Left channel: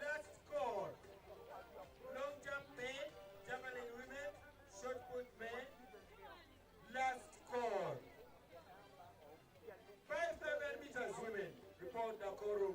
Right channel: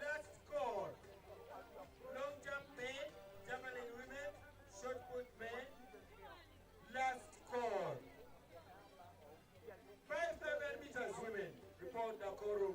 Last score. Long jump men, javelin women, shot put men. Last score. 5,000 meters women. Report Nakuru.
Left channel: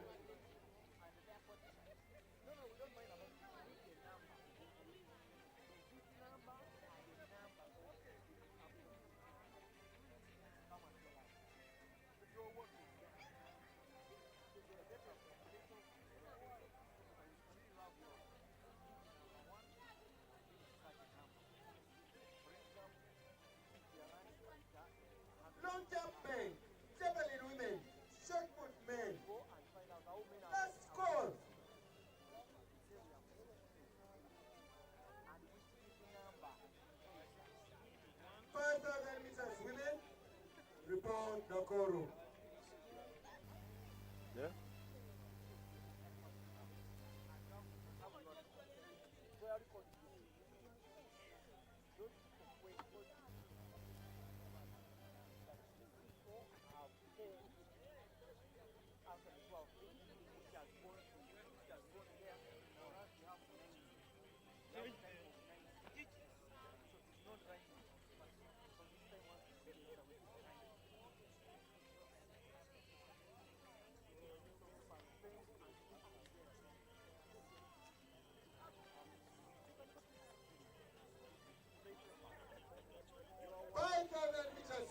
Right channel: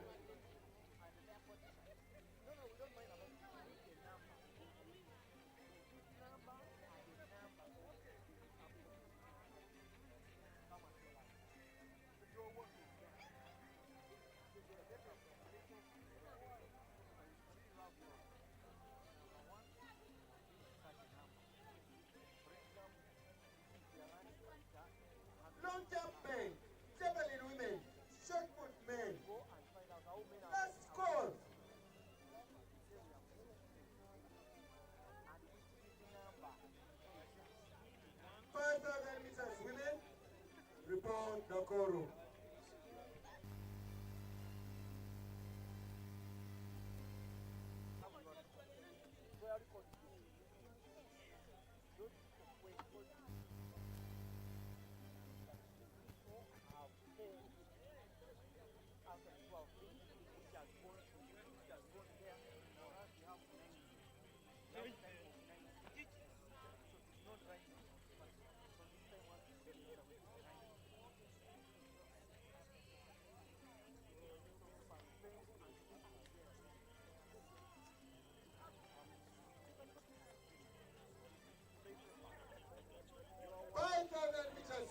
Long jump men, javelin women, shot put men. Last score. 5,000 meters women. Report Nakuru. Yeah.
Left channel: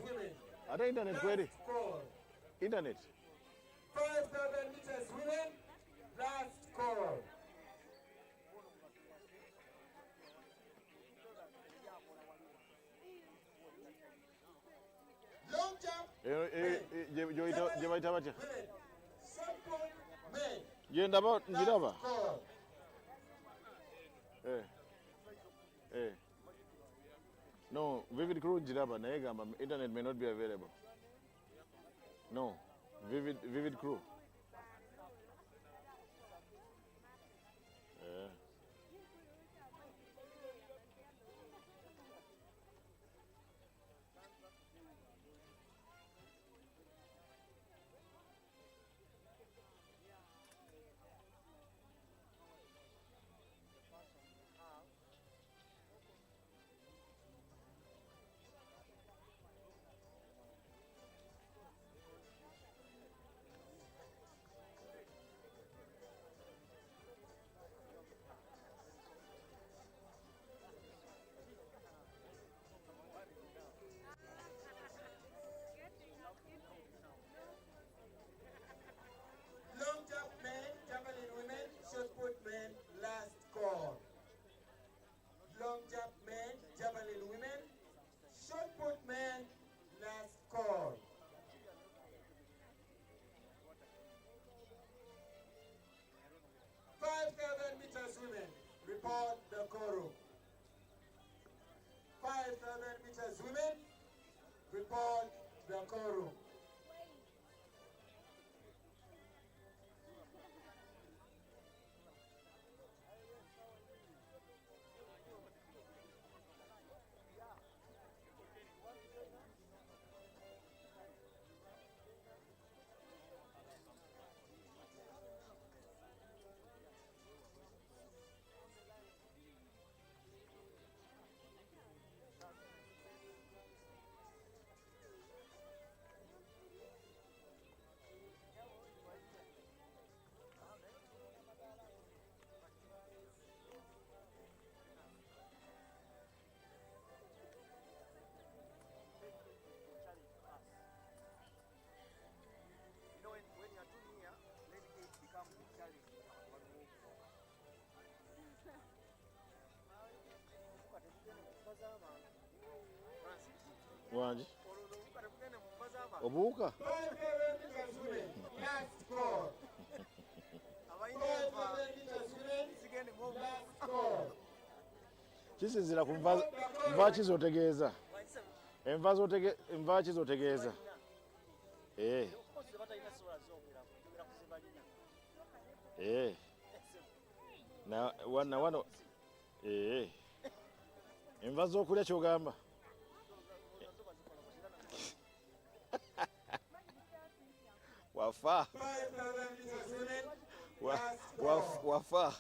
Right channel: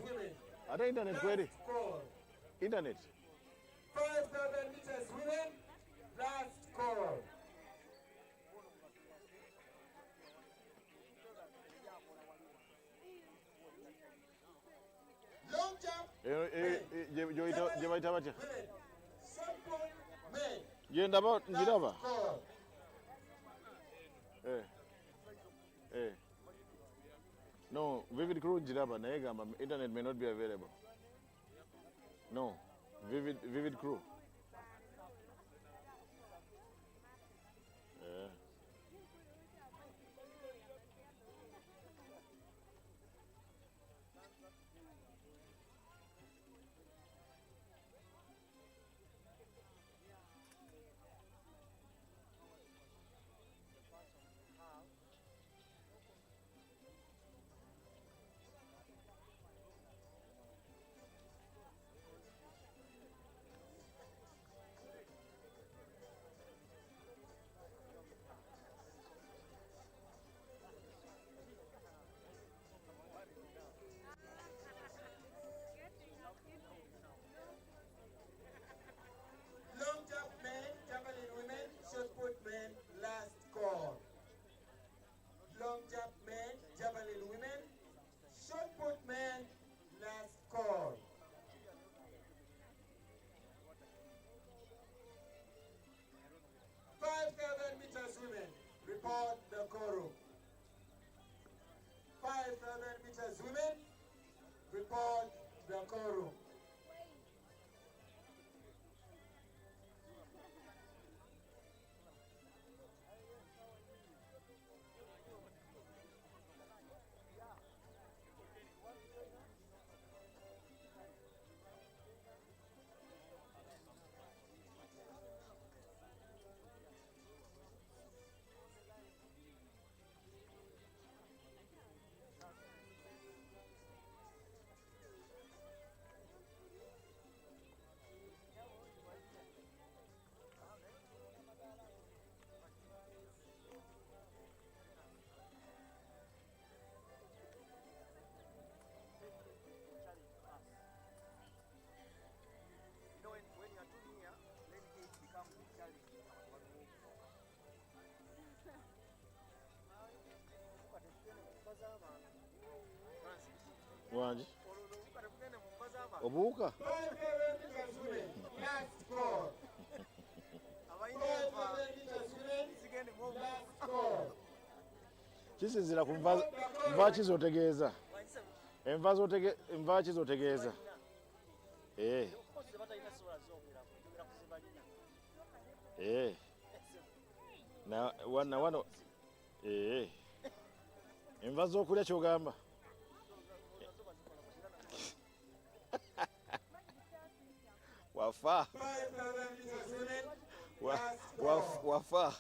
Women. Are the internet ready? Score. Internet. 5,000 meters women. Last score. Long jump. Women. Simple men. Ndaba. No, Vivid Crew Jiraba, Naegama, internet may not be available. No, Vivid Crew. Yeah. Long jump men, javelin women, shot put men, last call. Long jump men, javelin women, shot put men, last call. Meters women, report the Koro. 5,000 meters women, report the Koro. Wanji obuuka kisinzira ku nva kizotegeeza Enva ki zotegeeza? Na wano enva z'okulya ky'ogamba? Wafa. Wafa.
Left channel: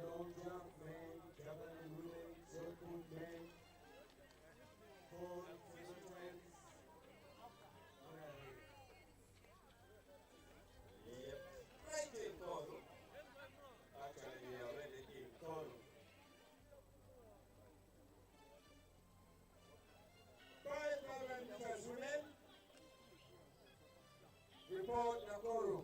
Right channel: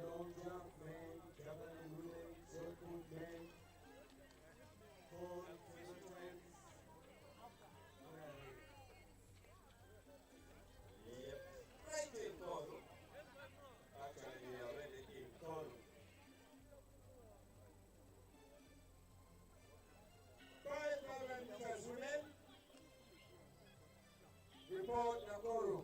Long jump men, javelin women, shot put men, pole sequence. Yep, right in Koro. Actually, we are already in Koro. 5,000 meters women. Report Nakoro.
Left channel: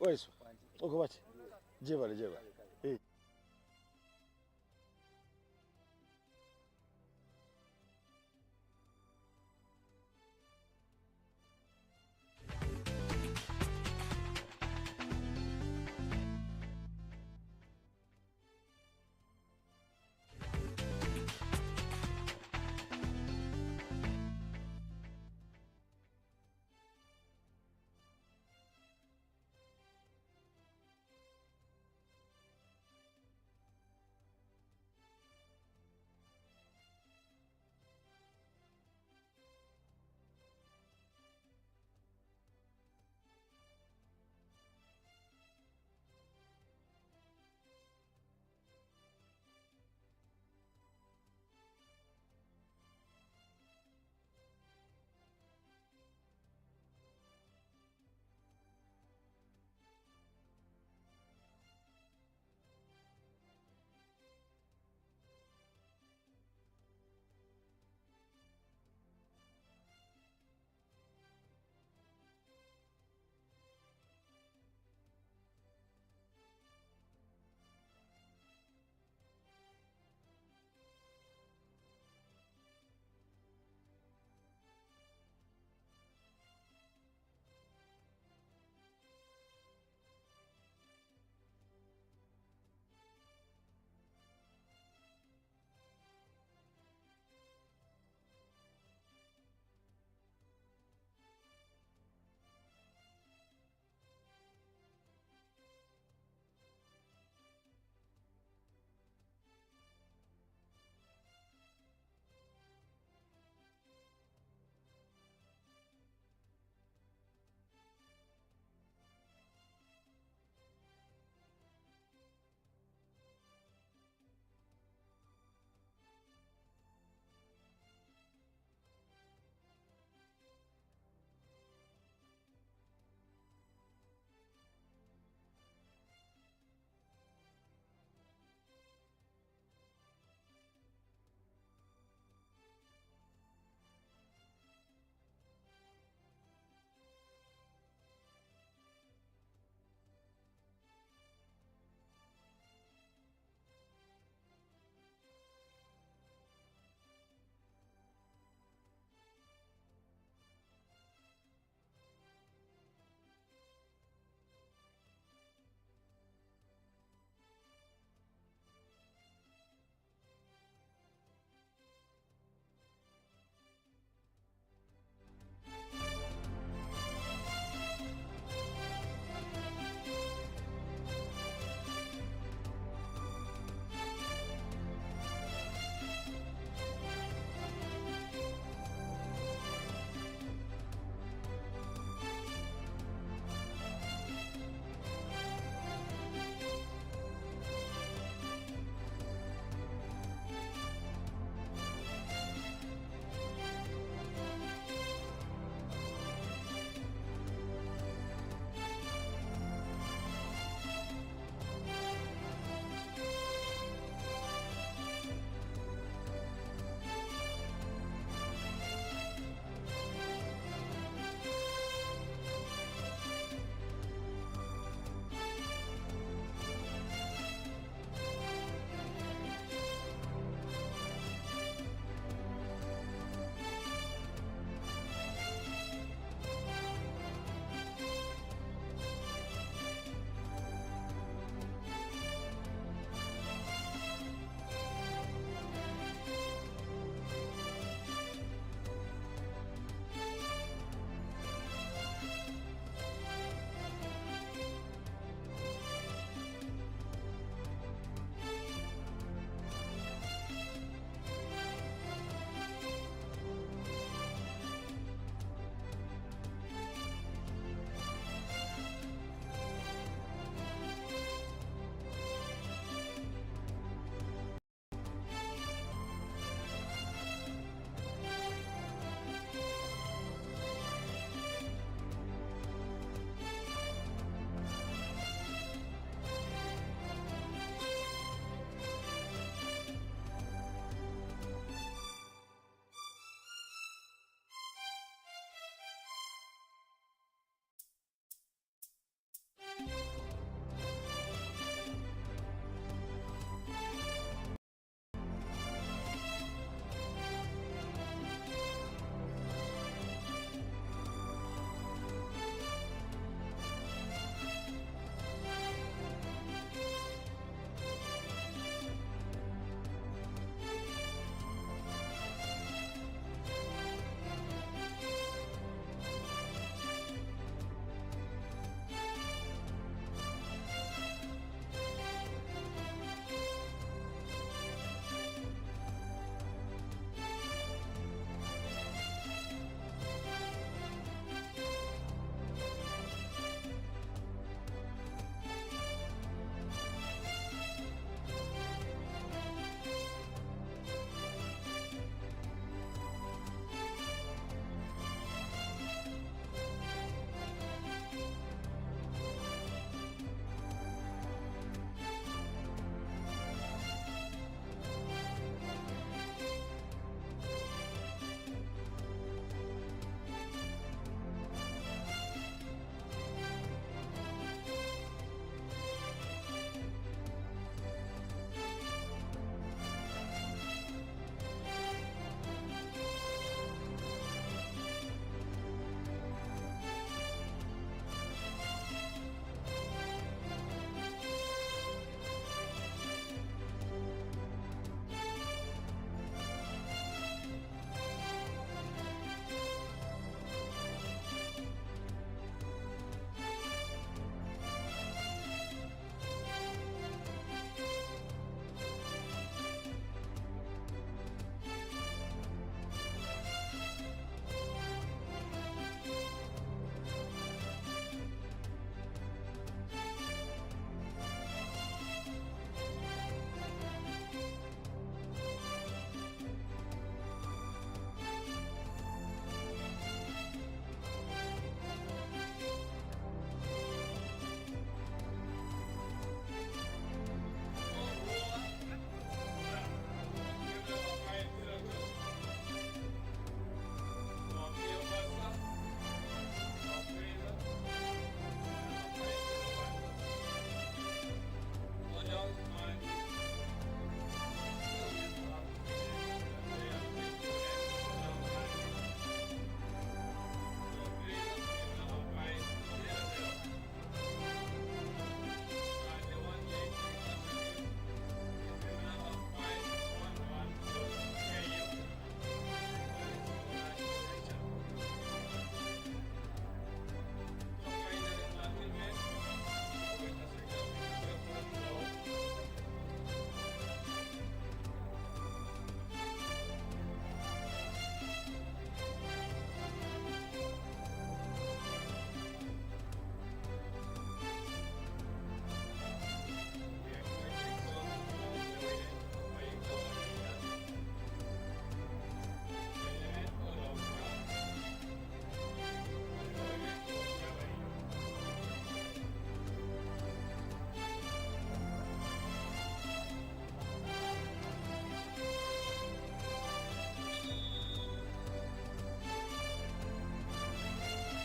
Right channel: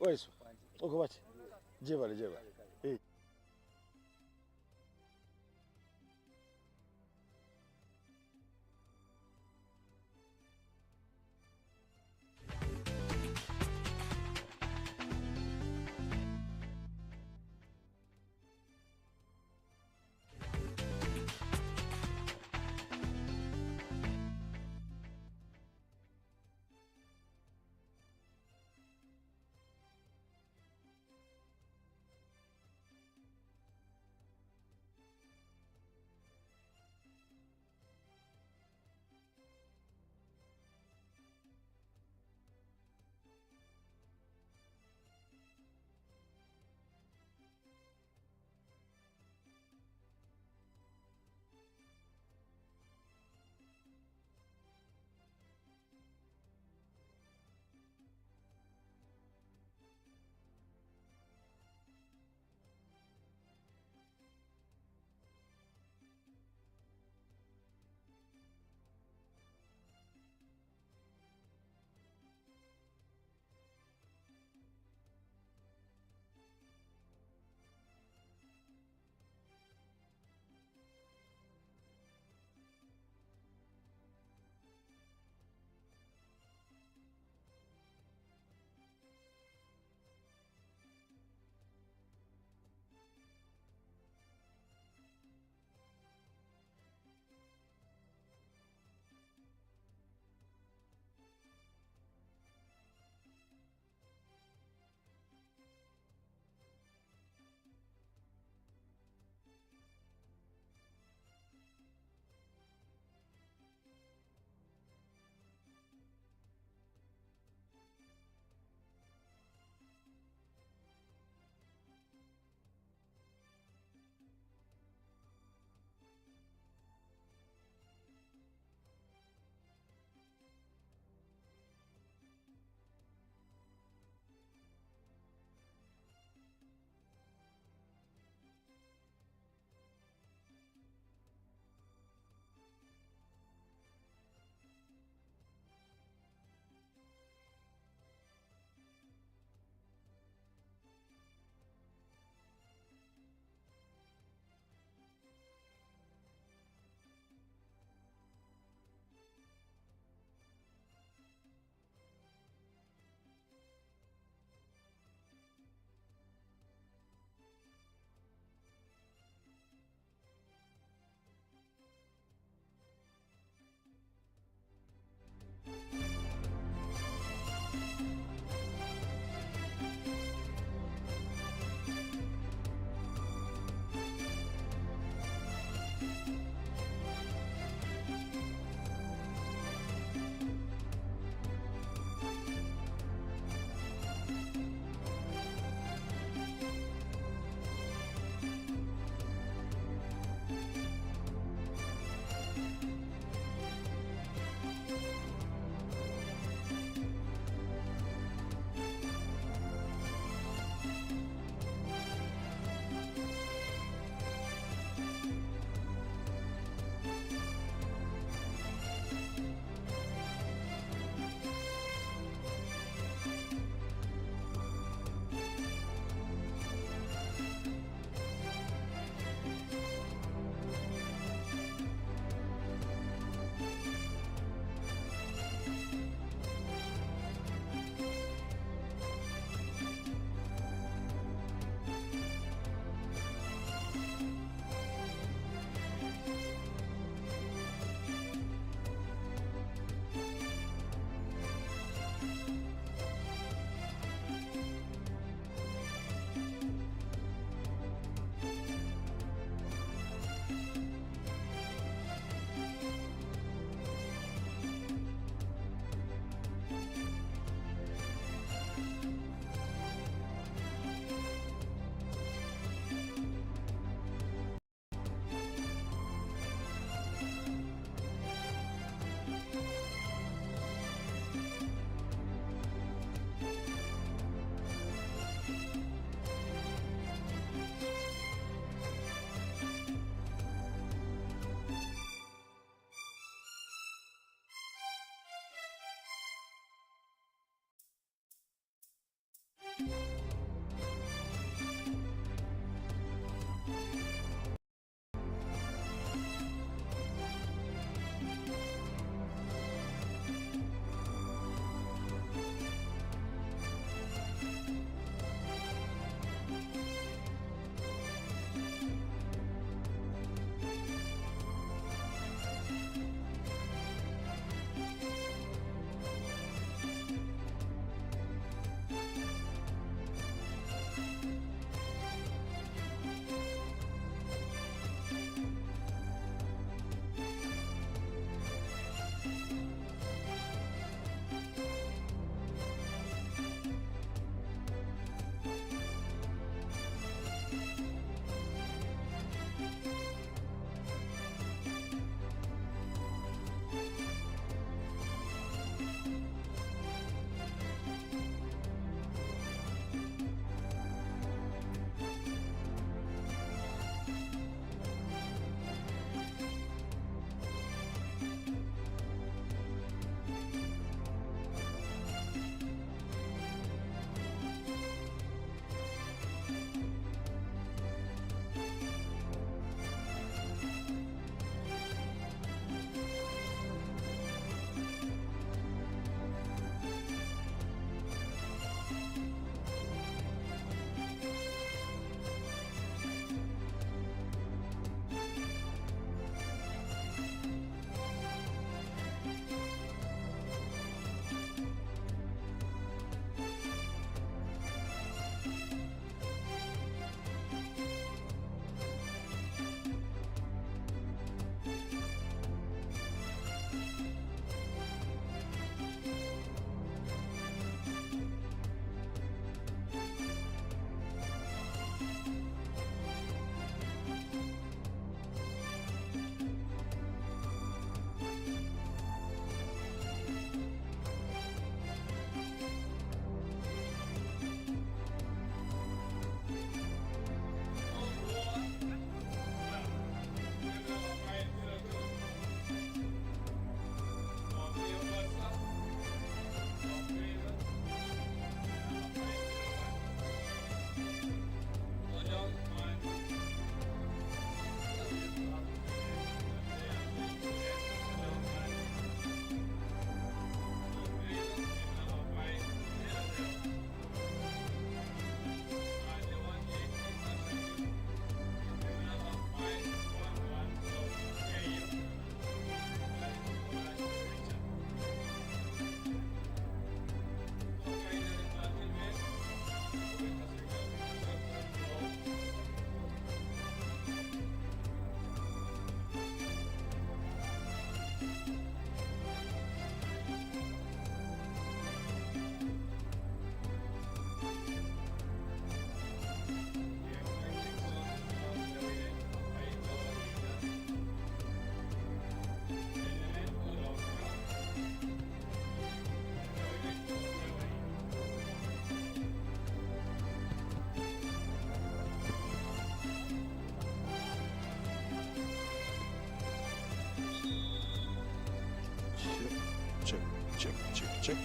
Waiso. Uko wapi? Jebale.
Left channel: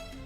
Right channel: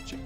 check.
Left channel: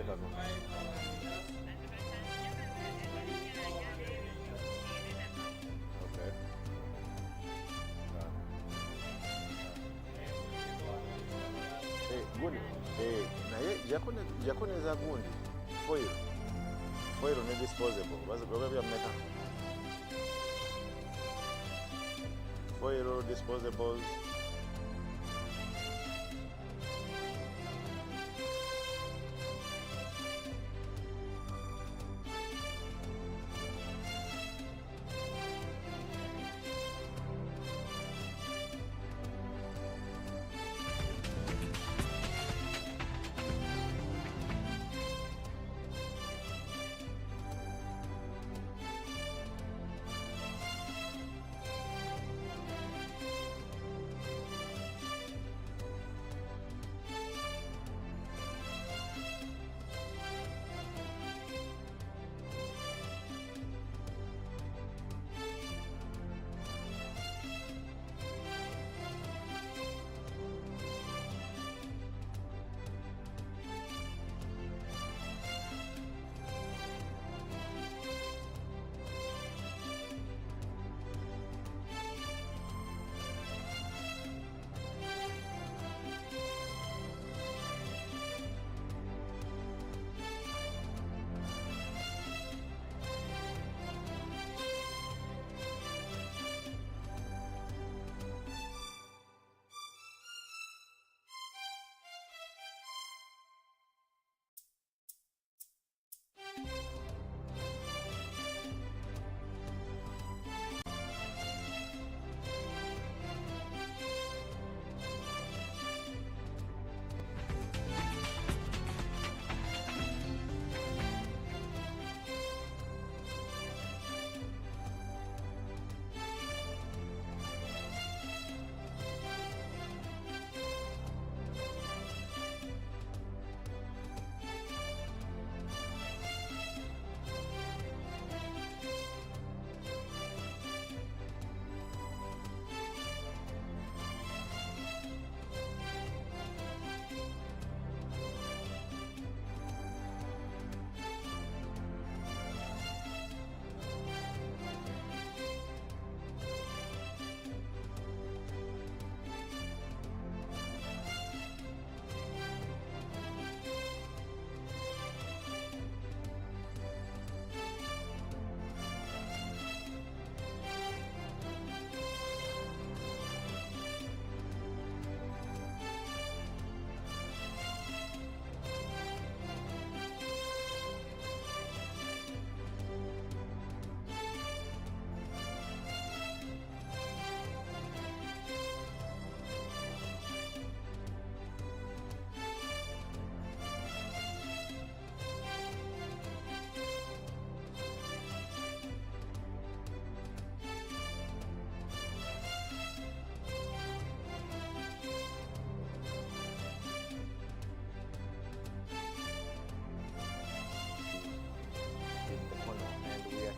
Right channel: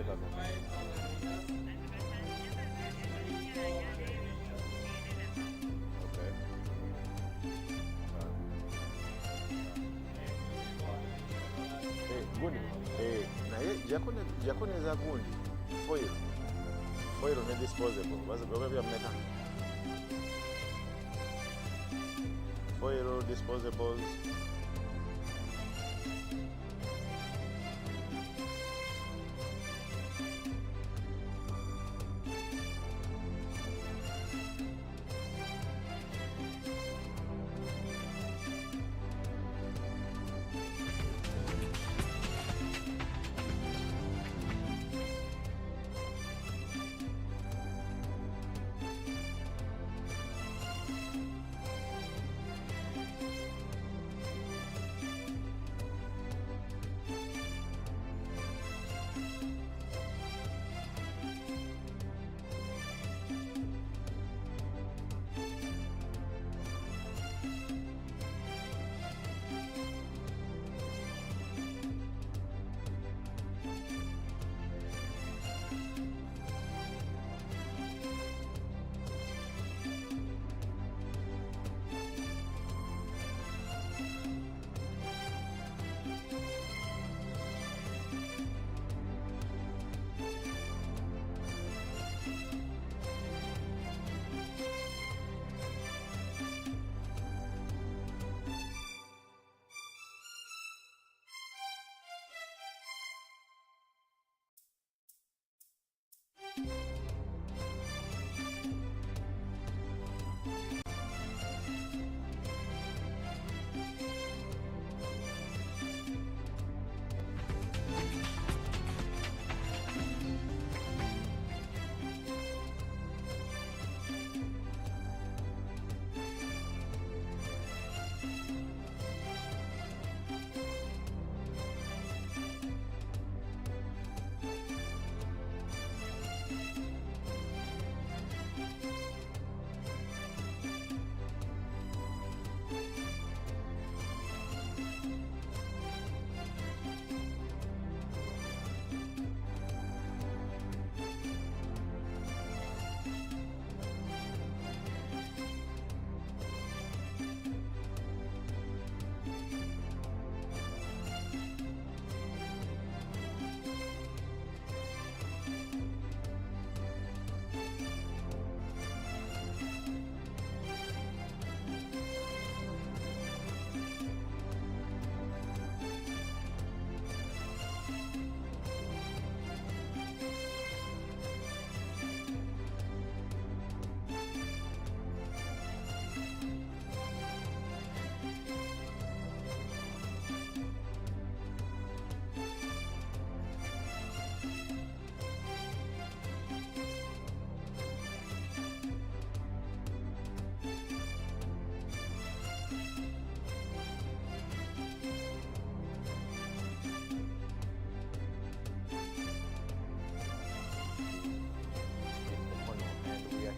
Federation. Okay. Gundi. Naye jakoneza gundi foil ne disposable baze byameka foil disposables.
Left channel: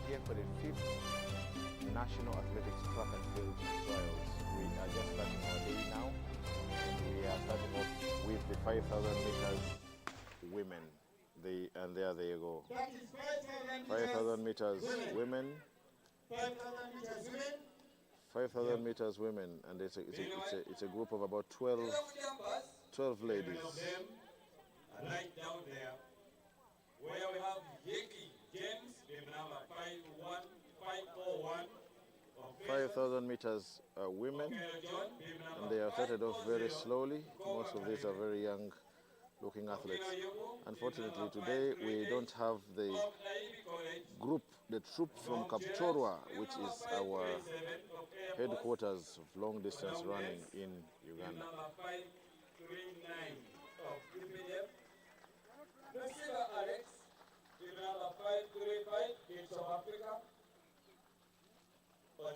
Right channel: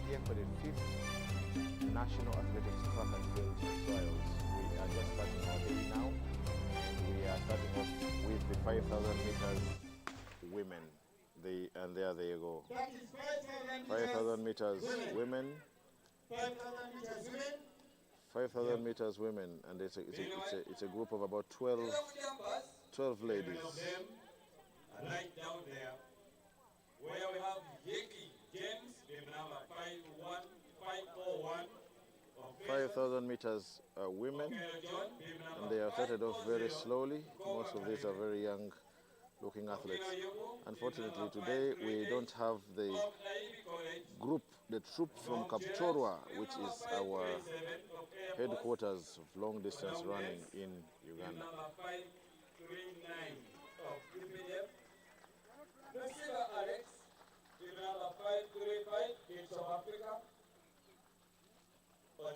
Here for the 5th National Athletics Track and Field Trials. We are just starting our day now, and we are starting off with the 5,000 meters women. And there they go. That is 5,000 meters women. 5,000 meters women. 5,000 meters women, and it's a group of about 12 ladies. Of them are right down there, where we have Yeki James, number 541. 5,000 meters women, and they are started off very slowly. Most of these are very young looking athletes. Unfortunately today we don't have the group, the troop from Kapchorwa, which is our headquarters of long distance running in Uganda. Alex, number 535, in South Africa.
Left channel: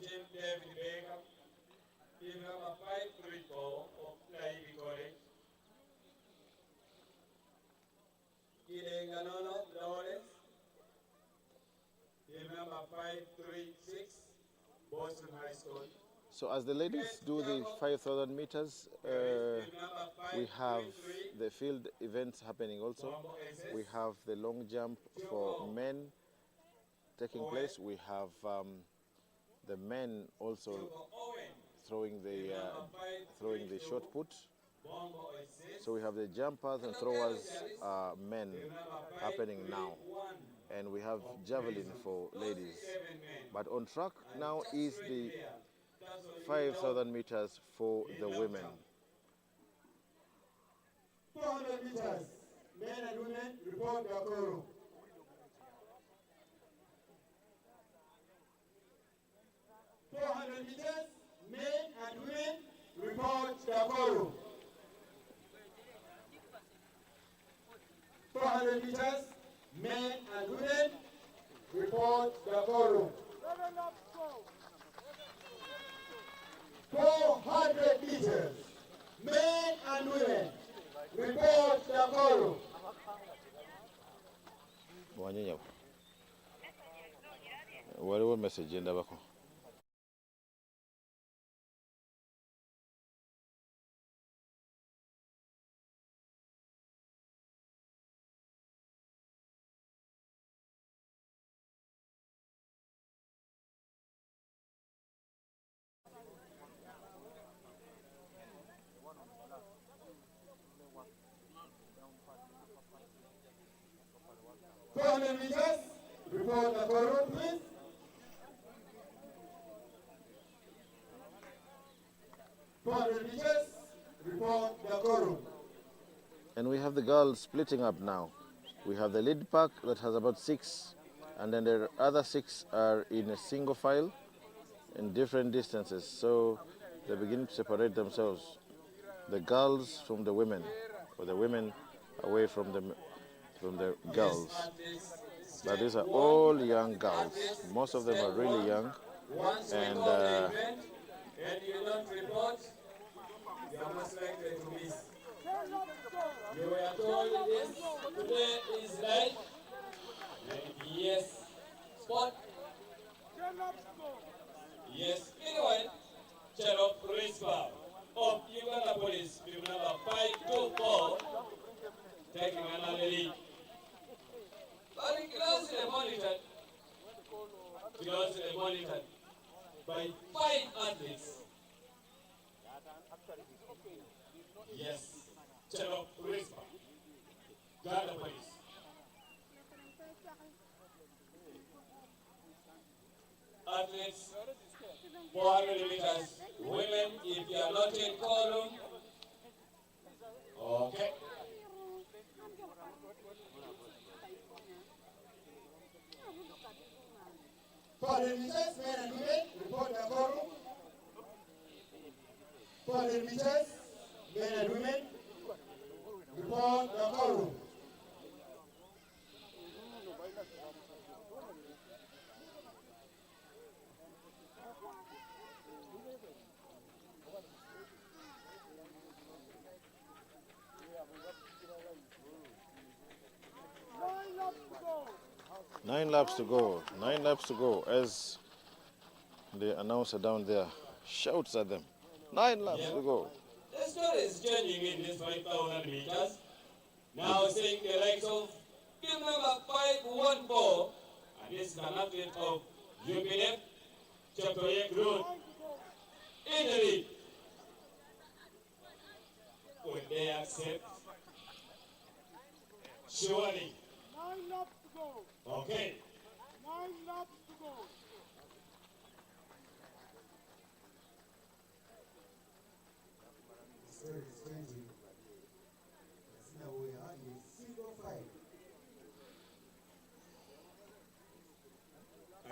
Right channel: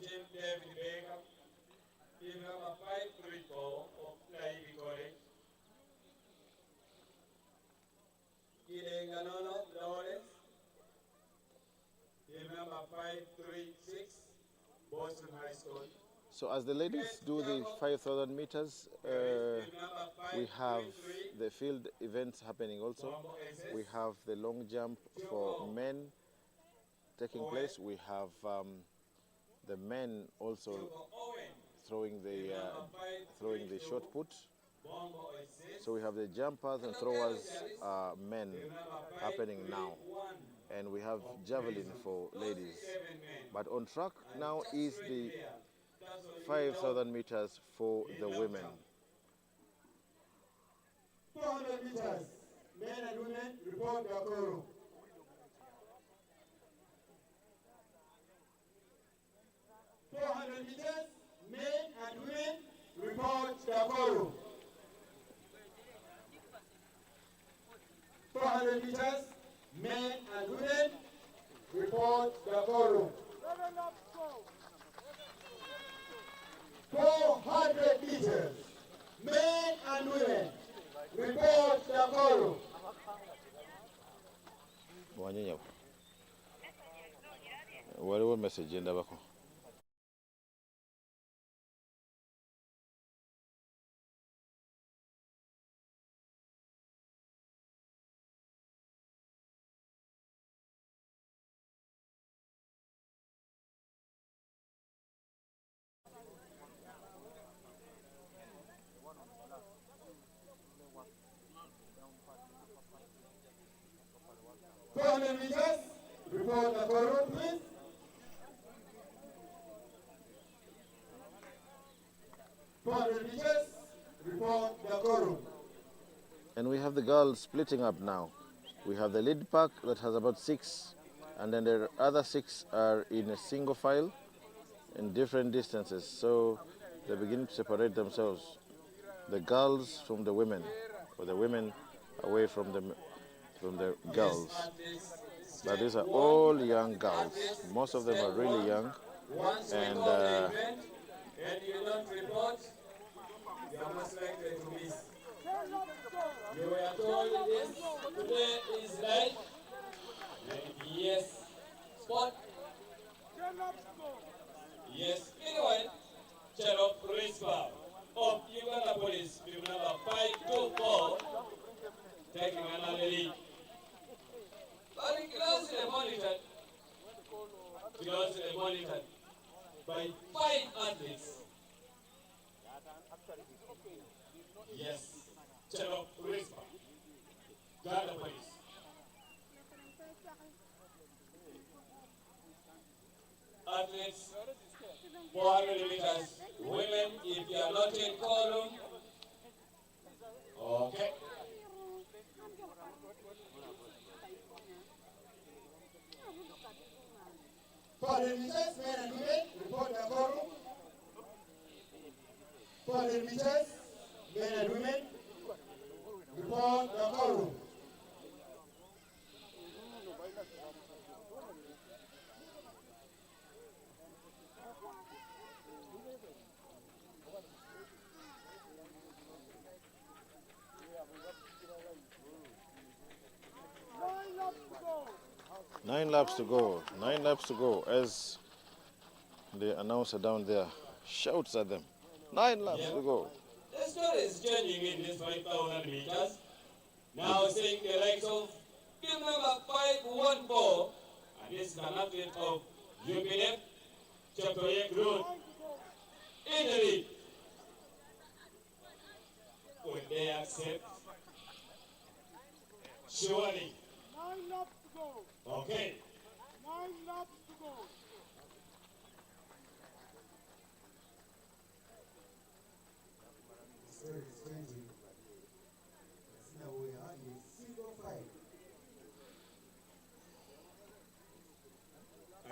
Team David Baker, team number 534 of Nairobi College. Ganono Lawrence, team number 536, Boston High School. So as the ladies do the 5,000 meters, we have the field events happening also. We have the long jump for men taking place. We have the men also throwing the shot put. So we have the jumpers and throwers men happening now, and we have javelin for ladies. But on track now is the 5,000 meters for the women. 400 meters, men and women, report Dakoro. 400 meters, men and women, report Dakoro. 400 meters, men and women, report Dakoro. 400 meters, men and women, report Dakoro. Wanyenyewe. Waliwo message ndabako. Meters, report Dakoro, please. Meters, report Dakoro. And we have the girls splitting up now. We have the lead pack that has about 6, and then the other 6 are in a single file in different distances. So they begin to separate themselves. The girls from the women, or the women away from the girls. But these are all young girls. Most of them are really young. And you don't report, you are most likely to miss. You were told this today is live. Yes. Spot. Yes. Anyway, Cherop Rispa of Uganda Police, team number 524, taking another lead. But closely monitored by 5 athletes. Yes, Cherop Rispa, Uganda Police. Athletes, 400 meters. Women, if you are not in column, okay. 400 meters, men and women, report Dakoro. 400 meters, men and women, report Dakoro. Nine laps to go. 9 laps to go, as the announcer down there shouts at them. 9 laps to go. The story is changing in this 5,000 meters. Now seeing the likes of team number 514, and this is an athlete of UGathletix, Chapter Road, in the lead. Will they accept? Surely. 9 laps to go. Okay. 9 laps to go. The story is changing. Now we are in single file. I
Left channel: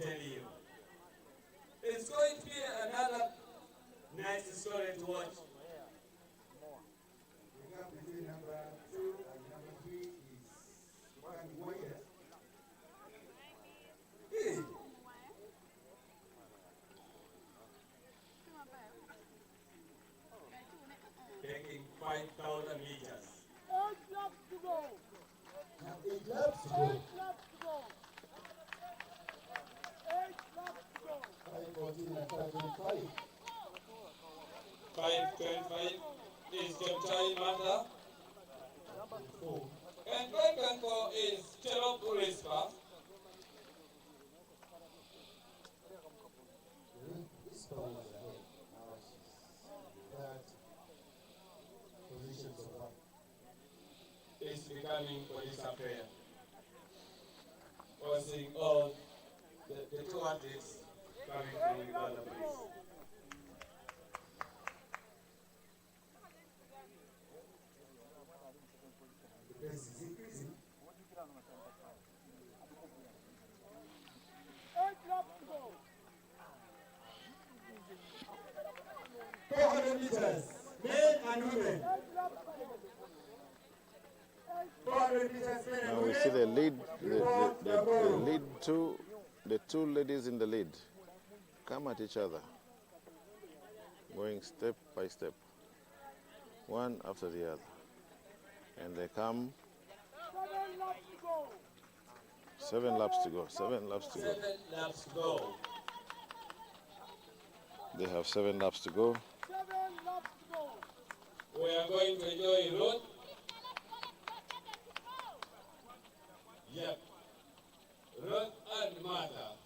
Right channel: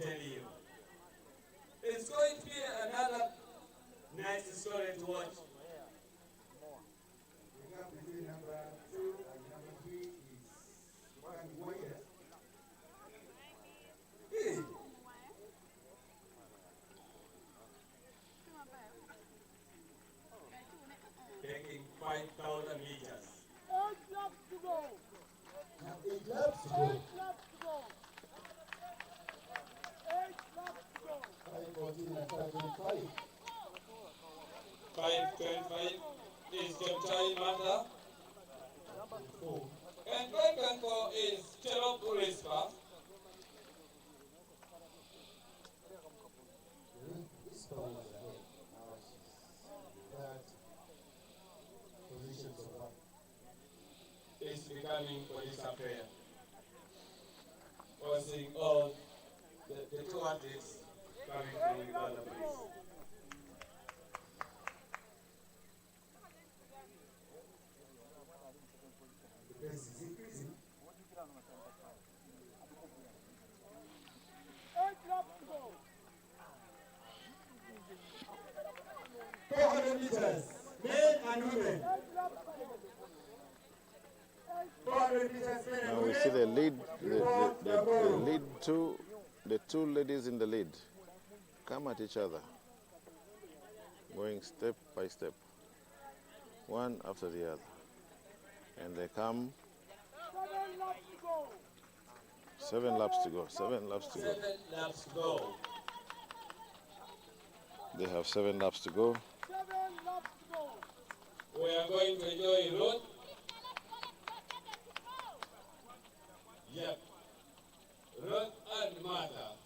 tell you, it's going to be another nice story to watch. The gap between number 2 and number 3 is 1 year. Hey. Taking 5,000 meters. 8 laps to go. Now 8 laps to go. 8 laps to go. 8 laps to go. 5:14 and 5:25. 5:25 is Chepchai Mata. 4. And 5:24 is Cherop Rispa. This ball was ahead. Now she's that position so far. Is becoming police affair. We're seeing all the 2 athletes coming from Uganda police. 400 meters, men and women. 400 meters, men and Now we women. see the lead, Report the Nakuru. lead the two ladies in the lead come at each other, going step by step, one after the other. And they come 7 laps to go. 7 laps to go, 7 laps to go. 7 laps to go. They have 7 laps to go. 7 laps to go. We are going to enjoy Ruth. Yep. Ruth and Martha.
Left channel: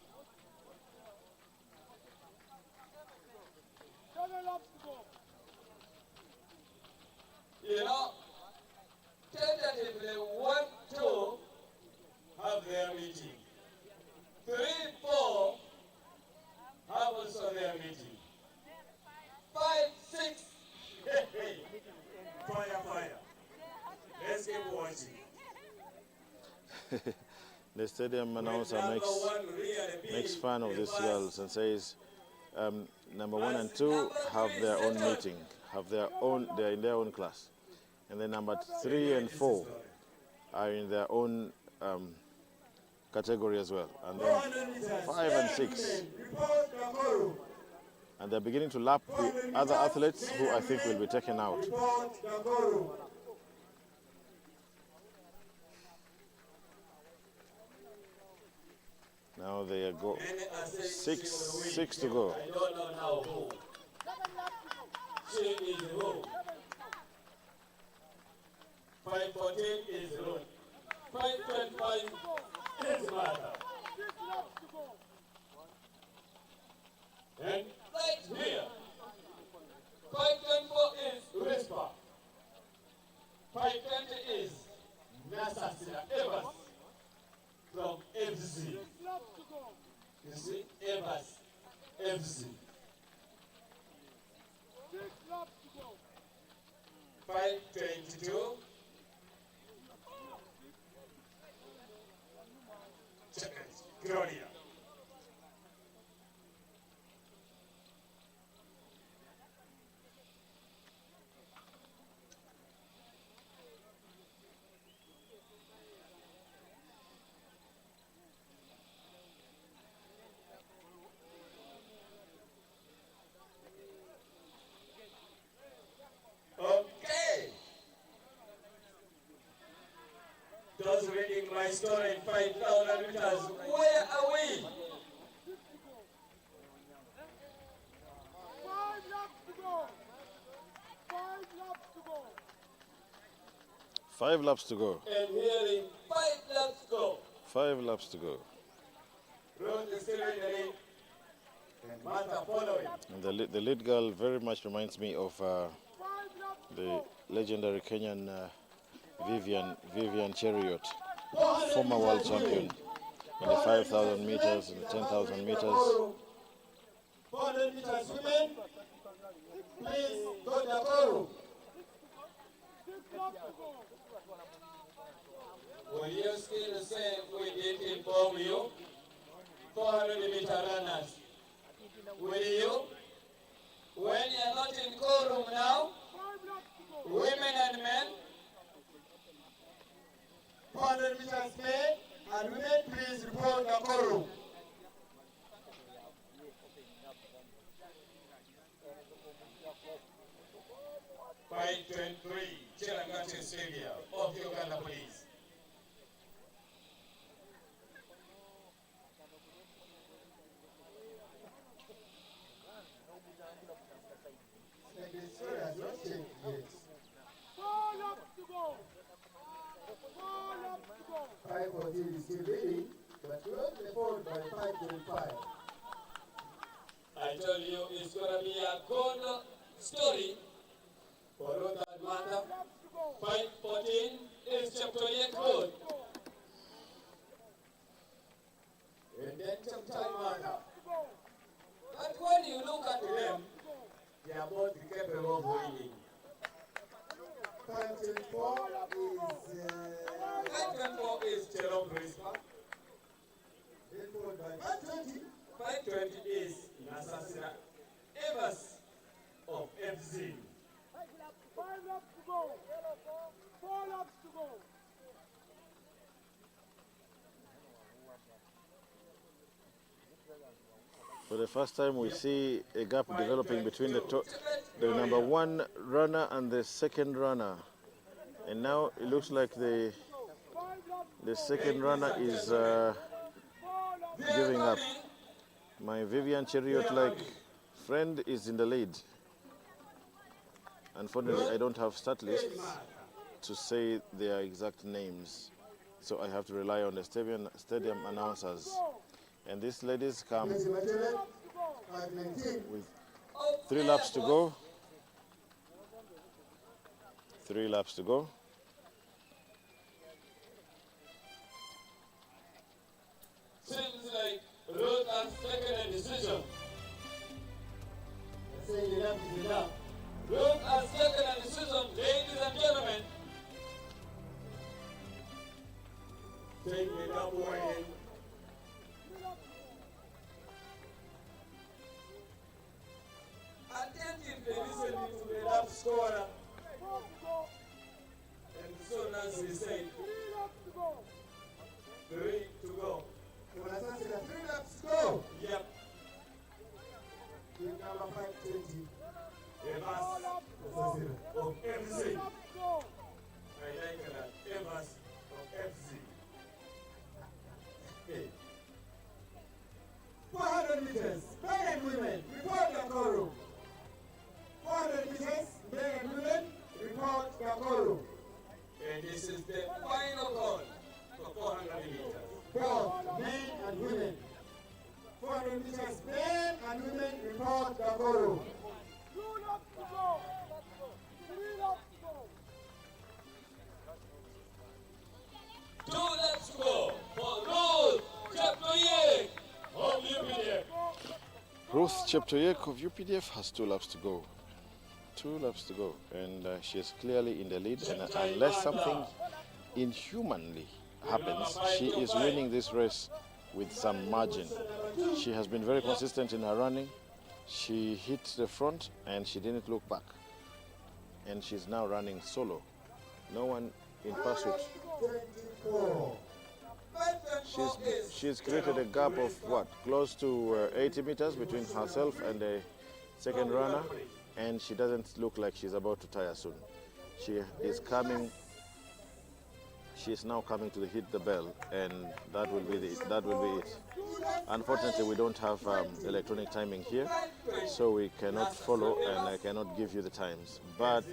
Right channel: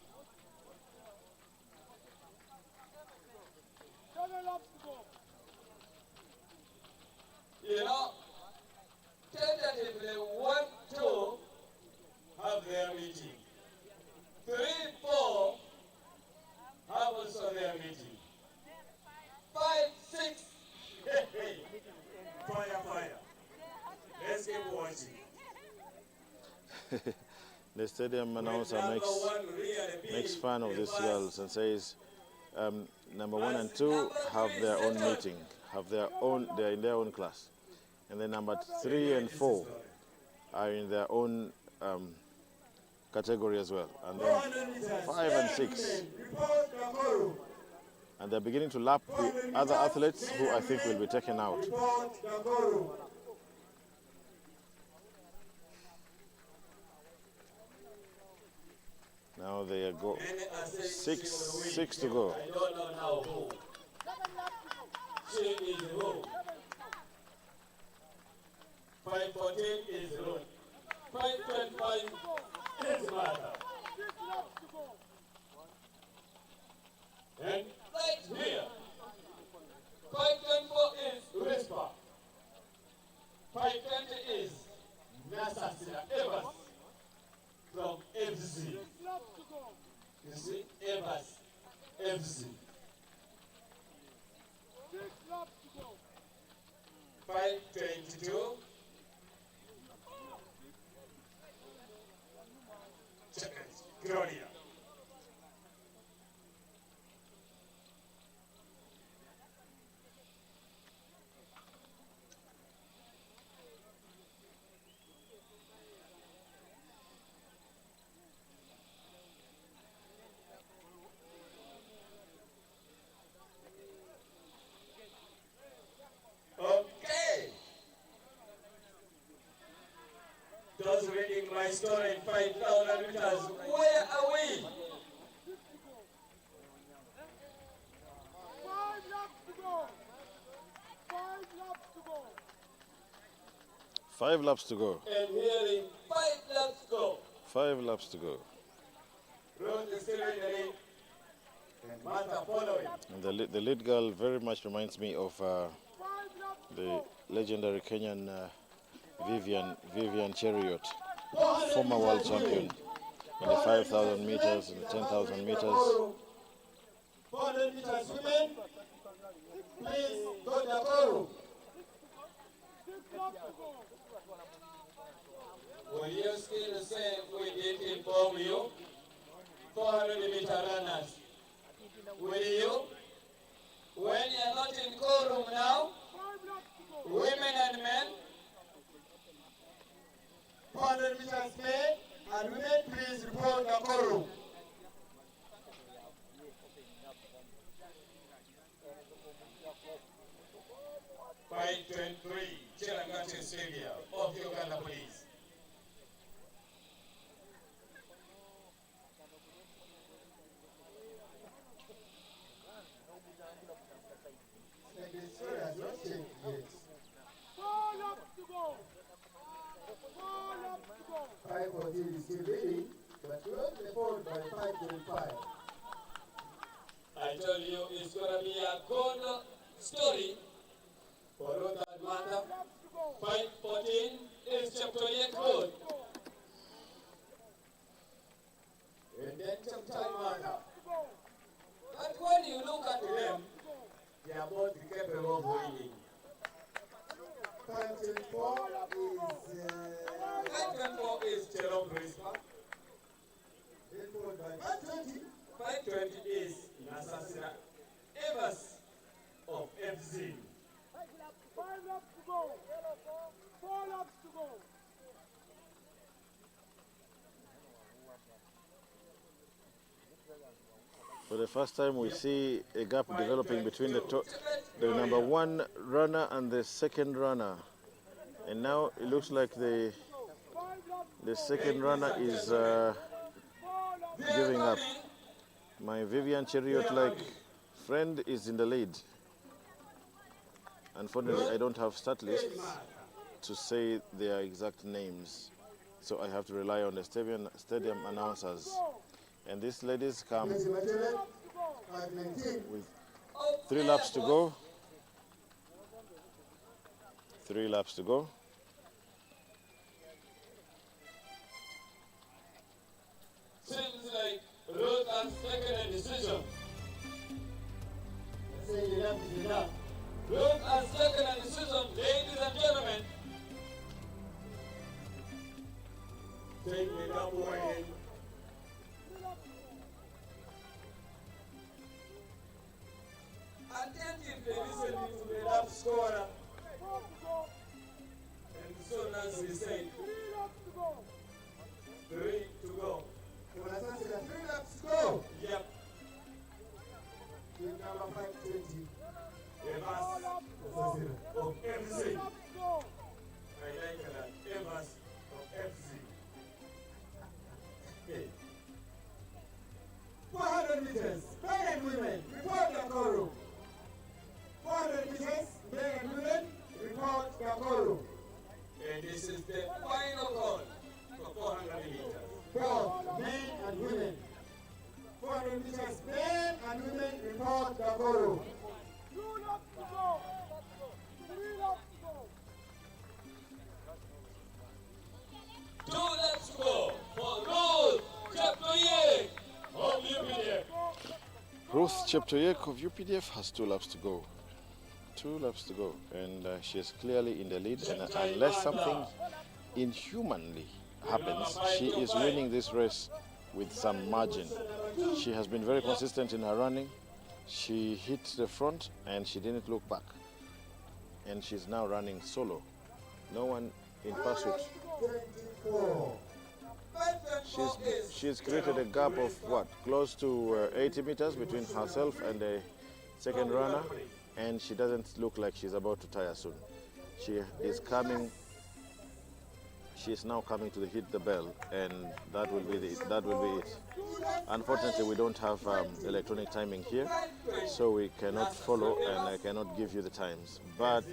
7 laps to go. You know, tentatively 1, 2 have their meeting. 3, 4 have also their meeting. 5, 6, Fire, fire. Let's keep watching. The stadium announcer Number makes one really makes big, fun of the these first girls and says, number 1 and 2 have their own meeting, they're in their own class, and then number 3 and 4 are in their own category as well, and then 400 meters, 5 and 6, women. Report Nakuru. and they're beginning to lap the other athletes who I think will be taken out. Report Nakuru. Now they go Many are saying she will win. 6 to go. I don't know now who. 7 laps to go. She is who? 5:14 is Ruth. 5:25 is Martha. 6 laps to go. And right here, 5:24 is Rispa. 5:20 is Nasasira Evans from FZ. 6 laps to go. You see, Evans, FZ. 6 laps to go. 5:22. Gloria. Okay. Those reading my story in 5,000 meters, where are we? 5 laps to go. 5 laps to go. 5 laps to go. And hearing 5 laps go. 5 laps to go. Ruth is still in the lead. And Martha following. And the lead girl very much reminds me of 5 laps to the go. legendary Kenyan Vivian Cheriot, 400 former world meters champion in the 5,000 meters and the 10,000 meters. 400 meters women. Please go Nakuru. 6 laps to go. Will you still say we did inform you? 400 meter runners. Will you? When you're not in quorum now, 5 laps to go. women and men, 400 meters men and women, please report Nakuru. Five 23, Cherangati Stadium of Uganda Police. And the story has not changed yet. 4 laps to go. 4 laps to go. 5:14 is still leading, but closely followed by 5:25. I told you it's going to be a good story for Ruth and Martha. Laps to go. 5:14 is chapter 8 good. And then chapter Martha. To go. But when you look at them, They are both capable of winning. 5:24 5:24 is Jerome Rispa. then followed by 5:20. 5:20 is Nasasira Evans of FZ. laps to go. 4 laps to go. For the first time, we see a gap developing between the number 1 runner and the second runner. And now it looks like the second runner is giving up. My Vivian Cheriot-like friend is in the lead. Unfortunately, I don't have start lists to say their exact names, so I have to rely on the stadium announcers. And these ladies come with 3 laps to go. 3 laps to go. Seems like Ruth has taken a decision. Say enough is enough. Ruth has taken a decision, ladies and gentlemen. Take it up, Wayne. Attentively listening to the lap scorer. And so Nancy said, 3 laps to go. 3 to go. When I say 3 laps to go, Yep. give number 520. Evans of FC. I like that. Evans of FC. 400 meters, men and women, report Nakoro. 400 meters, men and women, report Nakoro. And this is the final call for 400 meters. Both men and women. 400 meters, men and women, report Nakoro. 2 laps to go. 3 laps to go. 2 laps to go for Ruth Cheptoyek of UPDF. Ruth Cheptoyek of UPDF has 2 laps to go. 2 laps to go, and she is clearly in the lead. And unless something inhumanly happens, she is winning this race with some margin. She has been very consistent in her running. She hit the front and she didn't look back. And she's now running solo. No one in pursuit. 24. She's created a gap of what? Close to 80 meters between herself and the second runner, and she doesn't look like she's about to tire soon. She is coming. She is now coming to hit the bell, and that will be it. Unfortunately, we don't have electronic timing here, so we cannot follow, and I cannot give you the times. But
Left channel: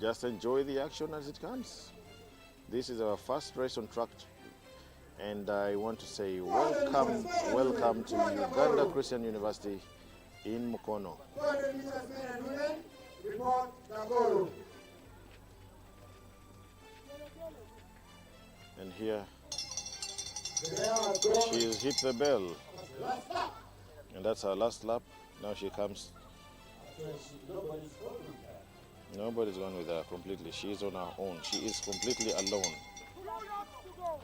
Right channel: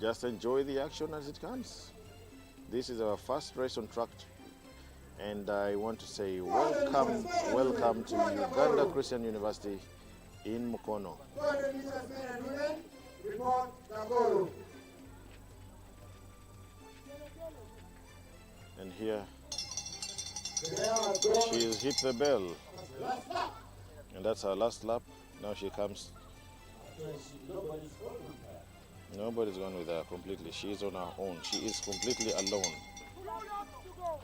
just enjoy the action as it comes. This is our first race on track, and I want to say welcome to Uganda Christian University in Mukono. 400 meters, men and women, report Nakoro. And here The bell has gone. she has hit the bell, Last lap. and that's her last lap. Now she comes. Nobody's following her. Nobody's gone with her completely. She is on her own. She is completely alone.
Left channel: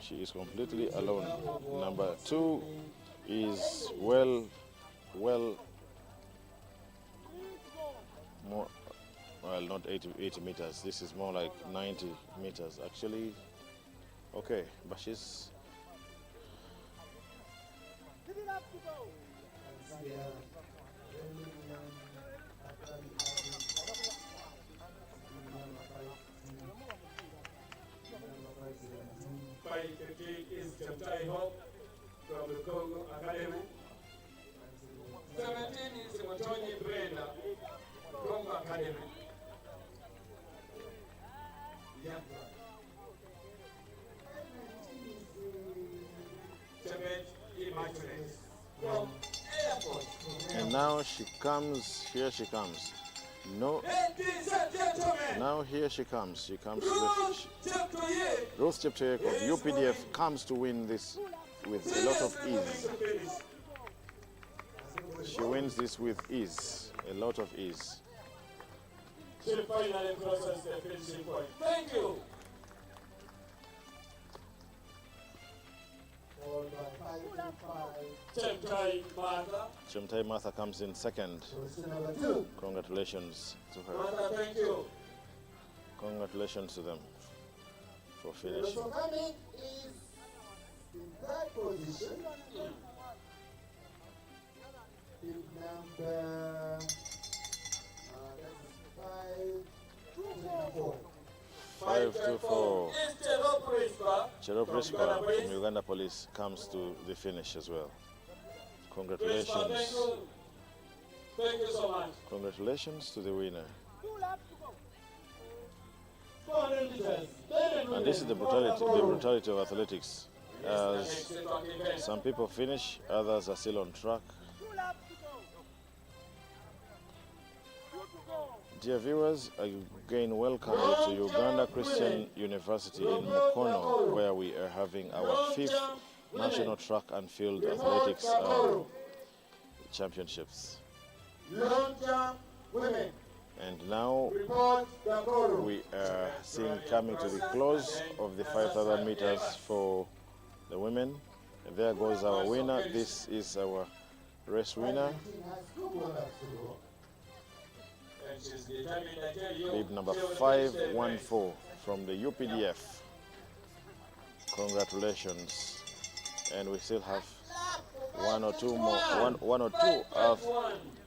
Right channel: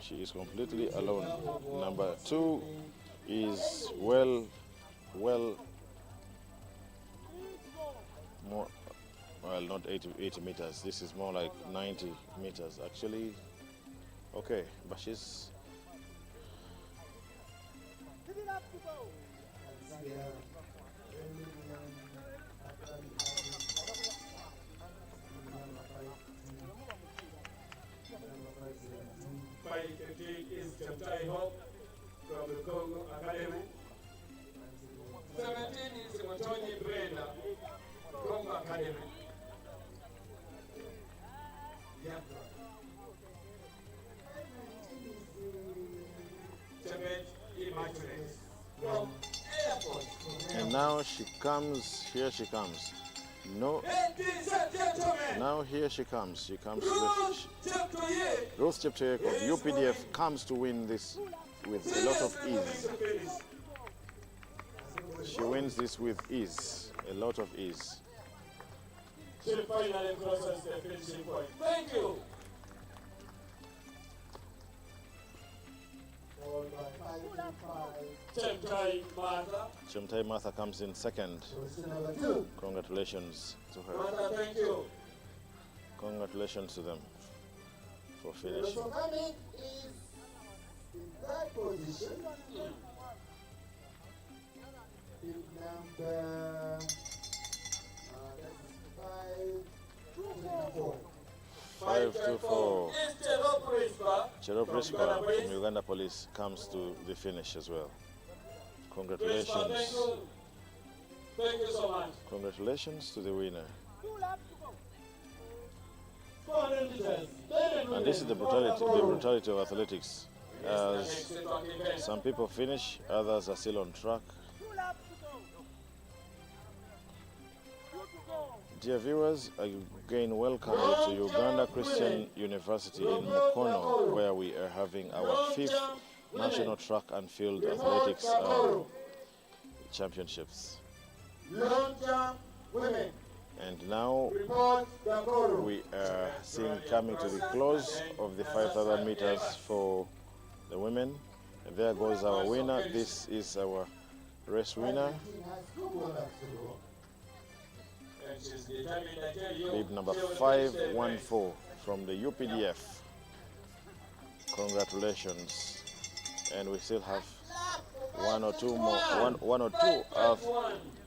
She is completely alone. Number 2 is well, more, well, not 80 meters. This is more like 90 meters. Actually, okay, but she's, 3 laps to go. Is Cheptai Hope from the Congo Academy. 17 is Motonyi Brenda, Congo Academy. Chebet Immaculate from Airport. and now she comes. Here she comes. No, Ladies and gentlemen, now here she comes. She comes with Ruth Cheptoyek. Ruth Cheptoyek of UPDF comes to win this with a lot of ease. She wins this with ease, a lot of ease. She finally crosses the finishing point. Thank you. followed by 525. Chemtai Martha. Chemtai Martha comes in second. Position number 2. Congratulations to her. Martha, thank you. Congratulations to them for Also finishing. coming is in third position. Big number, that is 524. 524. Is Cherop Rispa. Cherop from Rispa Uganda Police. from Uganda Police comes to the finish as well. Rispa, Congratulations. thank you. Thank you so much. Congratulations to the winner. 400 meters. And this is the brutality of athletics. As some people finish, others are still on track. Dear viewers, again welcome you to Uganda Christian University in Mukono, where we are having our 5th National Track and Field Athletics Championships. Long jump women. And now Report Dakoro. we are seeing coming to the close of the 5,000 meters for the women. And there goes our winner. This is our race winner. And she's determined, I tell you. Bib number she will finish 514 from the UPDF. Congratulations. And we still have one or two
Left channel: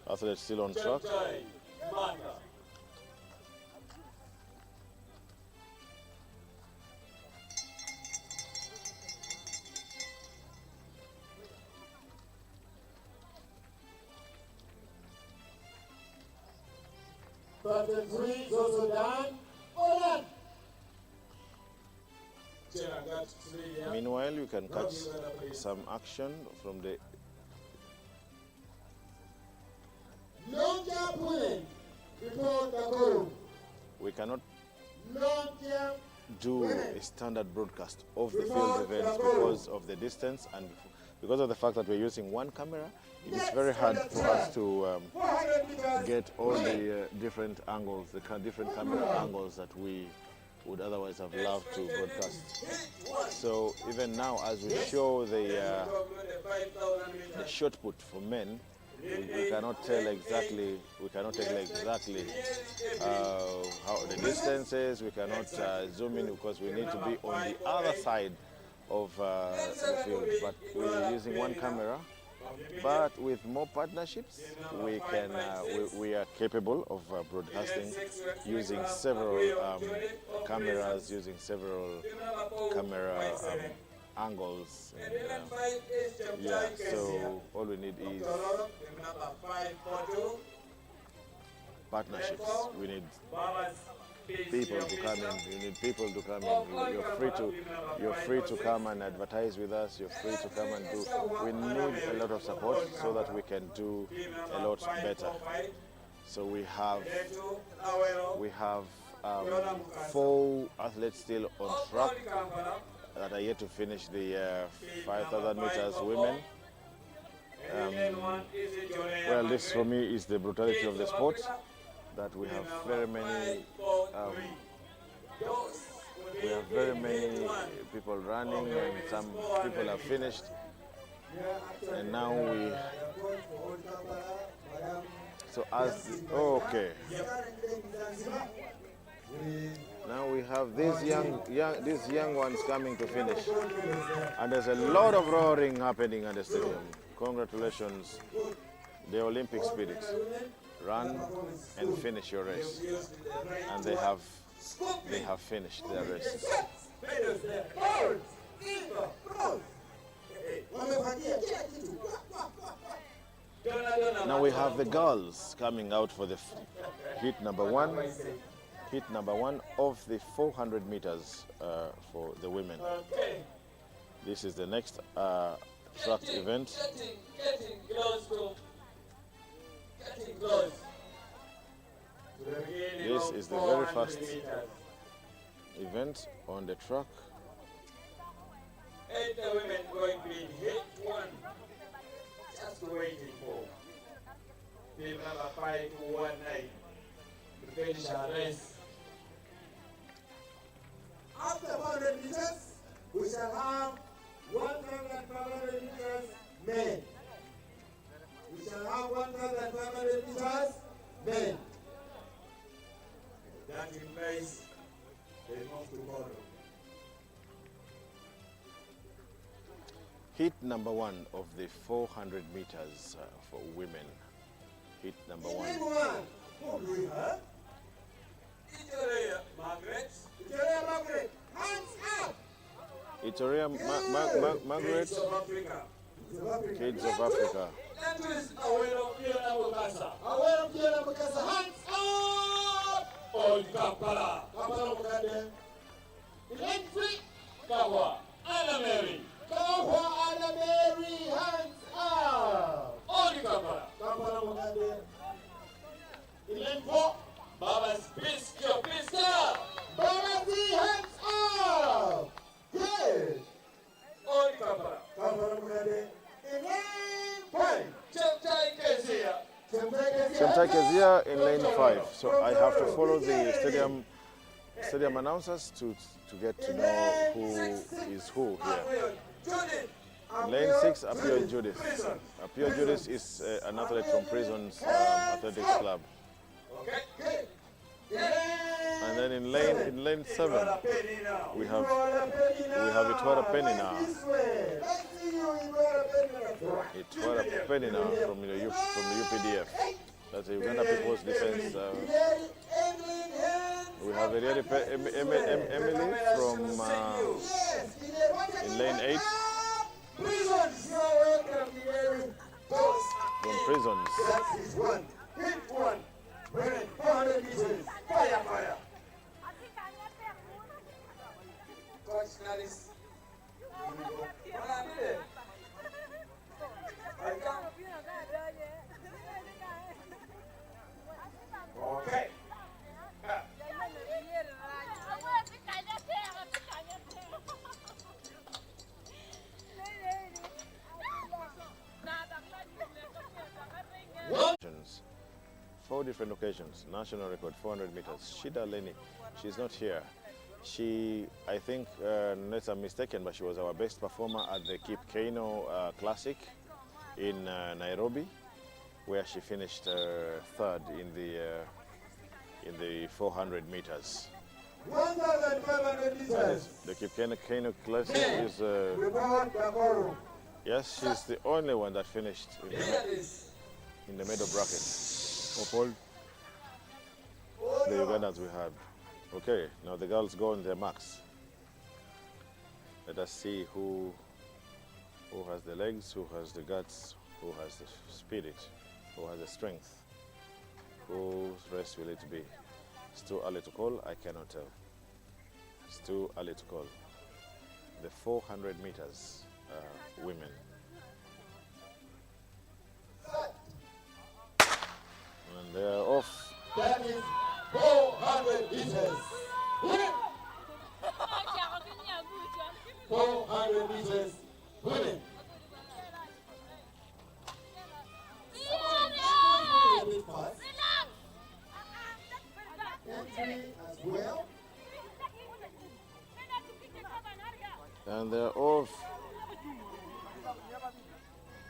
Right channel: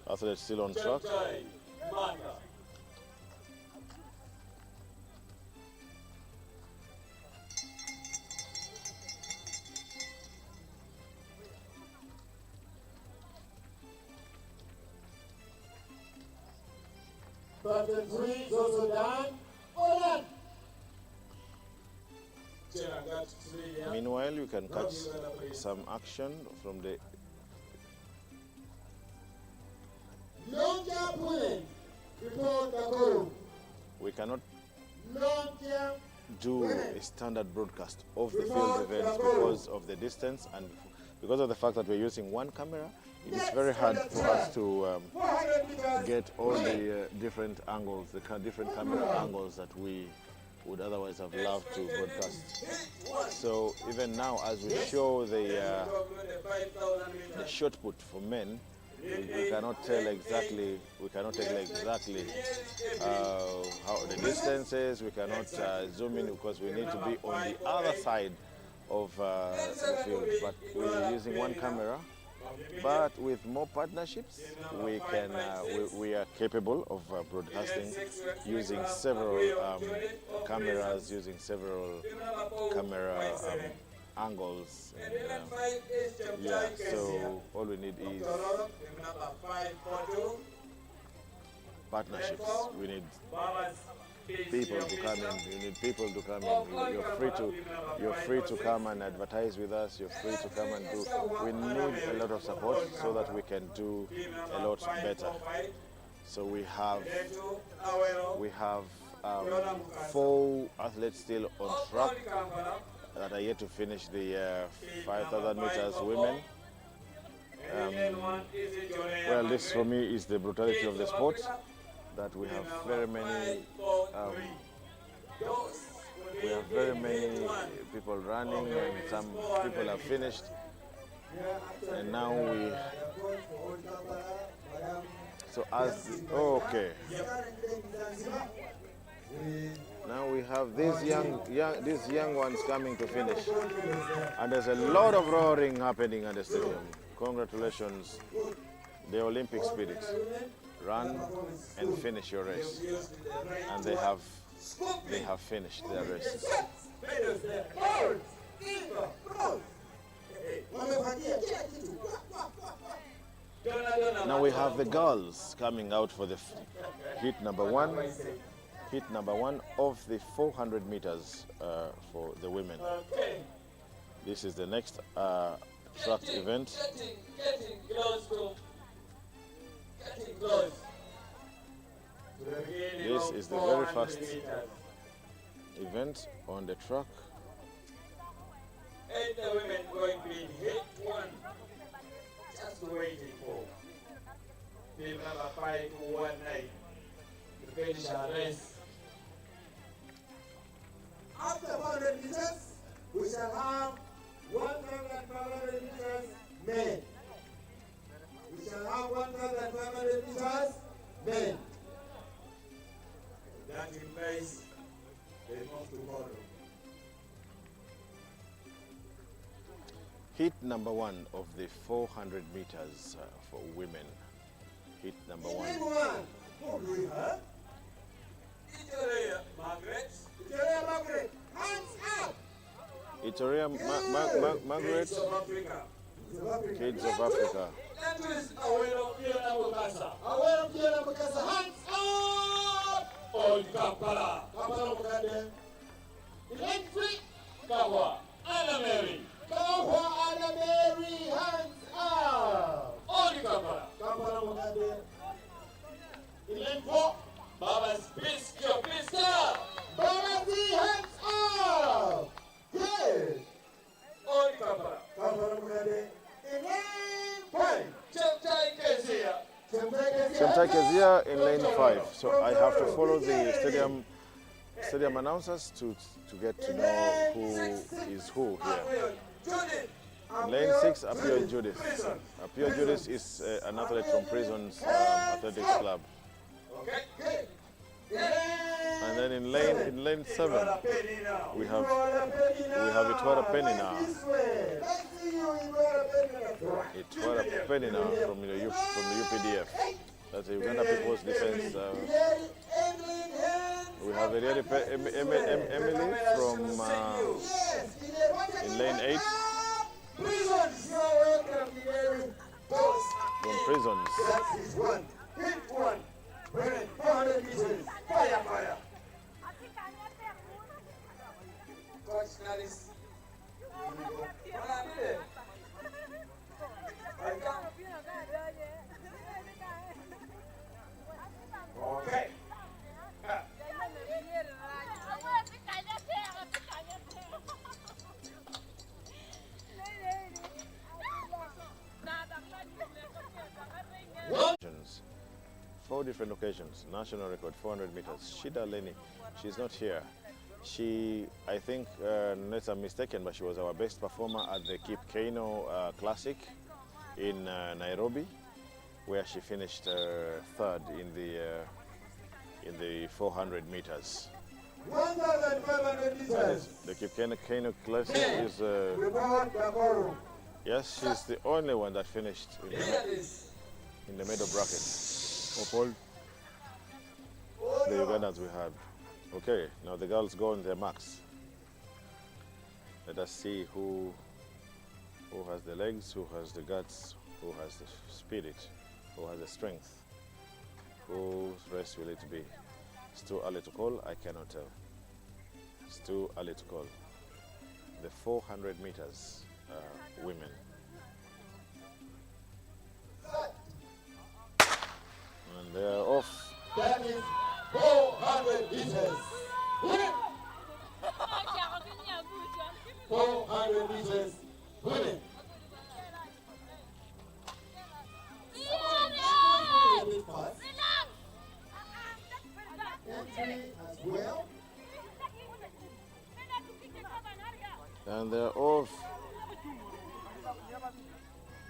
athletes still on track. Chemtai Martha. Button 3 is also done. All done. Cheragat 3, yeah. Meanwhile, you can catch some action from the Long jump women. Report Dakoro. we cannot Long jump. do a standard broadcast of the field events because of the distance and because of the fact that we're using one camera. It is very hard for us to 400 meters. get all the different angles, the different camera angles that we would otherwise have loved to broadcast. So even now, as we show the shot put for men, we cannot tell exactly. We cannot tell exactly how the distances. We cannot zoom in because we need to be on the other side of the field. But we're using one camera. But with more partnerships, we can we are capable of broadcasting using several cameras, using several camera angles. And, yeah, so all we need is partnerships. We need people to come in. You need people to come in. You're free to come and advertise with us. You're free to come and do. We need a lot of support so that we can do a lot better. So we have 4 athletes still on track that are yet to finish the 5,000 meters women. Well, this for me is the brutality of the sport. That we have very many people running and some people have finished, and now we now we have these young ones coming to finish, and there's a lot of roaring happening at the stadium. Congratulations, the Olympic spirit. Run and finish your race, and they have finished their races. Now we have the girls coming out for the heat number one of the 400 meters for the women. This is the next track event. Getting close to the beginning. This is the very first event on the track. 8 women going to be in hit 1. Just waiting for team number 519 to finish our race. After 400 meters, we shall have 1,500 meters men. We shall have 1,500 meters men. That in place, they move to follow. Heat number 1 of the 400 meters for women. Heat number 1. Who do we have? Itoria Margaret. Italia Margaret, hands up! Itoria Margaret, Kids of Africa. Kids of Africa. That is Awero Fiona Mukasa. Aware of Fiona Mukasa, hands up! Old Kampala. Kampala Mugande. Elite free. Kawa. Anna Mary. Kawa Anna Mary, hands up! Old Kampala. Kampala Mugande. Elite four. Baba's Pisco Pista. Balazi, hands up! Good! Old Kampala. Kampala Mugande. Elite five. Cheptai Kezia. Chemtai Kezia in lane 5. So I have to follow the stadium announcers to get to know who is who here. Judith. In lane 6, Apio Judith. Apio Judith is an athlete from Prison's Athletics Club. Okay. Good. And then in lane 7, we have Itwara Penny now. Itwara Penny now from the UPDF. That's the Uganda People's Defense. We have Emily from in lane 8 from Prisons. That is one. Hit one. 400 meters. Fire. Coach Nalis. Okay. Four different occasions, national record, 400 meters. Shida Leni, she's not here. She, I think, unless I'm mistaken, but she was our best performer at the Kip Keino Classic in Nairobi, where she finished third in the 400 meters. 1,500 meters. The Kip Keino Classic is, Report Dakoro. yes, she's the only one that finished in the middle bracket of all the Ugandans we had. Okay, now the girls go on their marks. Let us see who has the legs, who has the guts, who has the spirit, who has the strength. Whose race will it be? It's too early to call, I cannot tell. It's too early to call. The 400 meters women. And they are off. That is 400 meters. 400 meters. Women. A bit fast. Entry as well. And they're off.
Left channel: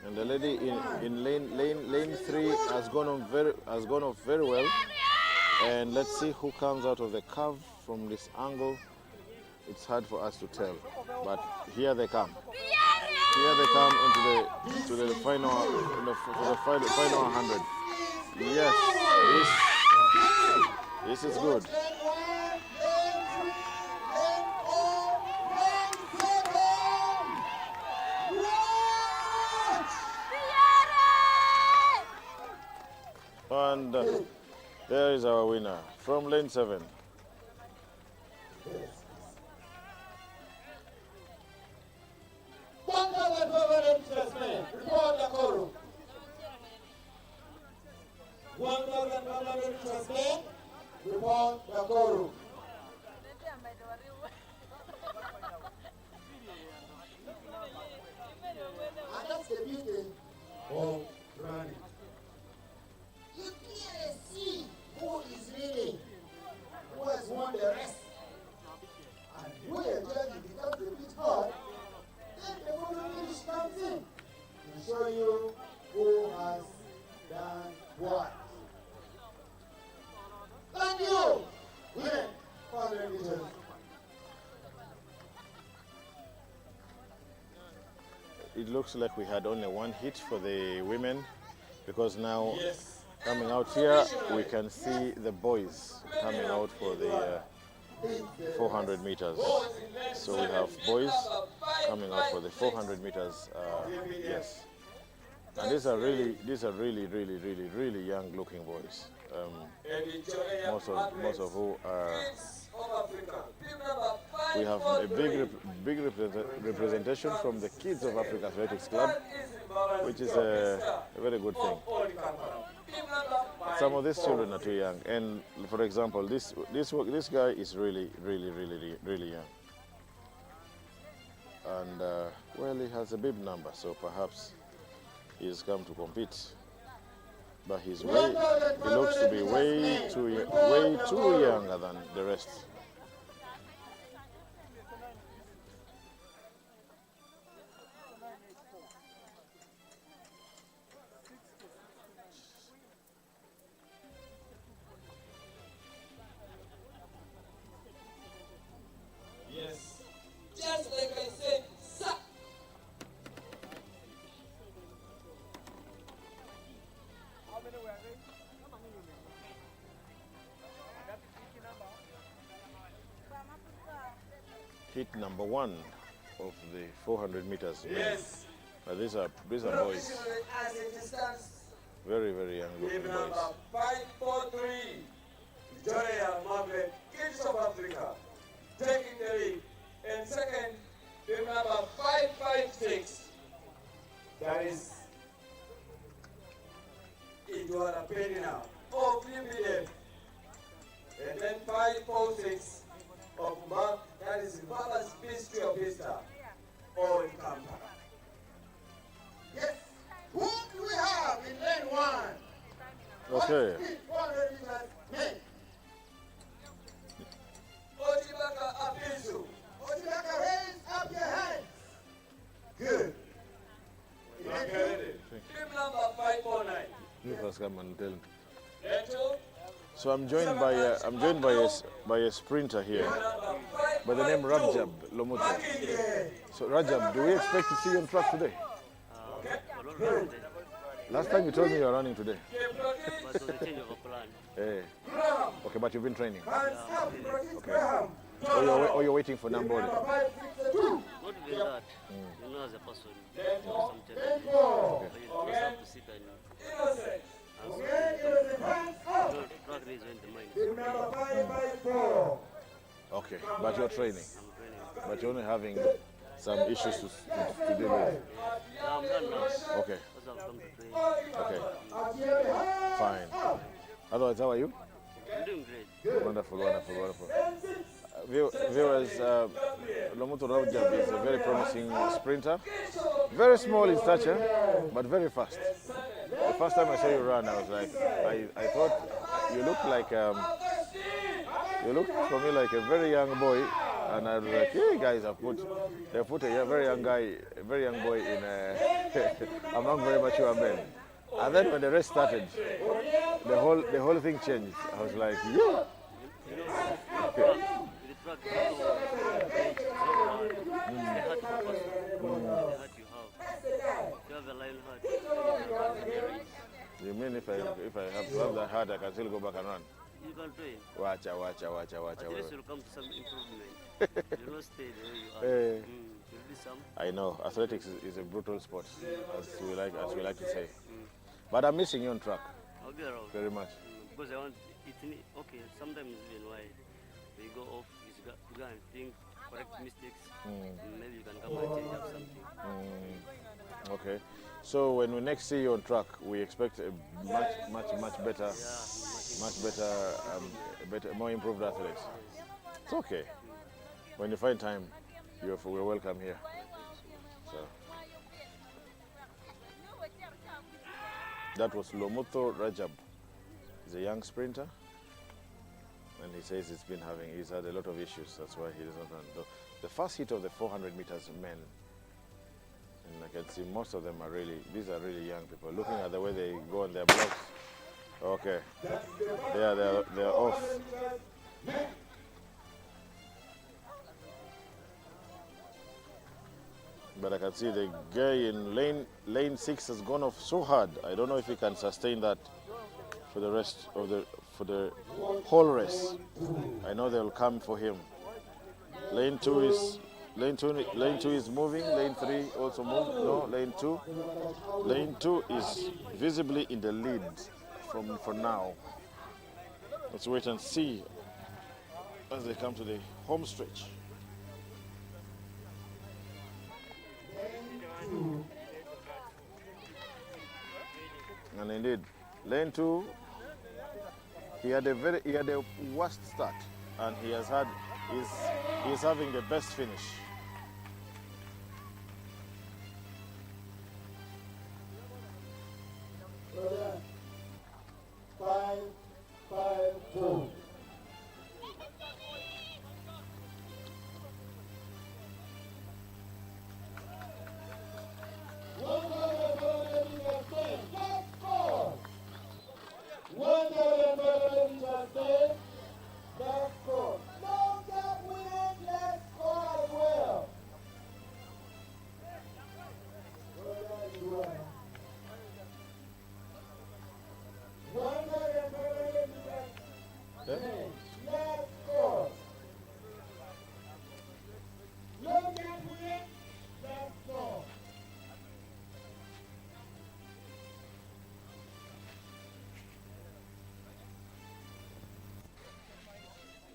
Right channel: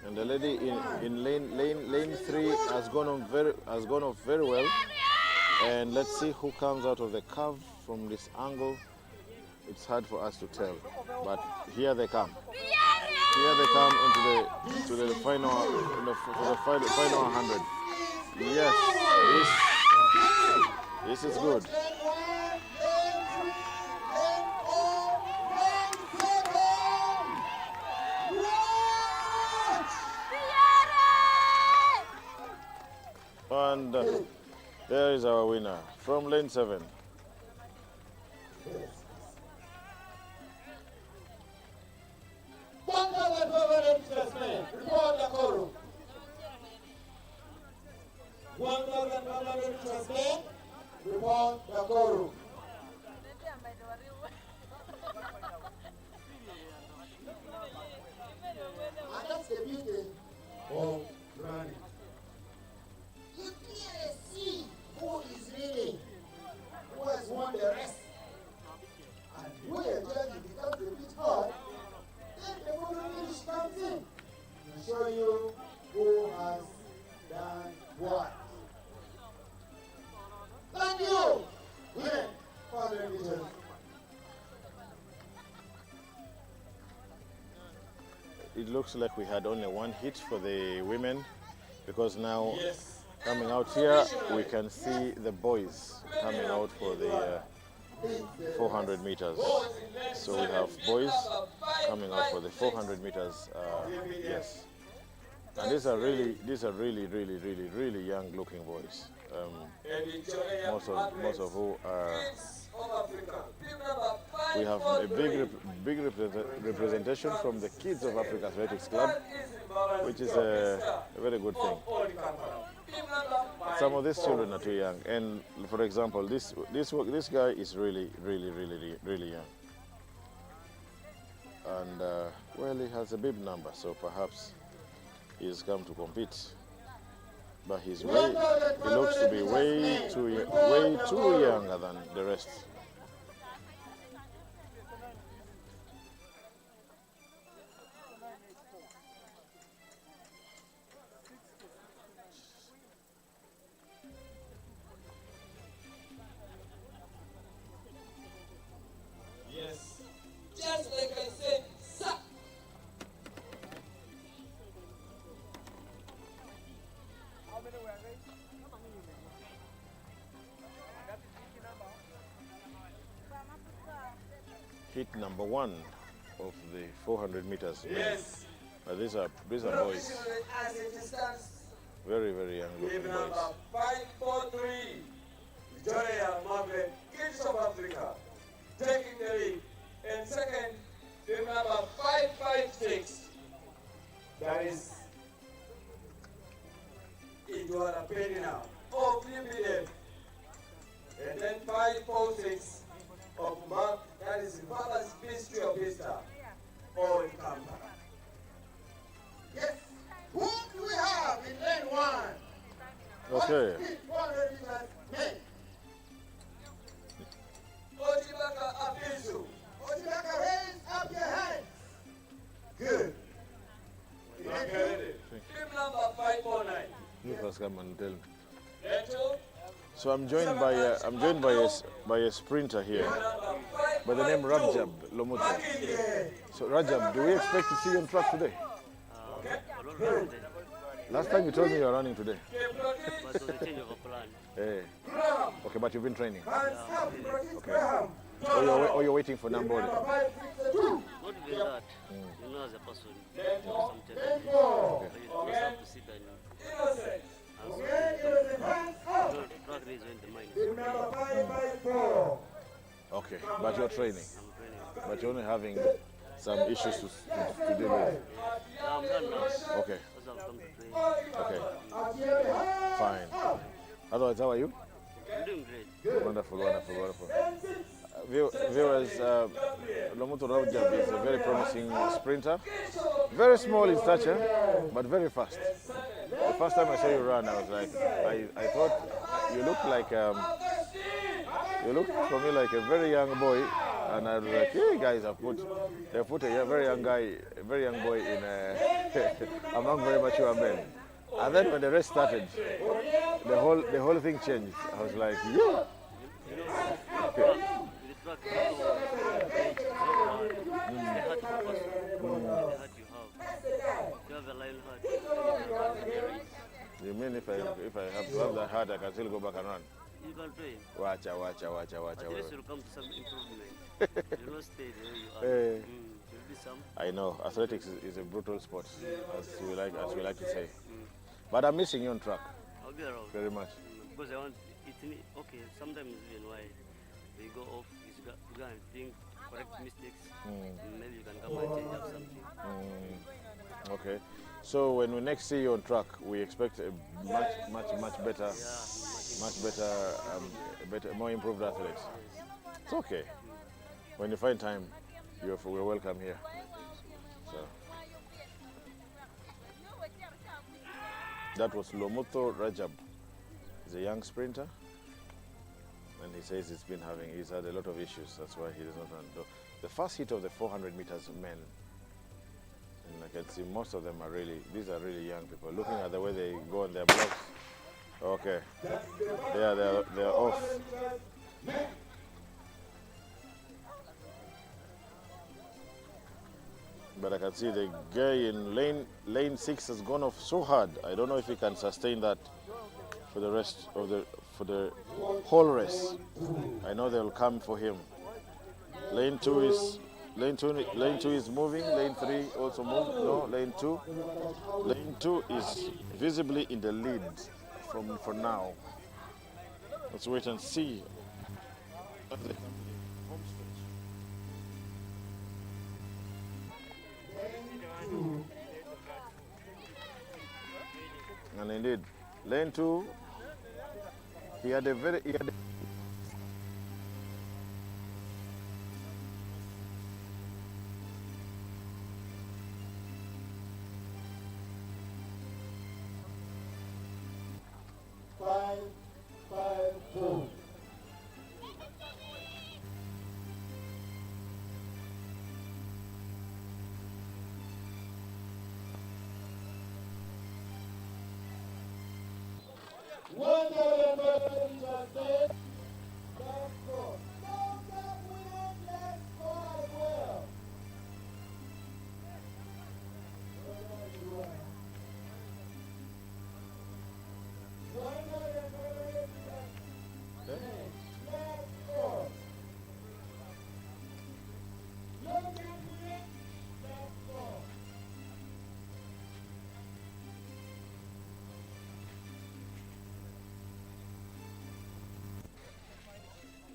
And the lady in lane 3 has gone off very well. And let's see who comes out of the curve from this angle. It's hard for us to tell, but here they come. Here they come into the final, for the final 100. Yes, this is good. And there is our winner from lane 7. Report Dakoro. 1,500 meters men. Report Dakoro. And that's the beauty of running. You clearly see who is winning, who has won the race. And when a judge becomes a bit hard, then the it looks like we had only one hit for the women, because now Yes. coming out here we can see the boys coming out for the 400 meters. So we have boys coming out for the 400 meters. Yes, and these are really really young looking boys. Most of who are. We have a big representation from the Kids of Africa Athletics Club, which is a very good thing. Some of these children are too young, and for example, this guy is really young, and well, he has a bib number, so perhaps he's come to compete. But he looks to be way too younger than the rest. Yes. Just like I said, sir. How many were they? That is which number? Hit number 1 of the 400 meters. Yes. These are boys, As a distance, very young looking team boys. number 543, Victoria Margaret, Kids of Africa, taking the lead. And second, team number 556, that is Idwara Penina of UBF. And then 546 of Mark, that is Mother's Mystery of Easter, all in Kampala. Yes. Who do we have in lane 1? Okay. 400 meters men. Ojibaka Apizu. Ojibaka, raise up your hands. Good. Team number 549. You first come and tell me. Leto, So I'm joined by a sprinter here by the name Rajab Lomuto. So Rajab, do we expect to see you on track today? Last time you told me you were running today. But it was a change of a plan. Hey. Okay, but you've been training. Hands up, Graham. Or you're waiting for number. Number 562. Not even that. You know, as a person, you know, sometimes you just have to sit and Innocent. Hands up. track race when the mind is Team number 554. Okay, but you're training. I'm training. But you're only having some issues to deal with. I'm done now. Okay, That's how I've come to train. okay, fine. Otherwise, how are you? I'm doing great. Wonderful. Viewers, Lomuto Rajab is a very promising sprinter. Very small in stature, but very fast. The first time I saw you run, I was like, I thought you looked like, you looked for me like a very young boy. And I was like, hey guys, they put a very young boy in among very mature men. And then when the race started, the whole thing changed. I was like, yeah. You know, with the track, you have to work so hard. The heart of a person, the heart you have. If you have a lion heart, then you can run the race. You mean if I have to have that heart, I can still go back and run? You can train. Watch. At least you'll come to some improvement. You'll not stay the way you are. Hey. There'll be some. I know athletics is a brutal sport, as we like to say. But I'm missing you on track I'll be around. very much. Because I want it. Okay, sometimes even why we go off, you go and think, correct mistakes, and maybe you can come and change up something. Okay. So when we next see you on track, we expect a much better, more improved athletes. It's okay. When you find time, we're welcome here. So that was Lomuto Rajab. He's a young sprinter, and he says he's had a lot of issues. That's why he does not run. The first hit of the 400 meters men, and I can see most of them these are really young people. Looking at the way they go on their blocks. Okay, they're off. But I can see the guy in lane 6 has gone off so hard. I don't know if he can sustain that for the rest of the whole race. I know they'll come for him. Lane 2 is moving. Lane 3 also moved. No, lane 2 is visibly in the lead for now. Let's wait and see as they come to the home stretch. And indeed, lane 2, he had a worst start, and he's having the best finish. Five, 2.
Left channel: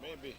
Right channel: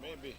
Maybe.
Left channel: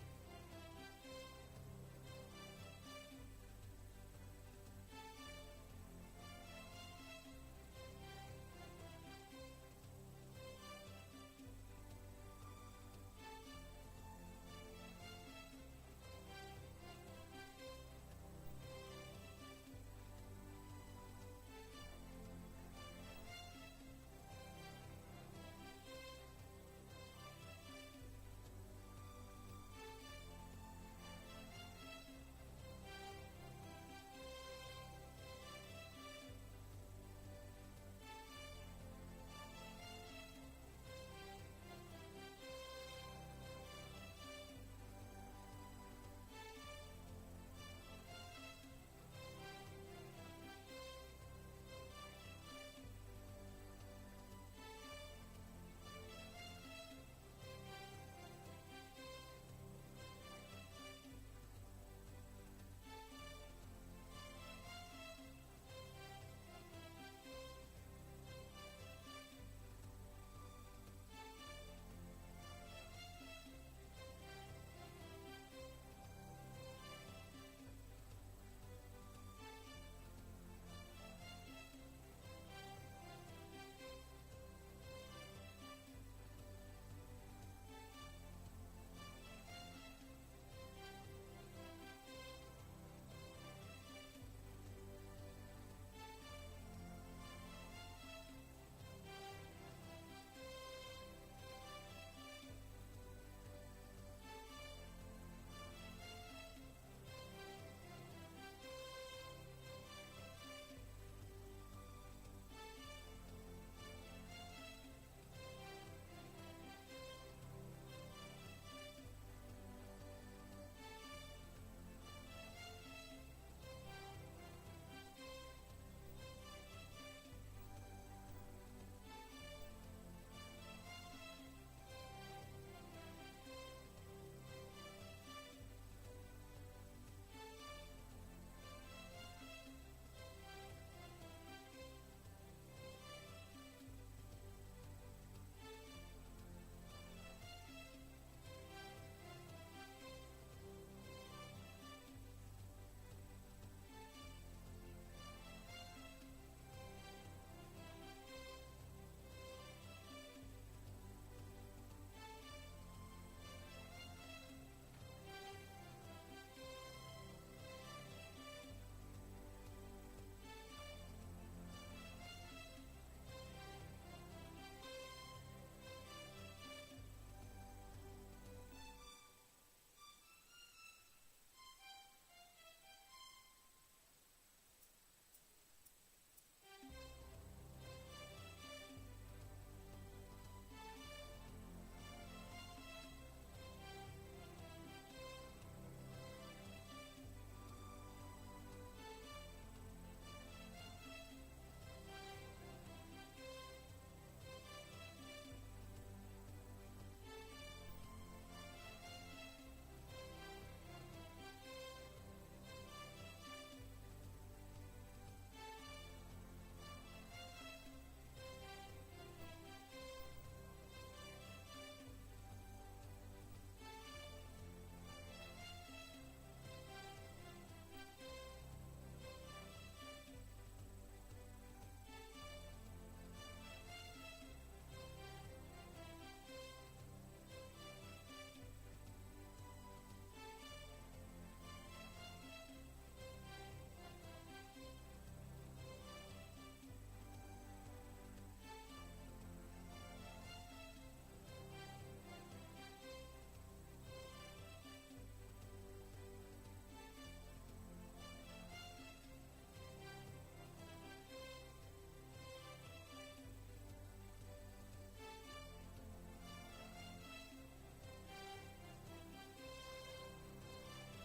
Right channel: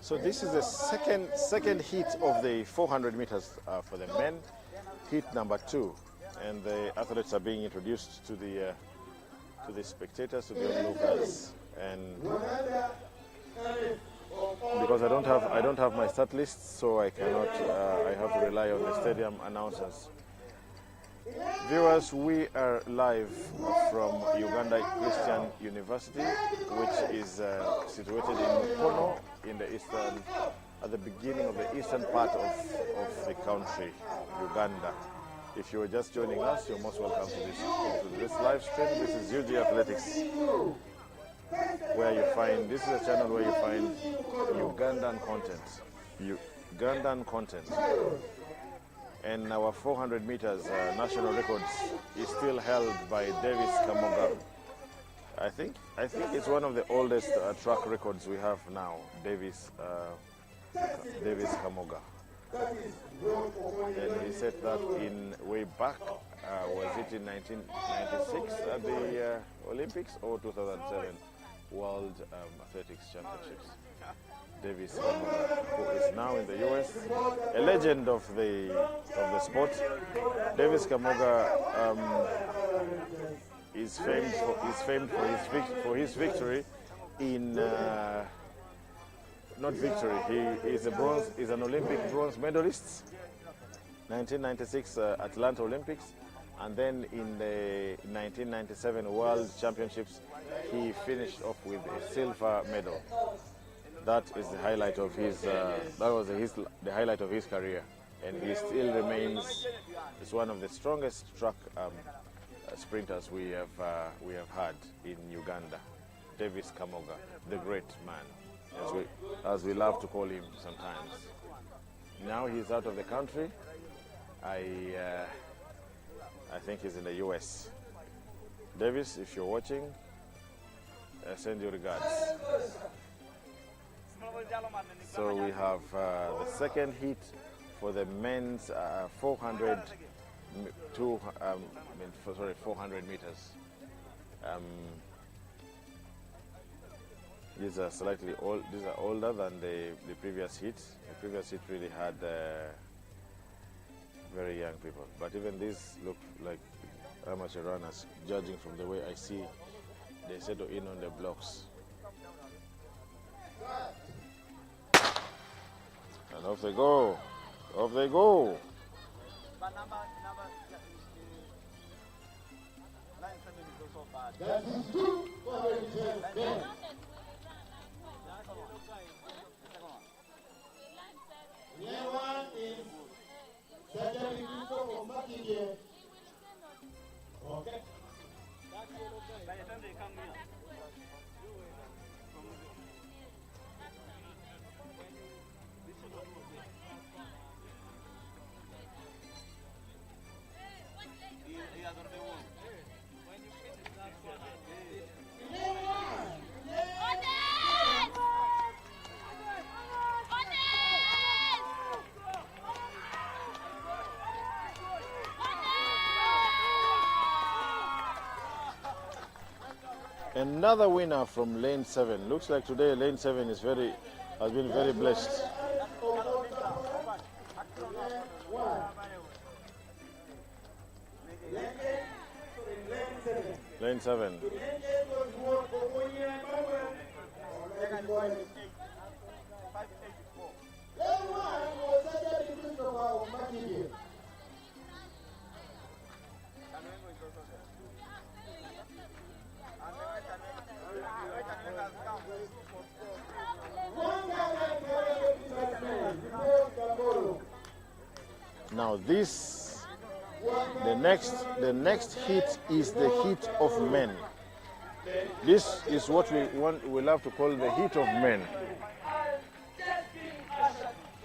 So this is the second heat of the 400 meters for the men, heat number 2, and the athletes are being introduced to the spectators, to the onlookers, and because I don't have my start list, so I cannot. I have to rely on the stadium announcers. Viewers, we are live from Uganda Christian University, which is situated in Mukono, in the at the beginning of the eastern part of the country, Uganda. If you are just joining us, you're most welcome to this live stream. This is UGathletix, where you find, this is a channel where you find Ugandan content. And our 400 meters national records is still held by Davis Kamoga. I think it's one of the oldest track records we have now, Davis Kamoga. And he said that in way back, was it in 1996 at the Olympics or 2007 World Athletics Championships? Davis Kamoga, who is now in the US, a legend of the sport. Davis Kamoga is famed for his victory in not victory. He is an Olympic bronze medalist, 1996 Atlanta Olympics, and then in the 1997 World Championships, he finished off with a silver medal. That is the highlight of his. That was the highlight of his career, and he still remains. Is one of the strongest track sprinters we have had in Uganda. Davis Kamoga, the great man, as we love to call him sometimes. Now he's out of the country. I think he's in the US. Davis, if you're watching, send your regards. So we have the second heat for the men's 400 meters. These are slightly old. These are older than the previous heats. The previous heat really had very young people, but even these look like amateur runners. Judging from the way I see, they settle in on the blocks. And off they go. Off they go. That is two for the one is Sajali Kuko for Makiye. Okay. Another winner from lane 7. Looks like today lane 7 has been very blessed. Lane 7. Now the next heat is the heat of men. This is what we love to call the heat of men.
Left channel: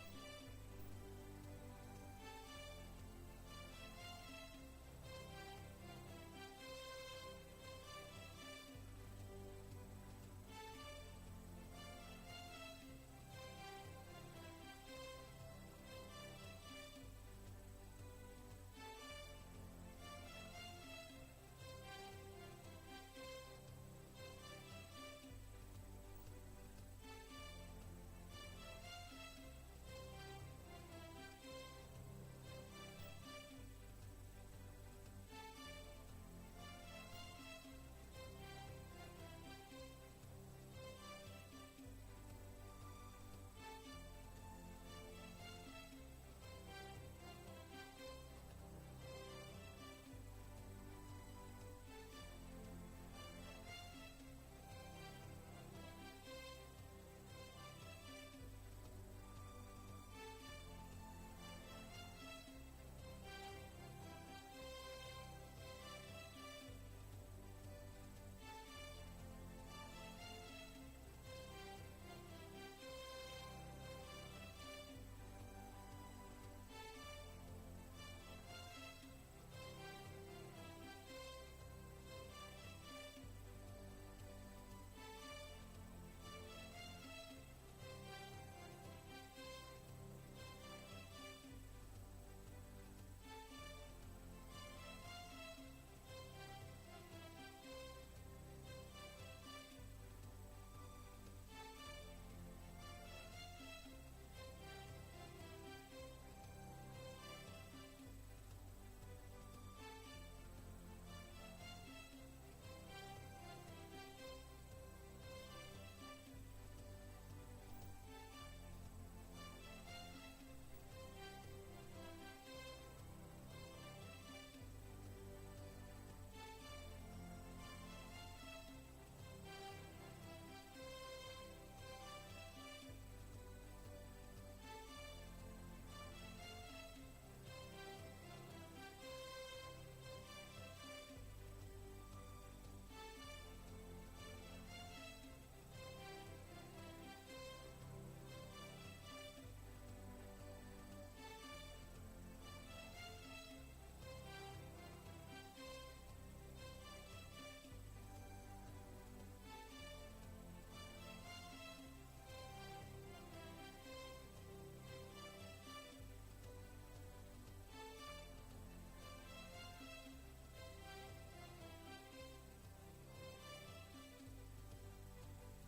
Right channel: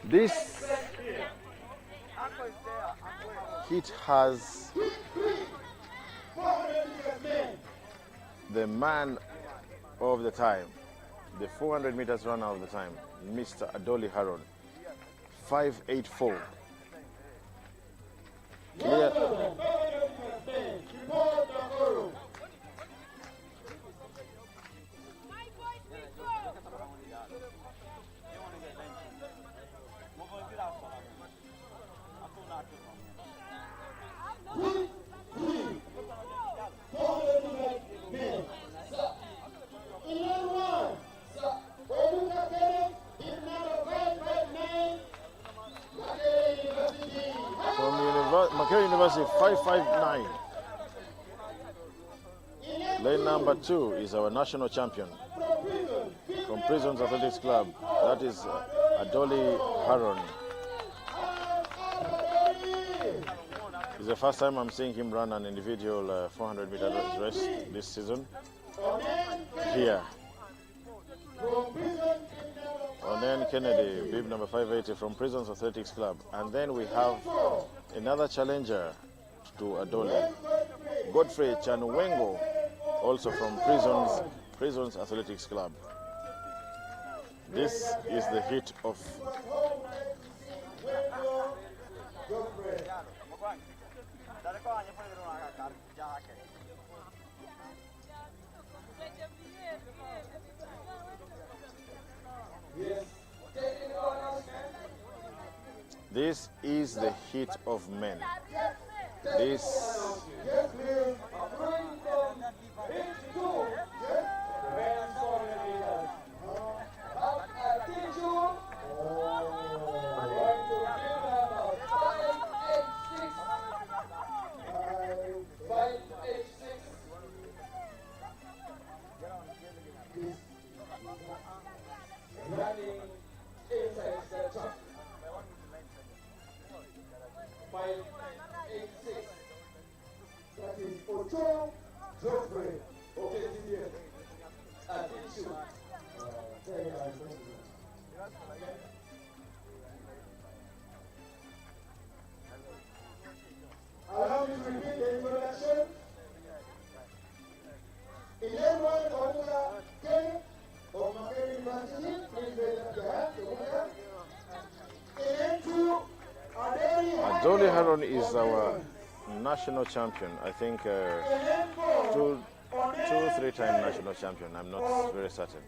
This heat has the man of the time, the 400 meters runner of the time, Mr. Adoli Haron, 5:84. Clear. University 559. Lane number 2 is our national champion from Prisons Athletics Club. That is Adoli Haron. It's the first time I'm seeing him run an individual 400 meter race this season here. Onen Kennedy, bib number 580 from Prisons Athletics Club. And then we have another challenger to Adoli, Godfrey Chanwengo, also from Prisons Athletics Club. This is the heat of This is the heat of men. This Andy Haron is our national champion. I think two, 3-time national champion. I'm not very certain.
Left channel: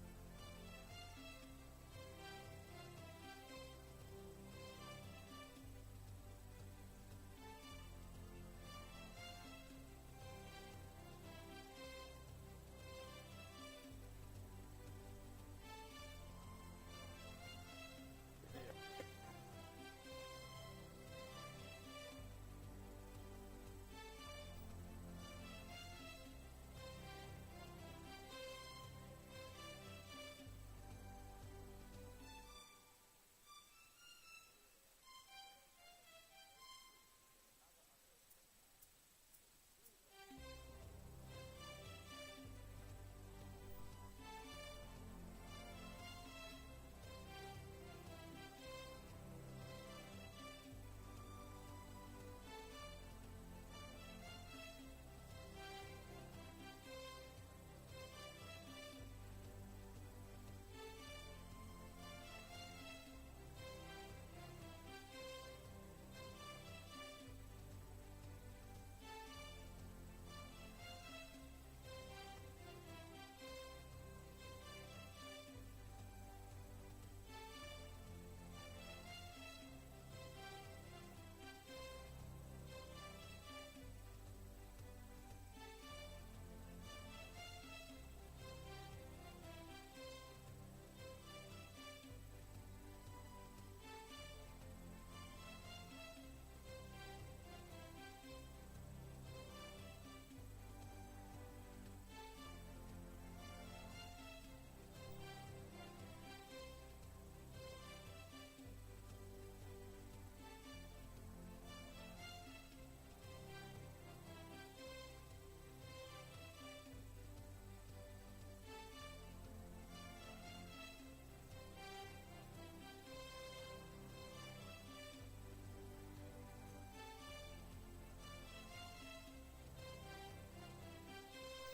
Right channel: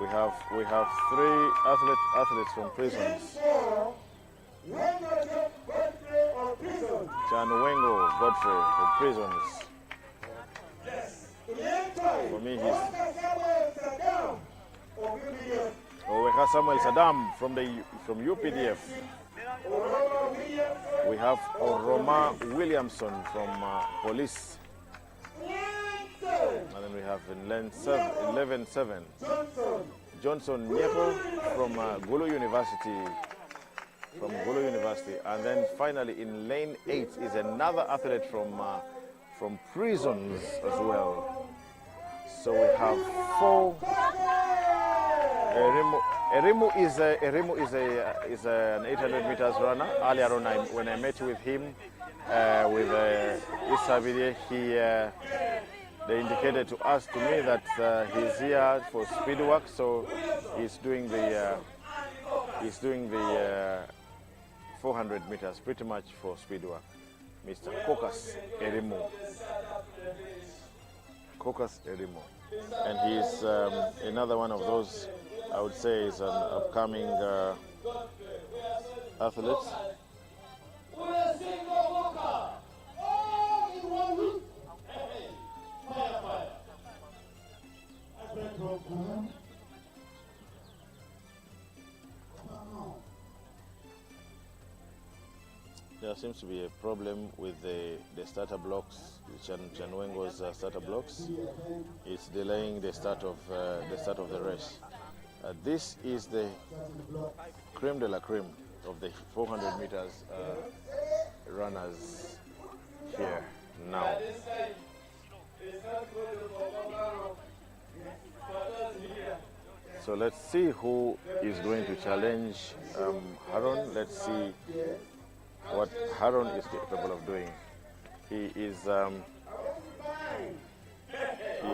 We have 3 athletes from prisons. Chanwengo Godfrey from prisons. For me, he's. Oh, we have Samuel Saddam from UPDF. We have Roma Williamson from police. And then we have in 11-7 Johnson Nyeko from Gulu University. And then finally in lane 8 is another athlete from prisons as well. So we have 4. Erimu is an 800 meters runner. Earlier on, when I met with him, with Issa Bidye, they indicated to me that he's here for speed work, so he's doing the 400 meters pretty much for speed work. Mr. Kokas Erimu. And he's another one of those, I would say, is an upcoming athlete. There seems to be a problem with the starter blocks, Chanwengo's starter blocks. It's delaying the start of the race. This is the creme de la creme of the 400 meters runners here now. So let's see who is going to challenge Haron. Let's see what Haron is capable of doing. He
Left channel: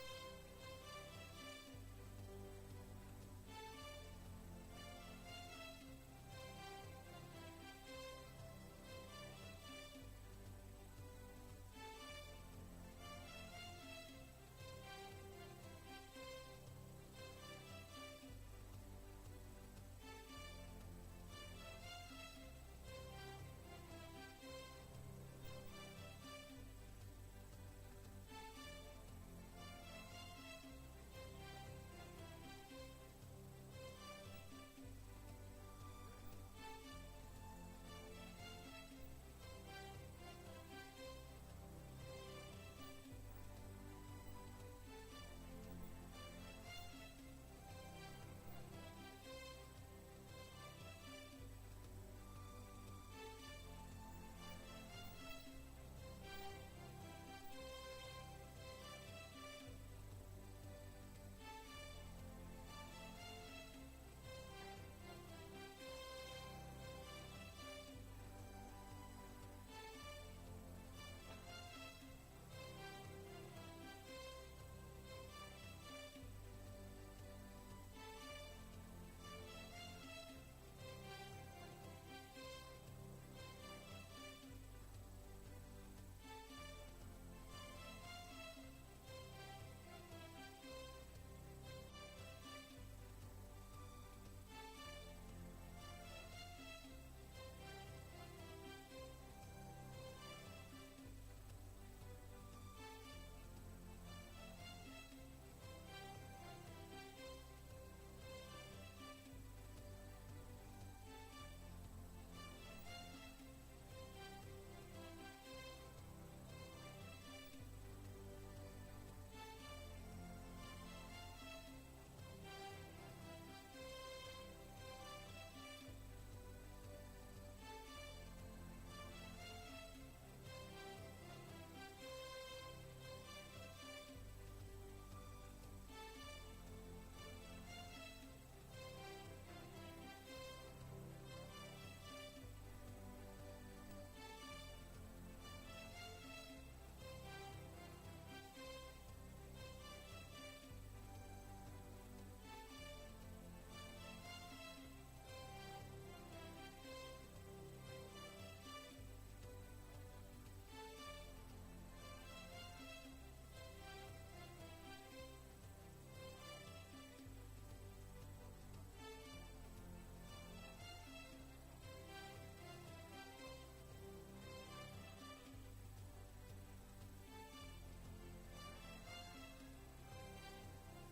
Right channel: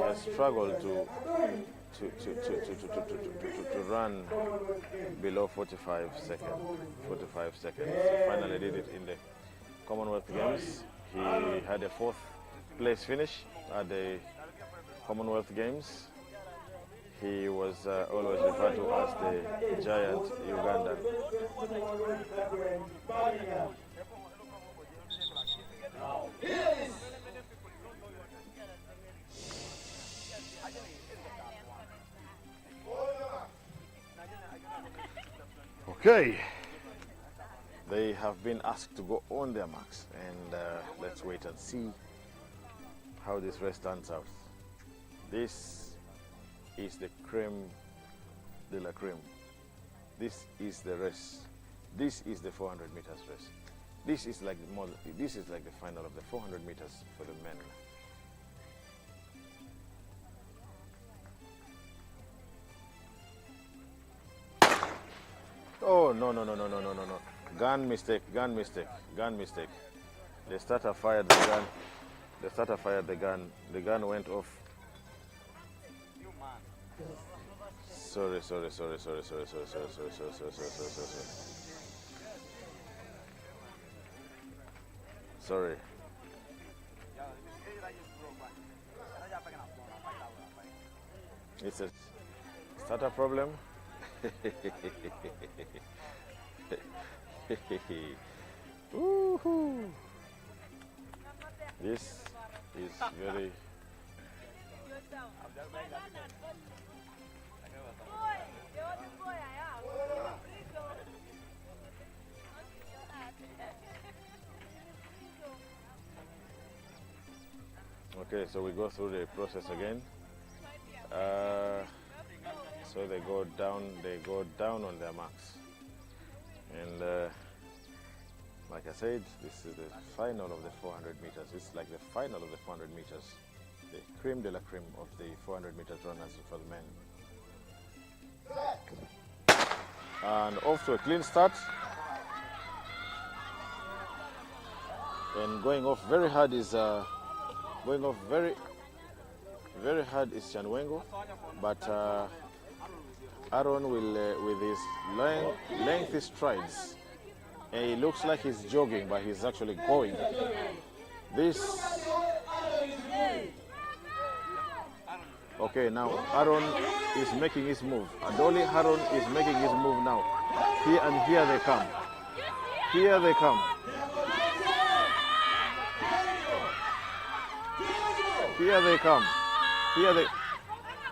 has struggled to run below 45 seconds. He finally did it in the Commonwealth Games. He had a 4th place finish at the Commonwealth Games. He was always referred to as the giant Uganda. Okay, they have been asked to go on their marks, and let's wait and see how this race turns out. This is the creme de la creme. This is the race. This is the 400 meters race. This is like the final of the 400 meters for the men. Oh, no. Gun mistake. The starter fired the gun. The gun went off. Sorry. Sorry. It's a starter problem. Woohoo! This is very. Okay, so we go through the process again. So they go down on their marks. And like I said, this is the final of the 400 meters. This is like the final of the 400 meters. The creme de la creme of the 400 meters runners for the men. And off to a clean start. And going off very hard is Chanwengo, but Aaron will with his lengthy strides And he looks like he's jogging, but he's actually going. This. Okay, now Aaron is making his move. Adoli Aaron is making his move now. Here they come. Here they come. Here they come.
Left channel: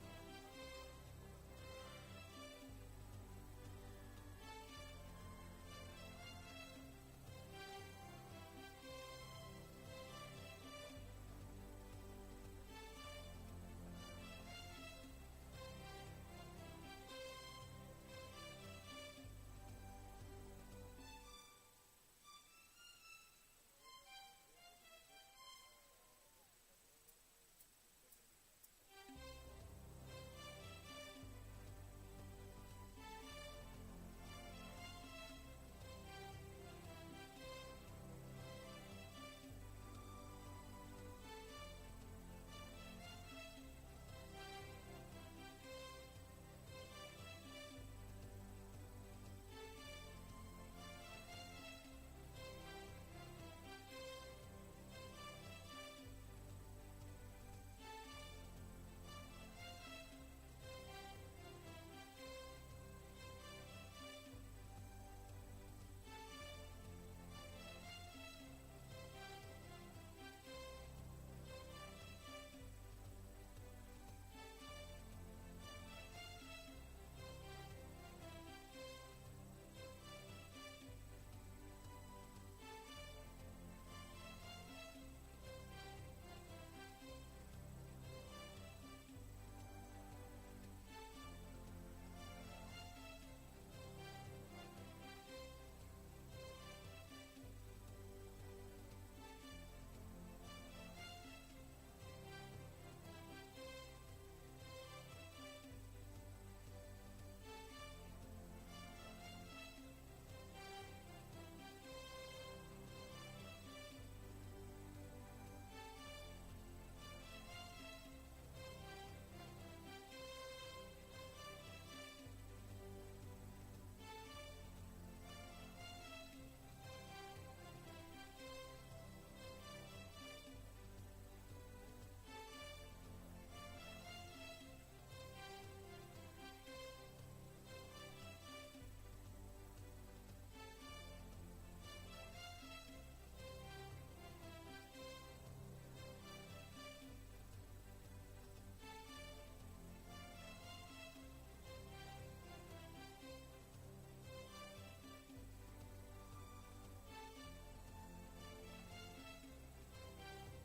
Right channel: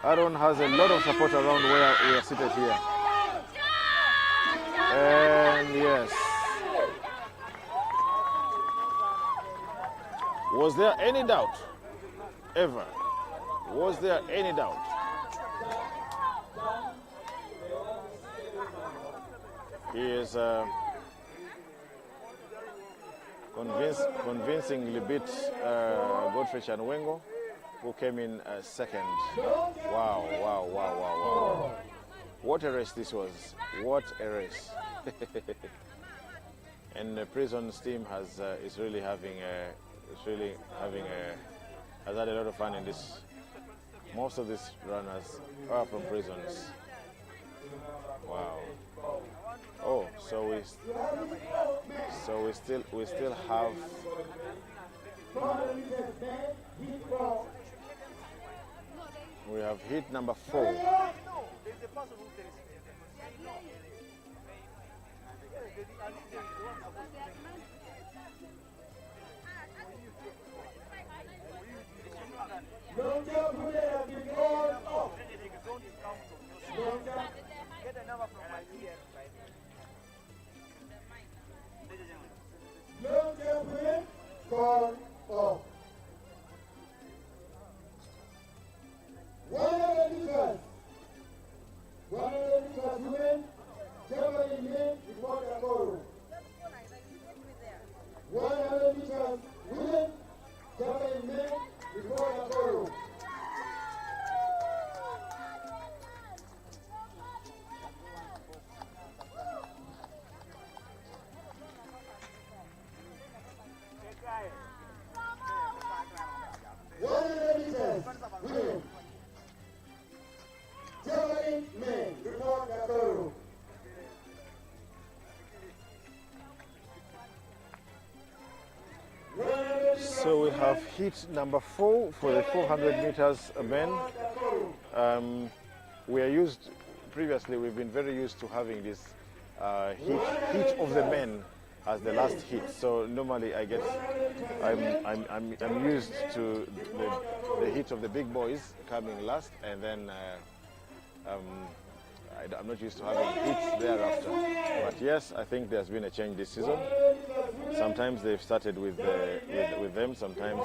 Aaron has a lot of support around where we are seated here. And yes. Was there any doubt? Ever? Was there any doubt? He is convincingly beat Godfrey Chanwengo, who came in second. Wow. What a race this was. What a race. And the Prison's team has had a lot of fun in this. Most of these runners are from Prisons. Wow. Oh, so we still have heat number 4. So we have heat number 4 for the 400 meters men. Previously we've been very used to having this heat of the men as the last heat. So normally I'm used to the heat of the big boys coming last, and then I'm not used to having heats thereafter. But yes, I think there's been a change this season. Sometimes they've started with them. Sometimes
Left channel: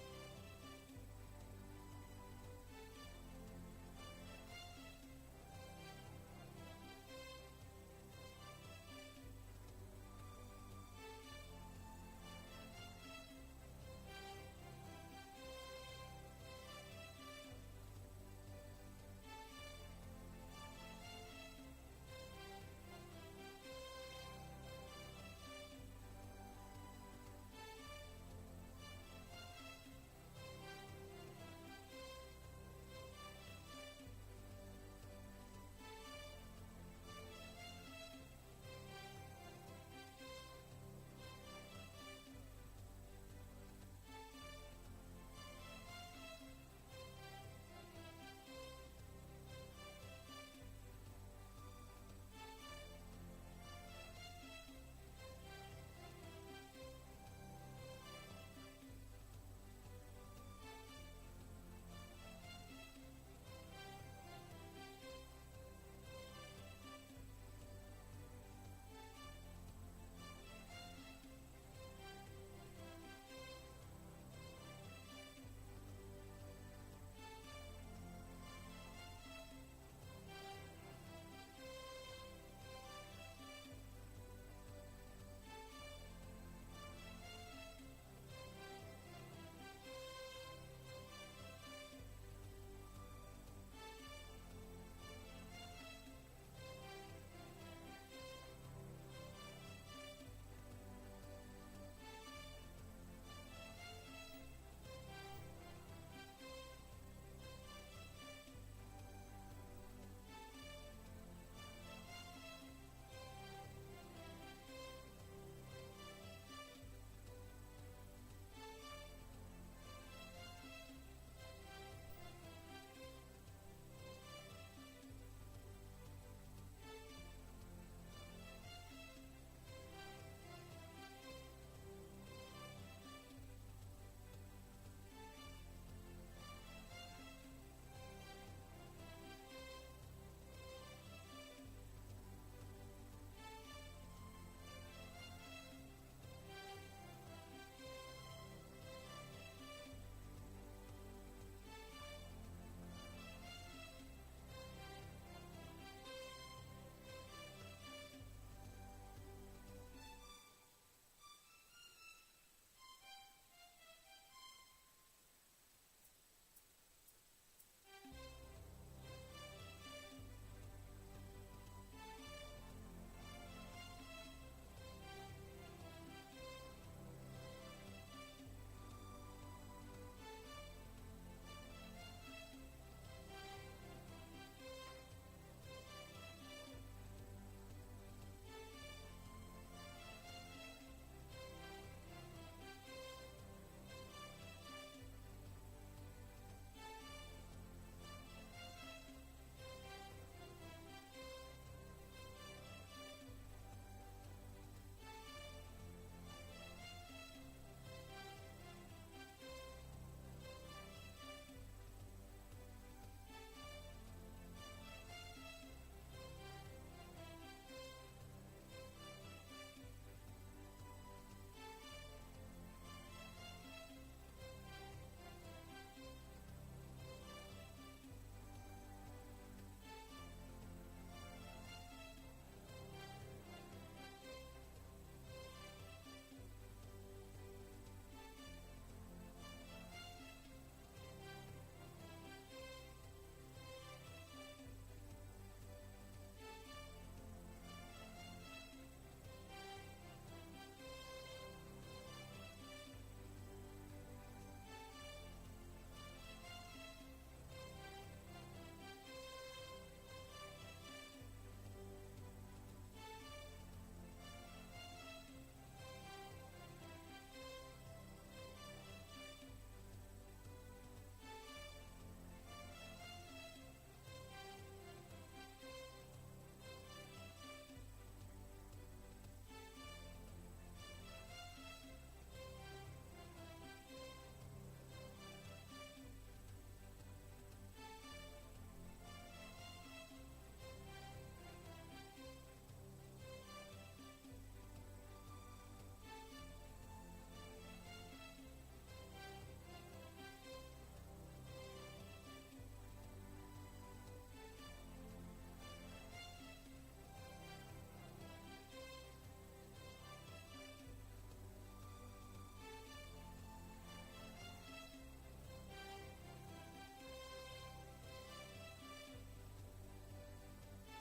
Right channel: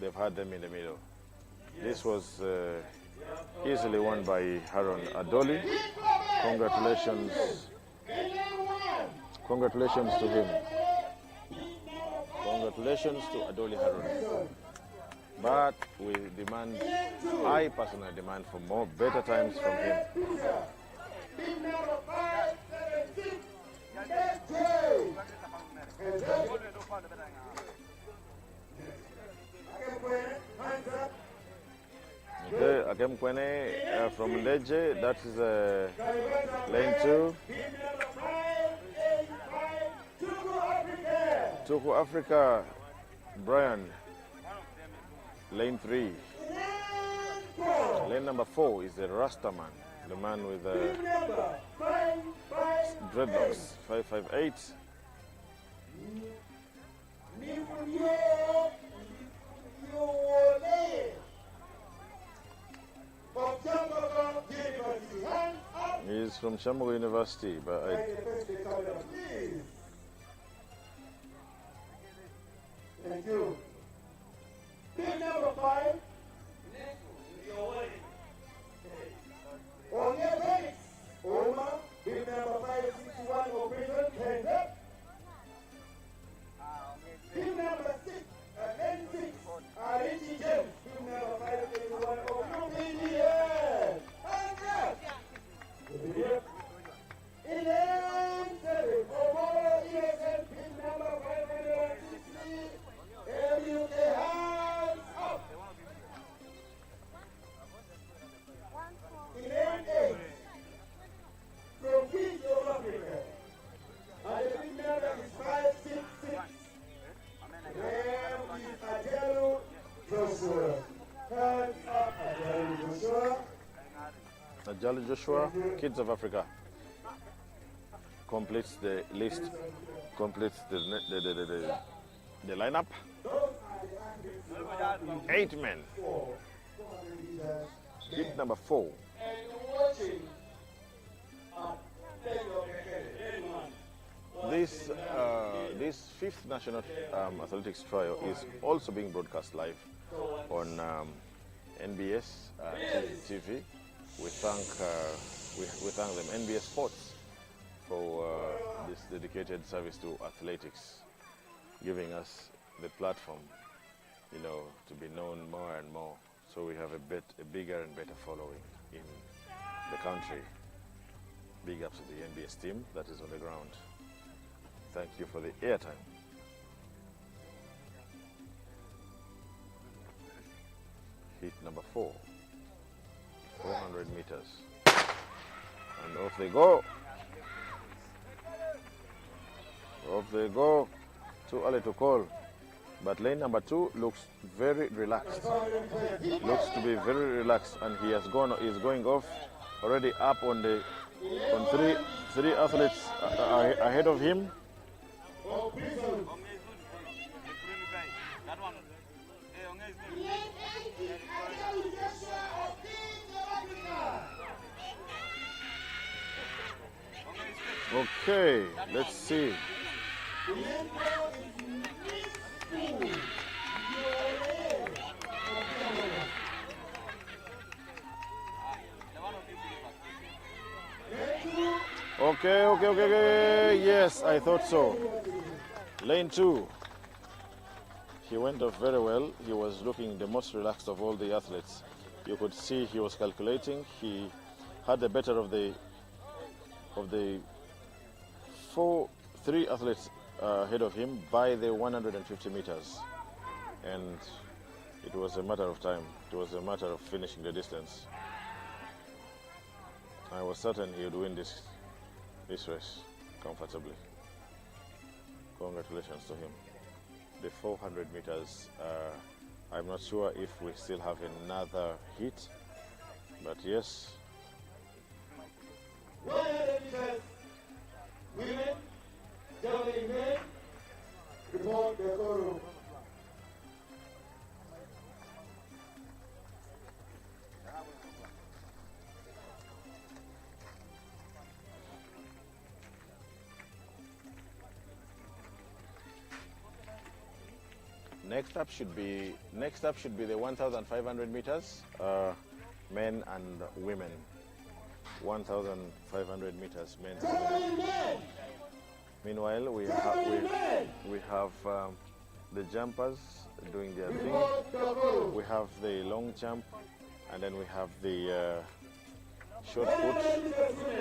they've had them in the middle. This was easily won by Haron Adoli. Congratulations. Congratulations to him. Congratulations to Adoli Haron. But I personally demand for better times from him. Okay, Akem Kwene from Ndeje, that is lane 2. Tuku Africa, Brian, lane 3. Lane number 4 is the Rastaman, the man with dreadlocks, 558. He's from Shambo University, but Thank you. Big number 5. UGathletix. Oma. Big number 561 operation. Hands up. Big number 6. N6. Richie James. Big number 561 operation. Hands up. 11-7. Samuel Joshua, Kids of Africa, completes the list, completes the lineup. 8 men. Heat number 4. This 5th National Athletics Trial is also being broadcast live on NBS TV. We thank them, NBS Sports, for this dedicated service to athletics, giving us the platform, you know, to be known more and more. So we have a bigger and better following in the country. Big ups to the NBS team that is on the ground. Thank you for the airtime. Heat number 4, 400 meters. And off they go. Off they go. Too early to call. But lane number 2 looks very relaxed. Looks to be very relaxed, and he's going off already up on three athletes ahead of him. Okay, let's see. Okay. Yes, I thought so. Lane 2. He went off very well. He was looking the most relaxed of all the athletes. You could see he was calculating. He had the better of the 3 athletes ahead of him by the 150 meters. And it was a matter of time. It was a matter of finishing the distance. I was certain he would win this race comfortably. Congratulations to him. The 400 meters, I'm not sure if we still have another heat, but yes. 100 meters, women, javelin men, report the call. Next up should be the 1,500 meters, men and women. 1,500 meters, men and women. Meanwhile, we have the jumpers doing their thing. We have the long jump, and then we have the short put,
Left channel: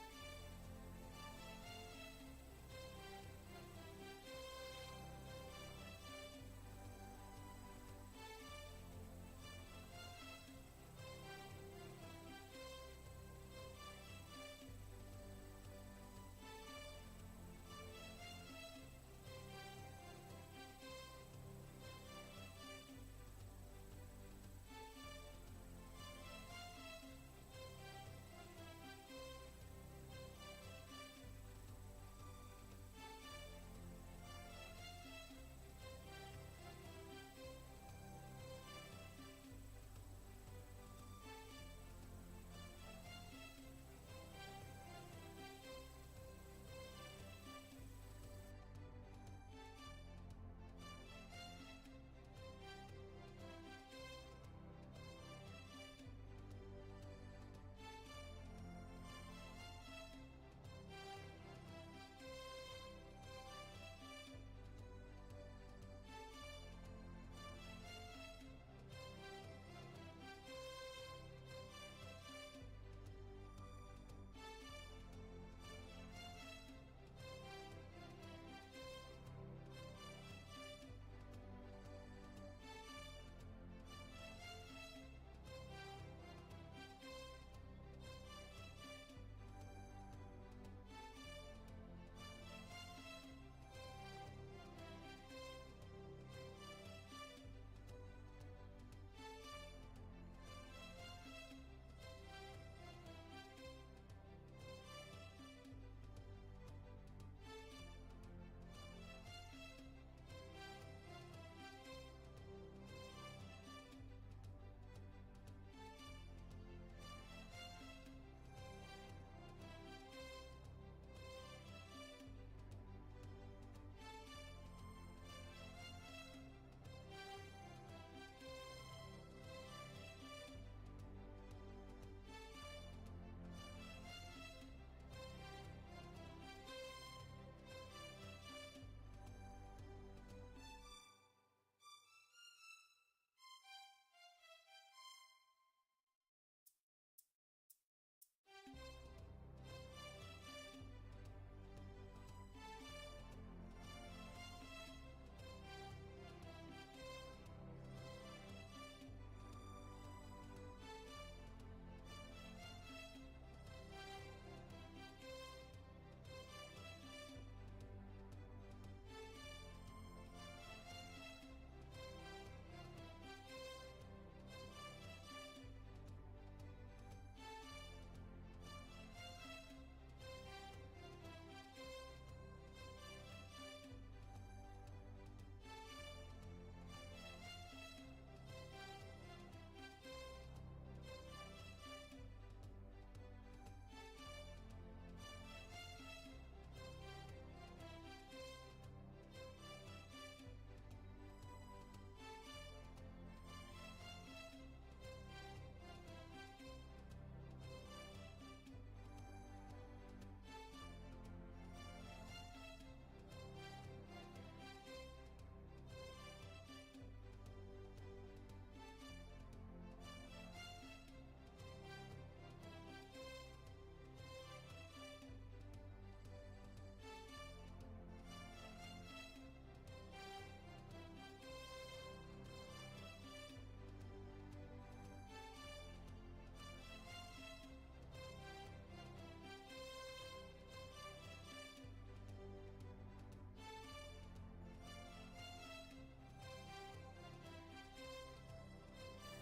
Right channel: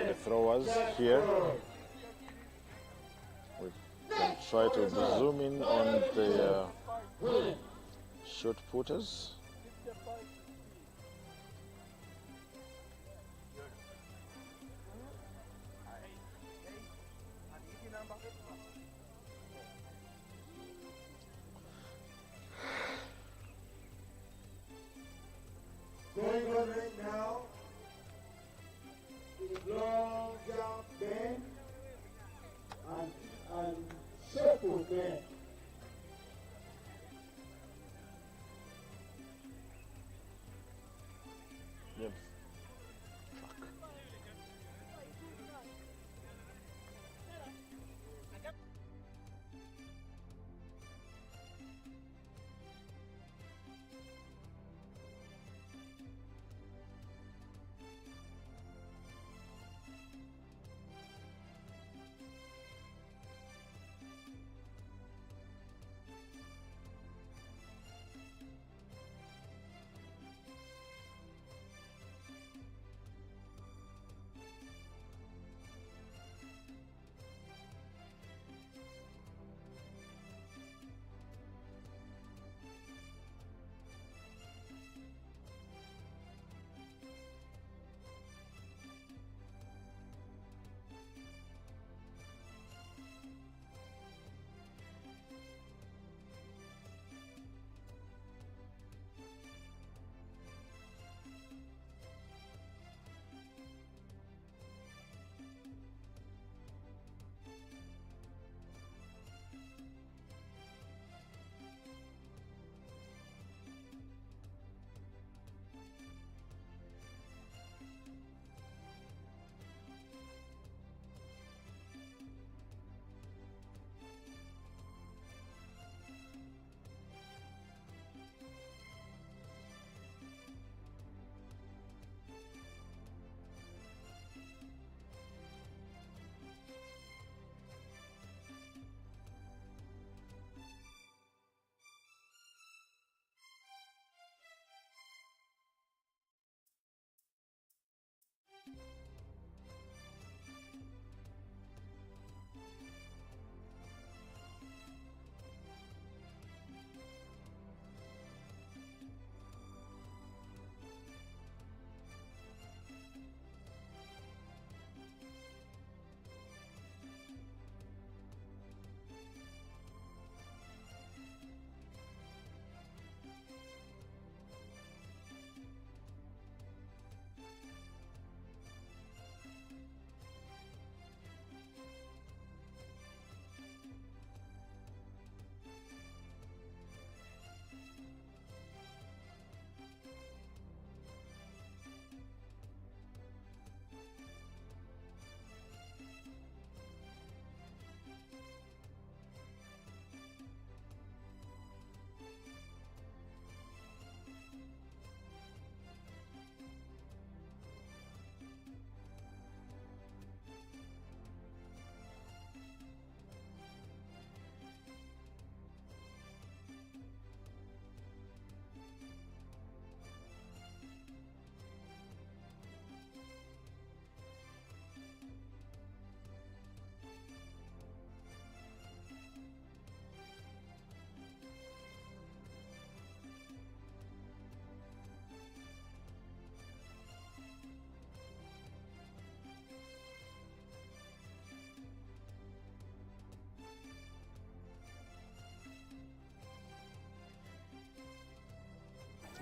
the throwers here. We can try to zoom in on the short putters. Going on right now is long jump men and short put men. Yep.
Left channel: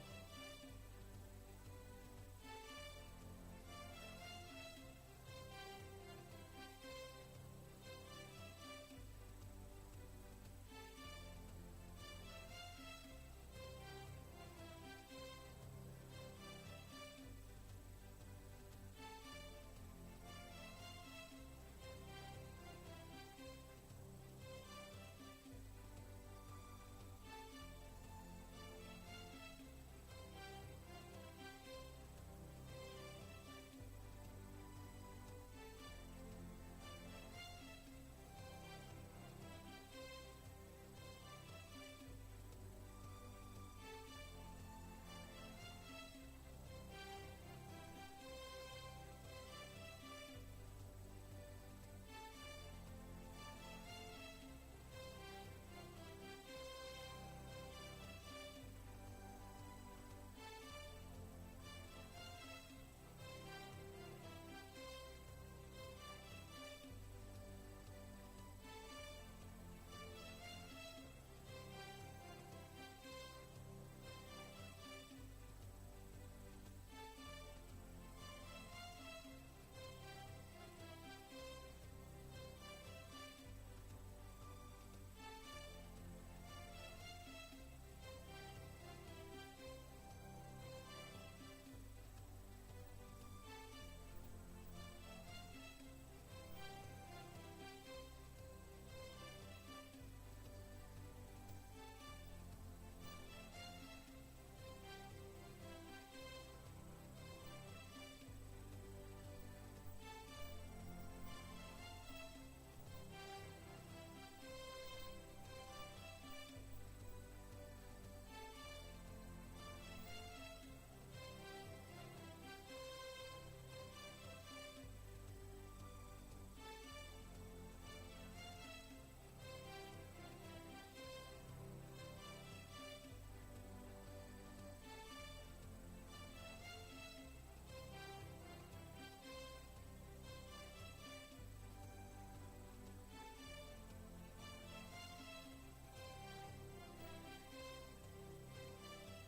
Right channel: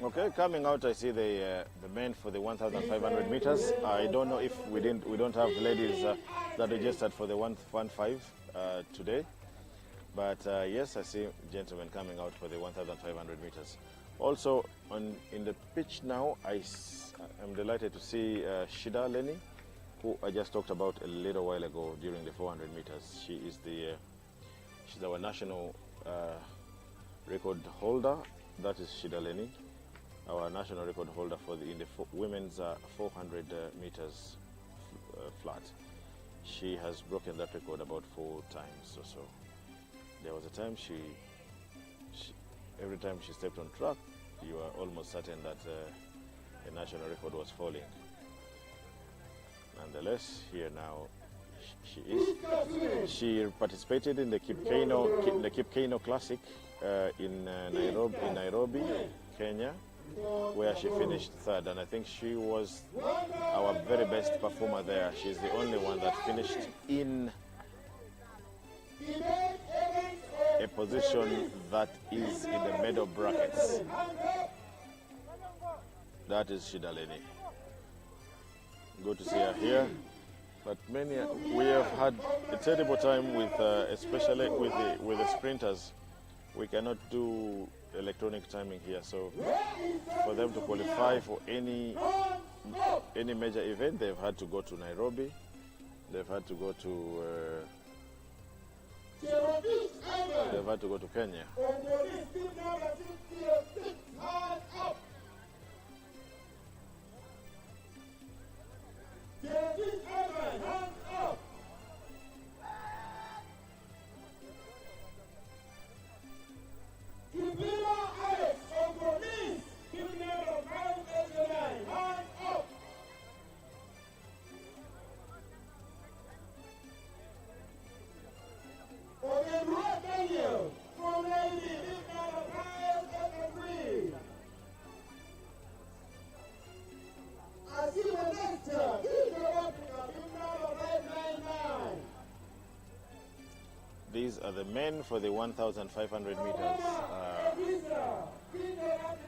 Okay, coming out, I see the men for the 1,500 meters. I don't know if we don't have ladies that registered for the 115 today, but yes, I see gentlemen coming out for the 1,500 meters. Also, in the pitch now, I'm delighted to see Shida Lenny, who I just talked about a little while ago during the 400 meters. She's our national record holder. That is Shida Lenny, our national record holder in the women's 400 meters flat. She has broken that record about 4 times or so. There was a time every time she stepped on track, you are almost certain that the national record was falling. Nonetheless, here now she is. She participated in the Kip Keino Classic in Nairobi, Kenya, where she finished 3rd, and I think she was our very best performer there. She's the only one that finished in a position that is in the medal brackets. That is Shida Lenny. Good to see her here. But we have had a terrible time with, especially with the sprinters. We cannot do electronic timing here, so for them to qualify for any major event, they've had to go to Nairobi. They've had to go to Kenya. These are the men for the 1,500 meters.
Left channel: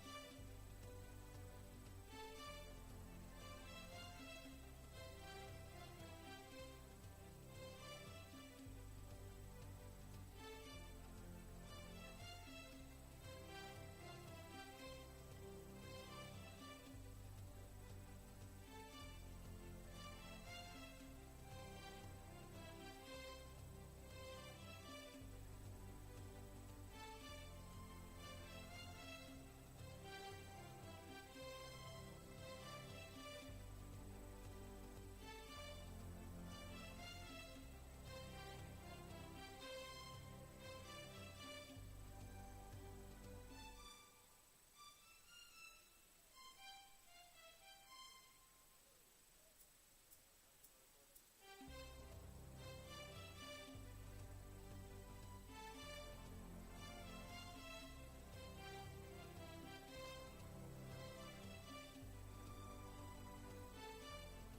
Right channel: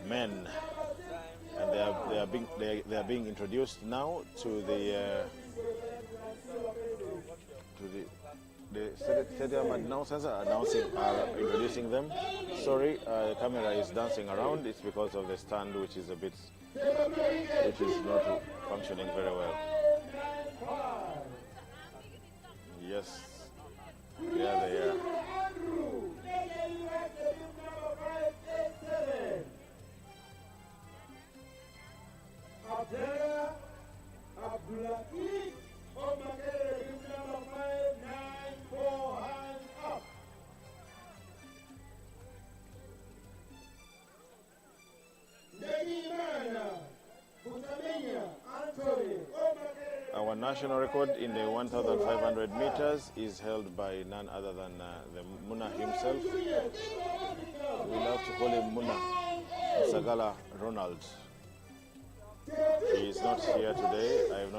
Men, and they are being introduced now to the stadium announcers are introducing them. Sorry, the camera is dancing around. It's because of the stand, which is not functioning very well. Yes. Yeah, they are. Our national record in the 1,500 meters is held by none other than the Muna himself. We love to call him Muna, Sagala Ronald. He is not here today. I have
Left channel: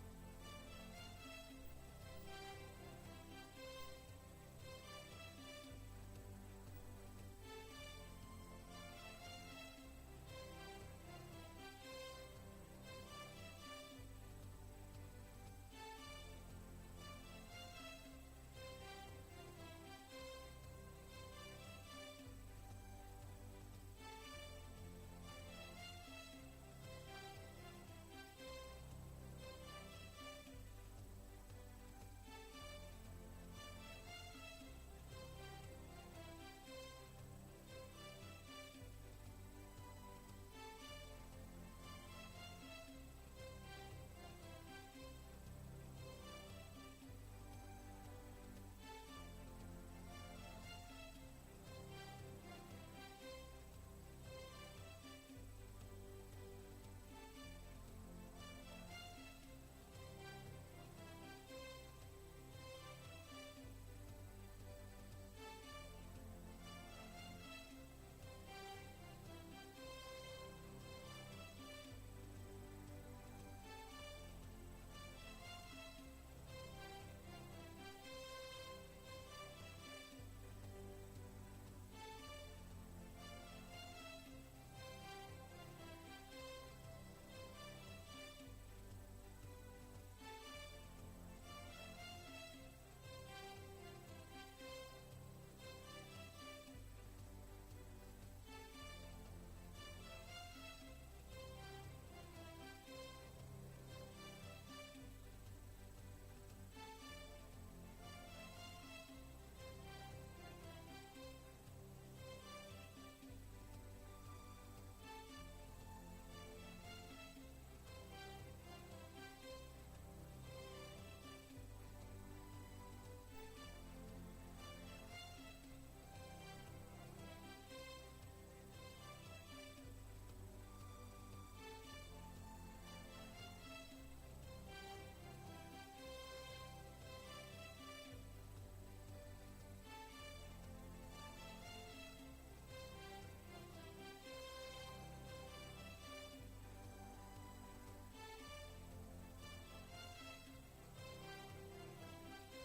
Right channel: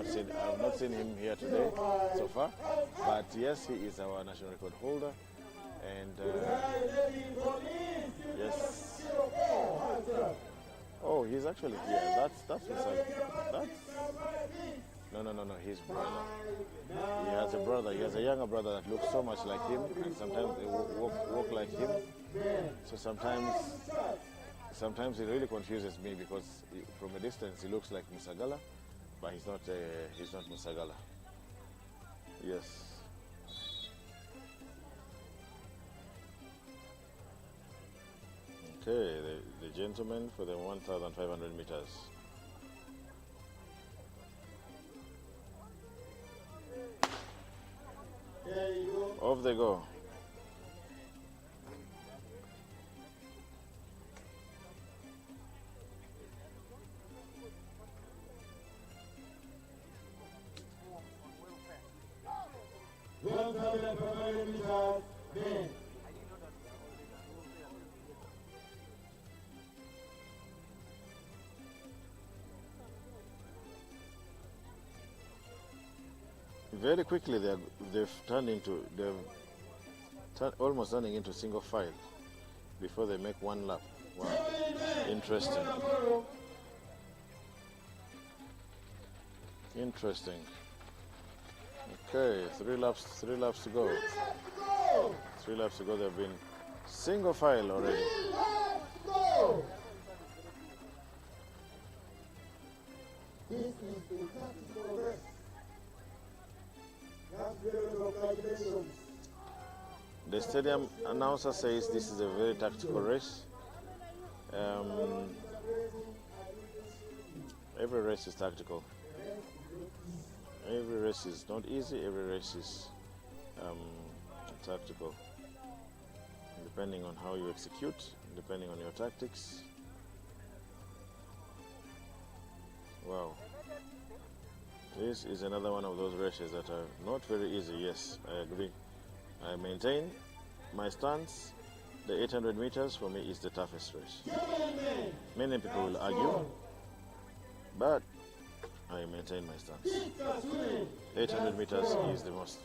not seen him here today so far. But yes, he is our national record holder. And yes. Oh, he's actually here. That's No. His brother. He has a brother. He has a younger brother that looks so much like him, and sometimes they walk like him. So sometimes it really confuses me because from a distance he looks like Musagala, but he's not Musagala. Yes. Okay, the gentleman for the 1,500 meters. Off they go. Very quickly they've almost turning into single file before they make one lap. Wow. Interesting. Interesting. Okay, 3 laps to go. 3 laps to go. They've been single file already. This is the tactical race. That's very congratulations. The stadium announcer says this is a very tactical race. Every race is tactical. Every race is not easy. Every race is tactical. Depending on how you execute, depending on your tactics. Wow. This is another one of those races that are not very easy. Yes, I agree. I maintain my stance. The 800 meters for me is the toughest race. Many people will argue, but I maintain my stance. 800 meters is the most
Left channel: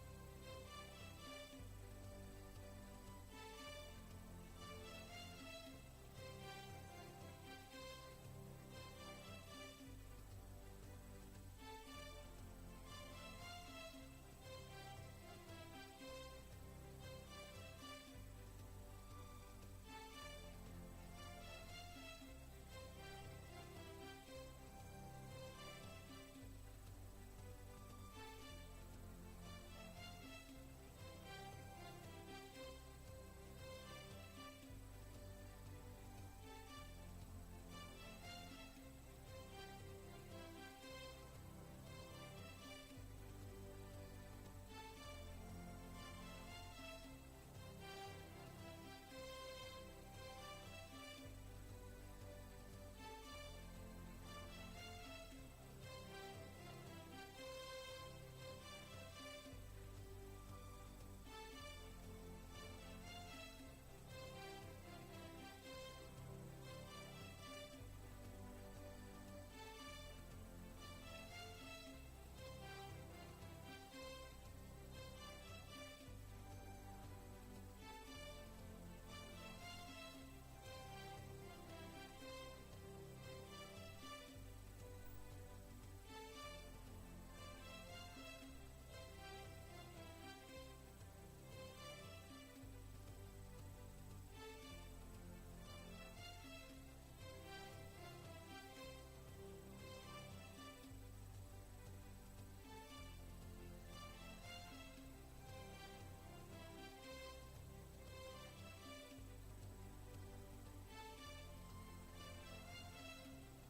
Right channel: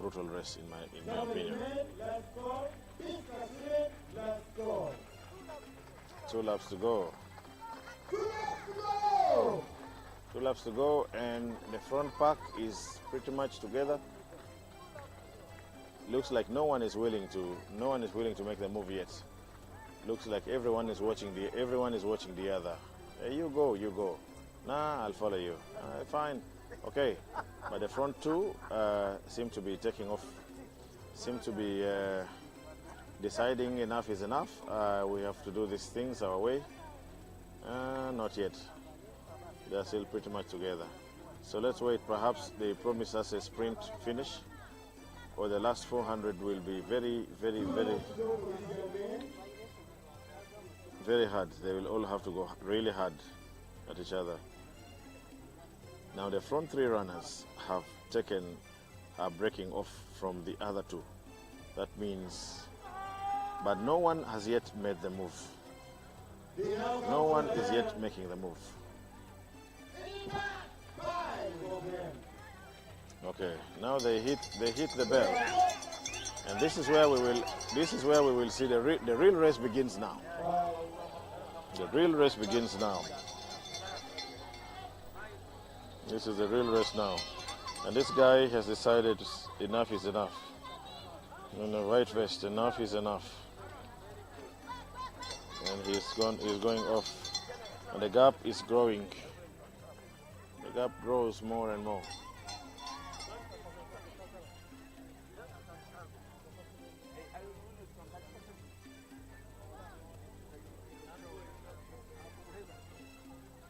brutal race in my opinion. 2 laps to go. 2 laps to go, and the front pack is pretty much together. Looks like no one is willing to make the move yet. Looks like everyone is watching the other. Hey, you go. Nah, I'll follow you. Fine. Okay. But the front two seem to be taking off. Seem to be deciding enough is enough. We have to do these things our way. Not yet. They're still pretty much together. So let's wait. Perhaps they promise us a sprint finish, or the last 400 will be very, very, very, very hard. They will all have to go really hard at each other. Now the front 3 runners are breaking off from the other 2. That means, but no one has yet made the move. No one is yet making the move. Okay, now they hit the bell, and this is where we will see the real race begins now. The real race begins now. This is the real race now, and this guy has decided enough is enough. In the white vest, enough is enough, and he's going off, and the gap is growing. The gap grows more and more.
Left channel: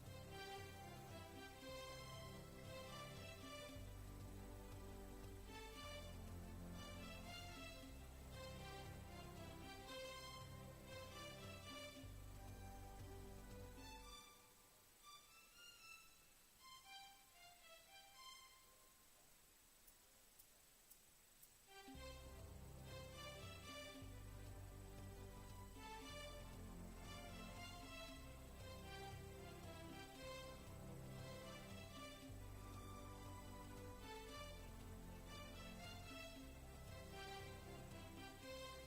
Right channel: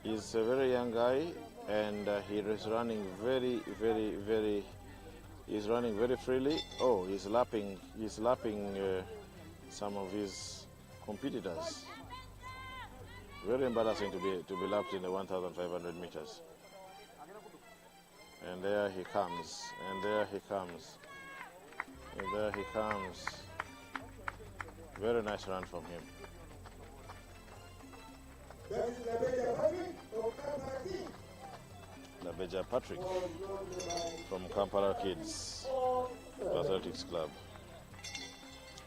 He's a very young guy, and he is running he's running very freely. Oh, he's lapping some of his competitors. Very embarrassing to be lapped in the 1,500 meters. And there he comes, and there he comes, and there he comes. Very nice run from him. Labeja Patrick from Kampala Kids Athletics Club.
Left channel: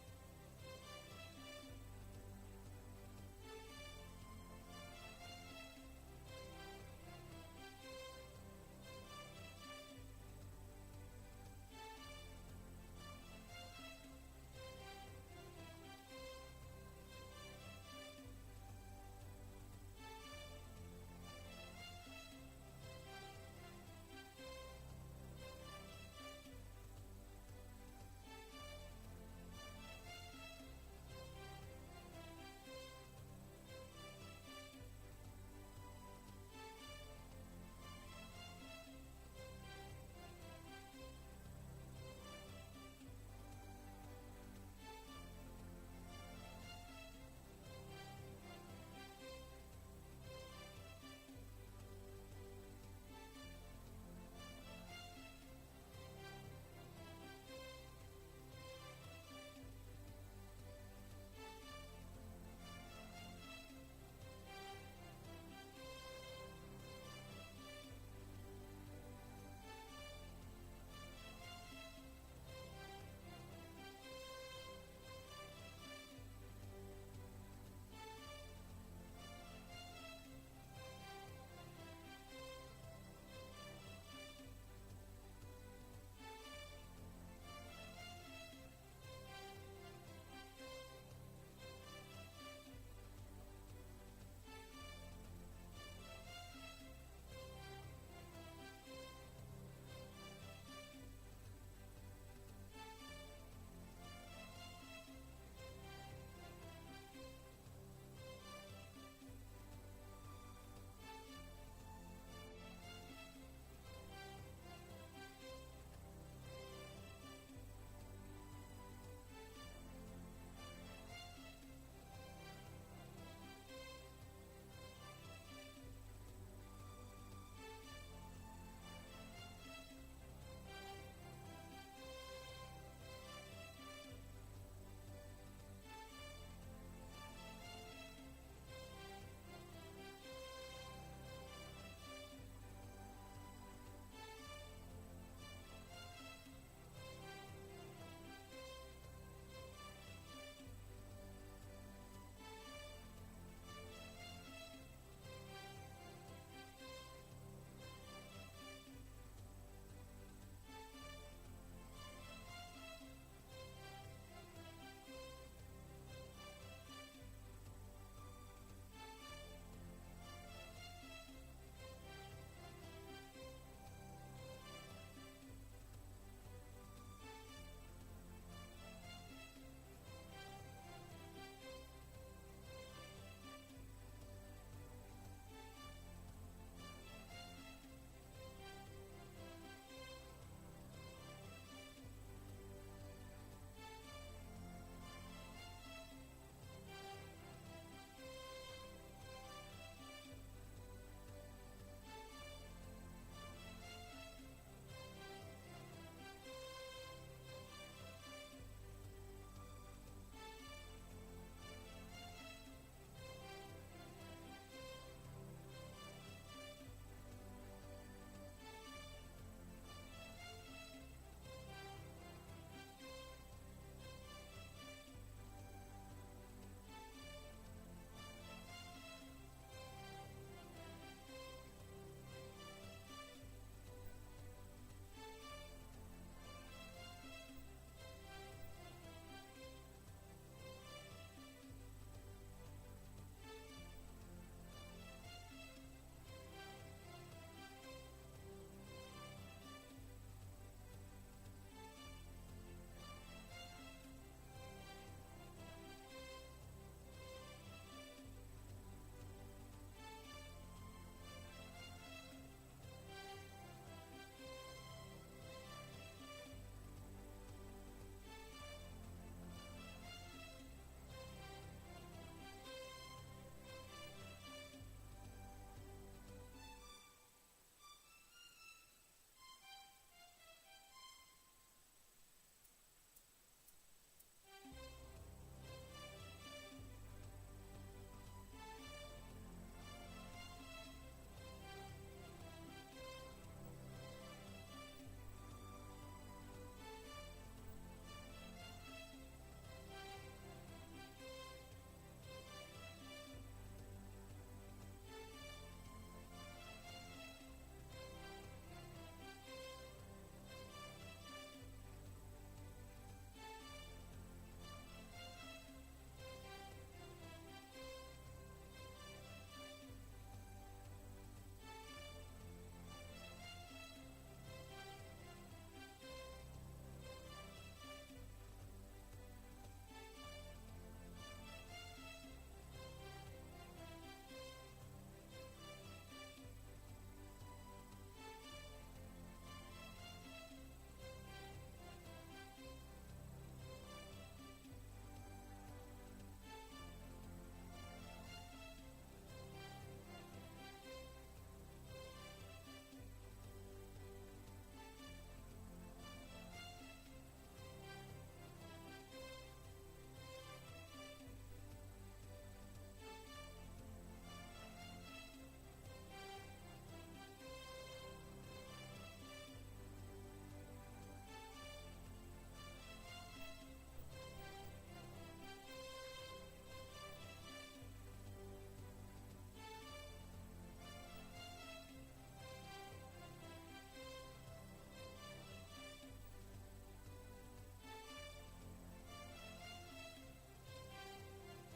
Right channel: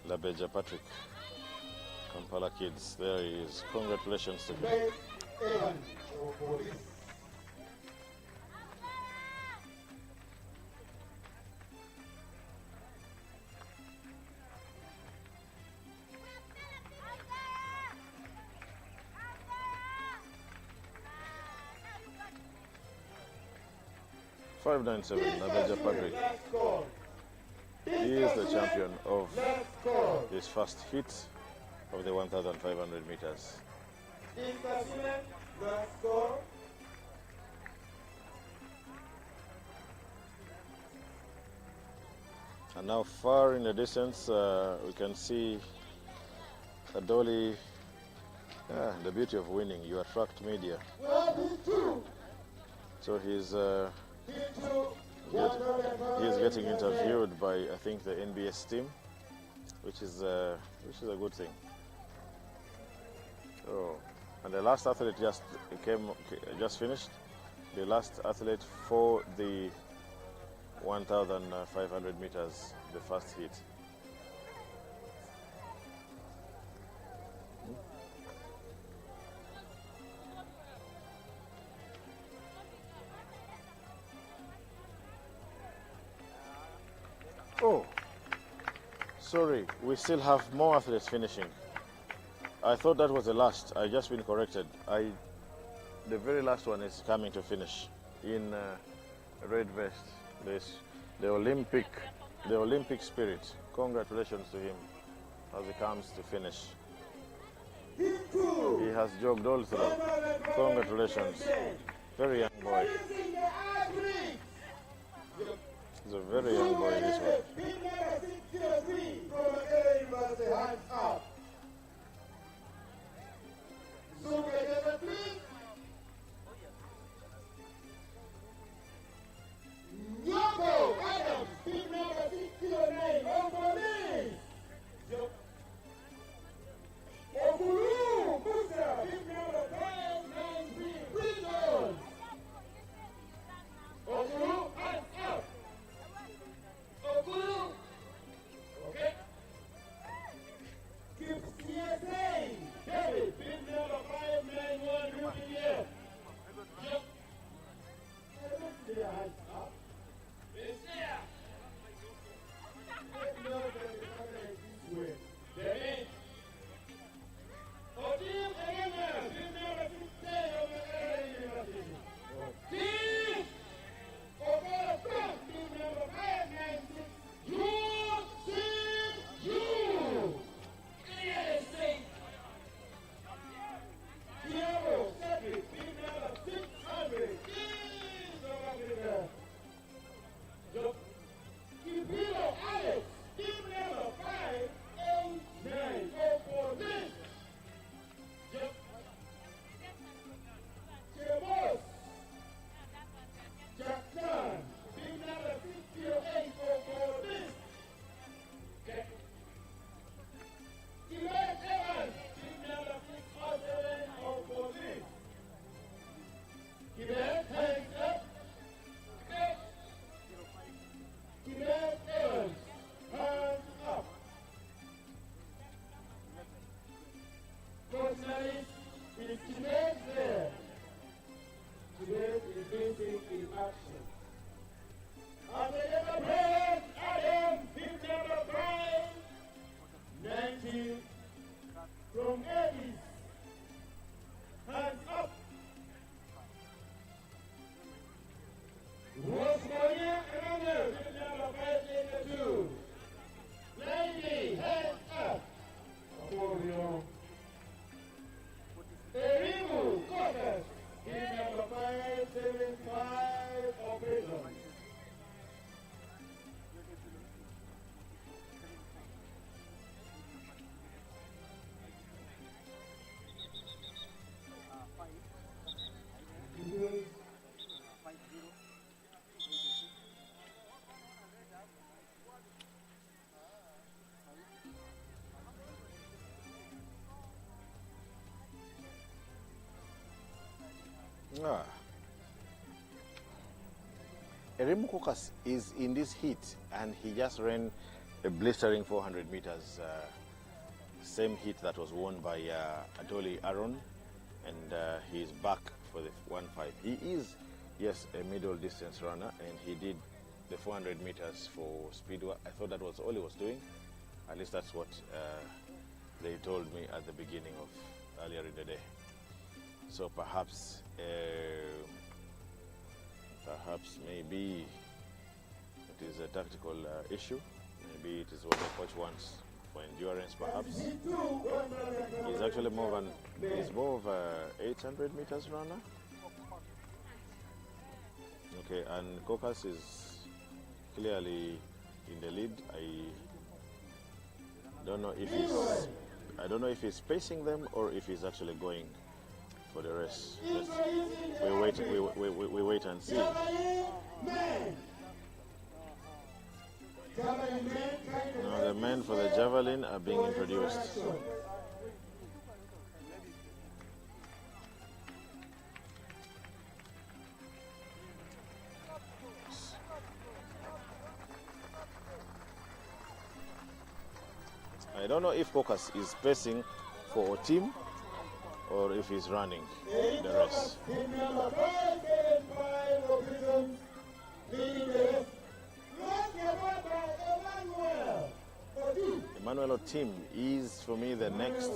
Labeja Patrick, Kampala Kids. There he is. Congratulations to him. 597, Labeja Patrick. He is the champion of his first heat of the 1,500 meters. And now far in the distance, we can see Adoli. The beauty of winning, you attract media. So he's getting interviewed by, I think, the NBS team, which is a good thing. Oh, and the last athlete just finished. The last athlete for the 1,500 meters, the first heat. sorry, we still have more athletes finishing. I thought that was the last. I just been corrected. The very last one is coming to finish in red vest. This the Olympic spirit. Congratulations to him as he comes to finish. He has jogged all through. Congratulations. Very young boy. He's a very young boy, this one. Remo Kokas is in this heat and he just ran a blistering 400 meters, same heat that was won by Adoli Aaron, and he's back for the 1.5. He is, yes, a middle distance runner, and he did the 400 meters for Speedway. I thought that was all he was doing. At least that's what they told me at the beginning of earlier in the day. So perhaps maybe it is a tactical issue. Maybe it is what the coach wants for endurance. Perhaps he's actually more of a 800 meters runner. Okay, and Kokas is clearly in the lead. I don't know if he's pacing them or if he's actually going for the rest. We wait and see. Now the men for the javelin are being introduced. I don't know if Kokas is pacing for a team or if he's running the race. Leading the rest. Emmanuel Otim is for me the next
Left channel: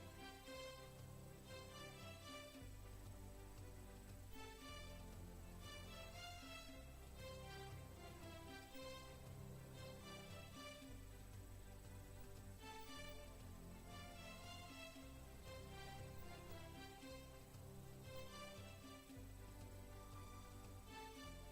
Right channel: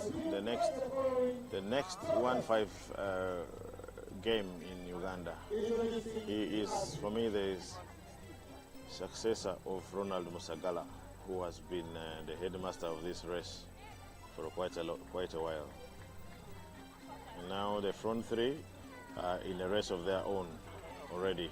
1-5 game in Uganda. He is for me the successor of Ronald Musagala, who has been the headmaster of this race for quite a while. And now the front three are in a race of their own already.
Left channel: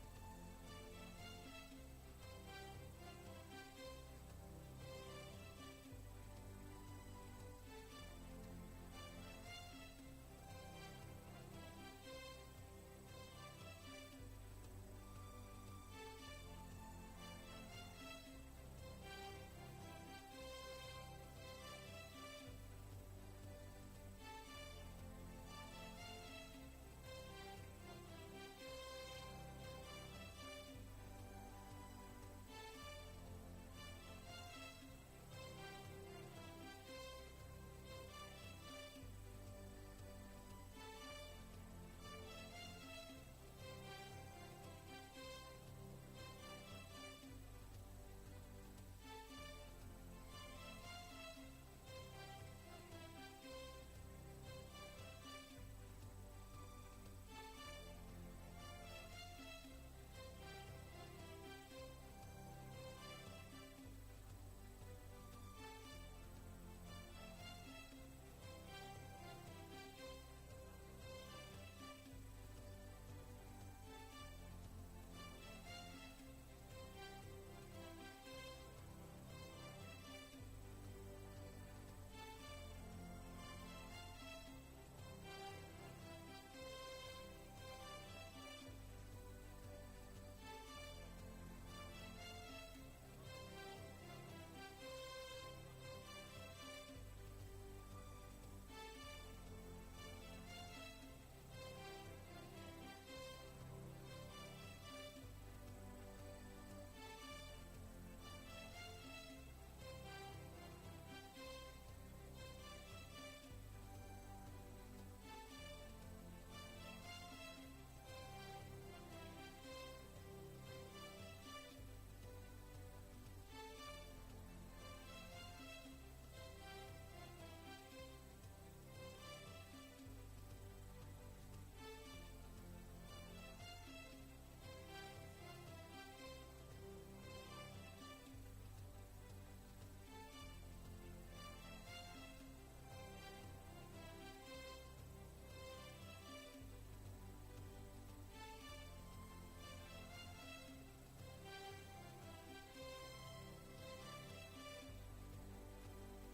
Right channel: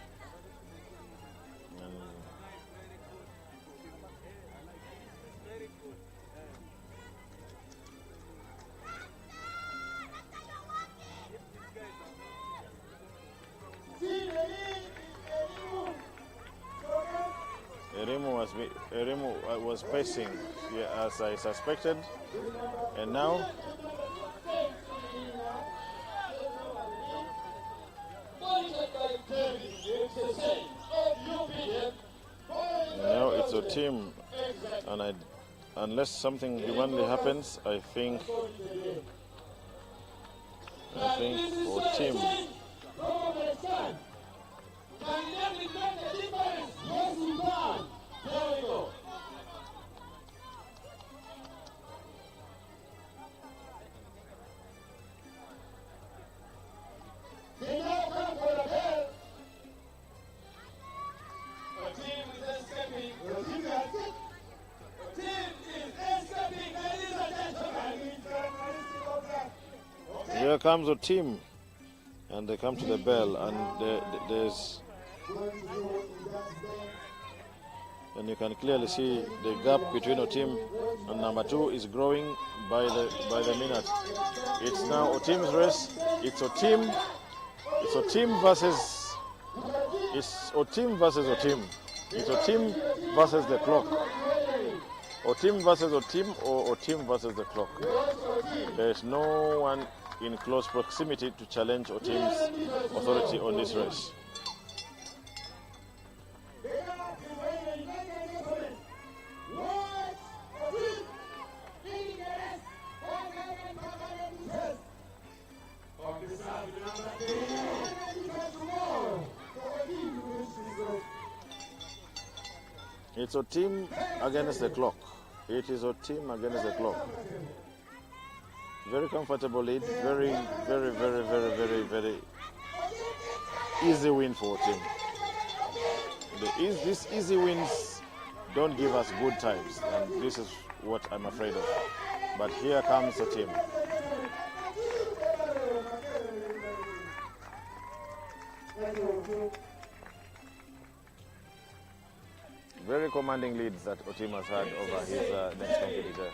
Erimu was pacing, yeah, as I suspected, and now it's a team, and unless something humanly happens, I think our team. Here comes a team, and they come to the bell, and and you can clearly see the gap between a team and number 2 is growing by the minute. It's now a team's race. It's a team versus a team. It's a team versus the clock. A team versus a team, or a team versus the clock. There is no one in close proximity to challenge a team's authority on this race. It's a team against the clock. It is a team against the clock. Very comfortable lead. Very, very, very, very, very, very easy win for a team. These easy wins don't give us good times, and this is what I'm afraid of. But here comes the team. Very commanding leads that Otim has had over his next competitor.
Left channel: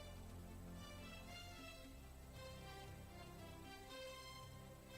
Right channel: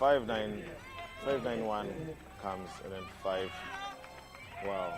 5-9-1 comes, and then 5. Wow.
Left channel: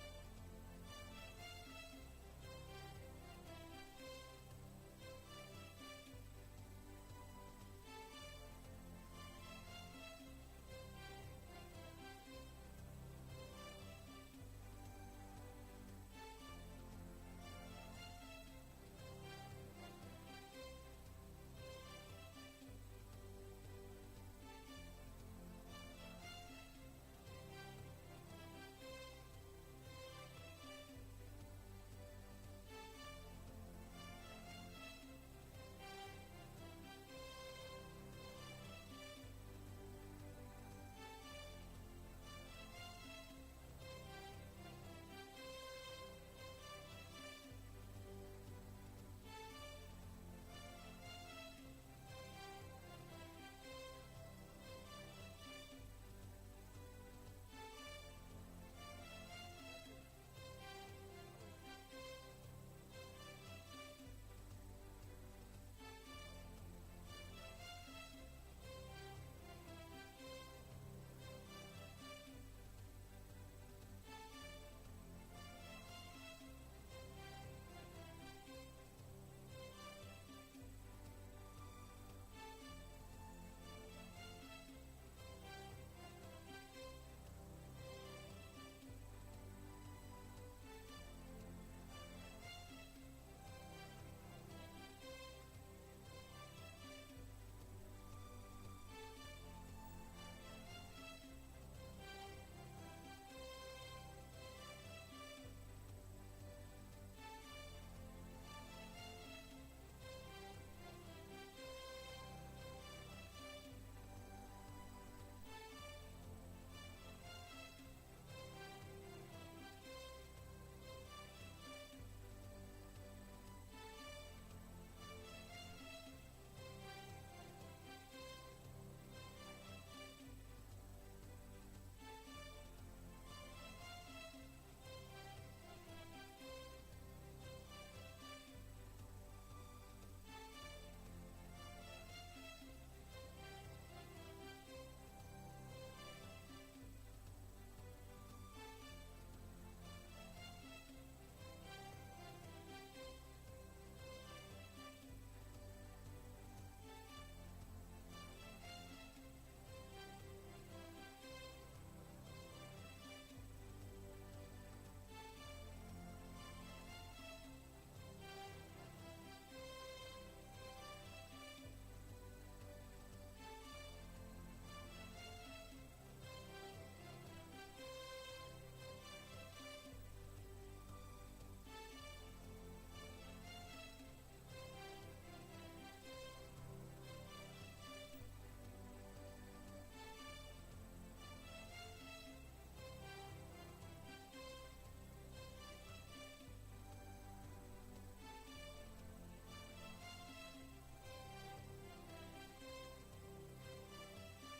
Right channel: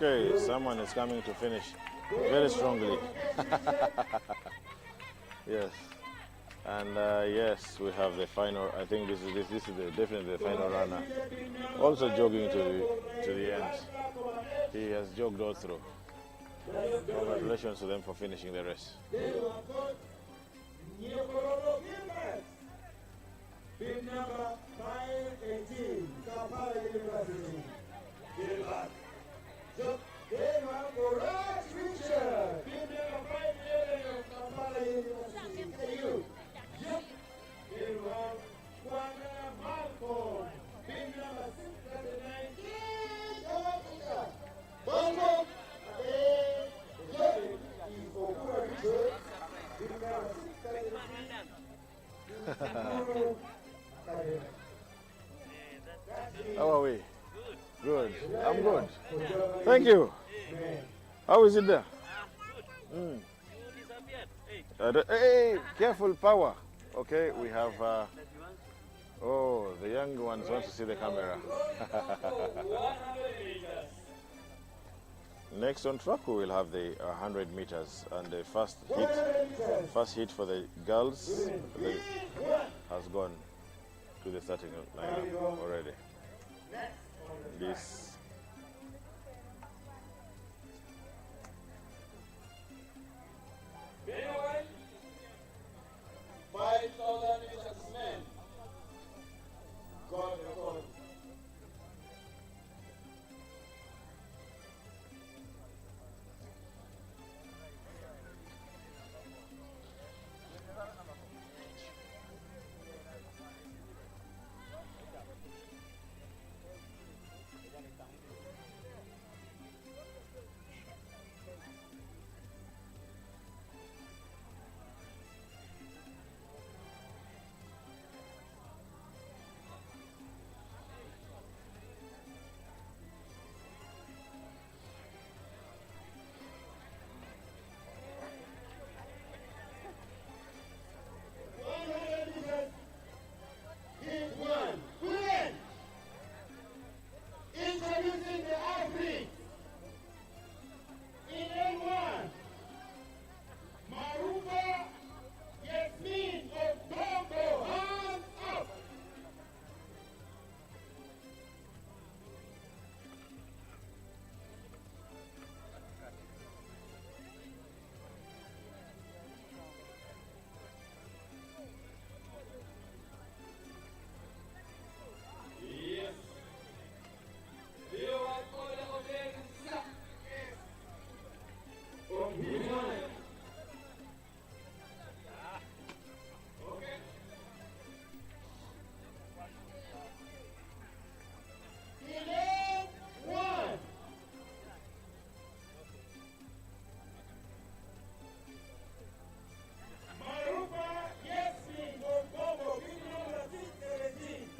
Okay, someone is coming to finish very strongly. Yes, and yes, we have the final. I think this is definitely the final runner. Also jogging to the end. He has jogged all through. Congratulations to them for finishing the race. Bid number 518, Kampala University. Richard. Bid number 511, Kampala University. You. Malcolm. Bid number 639. I'm good. Thank you. How is it there? Mm. Hey, careful, power. Okay, we have. Oh, the young ones want to see the camera. Next on track, we will have the 100 meters, and the first hit for the girls has gone to the starting lineup already. This. Meanwhile, 5,000 meters men got the gold.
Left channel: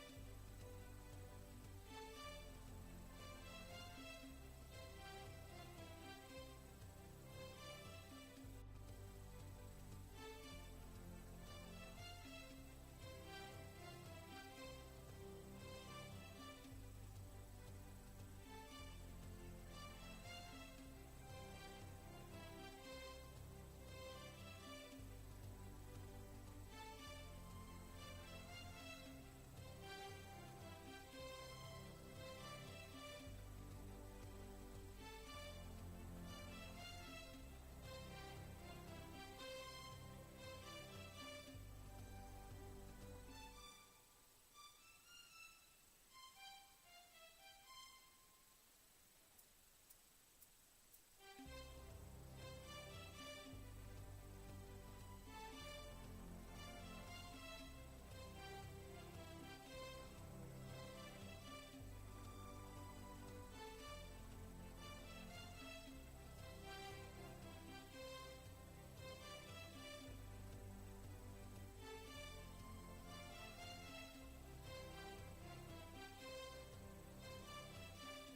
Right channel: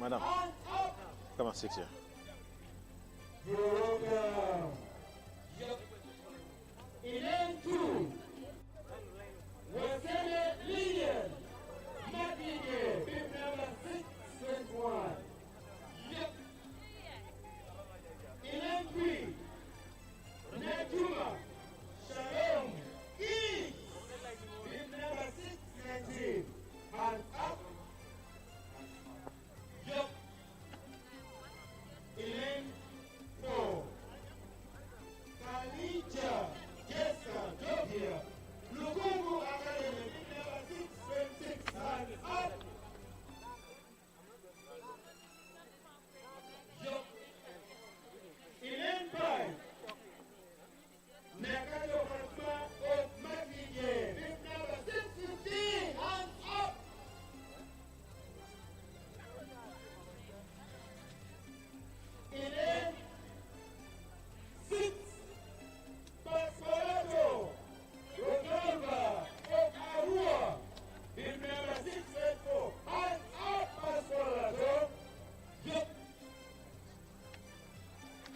Madam, come and sit here.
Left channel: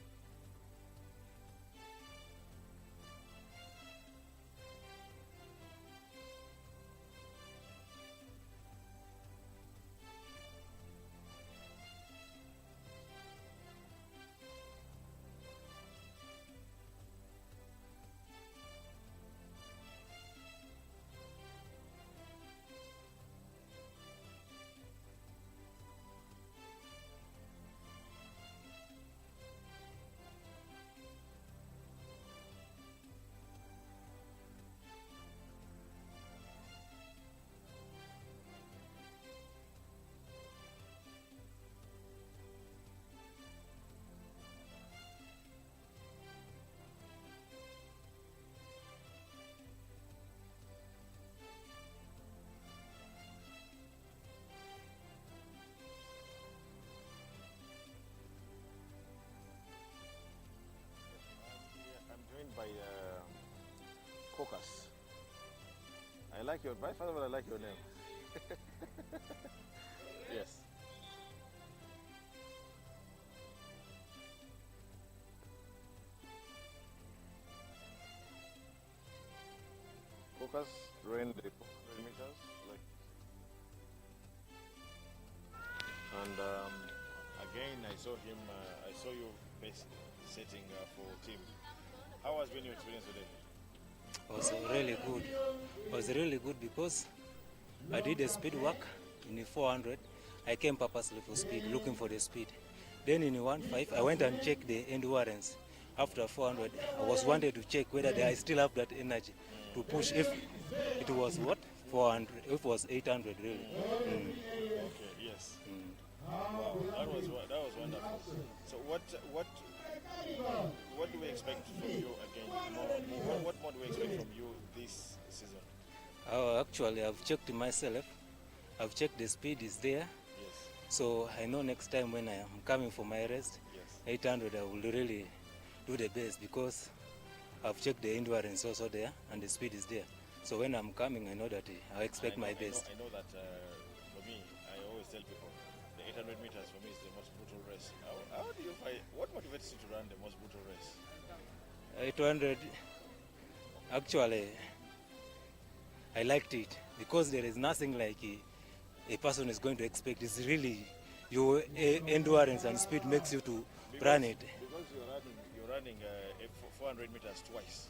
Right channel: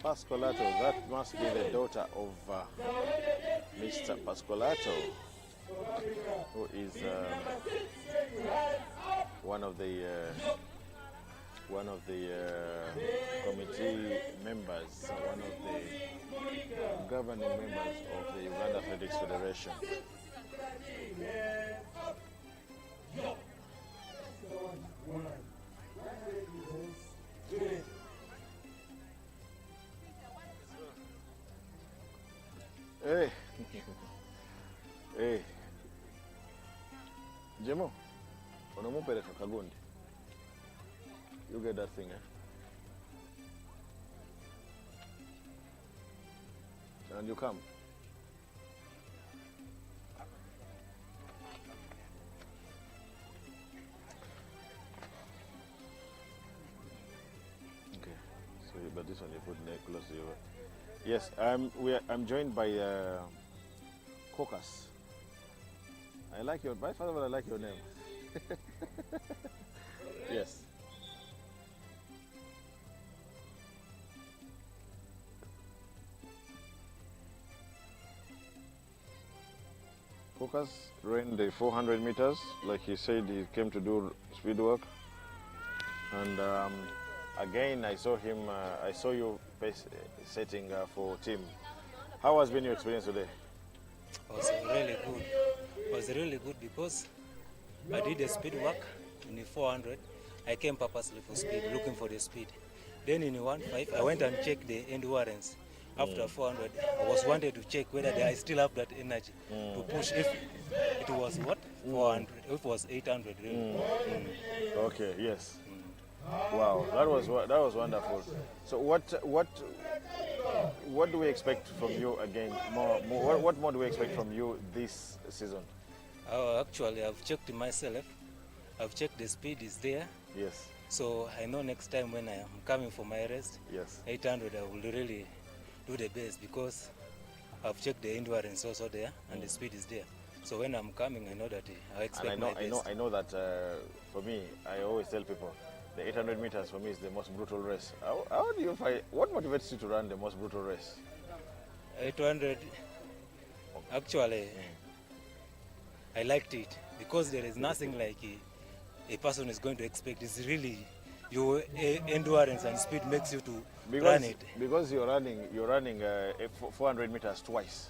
Pascolato, that must be the daughter of Mr. Pascolato, who is one of the committee members, one of the governing members of the Uganda Athletics Federation. Hey, hey, Jemo, unamupeleka Kagundi. You get that thing, and you come. Okay, so but this one you put neck close to you. Yes, I'm joined by Caucus. I like your name. I like your name. Yes. Papas ran the 400 meters. Like he said, he came to do speed work. And again, I saw him. I saw you setting for team. How has been your experience today? It was really good. It was really good because I did the speed work in the 400. I came purposely for speed, looking for the speed. Then in the 1.5, I went and checked the endurance. After 400, I was wanted to check whether I still have that energy to push. If it was what 400, if it was 800, really. Okay. Yes. Wow, that was wonderful. So what do we expect from you again? What more do we expect from you this season? Actually, I've checked myself. I've checked the speed is there. Yes. So I know next time when I am coming for my rest, Yes. 800 I will really do the best because I've checked the endurance also there and the speed is there. So when I'm coming, I know that I expect my best. I know that for me, I always tell people, the 800 meters for me is the most brutal race. How do you find, what motivates you to run the most brutal race? 800, actually, I liked it because there is nothing like a person is going to expect. It's really your endurance and speed makes you to run it. Because you're running 400 meters twice.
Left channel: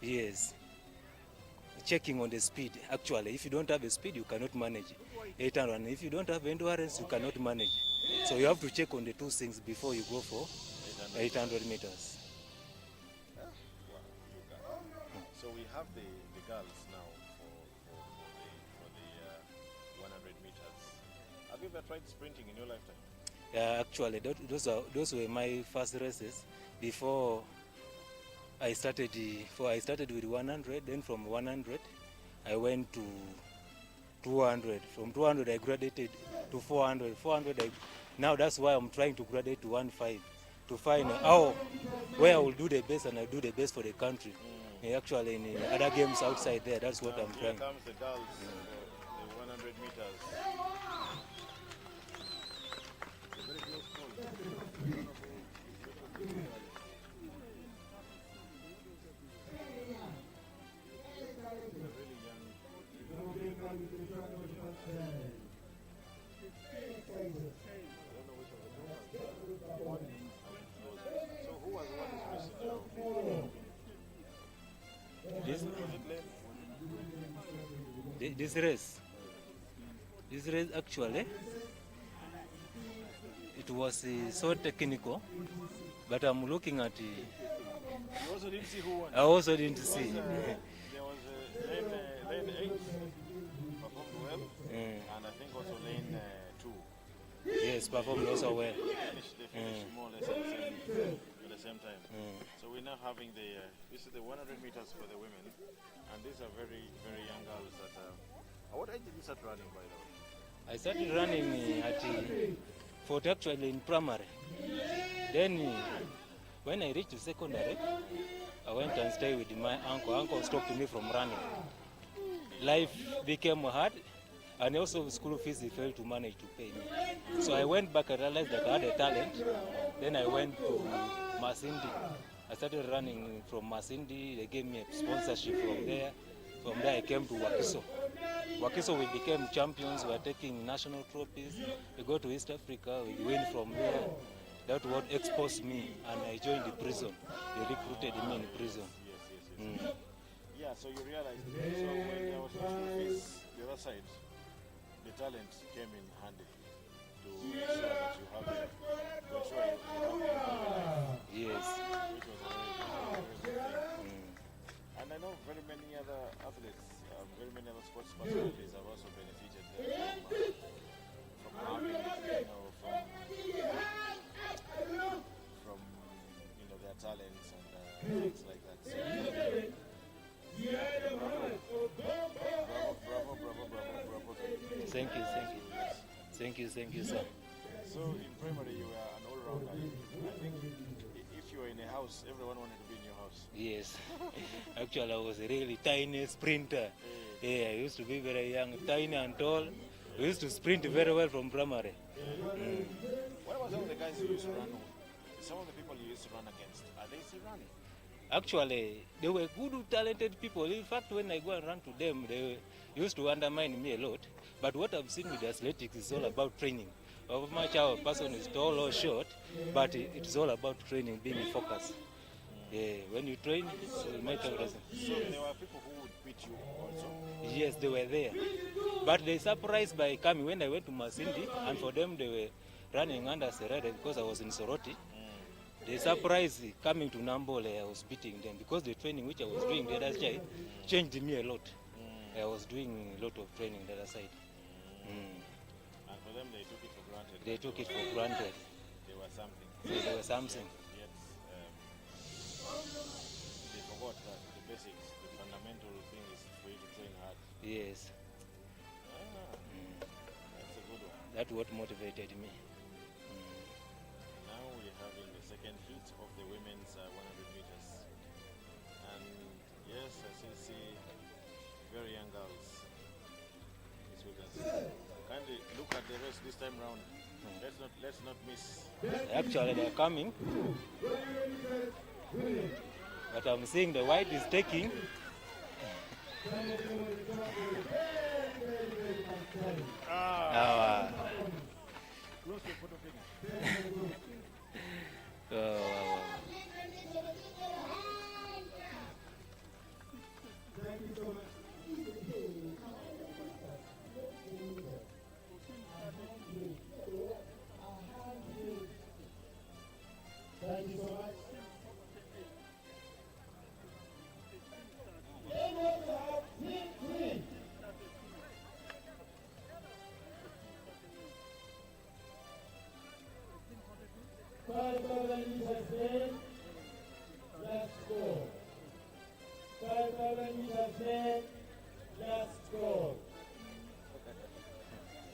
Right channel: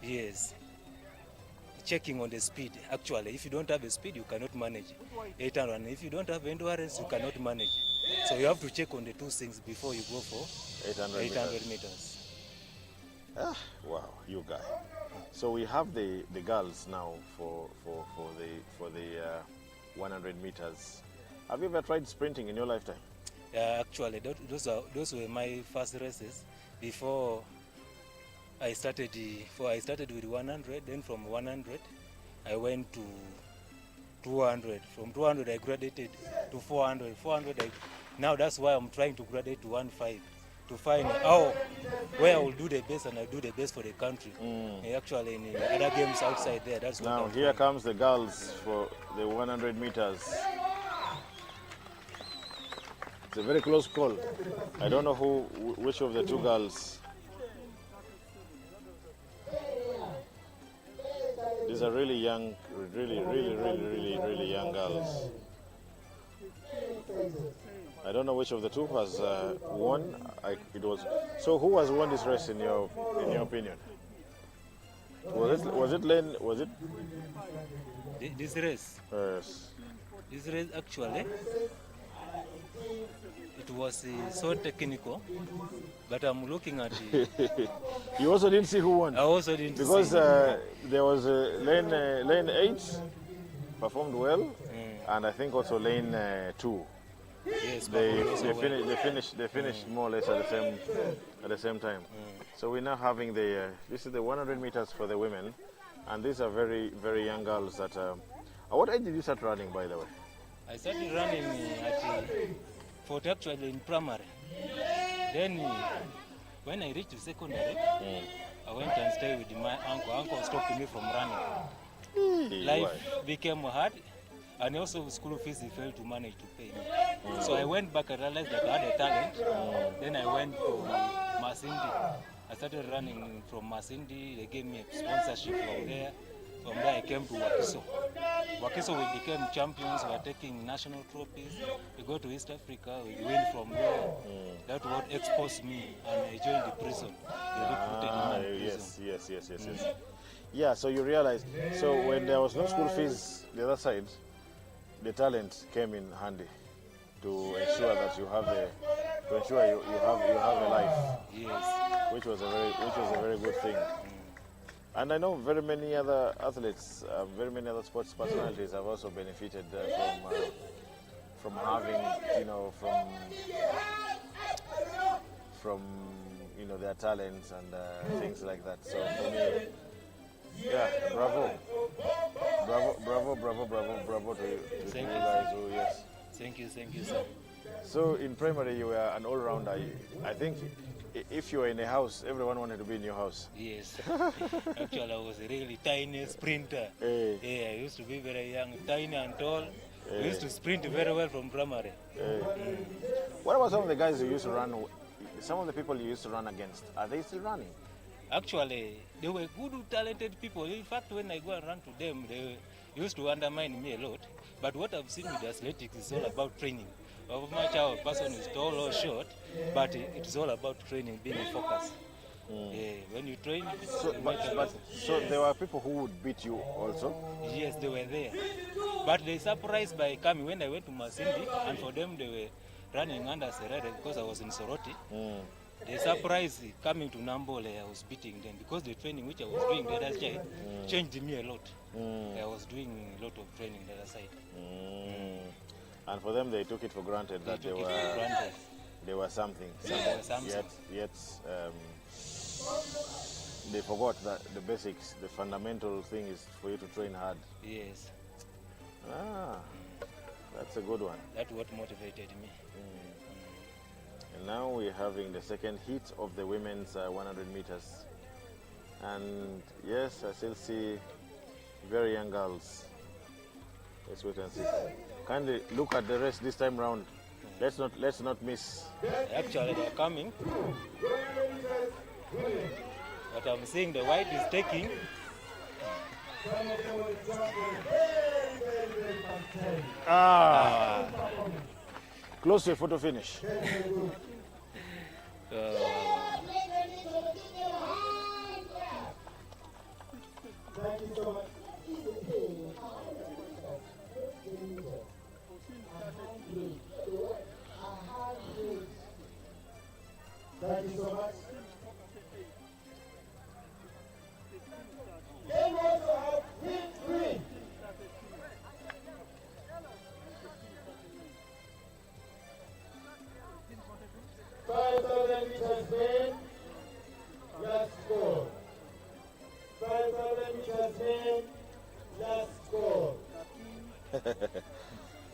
Yes. Checking on the speed. Actually, if you don't have a speed, you cannot manage 800. And if you don't have endurance, you cannot manage. So you have to check on the two things before you go for 800 meters. Ah, wow, you guys. So we have the girls now for the 100 meters. Have you ever tried sprinting in your lifetime? Yeah, actually, those were my first races before I started with 100. Then from 100, I went to 200. From 200, I graduated to 400. 400, now that's why I'm trying to graduate to 1.5 to find where I will do the best and I do the best for the country. Actually, in other games outside there, that's what now, I'm here trying. Comes the girls for the 100 meters. It's a very close call. I don't know which of the two girls. These are really young, really young girls. I don't know which of the two has won. So who has won this race in your opinion? Was it Lane? Was it This race? Yes. This race actually, it was so technical, but I'm looking at it. You also didn't see who won? I also didn't because see. There was lane 8 performed well, and I think also lane 2. Yes, performed also well. They finished more or less at the same time. So we're now having this is the 100 meters for the women, and these are very, very young girls that. At what age did you start running, by the way? I started running at 40 actually in primary. Then when I reached secondary, I went and stayed with my uncle. Uncle stopped me from running. Life became hard, and also school fees he failed to manage to pay me. So I went back and realized that I had a talent. Then I went to Masindi. I started running from Masindi. They gave me a sponsorship from there. From there I came to Wakiso. Wakiso we became champions. We are taking national trophies. We go to East Africa. We win from there. That's what exposed me, and I joined the prison. They recruited me in prison. Yes. Yeah, so you realized, so when there was no school fees the other side, the talent came in handy to ensure that you have you have a life. Yes. Which was a very good thing. And I know very many other athletes, very many other sports personalities have also benefited from having, from their talents and things like that. So yeah, bravo to you. Thank you. Yes. Thank you, sir. So in primary you were an all-rounder. I think if you were in a house, everyone wanted to be in your house. Yes. Actually, I was a really tiny sprinter. Yeah, I used to be very young, tiny and tall. We used to sprint very well from primary. What about some of the guys you used to run? Some of the people you used to run against, are they still running? Actually, they were good, talented people. In fact, when I go and run to them, they used to undermine me a lot. But what I've seen with athletics is all about training. How much our person is tall or short, but it's all about training, being focused. Yeah, when you train, you make a lesson. So there were people who would beat you also? Yes, they were there. But they surprised by coming when I went to Masindi, and for them they were running under Serere because I was in Soroti. They surprised coming to Nambole, I was beating them because the training which I was doing the other side changed me a lot. I was doing a lot of training the other side. And for them, they took it for granted. They took it for granted. They were something. They were something. Yet they forgot that the basics, the fundamental thing is for you to train hard. Yes. That's a good one. That's what motivated me. And now we're having the second heat of the women's 100 meters. And yes, I still see very young girls. Let's wait and see. Kindly look at the rest this time round. Let's not miss. Actually, they're coming. But I'm seeing the white is taking. Close to a photo finish. Wow. Thank you so much.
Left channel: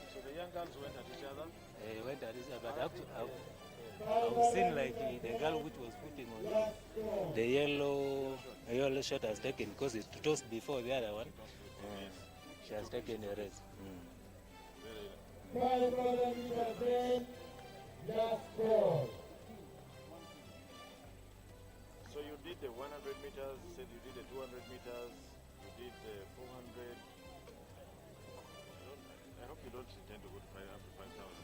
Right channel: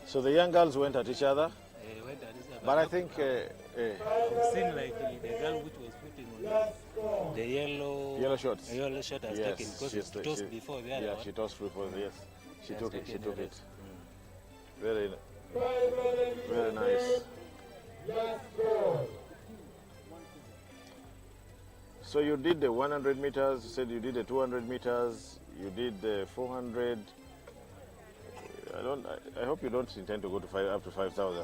So the young girls went at each other. Went at each other. But I think I've seen like the girl which was putting on the yellow shot has taken because it tossed before the other one. She tossed before, yes. She has taken the rest. Very nice. So you did the 100 meters, you said you did the 200 meters, you did the 400. I hope you don't intend to go to up to 5,000.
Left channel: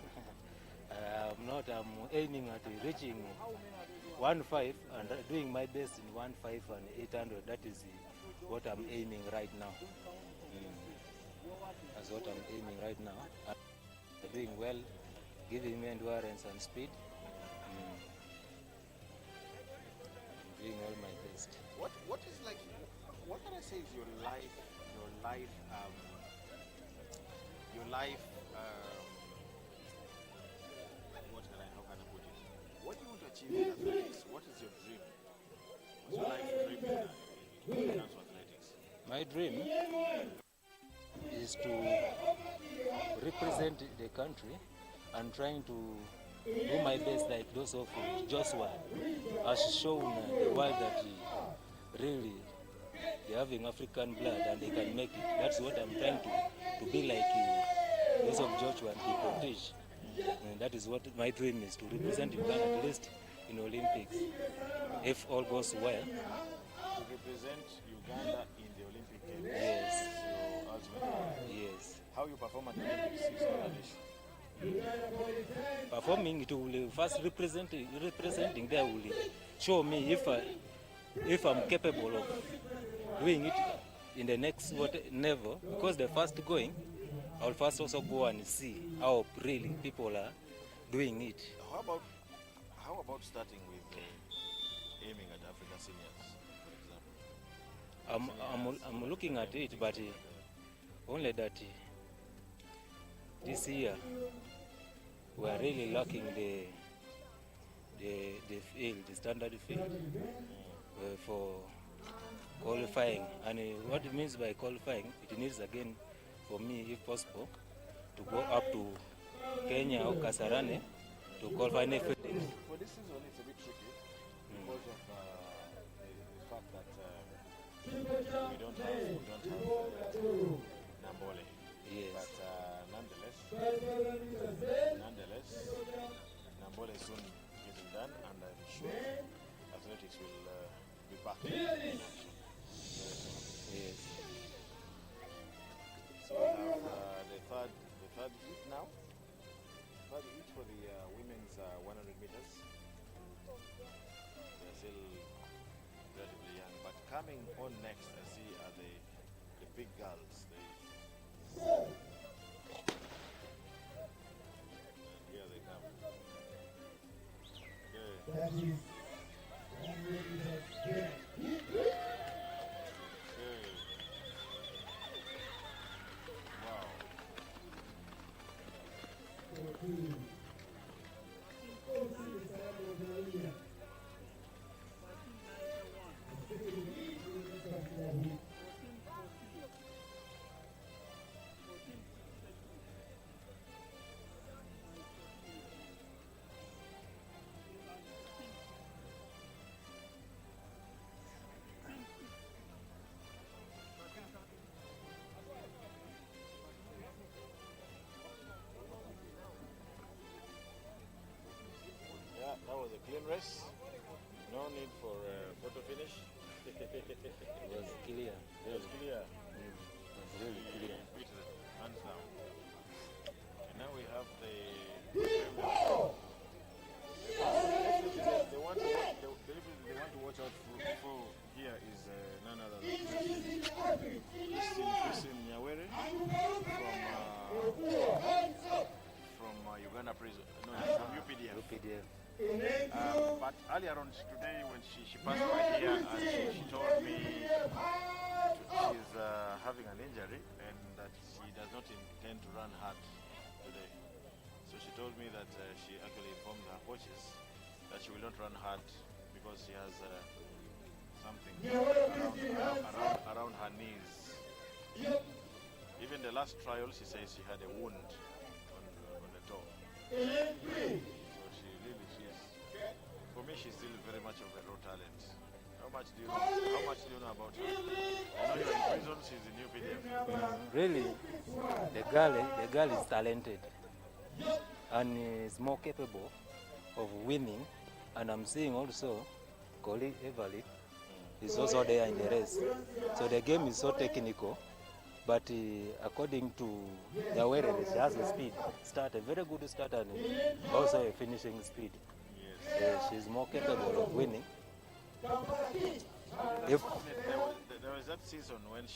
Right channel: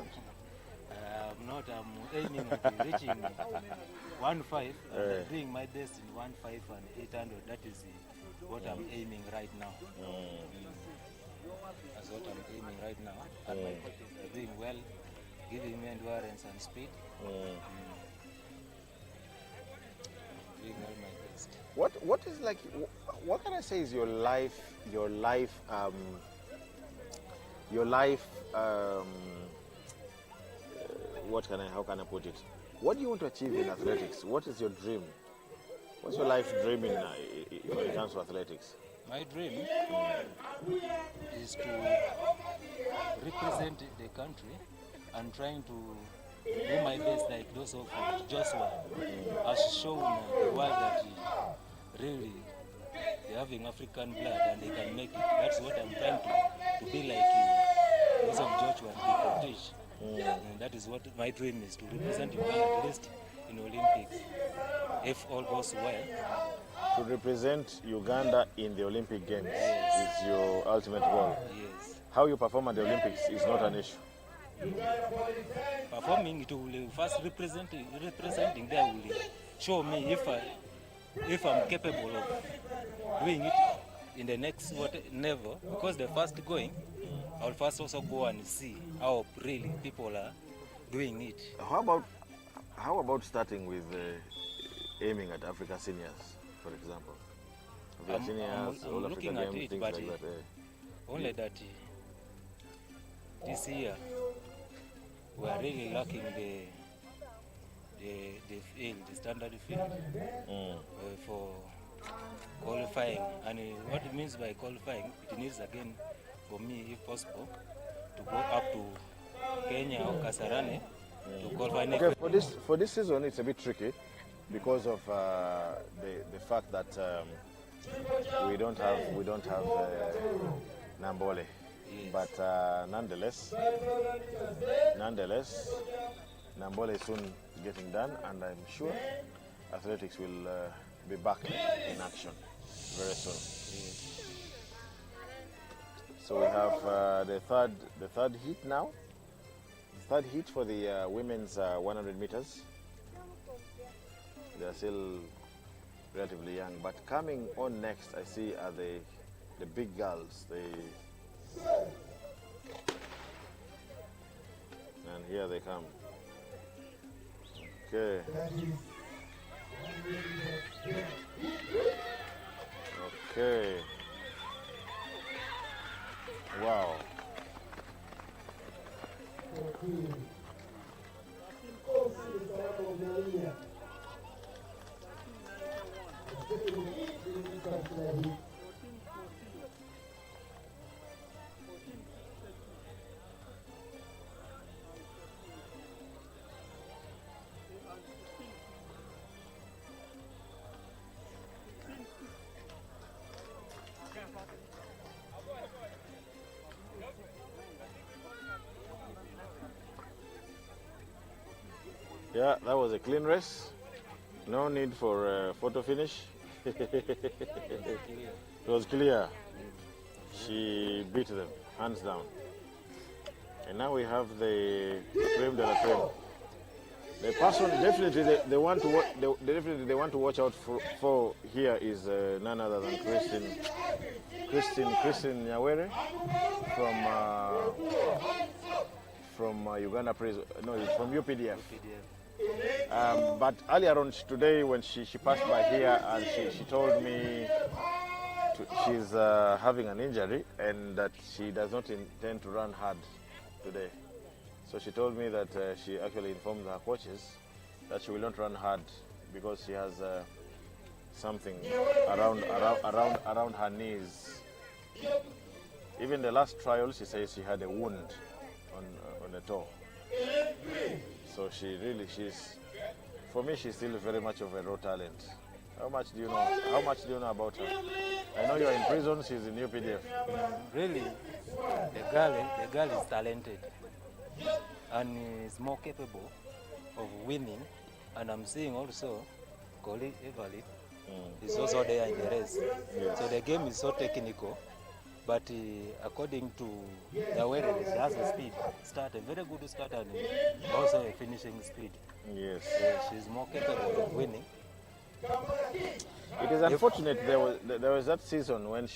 I'm not. I'm aiming at reaching 1.5 and doing my best in 1.5 and 800. That is what I'm aiming right now. That's what I'm aiming right now. And doing well, giving me endurance and speed. Doing all my best. What is like? What can I say is your life? How can I put it? What do you want to achieve in athletics? What is your dream? What's your life dream when it comes to athletics? My dream is to represent the country and trying to do my best like those of Joshua has shown the world that really they're having African blood and they can make it. That's what I'm trying to be like those of Joshua and be protege. And that is what my dream is, to represent Uganda at least in Olympics, if all goes well. To represent Uganda in the Olympic Games is your ultimate goal. Yes. How you perform at the Olympics is not an issue. Performing, it will first representing there will show me if I'm capable of doing it in the next level, because the first going, I'll first also go and see how really people are doing it. How about starting with aiming at Africa Seniors, for example? I'm looking at it, but only that this year we are really lacking the field, the standard field for qualifying. And what it means by qualifying, it needs again for me, if possible, to go up to Kenya or Kasarani to qualify next. For this season, it's a bit tricky because of the fact that we don't have Nambole. Yes. But nonetheless, Nambole is soon getting done, and I'm sure Athletics will be back in action very soon. Yes. So we have the third heat now. Third heat for the women's 100 meters. They're still relatively young, but coming on next, I see are the big girls. And here they come. Okay. Okay. Wow. Yeah, that was a clean race. No need for photo finish. It was clear. She beat them, hands down. And now we have the creme de la creme. The person definitely they want to watch out for here is none other than Christine Nyawere from Uganda prison. No, from UPDF. But earlier on today, when she passed by here, and she told me she's having an injury and that she does not intend to run hard today. So she told me that she actually informed her coaches that she will not run hard because she has something around her knees. Even the last trial, she says she had a wound on the toe. So for me, she's still very much of a raw talent. How much do you know about her? I know you're in prison, she's in UPDF. Really, the girl is talented and is more capable of winning. And I'm seeing also Collie Everett is also there in the race. So the game is so technical, but according to Nyawere, she has a speed start, a very good start, and also a finishing speed. Yes. She's more capable of winning. It is unfortunate there was that season when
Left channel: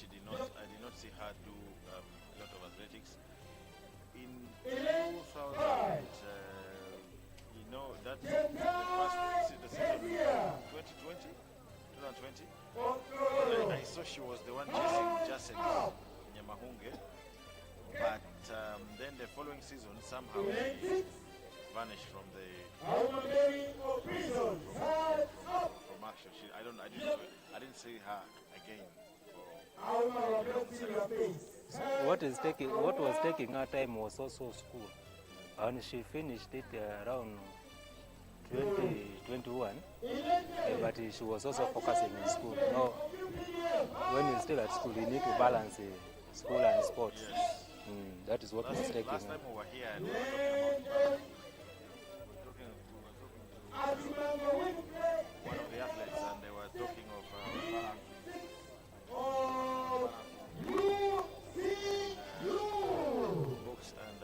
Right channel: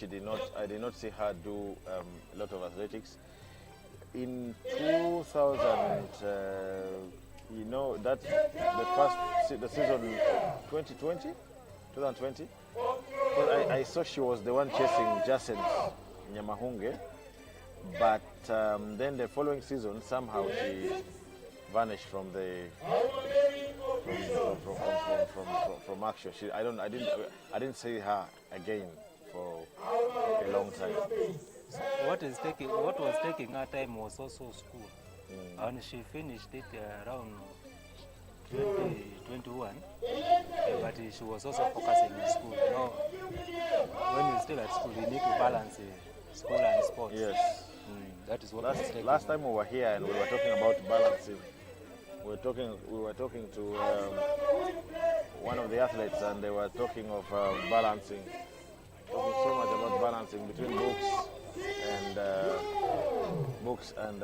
I did not see her do a lot of athletics. In 2000, the season 2020, I saw she was the one chasing Jason Nyamahunge, but then the following season somehow she vanished from action. I didn't see her again for a long time. What was taking her time was also school, and she finished it around 2021, but she was also focusing in school. Now, when you're still at school, you need to balance school and sports. Yes. That is what was taking. Last time we were here and we were talking about balancing. We were talking to one of the athletes, and they were talking of balancing. So much about balancing between books and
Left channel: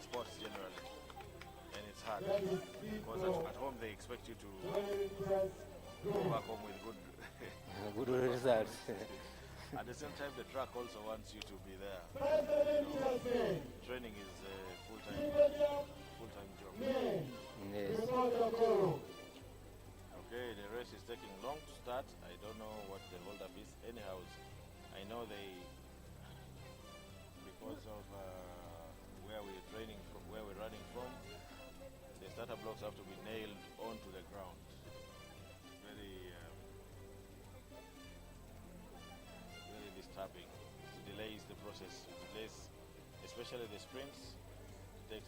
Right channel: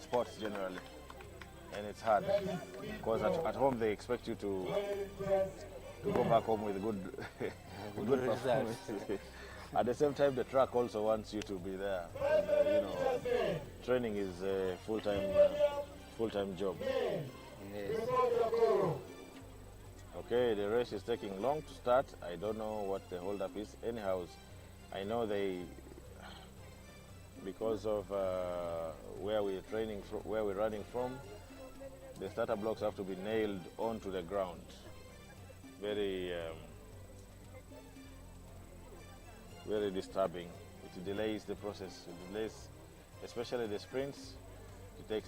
sports generally, and it's hard because at home they expect you to go back home with good results. At the same time, the track also wants you to be there. Training is a full-time job. Yes. Okay, the race is taking long to start. I don't know what the hold-up is. Anyhow, I know because of where we're running from, the starter blocks have to be nailed onto the ground. Very disturbing. It delays the process. It delays, especially the sprints. It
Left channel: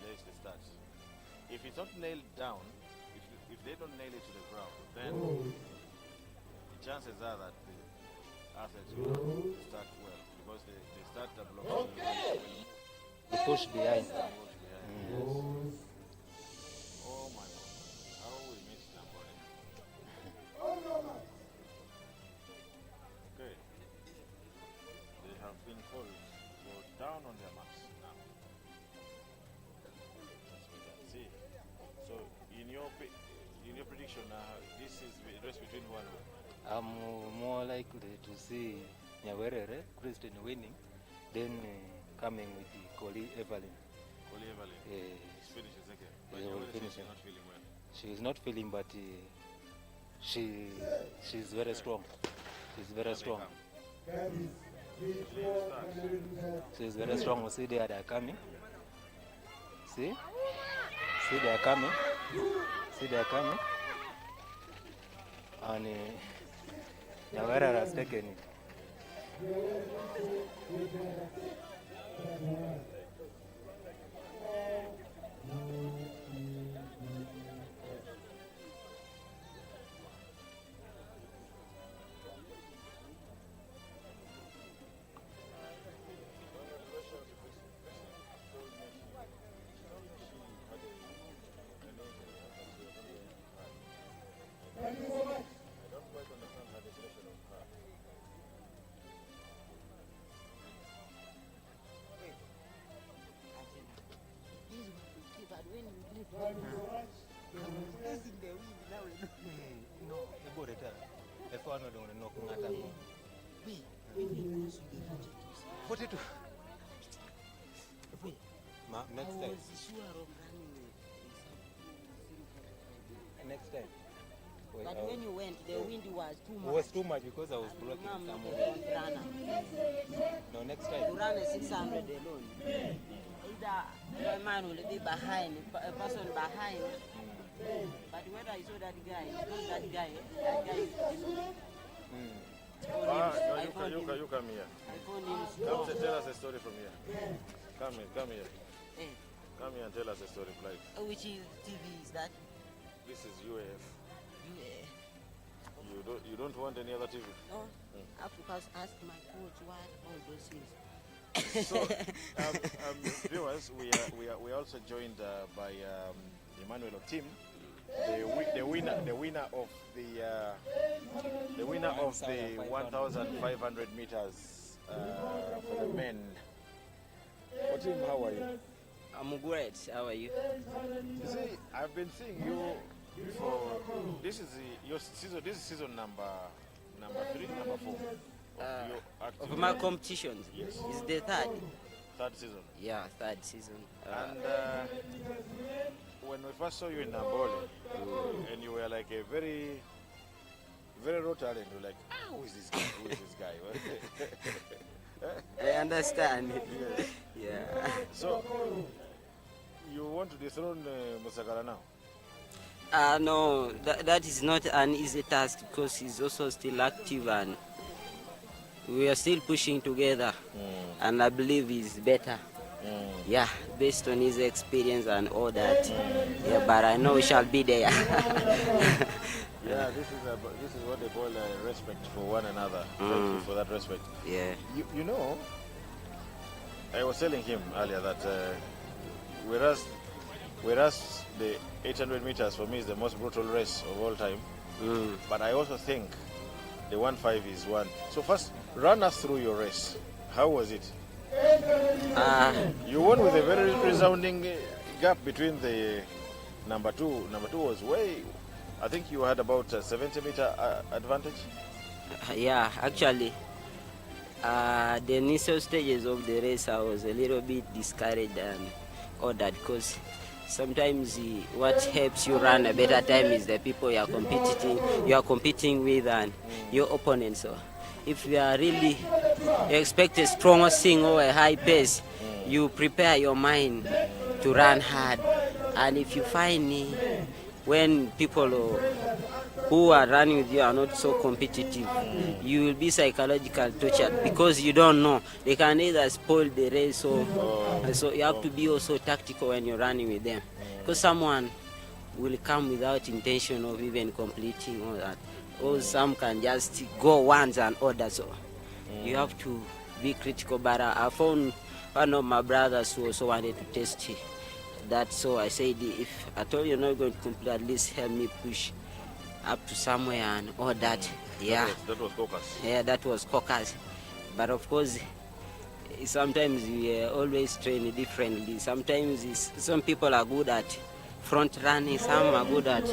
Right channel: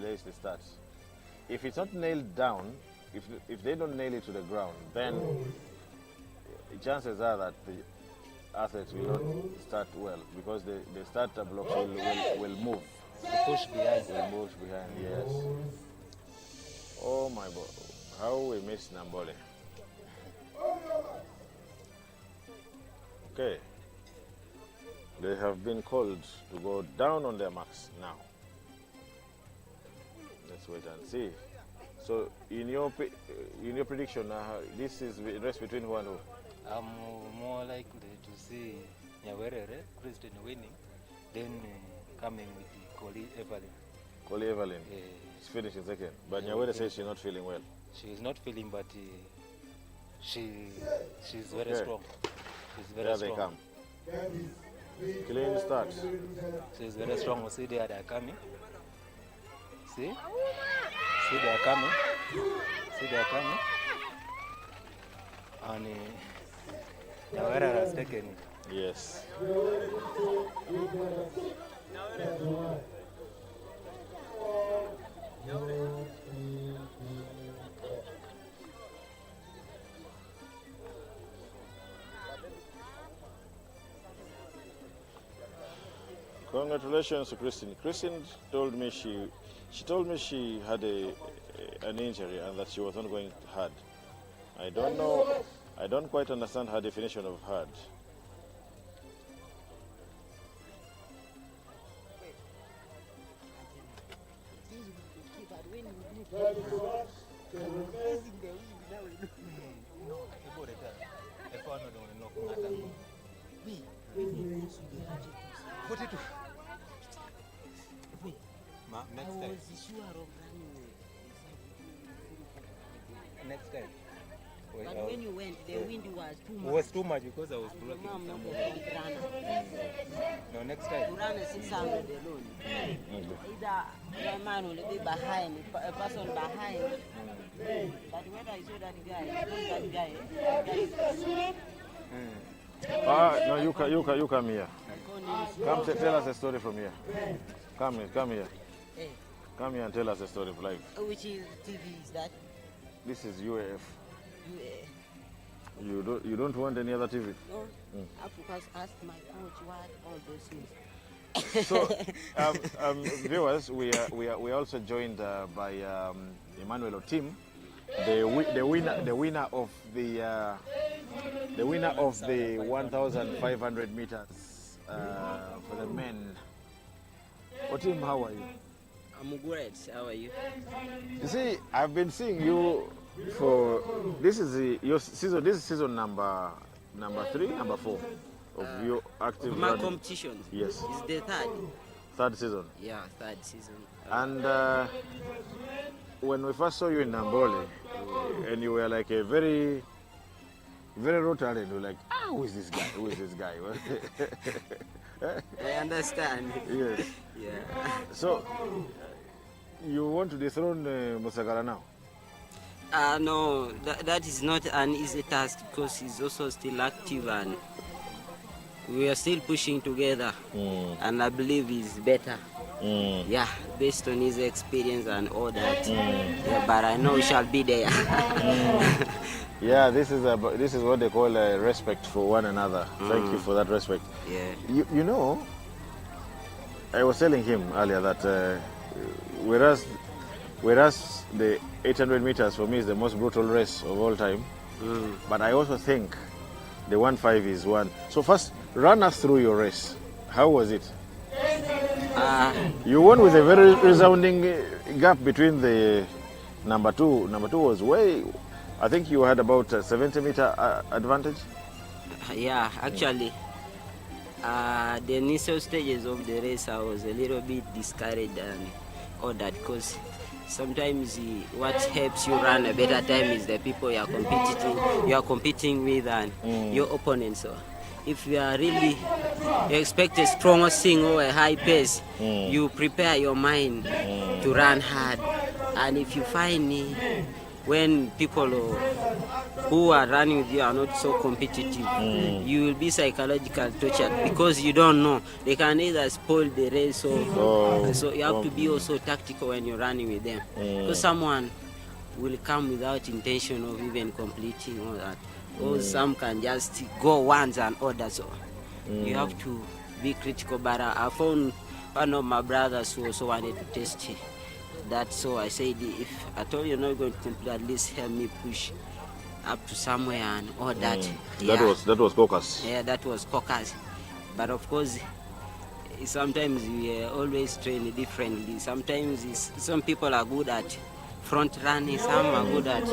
delays the start. If it's not nailed down, if they don't nail it to the ground, then the chances are that the athletes will not start well because the starter blocks will move. To push behind. Yes. Oh my God. How we miss Nambole. Okay. They have been called to go down on their marks now. Let's wait and see. So, in your prediction, this is the race between who and who? I'm more likely to see Nyawerere, Christian winning, then coming with the Koli Evelyn. Koli Evelyn. She's finishing second. But Yeah, Nyawere we'll says finish she's not feeling well. She is not feeling, but she's very Okay. strong. She's very Here they strong. come. Clean start. She's very strong. See, they are coming. See? See, they are coming. See, they are coming. And Nyawere has taken it. Yes. Congratulations to Christine. Christine told me she had an injury and that she was not going hard. I don't know. I don't quite understand her definition of hard. Next time. Next time. But when you went, the wind was too It much. was too much because I was blocking Mom, not somewhere. a front runner. No, next To time. run a 600 alone. Either one man will be behind, a person behind. But when I saw that guy, it's not that guy. That guy is No, you come here. I call him Come tell us a story from here. Come here. eh, Come here and tell us a story of life. which is TV is that? This is UAF. You, You don't want any other TV? no, Africa's asked my coach what all those things. So, viewers, we are also joined by Emmanuel Otim, the winner of the 1,500 meters for the men. Otim, how are you? I'm great. How are you? You see, I've been seeing you for this is your season. This is season number 3, number 4 of your active. Of my running. competitions. Yes. It's the Third season. third season. And when we first saw you in Nambole, and you were like a very raw talent, we were like, who is this guy? Who is this guy? I understand. Yes. Yeah. So, you want to dethrone Musagara now? No, that is not an easy task because he's also still active and we are still pushing together. And I believe he's better. Yeah, based on his experience and all that. Yeah, but I know we shall be there. Yeah, this is what they call respect for one another. Thank you for that respect. Yeah. You know, I was telling him earlier that whereas the 800 meters for me is the most brutal race of all time, but I also think the 1.5 is one. So first, run us through your race. How was it? You won with a very resounding gap between the number two. Number 2 was way. I think you had about a 70-meter advantage. Yeah, actually, the initial stages of the race, I was a little bit discouraged and all that because sometimes what helps you run a better time is the people you are competing with and your opponents. So if you are really you expect a strong swing or a high pace, you prepare your mind to run hard. And if you find when people who are running with you are not so competitive, you will be psychologically tortured because you don't know. They can either spoil the race or so you have to be also tactical when you're running with them. Because someone will come without intention of even completing all that. Or some can just go once and order. So you have to be critical. But I found one of my brothers who also wanted to test that. So I said, if at all you're not going to complete, at least help me push up to somewhere and all that. That was caucus. Yeah, that was caucus. But of course, sometimes we always train differently. Sometimes some people are good at front running, some are good at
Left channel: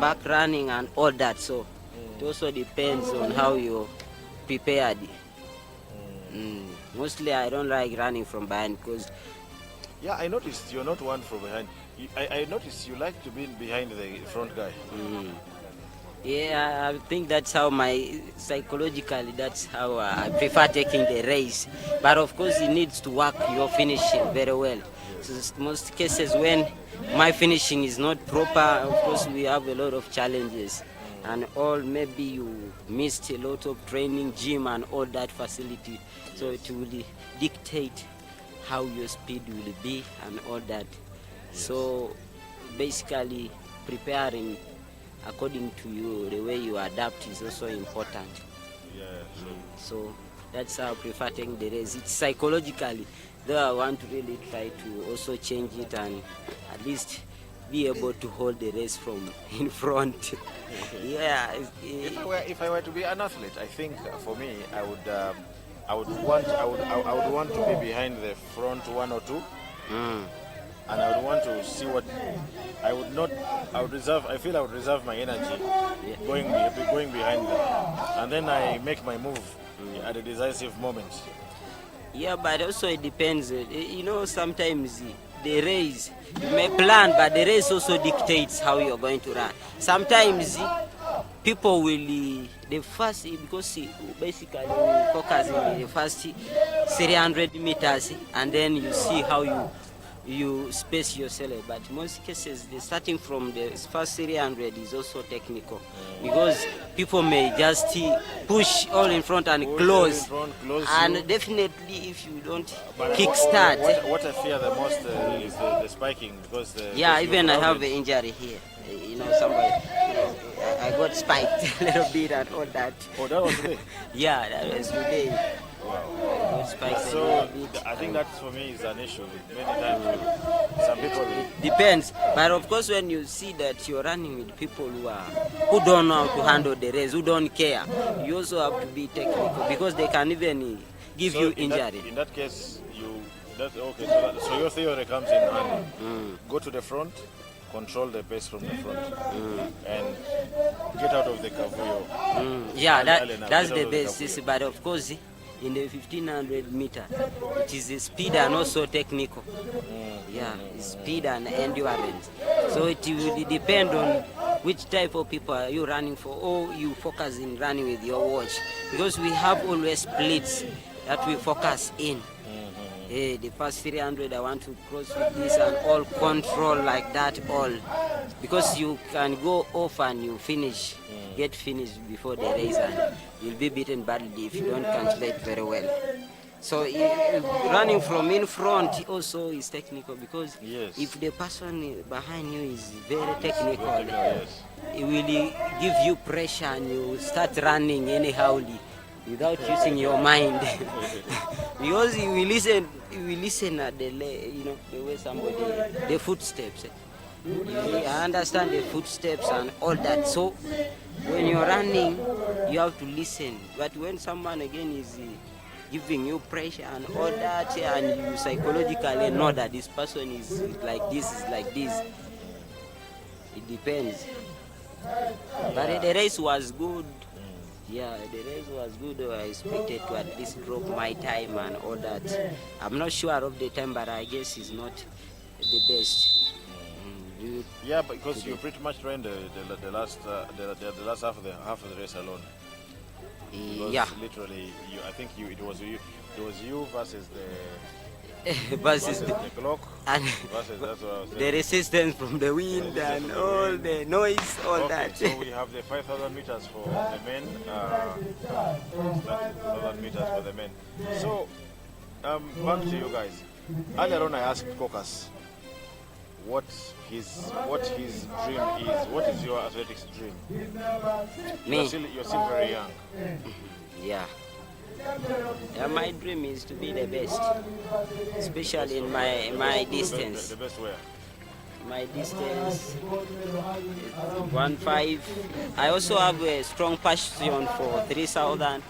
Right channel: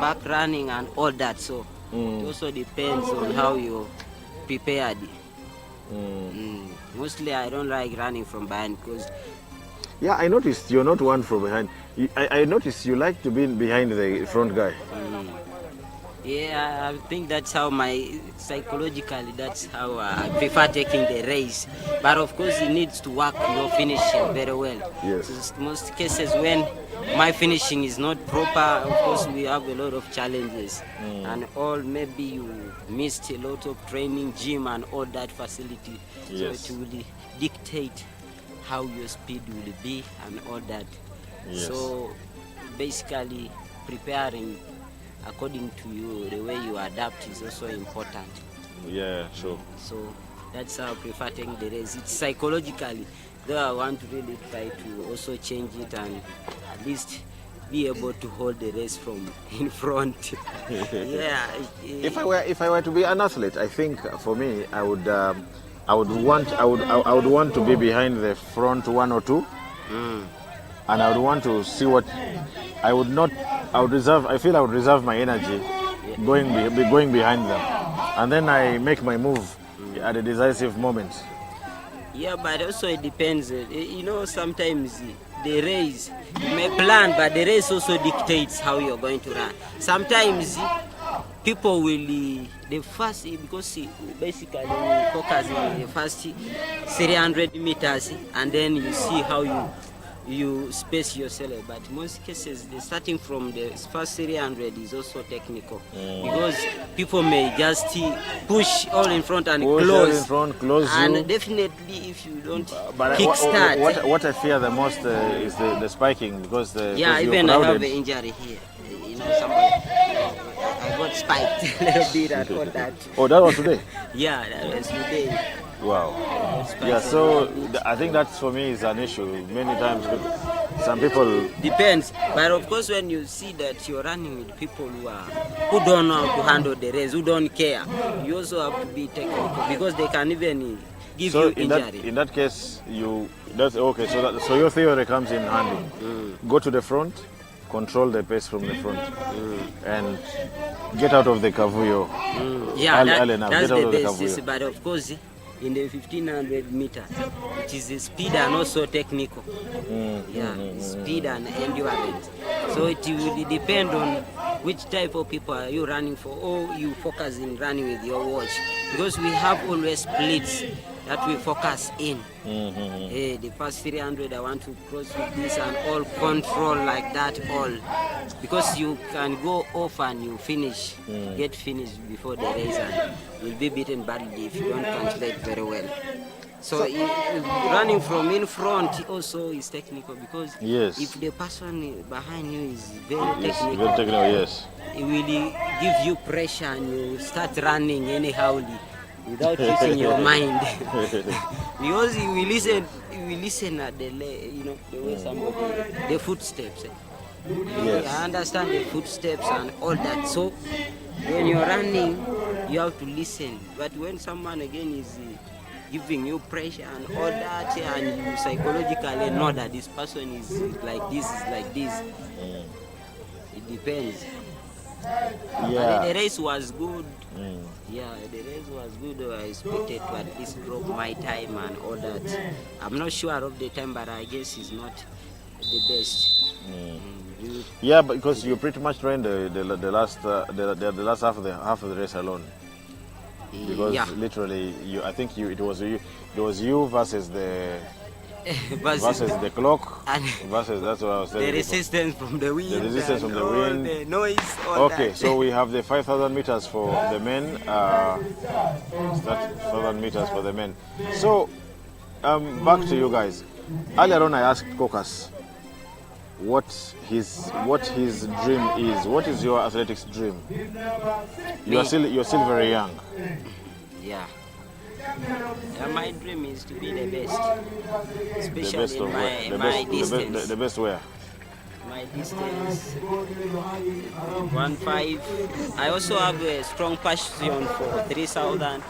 back running and all that. So it also depends on how you're prepared. Mostly I don't like running from behind because... Yeah, I noticed you're not one from behind. I noticed you like to be behind the front guy. Yeah, I think that's how psychologically, that's how I prefer taking the race. But of course, it needs to work your finishing very well. Yes. So most cases when my finishing is not proper, of course, we have a lot of challenges. And all, maybe you missed a lot of training, gym and all that facility. Yes. So it will dictate how your speed will be and all that. Yes. So basically, preparing according to you, the way you adapt is also important. Yeah, sure. So that's how I prefer taking the race. It's psychologically, though I want to really try to also change it and at least be able to hold the race from in front. Yeah. If I were to be an athlete, I think for me, I would want to be behind the front one or two. And I would want to see what I would reserve my energy going behind them, and then I make my move at a decisive moment. Yeah, but also it depends. Sometimes the race, you may plan, but the race also dictates how you're going to run. Sometimes people will, because basically we focus in the first 300 meters, and then you see how you space yourself. But most cases, the starting from the first 300 is also technical, because people may just push all in front and close and definitely if you don't kickstart. What I fear the most is the spiking, because even I have an injury here. Somebody, I got spiked a little bit and all that. Oh, that was today? Yeah, that was today. Wow. Yeah, so I think that for me is an issue. Many times some people... Depends. But of course when you see that you're running with people who don't know how to handle the race, who don't care, you also have to be technical, because they can even give you injury. In that case, okay, so your theory comes in handy. Go to the front, control the pace from the front, and get out of the cavuyo. Yeah, that's the best. But of course, in the 1500 meter, it is the speed and also technical. Speed and endurance. So it will depend on which type of people are you running for, or you focus in running with your watch, because we have always splits that we focus in. The first 300 I want to cross with this and all control like that, all, because you can go off and you get finished before the race, and you'll be beaten badly if you don't calculate very well. So running from in front also is technical, because if the person behind you is very technical, it will give you pressure and you start running anyhowly without using your mind. Because you will listen at the way somebody, the footsteps. I understand the footsteps and all that. So when you're running, you have to listen. But when someone again is giving you pressure and all that, and you psychologically know that this person is like this, it depends. But the race was good. Yeah, the race was good. I expected to at least drop my time and all that. I'm not sure of the time, but I guess it's not the best. Yeah, because you pretty much ran the last half of the race alone. Because literally, I think it was you versus versus the clock, versus, that's what I was saying. The resistance from the wind and all the noise, all that. Okay, so we have the 5,000 meters for the men, 5,000 meters for the men. So, back to you guys. Earlier on I asked Caucus what his dream is. What is your athletics dream? You're still very young. Yeah. My dream is to be the best, especially in my distance. The best where? my distance 1.5. I also have a strong passion for 3,000.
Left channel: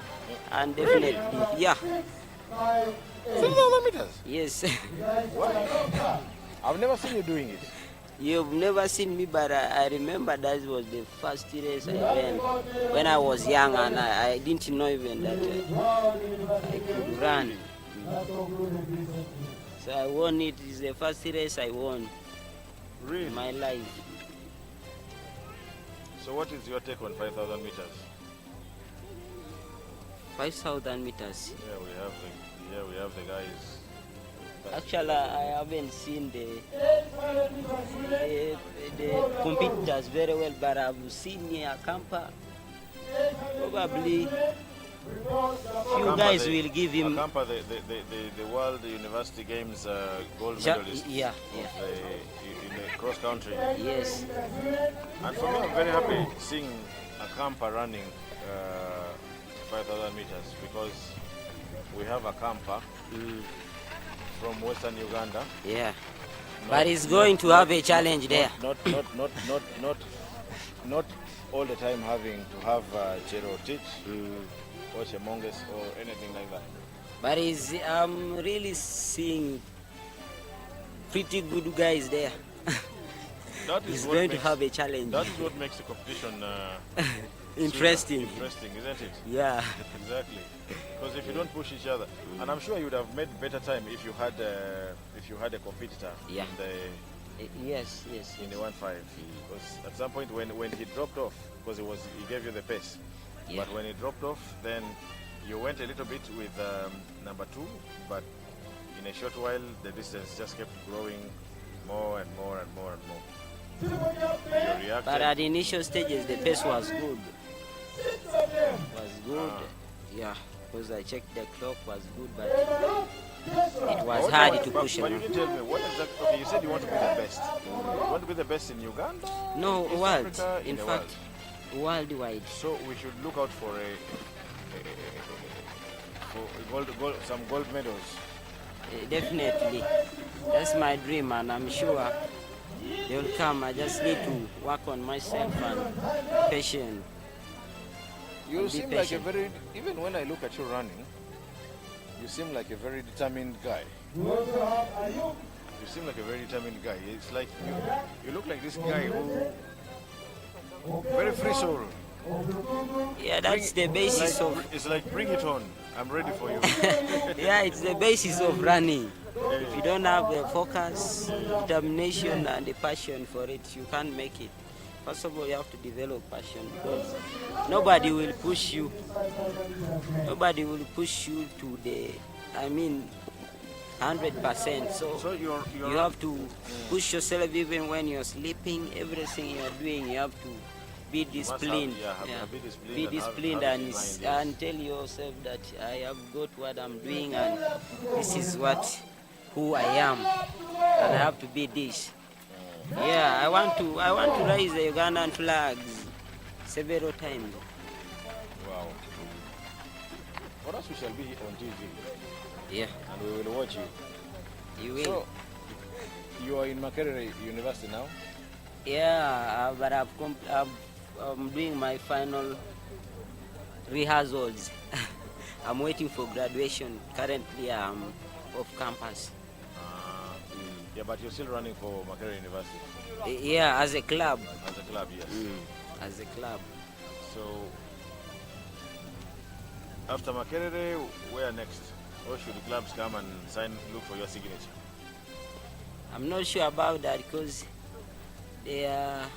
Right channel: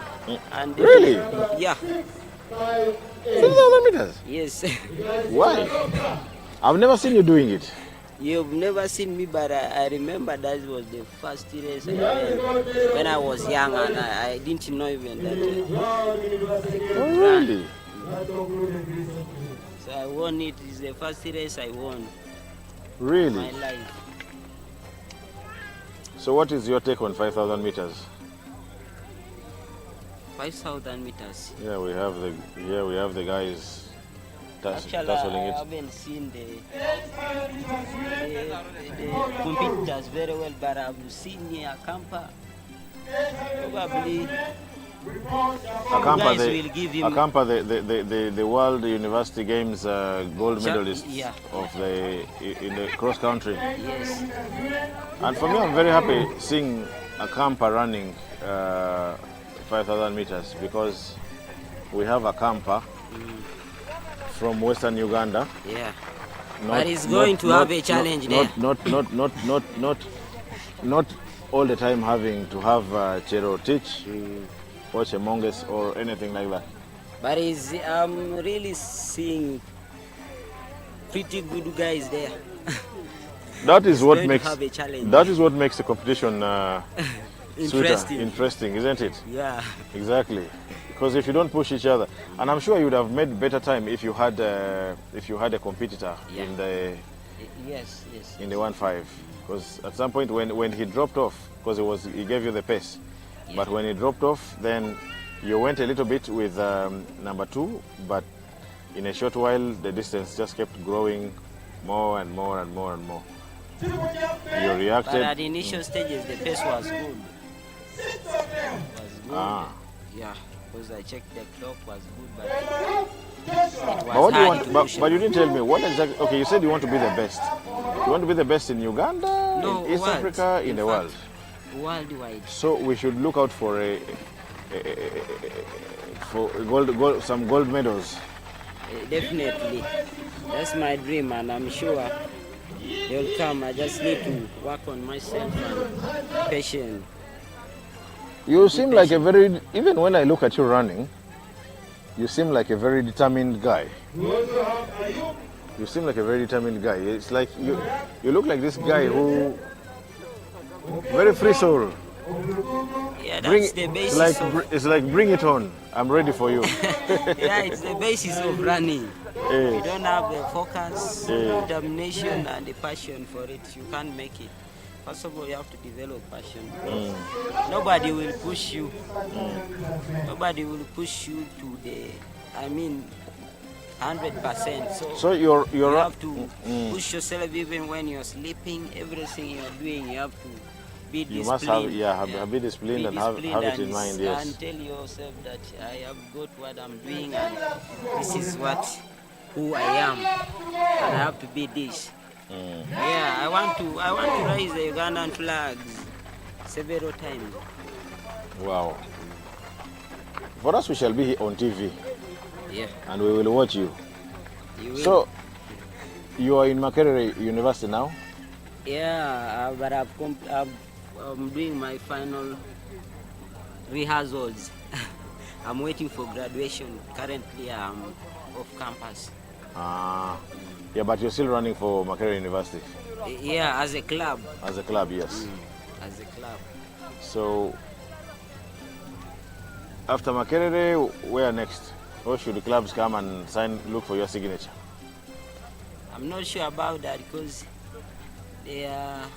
And Really? definitely, yeah. 3,000 meters? Yes. Why? I've never seen you doing it. You've never seen me, but I remember that was the first race I ran when I was young, and I didn't know even that I could run. So I won it. It's the first race I won Really? in my life. So what is your take on 5,000 meters? 5,000 meters. Yeah, we have the guys. Actually, I haven't seen the competitors very well, but I've seen Akampa. Probably you guys will give him. Akampa, the World University Games gold medalist Yeah, in the cross country. Yes. And for me, I'm very happy seeing Akampa running 5,000 meters because we have Akampa from Western Uganda. Yeah. But he's going to have a challenge there. Not all the time having to have Cherotich, Pochemonges or anything like that. But I'm really seeing pretty good guys there. That is He's what going makes to have a challenge. That is what makes the competition Interesting. interesting, isn't it? Yeah. Exactly. Because if you don't push each other, and I'm sure you would have made better time if you had a competitor Yeah. in the Yes. in the 1.5. Because at some point when he dropped off, because he gave you the pace, Yeah. but when he dropped off, then you went a little bit with number 2, but in a short while the distance just kept growing more and more and more and more. You reacted. But at the initial stages, the pace was good. Yeah, because I checked the clock was good, but it was hard to push. But you didn't tell me what exactly. Okay, you said you want to be the best. You want to be the best in Uganda, No, in East world. Africa, in In the fact, world. Worldwide. So we should look out for some gold medals. Definitely. That's my dream, and I'm sure they'll come. I just need to work on myself and patient. You seem like a very, even when I look at you running, you seem like a very determined guy. You seem like a very determined guy. It's like you look like this guy who, very free soul. Yeah, that's the basis of. It's like bring it on. I'm ready for you. Yeah, it's the basis of running. Yeah. If you don't have the focus, determination, and the passion for it, you can't make it. First of all, you have to develop passion because nobody will push you. Nobody will push you to the, 100%. So you have to push yourself even when you're sleeping. Everything you're doing, you have to be disciplined. Be disciplined. Be And disciplined have it in mind, yes. and tell yourself that I have got what I'm doing and this is who I am, and I have to be this. Yeah, I want to raise the Ugandan flags several times. Wow. For us, we shall be on TV. Yeah. And we will watch you. You will. So, you are in Makerere University now? Yeah, but I'm doing my final rehearsals. I'm waiting for graduation. Currently, I'm off campus. Yeah, but you're still running for Makerere University? Yeah, as a club. As a club, yes. As a club. So, after Makerere, where next? Or should the clubs come and look for your signature? I'm not sure about that because there are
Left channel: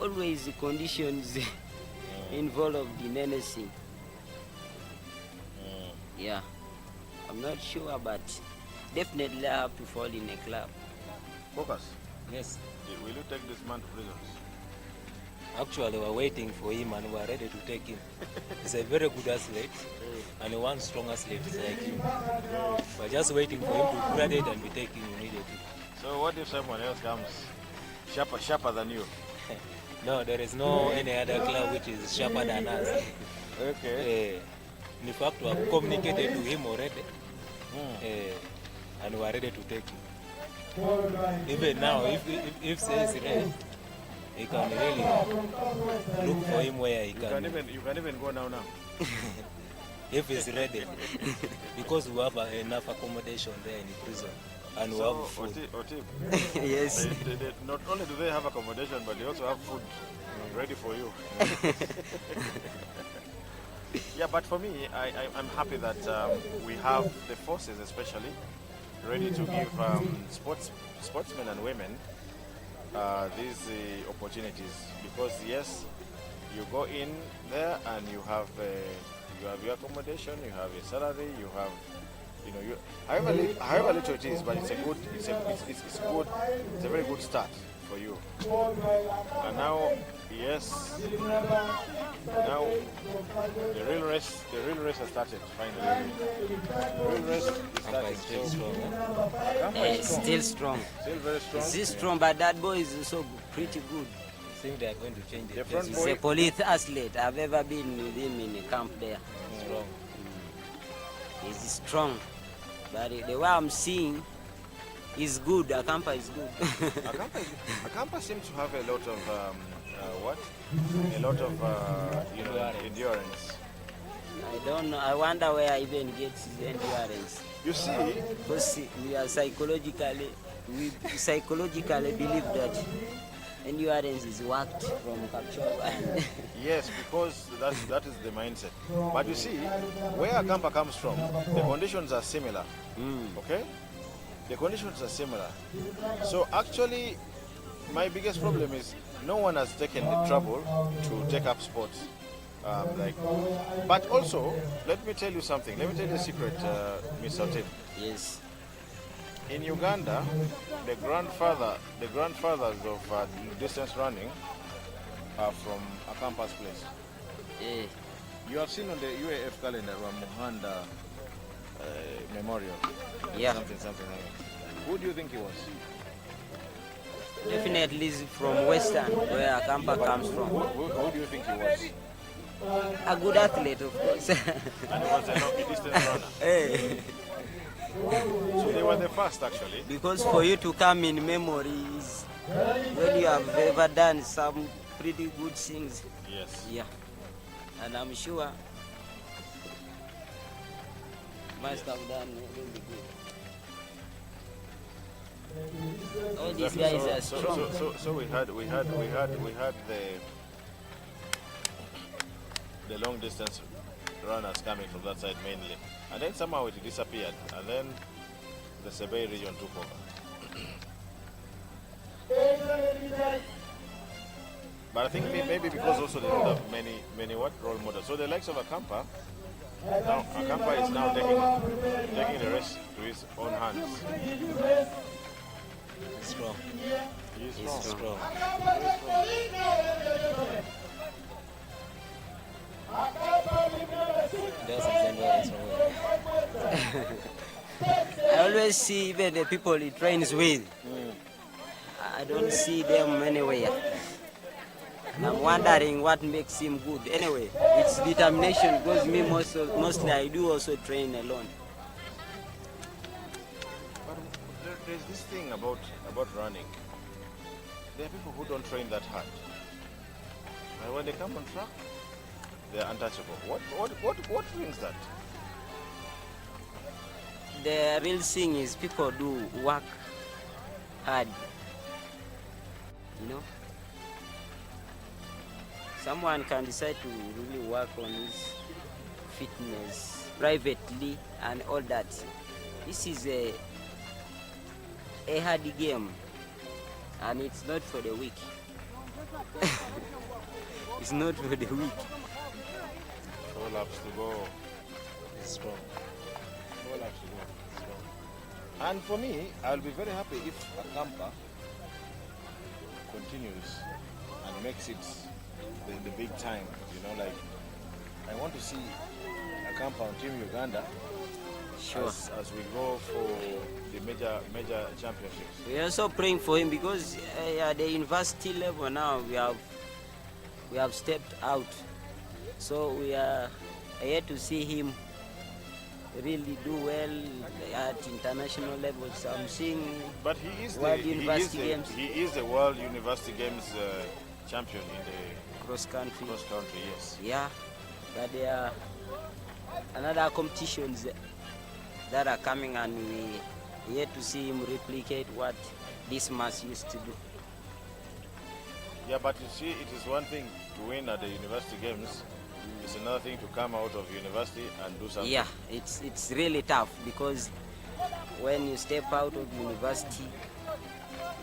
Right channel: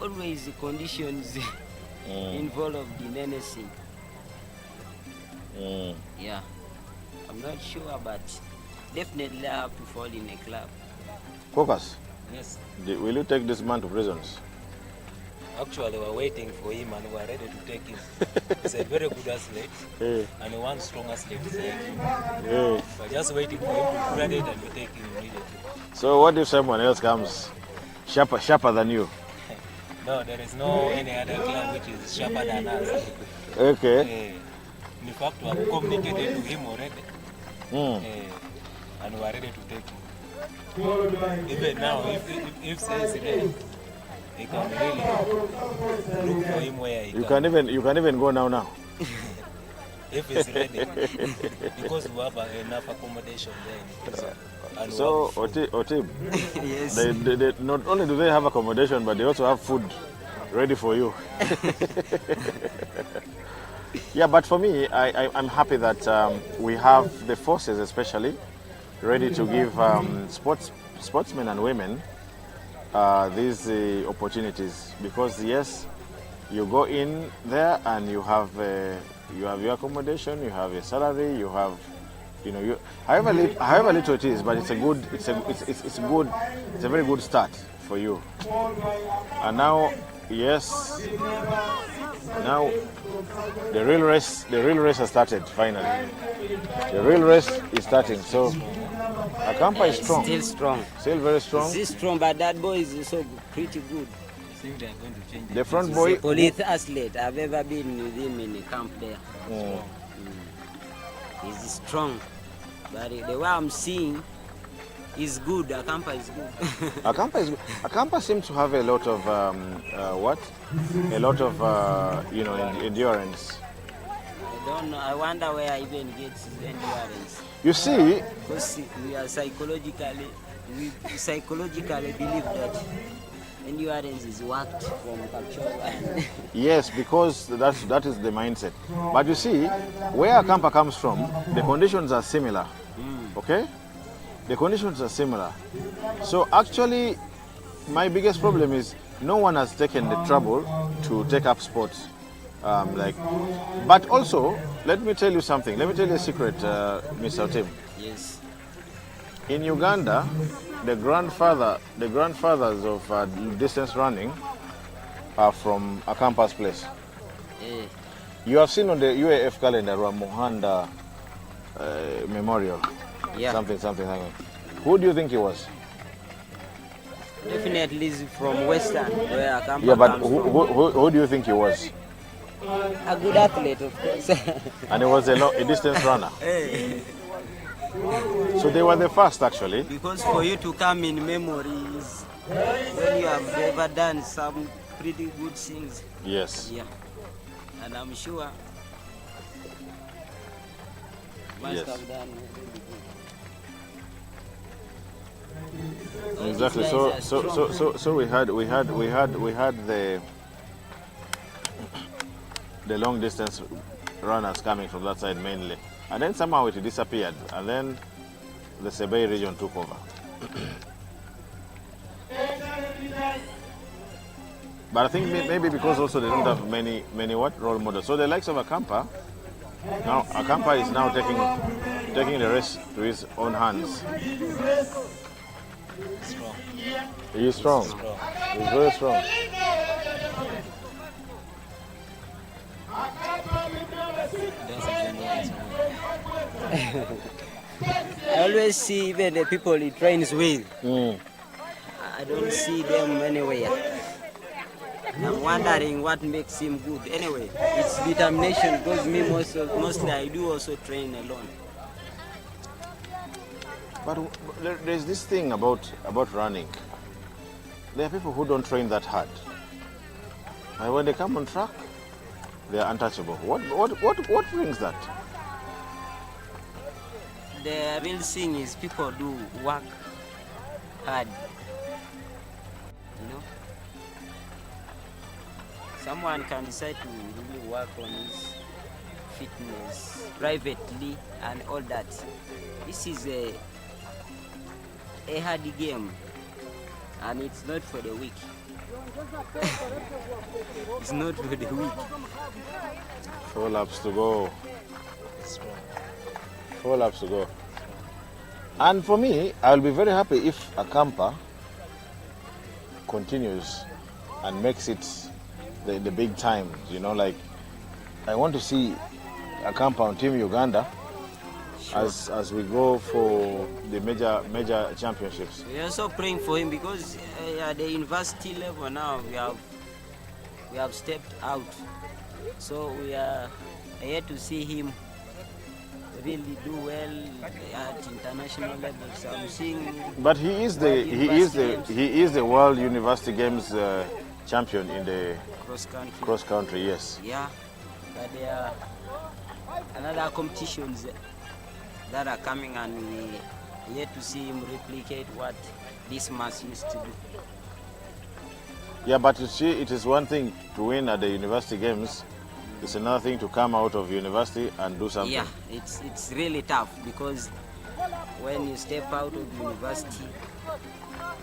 always conditions involved in anything. Yeah, I'm not sure, but definitely I have to fall in a club. Focus. Yes. Will you take this man to prisons? Actually, we're waiting for him and we're ready to take him. He's a very good athlete and one strong athlete is like him. We're just waiting for him to graduate and we take him immediately. So what if someone else comes sharper than you? No, there is no any other club which is sharper than us. Okay. In fact, we have communicated to him already and we are ready to take him. Even now, if says red, you can really look for him where he You can even go now. if he's ready, because we have enough accommodation there in the prison. And So, we have food. Otib, Yes. they, not only do they have accommodation, but they also have food ready for you. Yeah, but for me, I'm happy that we have the forces, especially, ready to give sportsmen and women these opportunities. Because yes, you go in there and you have your accommodation, you have a salary, you have, however little it is, but it's a very good start for you. And now, yes, now the real race has started finally. The real race is starting. So Akampa is strong. Still strong. Still very strong. Still strong, but that boy is also pretty good. I think they are going to change The front He's boy. a police athlete. I've ever been with him in a camp there. strong. He's strong. But the way I'm seeing, is good. Akampa is good. Akampa seems to have a lot of endurance. I don't know. I wonder where I even gets his endurance. You see, Because we psychologically believe that endurance is worked from capture and yes, because that is the mindset. But you see, where Akampa comes from, the conditions are similar. Okay? The conditions are similar. So actually, my biggest problem is no one has taken the trouble to take up sports. But also, let me tell you something. Let me tell you a secret, Mr. Tim. yes. In Uganda, the grandfathers of distance running are from Akampa's place. Eh, You have seen on the UAF calendar Muhanda Memorial. yeah. Something. Who do you think he was? Definitely is from Western, where Akampa Yeah, but comes from. who do you think he was? A good athlete, of course. And he was a distance runner. Eh, So they were the first, actually. because for you to come in memories when you have ever done some pretty good things. Yes. Yeah. And I'm sure must Yes. have done really good. All Exactly. these guys are strong. So we had the long distance runners coming from that side mainly, and then somehow it disappeared, and then the Sebei region took over. But I think maybe because also they don't have many role models. So the likes of Akampa, now Akampa is now taking the race to his own hands. Strong. He is strong. Strong. He's very strong. That's endurance. I always see even the people he trains with. I don't see them anywhere. And I'm wondering what makes him good. Anyway, it's determination because me mostly I do also train alone. But there's this thing about running. There are people who don't train that hard. And when they come on track, they are untouchable. What brings that? The real thing is people do work hard. You know? Someone can decide to really work on his fitness privately and all that. This is a hard game and it's not for the weak. It's not for the weak. 4 laps to go. Strong. 4 laps to go. And for me, I'll be very happy if Akampa continues and makes it the big time. You know, like I want to see Akampa on Team Uganda as we go for the major championships. We're also praying for him because at the university level now we have stepped out. So we are here to see him really do well at international levels. I'm seeing. But he is the World University Games champion in the cross country. Cross country, yes. Yeah, but there are another competitions that are coming, and we yet to see him replicate what this mass used to do. Yeah, but you see, it is one thing to win at the university games. It's another thing to come out of university and do something. Yeah, it's really tough, because when you step out of university,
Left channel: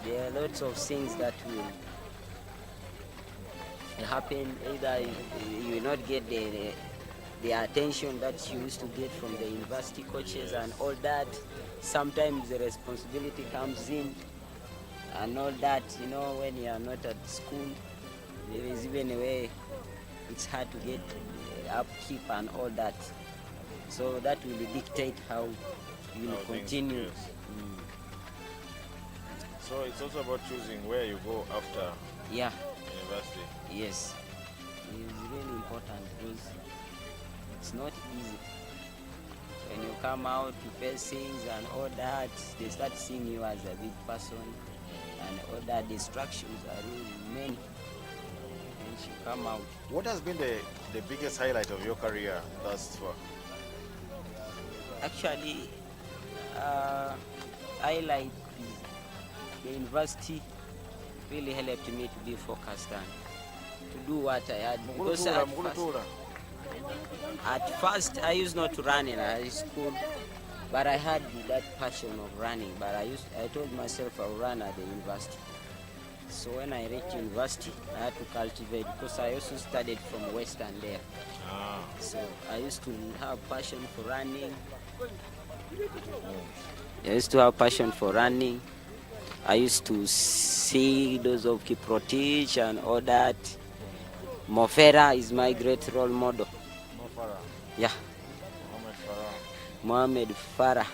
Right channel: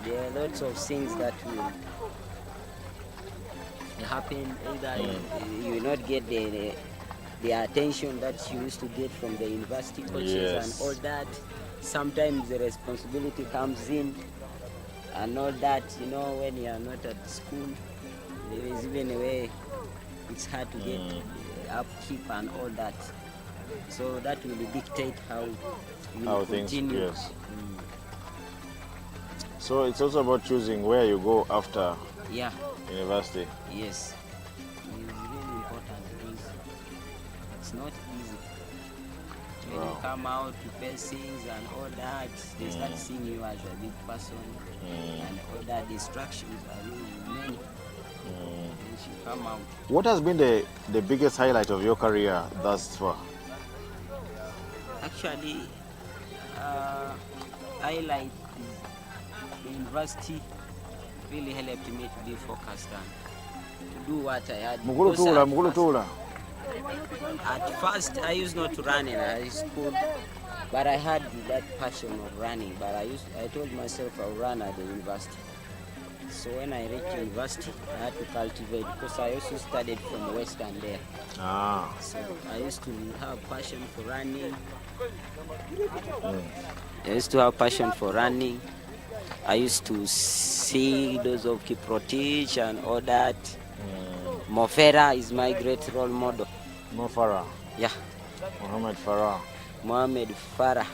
there are lots of things that will happen. Either you will not get the attention that you used to get from the university coaches, Yes. and all that. Sometimes the responsibility comes in and all that. You know, when you are not at school, there is even a way it's hard to get upkeep and all that. So that will dictate how you will continue. Yes. So it's also about choosing where you go after university. Yes, it's really important, because it's not easy. When you come out to face things and all that, they start seeing you as a big person, and all that distractions are really many. Once you come out. What has been the biggest highlight of your career thus far? Actually, highlight is the university really helped me to be focused and to do what I had. Because at first, I used not to run in high school, but I had that passion of running. But I told myself I'll run at the university. So when I reached university, I had to cultivate, because I also studied from Western there. So I used to have passion for running. I used to see those of Kiprotich and all that. Mofera is my great role model. Farah. Yeah. Mohammed Farah.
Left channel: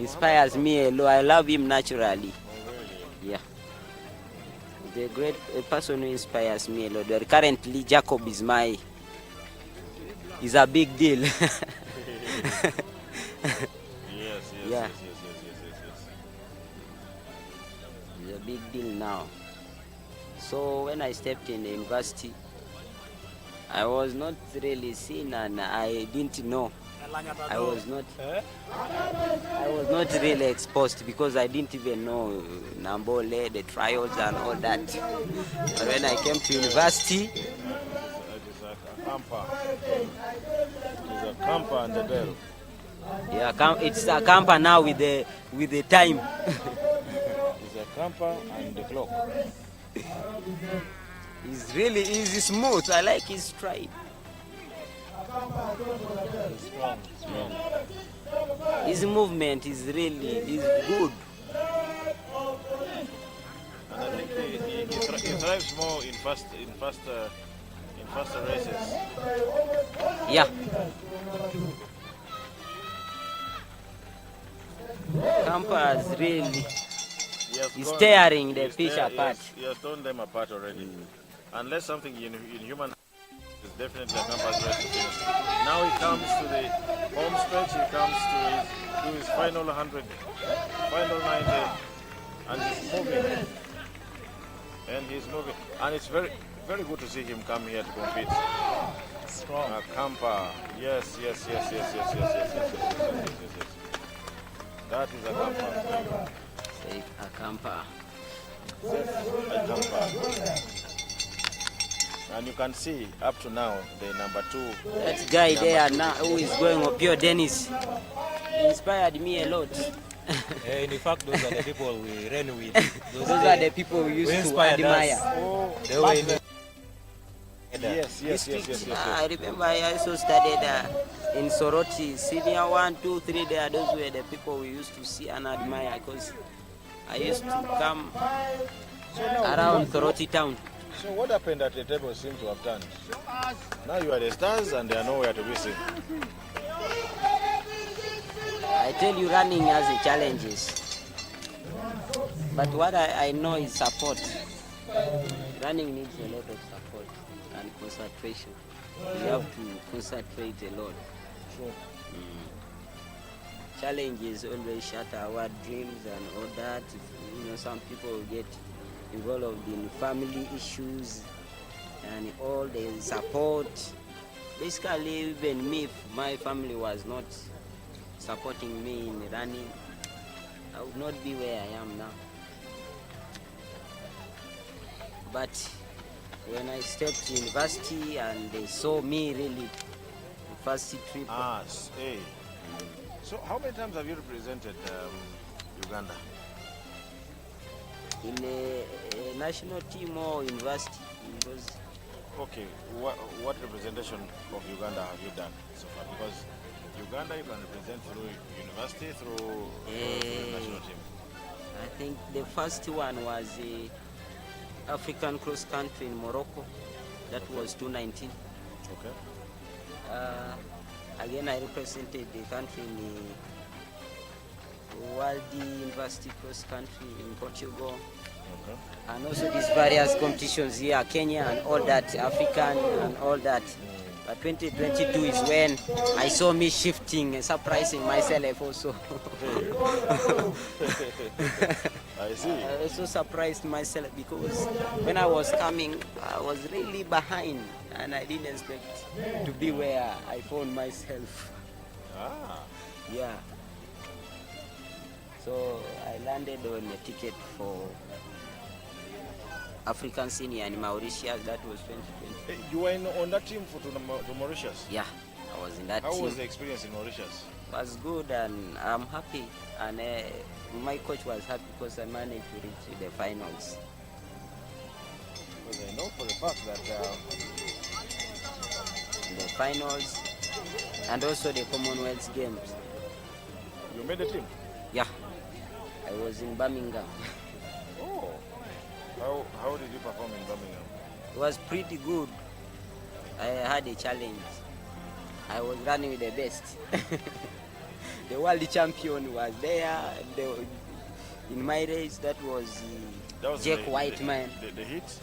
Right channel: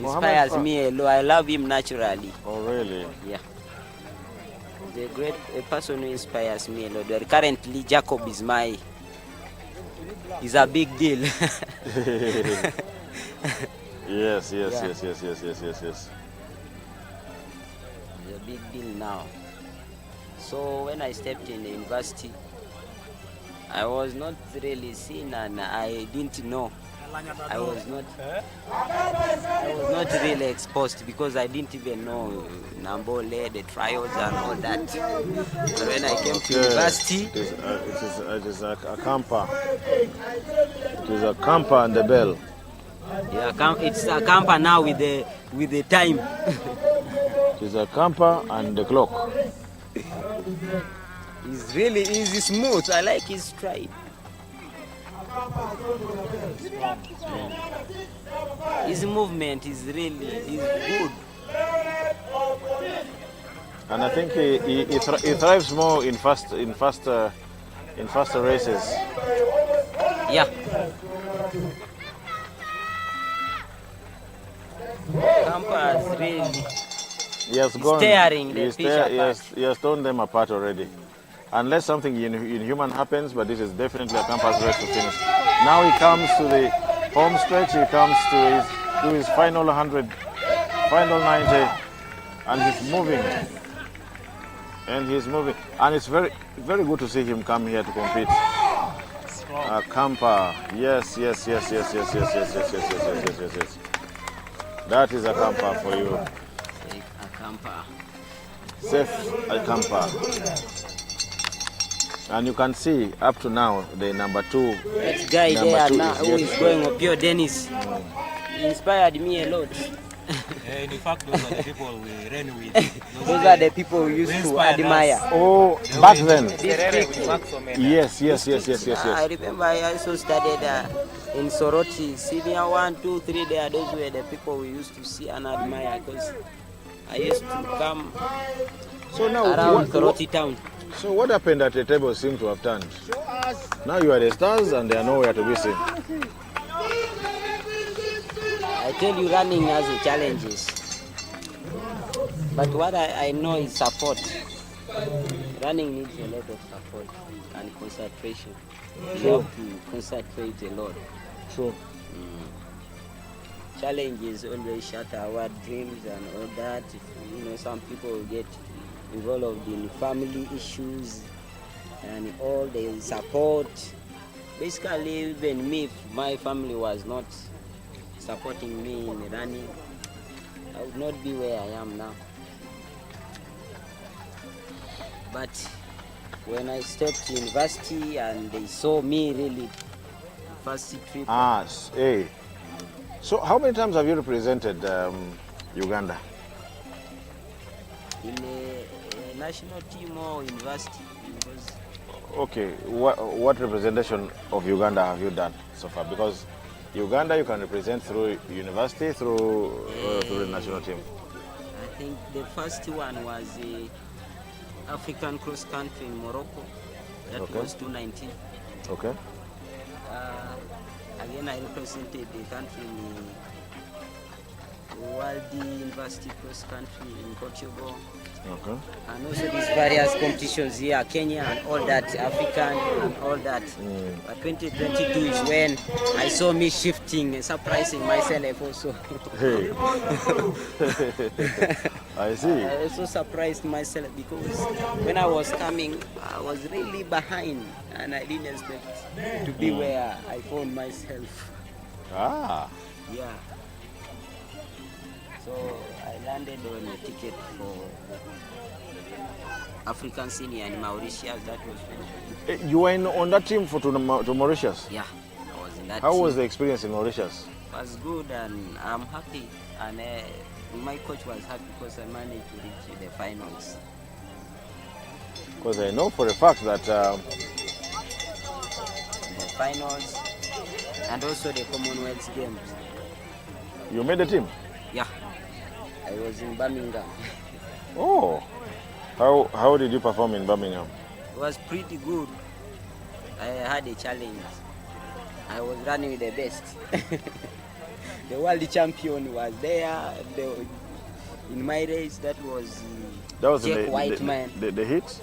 Inspires me a lot. I love him naturally. Oh, really? Yeah. The great person who inspires me a lot. Currently, Jacob is a big deal. Yes. It's a big deal now. So when I stepped in the university, I was not really seen, and I didn't know. I was not really exposed, because I didn't even know Nambole, the trials and all that. But when I came to university, it is a camper. It is a camper and the bell. Yeah, it's a camper now with the time. It is a camper and the clock. It's really easy, smooth. I like his stride. His movement is good. And I think he thrives more in faster races. Yeah. Camper is really tearing the fish apart. He has torn them apart already. Unless something inhuman happens, but this is definitely a campus race to finish. Now he comes to the home stretch, he comes to his final 100, final 90, and he's moving. And it's very, very good to see him come here to compete. Strong. A camper, yes. That is a camper for you. Safe a camper. Safe a camper. And you can see up to now the number 2. That guy there now who is going up here, Dennis, he inspired me a lot. In fact, those are the people we ran with. Those are the people we used to admire. Oh, back then. Yes. I remember I also studied in Soroti, senior 1, 2, 3 there. Those were the people we used to see and admire, because I used to come around Soroti town. So what happened at the table seems to have turned. Now you are the stars and they are nowhere to be seen. I tell you, running has its challenges. But what I know is support. Running needs a lot of support and concentration. You have to concentrate a lot. Sure. Challenges always shatter our dreams and all that. Some people get involved in family issues and all the support. Basically, even me, my family was not supporting me in running, I would not be where I am now. But when I stepped to university and they saw me really, the first trip. Hey. So how many times have you represented Uganda? In a national team or university? Because okay, what representation of Uganda have you done so far? Because Uganda you can represent through university, through the national team. I think the first one was African cross country in Morocco. That was 2019. Okay. Again, I represented the country in the World University cross country in Portugal. Okay. And also these various competitions here, Kenya and all that, African and all that. But 2022 is when I saw me shifting and surprising myself also. Hey. I see. I also surprised myself because when I was coming, I was really behind and I didn't expect to be where I found myself. Yeah. So I landed on a ticket for African Senior in Mauritius. That was 2020. You were on that team to Mauritius? Yeah, I was in that How team. was the experience in Mauritius? It was good and I'm happy. And my coach was happy because I managed to reach the finals. Because I know for a fact that The finals and also the Commonwealth Games. you made the team? Yeah, I was in Birmingham. Oh, how did you perform in Birmingham? It was pretty good. I had a challenge. I was running with the best. The world champion was there. In my race, that was Jack Whiteman. The hit?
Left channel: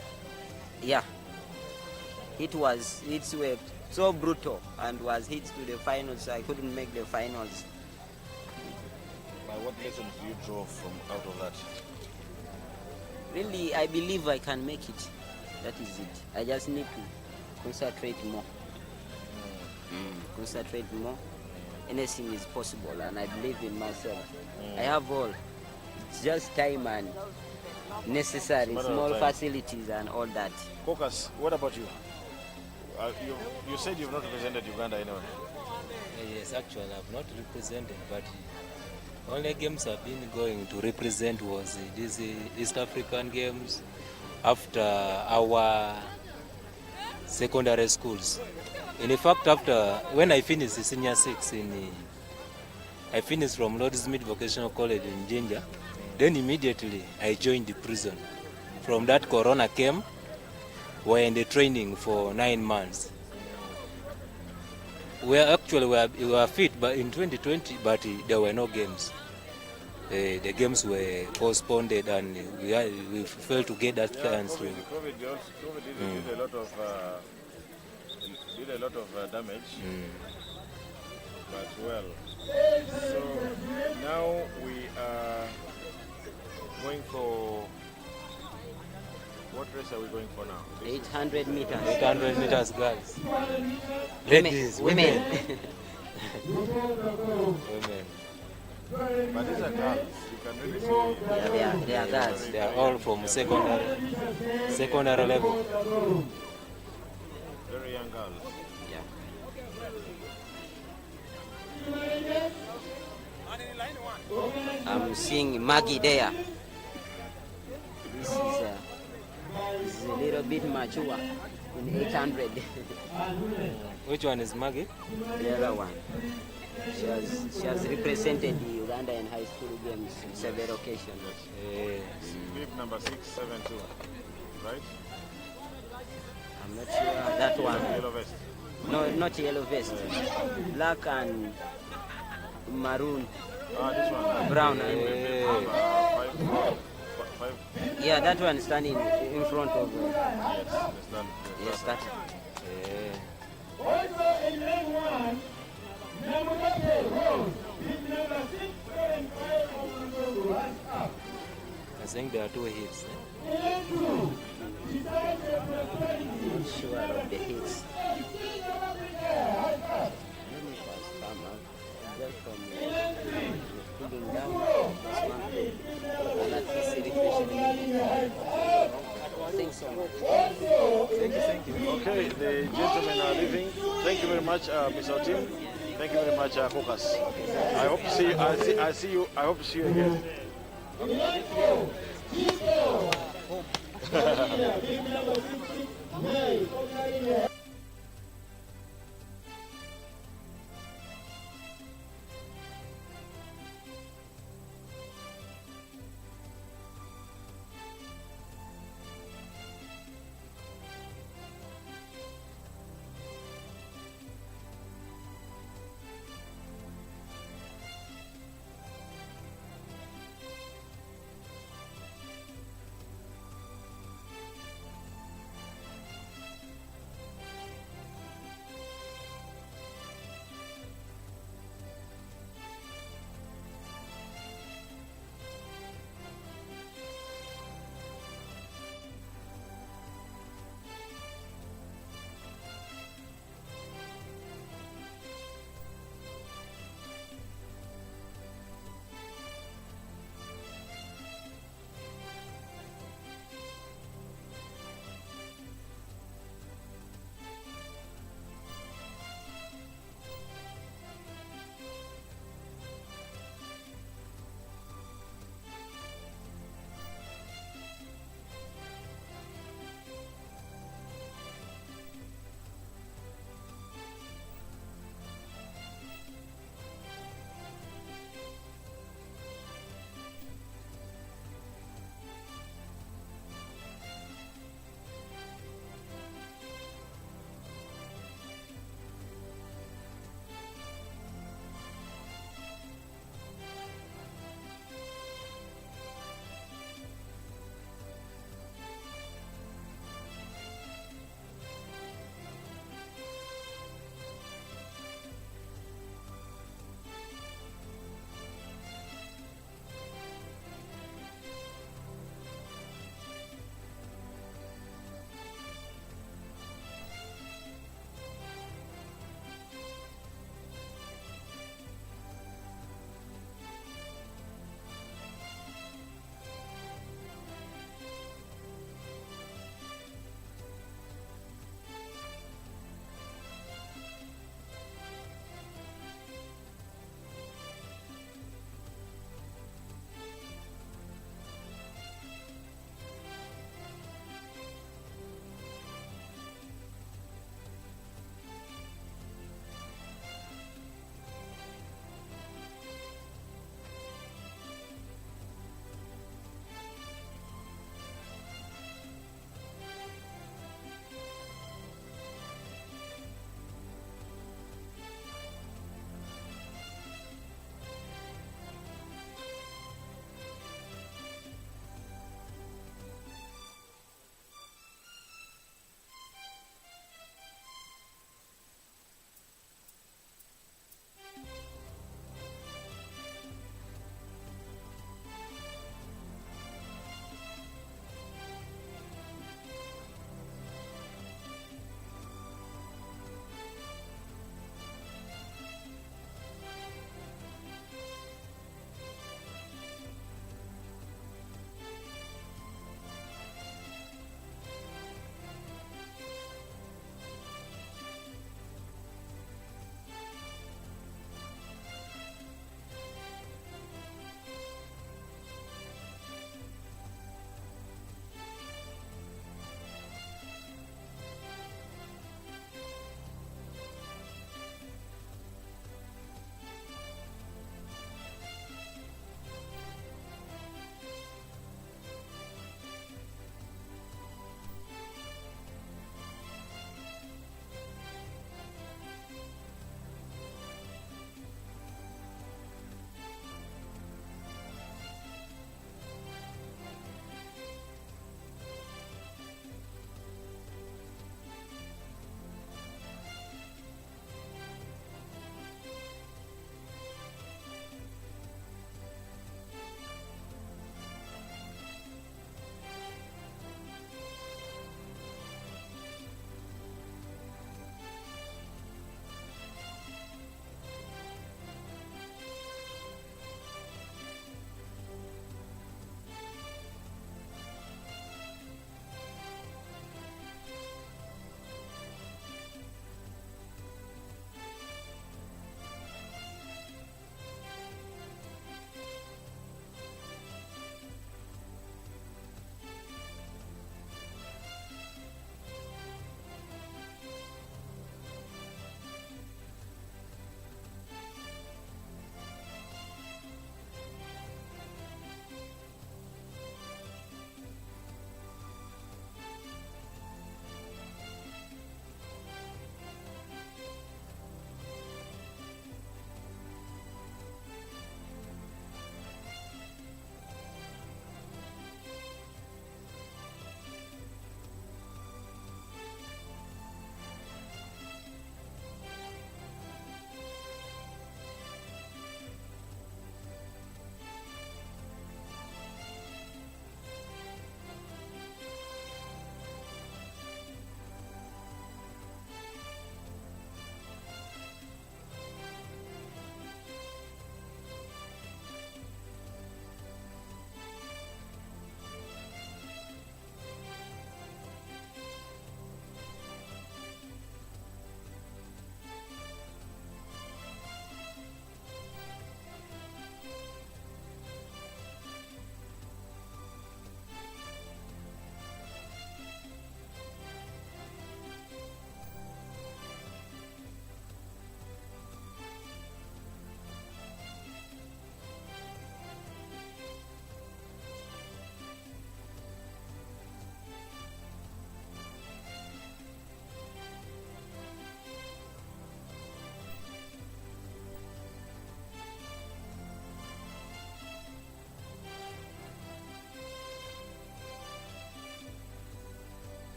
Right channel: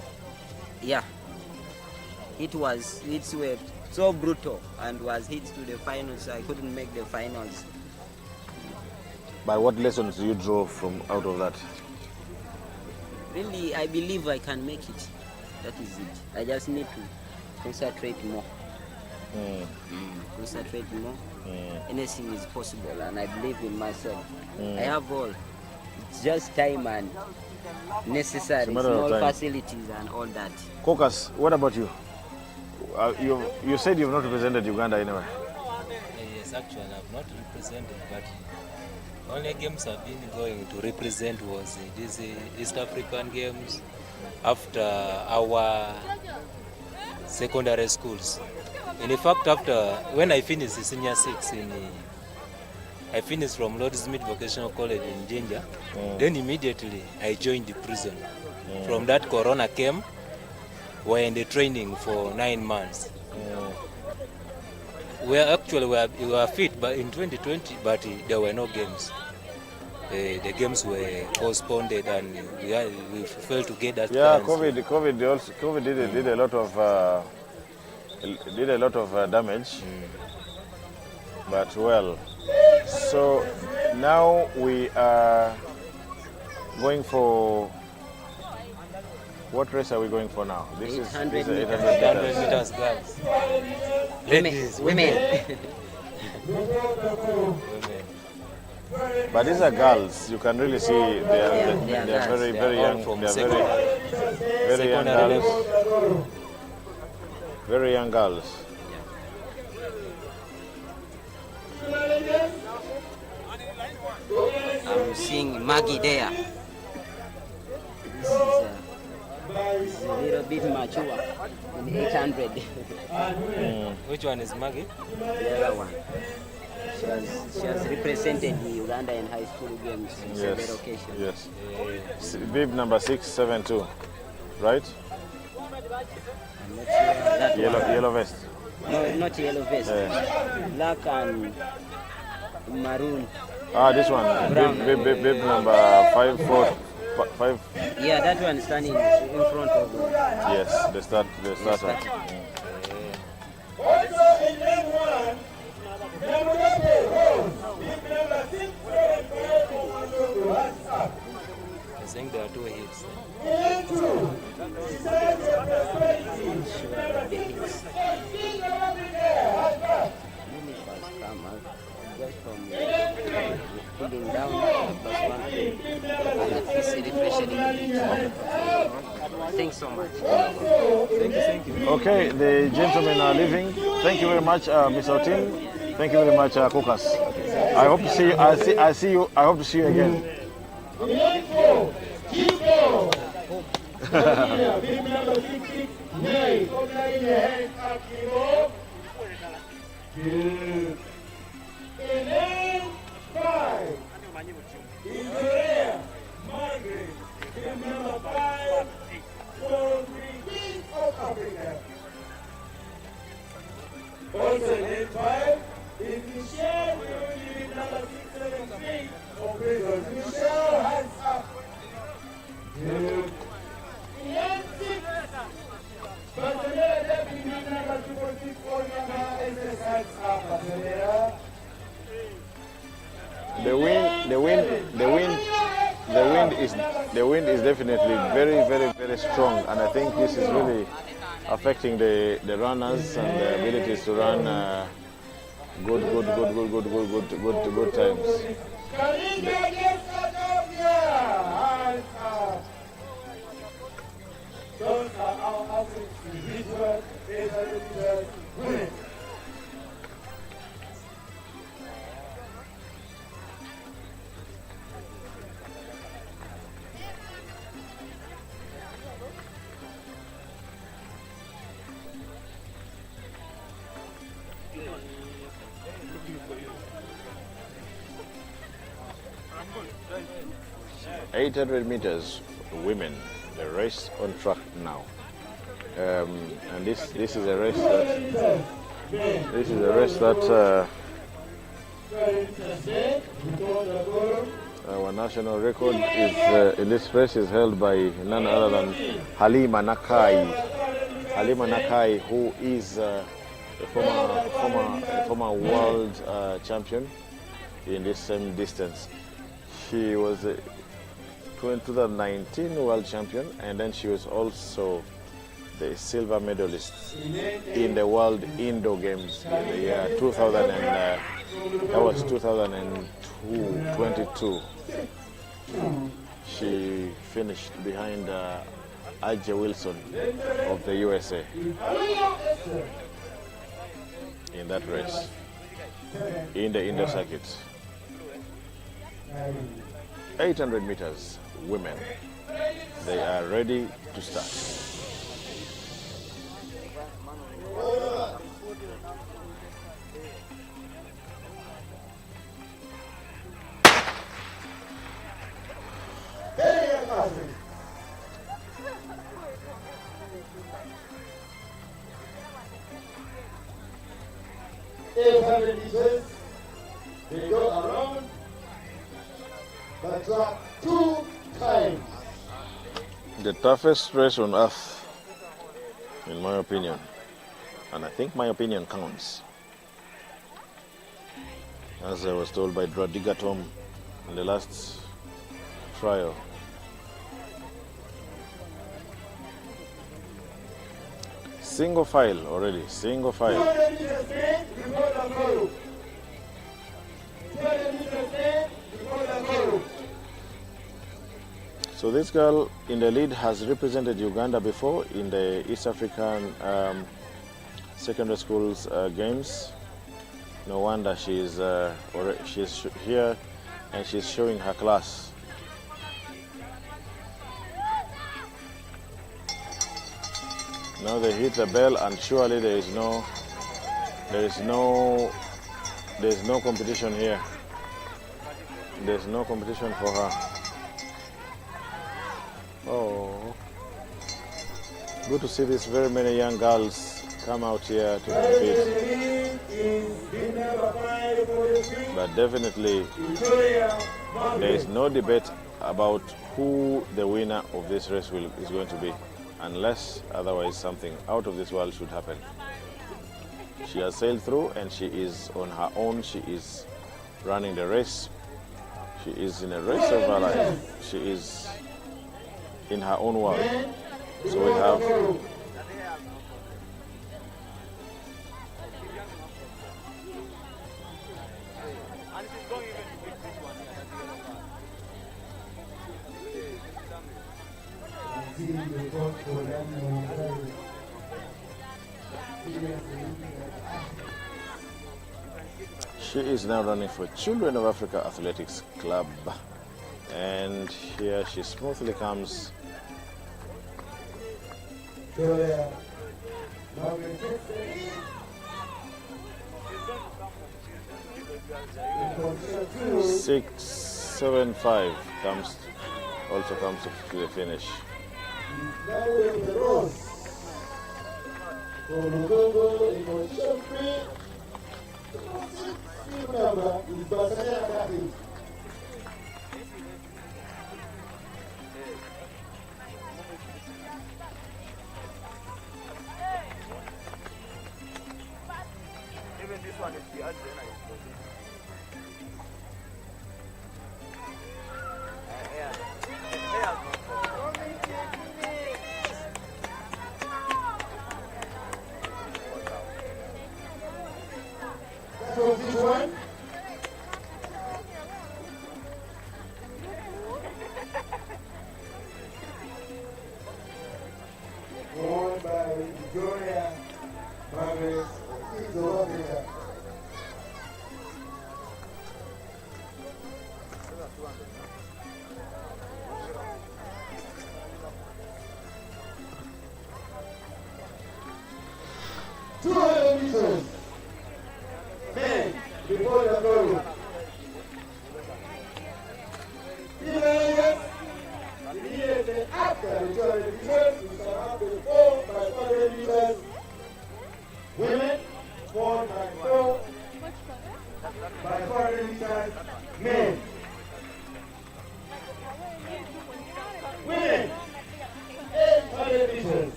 Yeah. It were so brutal and was hit to the finals. So I couldn't make the finals. But what lessons you draw from out of that? Really, I believe I can make it. That is it. I just need to concentrate more. Concentrate more. Anything is possible, and I believe in myself. I have all. It's just time and necessary small facilities and all that. Caucus, what about you? You said you've not represented Uganda anywhere. Yes, actually, I've not represented, but only games I've been going to represent was these East African games after our secondary schools. In fact, when I finished the senior 6 I finished from Lord Smith Vocational College in Jinja, then immediately I joined the prison. From that, Corona came. We're in the training for 9 months. We were fit, but in 2020, but there were no games. The games were postponed, and we failed to get that chance. COVID did a lot of damage. But well, so now we are going for. What race are we going for now? 800 meters. 800 meters, girls. Ladies, women. women. But these are girls. You can really see they are girls. very, They very are all young. from They are secondary level. Very young girls. I'm seeing Maggie there. This is a little bit mature in 800. Which one is Maggie? The other one. She has represented the Uganda in high school games on several occasions. Yes. Bib number 672, right? I'm not sure that one. Yellow vest. No, not yellow vest. Black and maroon. This one. Brown. Bib number 5. Yeah, that one standing in front of. Yes, the start. Yes, that. Also in lane 1, I think there are 2 hits. Sure of the hits. Universe come out just from pulling down plus 1 play. And at least refreshing. Thanks so much. Thank you. Okay, the gentlemen are leaving. Thank you very much, Mr. Otim. Thank you very much, Kukas. I hope to see you. I see you. I hope to see you again. The wind is definitely very strong, and I think this is really affecting the runners and their abilities to run good times. .800 meters, women, the race on track now, and this is a race that our national record is in this race is held by none other than Halima Nakai. Halima Nakai, who is a former world champion in this same distance. She was 2019 world champion, and then she was also the silver medalist in the World Indoor Games in the year 2000 and that was 2022. She finished behind Ajay Wilson of the USA in that race in the indoor circuits. 800 meters, women. They are ready to start. They go around the track 2 times. The toughest race on earth, in my opinion, and I think my opinion counts. As I was told by Dradiga Tom in the last trial. Single file already, single file. So this girl in the lead has represented Uganda before in the East African secondary schools games. No wonder she's here and she's showing her class. Now they hit the bell, and surely there is no competition here. There's no competition for her. Oh, good to see these very many young girls come out here to compete. But definitely, there is no debate about who the winner of this race is going to be, unless otherwise something out of this world should happen. She has sailed through, and she is on her own. She is running the race She is in a race of her life. She is in her own world. So we have she is now running for Children of Africa Athletics Club. And here she smoothly comes. Julia. 6:75 also comes to the finish.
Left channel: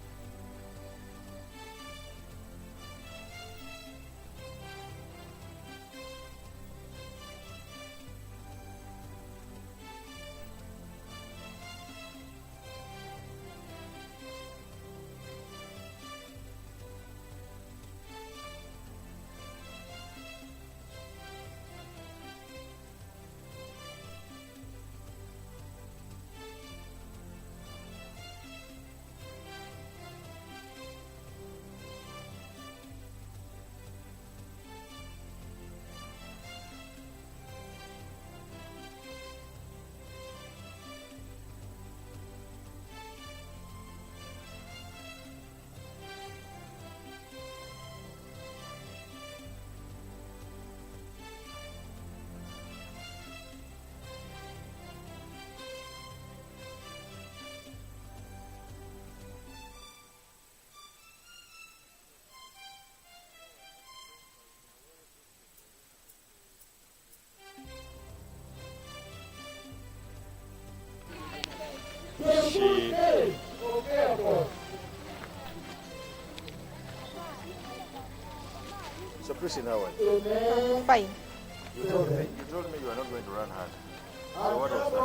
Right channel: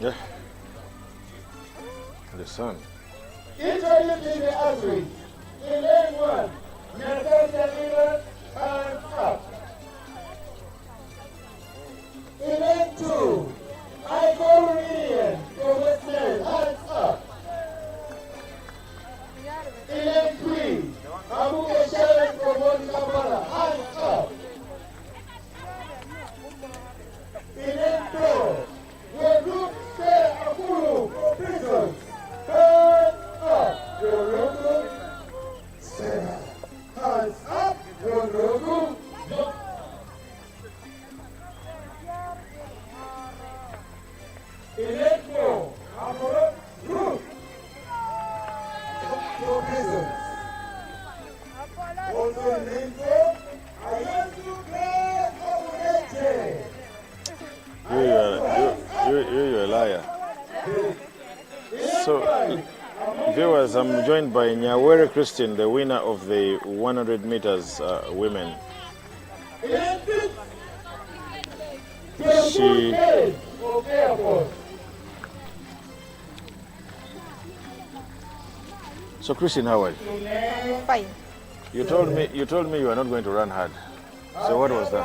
Yeah. The sun. Introducing the athlete. In lane 1, Natasha Miller, hands up. In lane 2, Michael Ryan, Professor, hands up. In lane 3, Abu Eshalet from Kampala, hands up. In lane 4, the group Say Akulu for prisons, hands up. Your logo, Sarah, hands up. Your logo, in lane 4, Amoro Group for prisons. Also in lane 4, Ayasu Clay Obuneche. You're a liar. So, viewers, I'm joined by Nyawere Christine, the winner of the 100 meters women. She So, Christine, how are you? Fine. You told me you were not going to run hard. So what was that?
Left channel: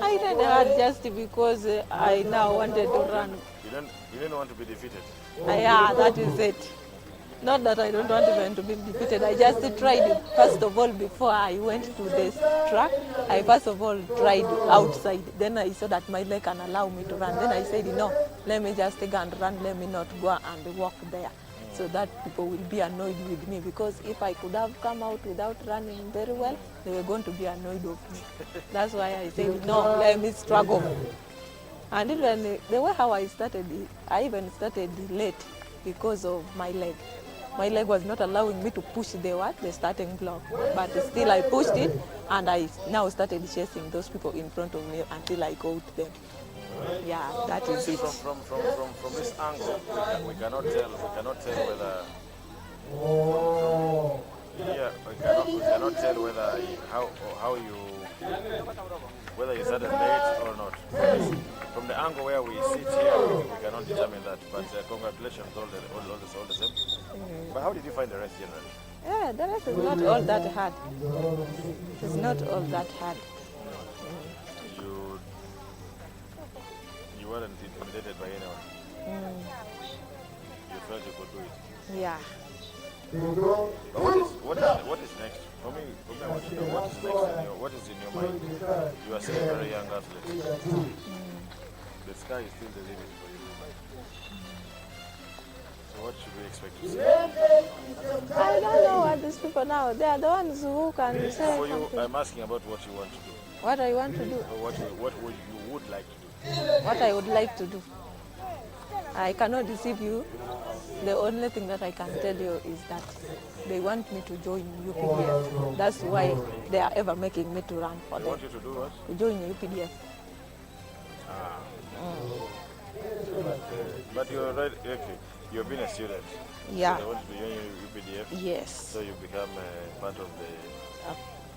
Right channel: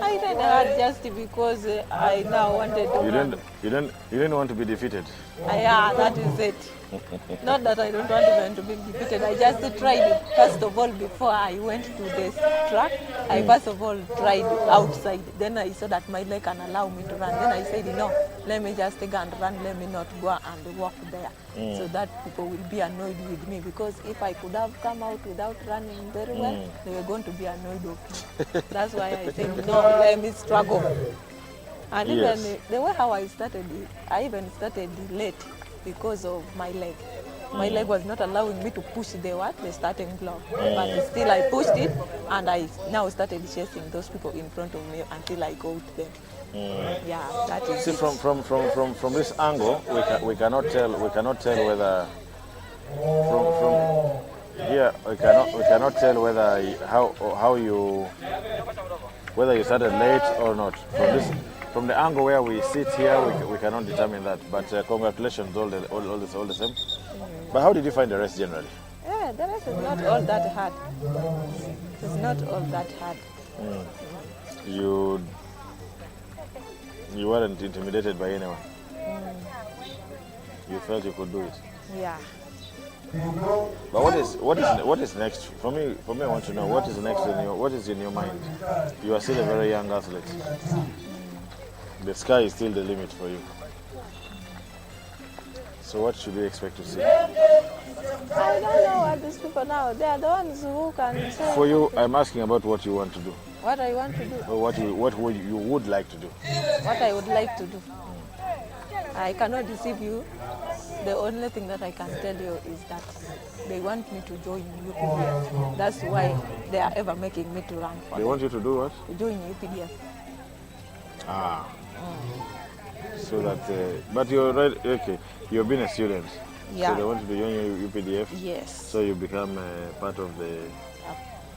I ran hard just because I now wanted to run. You didn't want to be defeated. Yeah, that is it. Not that I don't want even to be defeated. I just tried, first of all, before I went to this track, I first of all tried outside. Then I saw that my leg can allow me to run. Then I said, no, let me just take and run. Let me not go and walk there. So that people will be annoyed with me, because if I could have come out without running very well, they were going to be annoyed of me. That's why I said, no, let me struggle. And even the way how I started, I even started late because of my leg. My leg was not allowing me to push the starting block. But still I pushed it, and I now started chasing those people in front of me until I got them. Yeah, that is it. From this angle, we cannot tell whether Yeah, we cannot tell whether you started late or not. From the angle where we sit here, we cannot determine that. But congratulations, all the same. But how did you find the race generally? Yeah, the race is not all that hard. It's not all that hard. You weren't intimidated by anyone. You felt you could do it. Yeah. But what is next? For me, I want to know what is next what is in your mind. You are still a very young athlete. The sky is still the limit for you. So what should we expect to see? I don't know what these people now. They are the ones who can say. For you, I'm asking about what you want to do. What I want to do. Or what you would like to do. What I would like to do. I cannot deceive you. The only thing that I can tell you is that they want me to join UPDF. That's why they are ever making me to run for them. They want you to do what? To join UPDF. Ah. So that, but you're right, okay. You've been a student. Yeah. So they want you to join UPDF. Yes. So you become part of the.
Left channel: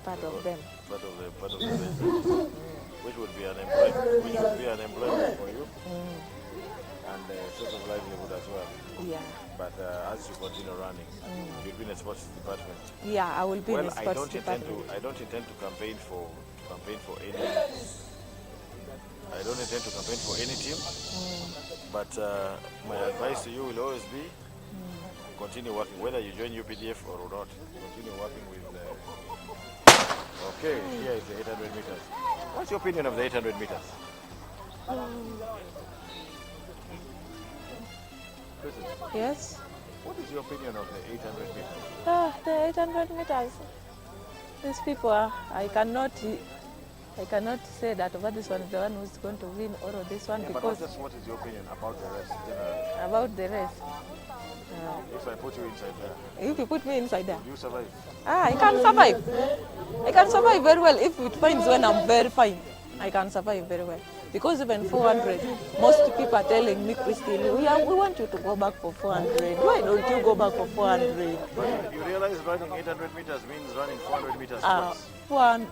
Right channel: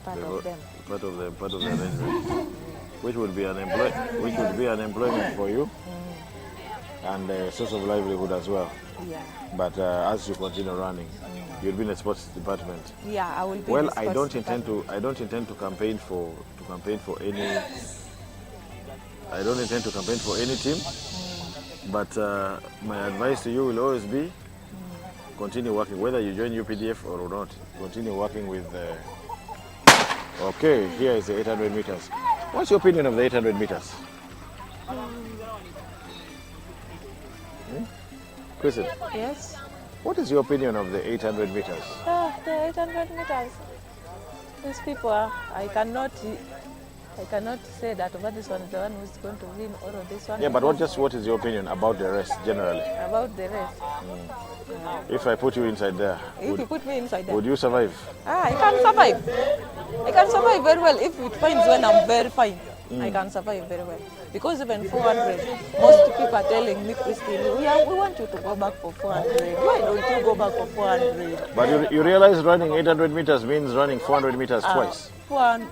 Part of them. Part of the event, which would be an employment for you. And a source of livelihood as well. Yeah. But as you continue running, you'll be in the sports department. Yeah, I will be in the sports department. I don't intend to campaign for any. I don't intend to campaign for any team. But my advice to you will always be continue working, whether you join UPDF or not. Continue working with. Okay, here is the 800 meters. What's your opinion of the 800 meters? Kristen? Yes? What is your opinion of the 800 meters? The 800 meters. These people are, I cannot say that over this one is the one who's going to win or this one. Yeah, but what is your opinion about the race generally? About the race. If I put you inside there. If you put me inside there. Would you survive? I can survive. I can survive very well if it finds when I'm very fine. I can survive very well. Because even 400, most people are telling me, Christine, we want you to go back for 400. Why don't you go back for 400? But you realize running 800 meters means running 400 meters twice?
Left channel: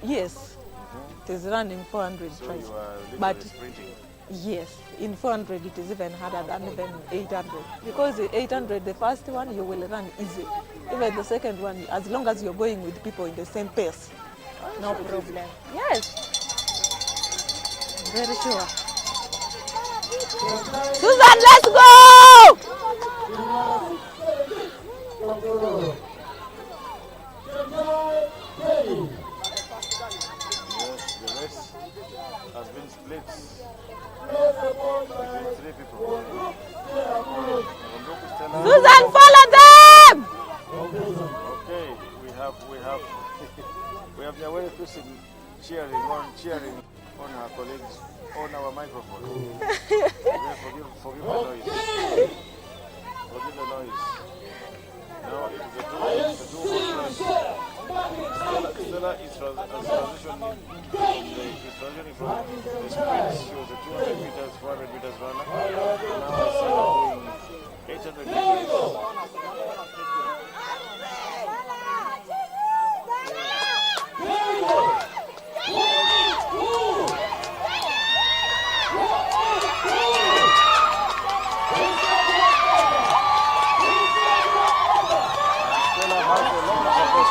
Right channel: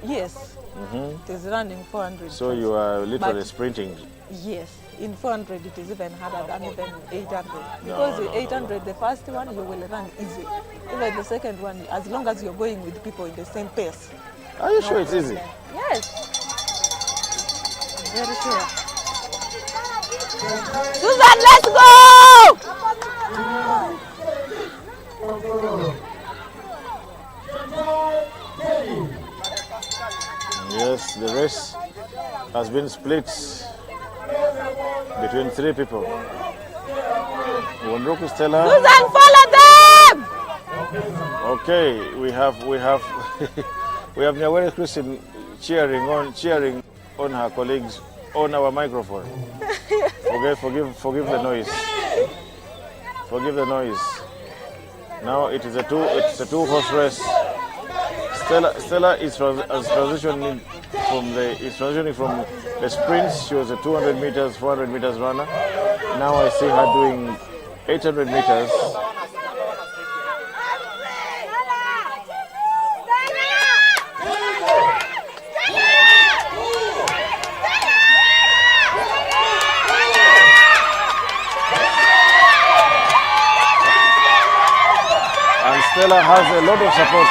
Yes. It is running 400 So twice. you are literally sprinting? Yes. In 400, it is even harder than even 800. Because the 800, the first one, you will run easy. Even the second one, as long as you're going with people in the same pace. Are you sure it's easy? Yes. Very sure. Susan, let's go! Yes, the race has been split between 3 people. Wonroku Stella. Susan, follow them! Okay, we have Nyawere Christine cheering on her colleagues on our microphone. Okay, forgive the noise. Forgive the noise. Now it is a two-horse race. Stella is transitioning from the sprints. She was a 200 meters, 400 meters runner. Now I see her doing 800 meters. Stella has a lot of support.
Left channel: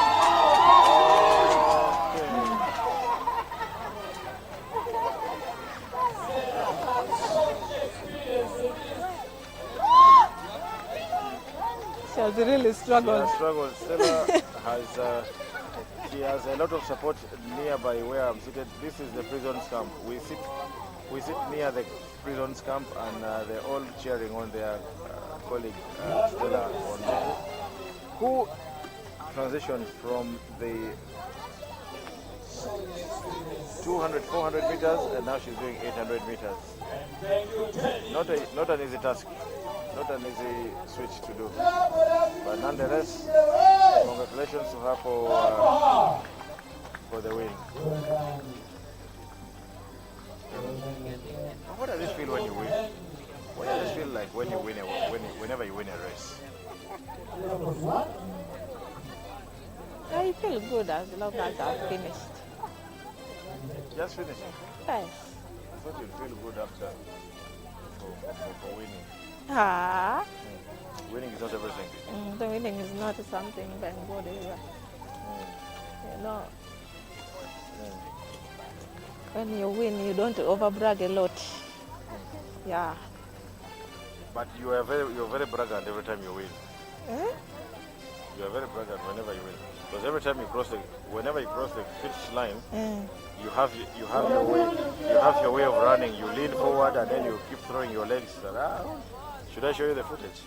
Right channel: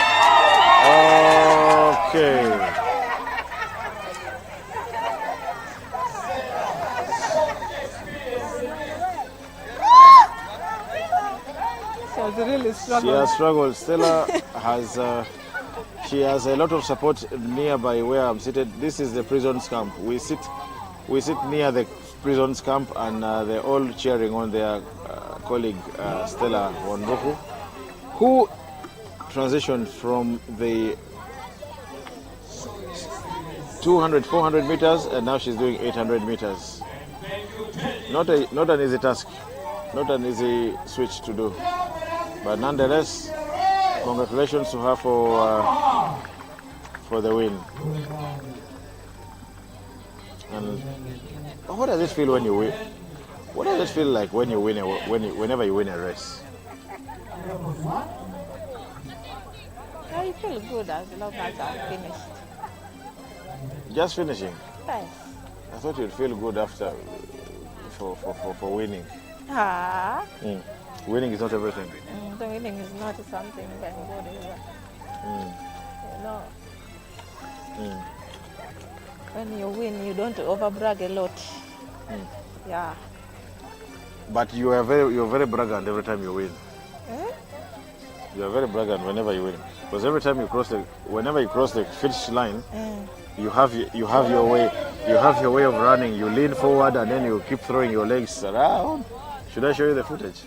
Okay. She has really struggled. She has struggled. Stella she has a lot of support nearby where I'm seated. This is the prison's camp. We sit near the prison's camp, and they're all cheering on their colleague Stella Wonroku, who transitioned from the 200, 400 meters, and now she's doing 800 meters. Not an easy task, not an easy switch to do, but nonetheless, congratulations to her for the win. And what does it feel when you win? What does it feel like when you win whenever you win a race? I feel good as long as I've finished. Just finishing? Yes. I thought you'd feel good after for winning. Ah. Winning is not everything. The winning is not something very good either. You know, when you win, you don't overbrag a lot. Yeah. But you're very braggant every time you win. Eh? You are very braggant whenever you win. Because every time whenever you cross the finish line, you have your way of running. You lean forward and then you keep throwing your legs around. Should I show you the footage?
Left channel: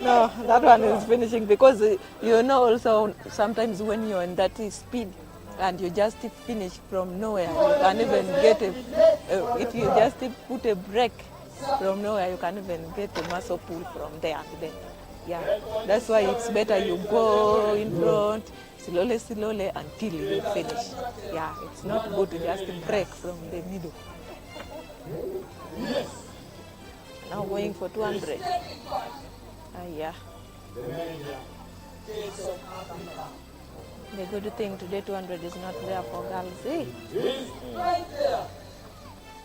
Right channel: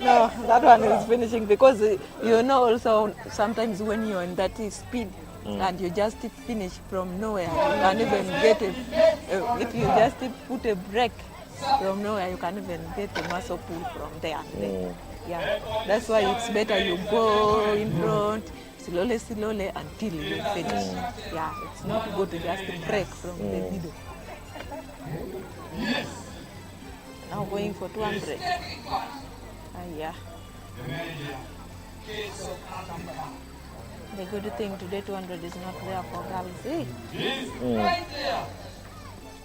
No, that one is finishing because you know also sometimes when you're in that speed and you just finish from nowhere, you can't even get if you just put a break from nowhere, you can't even get the muscle pull from there and there. Yeah, that's why it's better you go in front slowly until you finish. Yeah, it's not good to just break from the middle. Now going for 200. Yeah. The good thing today 200 is not there for girls. Eh?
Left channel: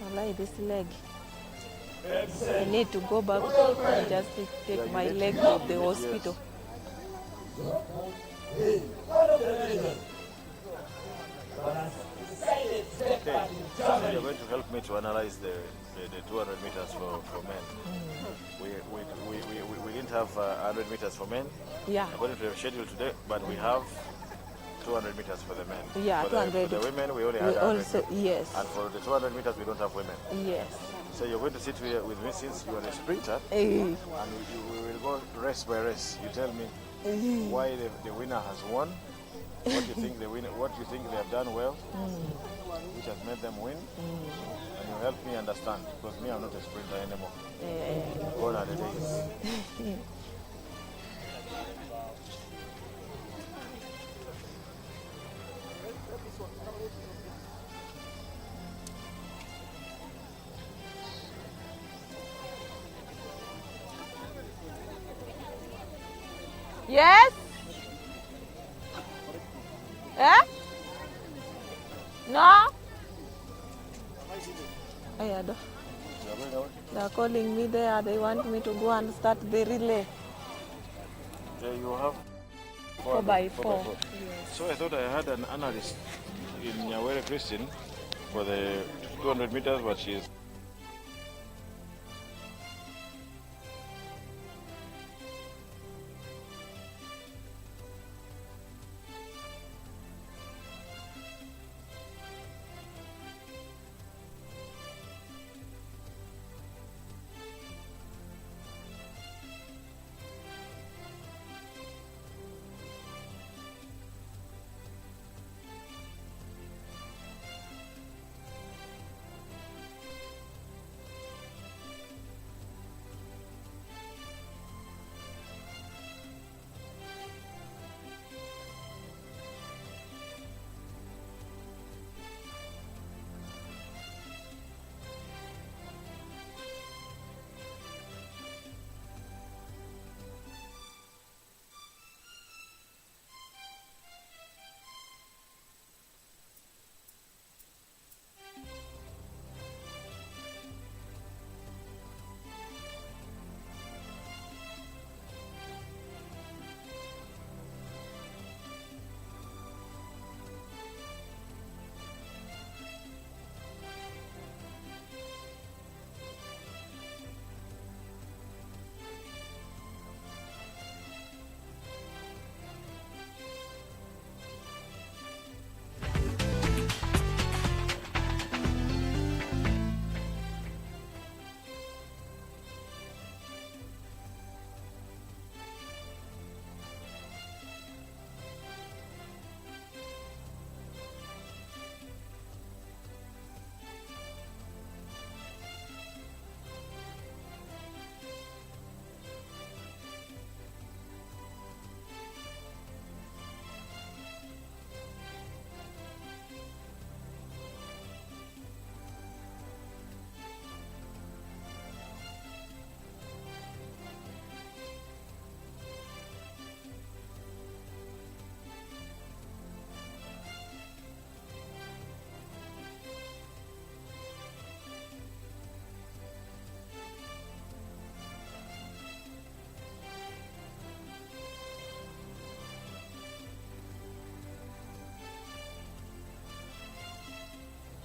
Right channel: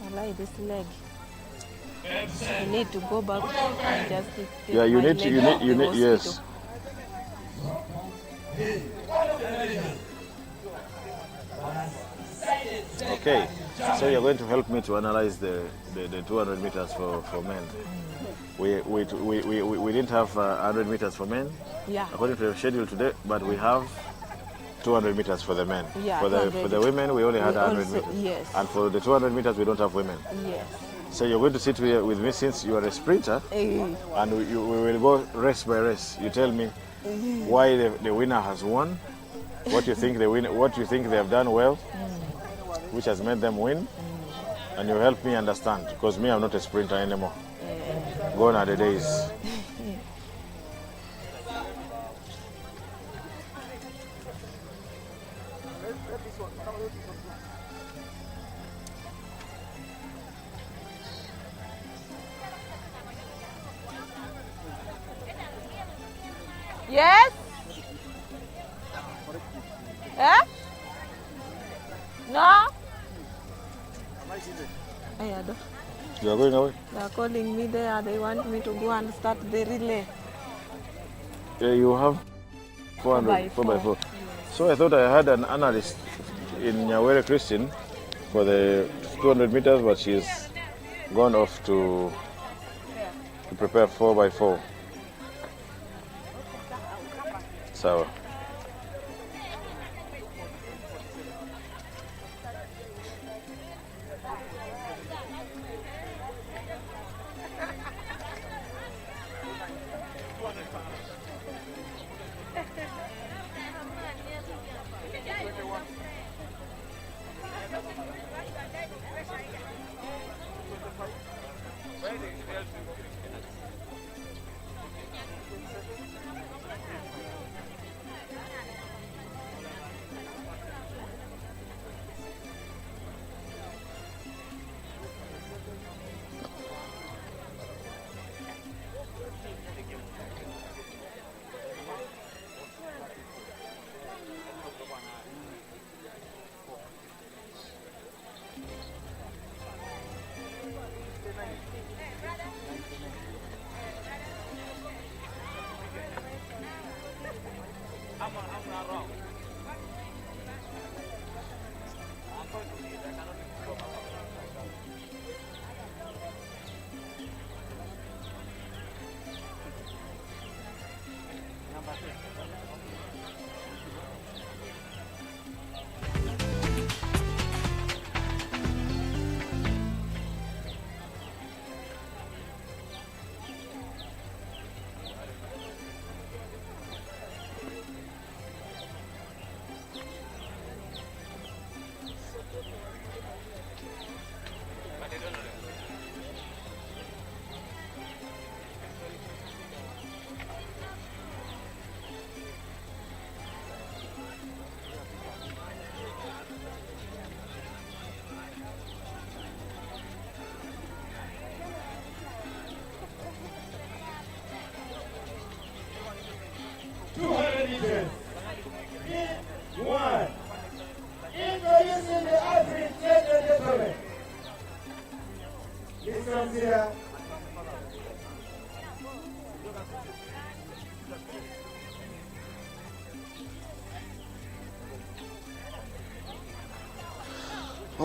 I like this leg. I need to go back and just take my leg to the hospital. Okay, so you're going to help me to analyze the 200 meters for men. We didn't have 100 meters for men, according to the schedule today, but we have 200 meters for the men. Yeah, for the women, we only had 100 meters. Yes. And for the 200 meters, we don't have women. Yes. So you're going to sit here with me since you are a sprinter, and we will go race by race. You tell me why the winner has won, what you think they have done well, which has made them win, and you help me understand, because me, I'm not a sprinter anymore. Gone are the days. Yes? Eh? No? You are going away? They are calling me there. They want me to go and start the relay. You have 4 by 4. Yes. So I thought I had an analyst in Nyawere Christian for the 200 meters, but she's gone off to prepare 4 by 4. So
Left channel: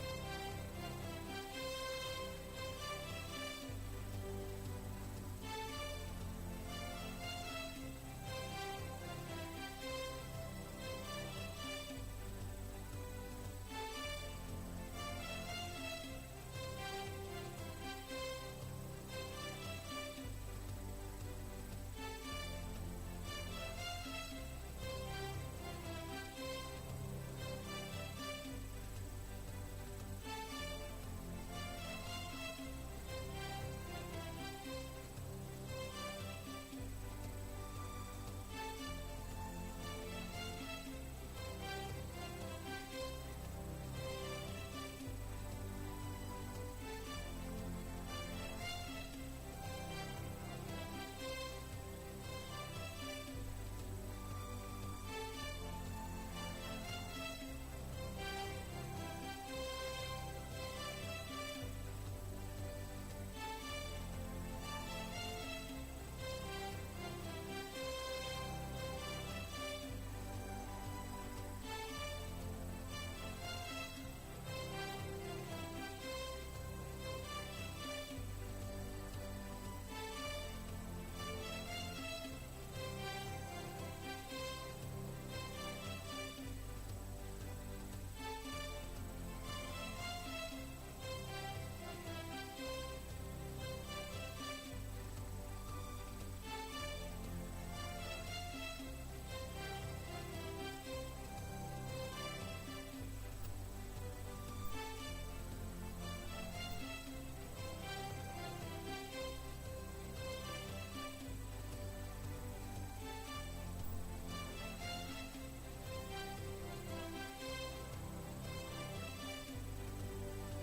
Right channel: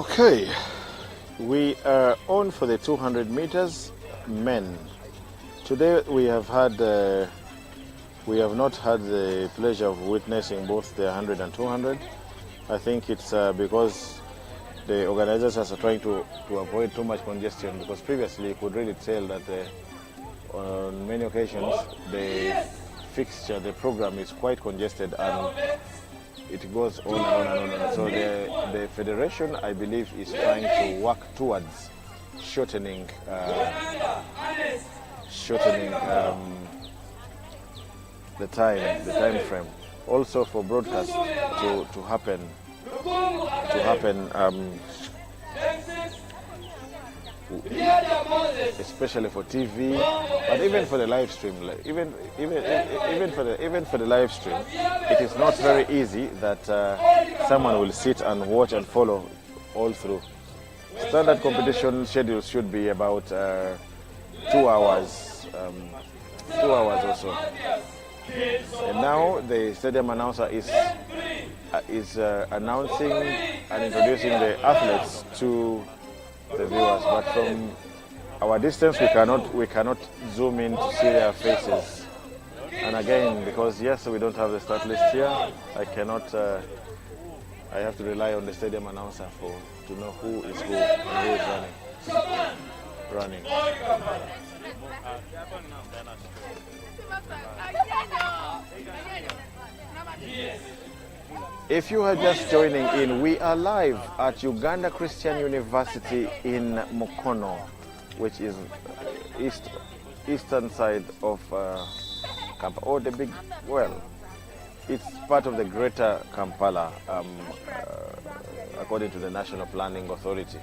Okay, we are on for the 200 meters men. Today we have not had the pleasure of witnessing both the 100 and 200. I think it's because the organizers are trying to avoid too much congestion, because previously you could really tell that on many occasions the fixture, the program is quite congested and it goes on and on and on. So the federation, I believe, is trying to work towards shortening the time frame. Also for broadcast to happen, especially for TV, but even for the live stream, even for the live stream, it is not very easy that someone will sit and watch and follow all through. Standard competition schedule should be about 2 hours, 2 hours or so. And now the stadium announcer is announcing and introducing the athletes to the viewers, but from our distance we cannot zoom in to see their faces. And again, because yes, we don't have the start list here, I cannot. I have to rely on the stadium announcer to know who is who and who is running. If you are just joining in, we are live at Uganda Christian University in Mukono, which is eastern side of Kampala, or the big, well, it's part of the greater Kampala, according to the National Planning Authority.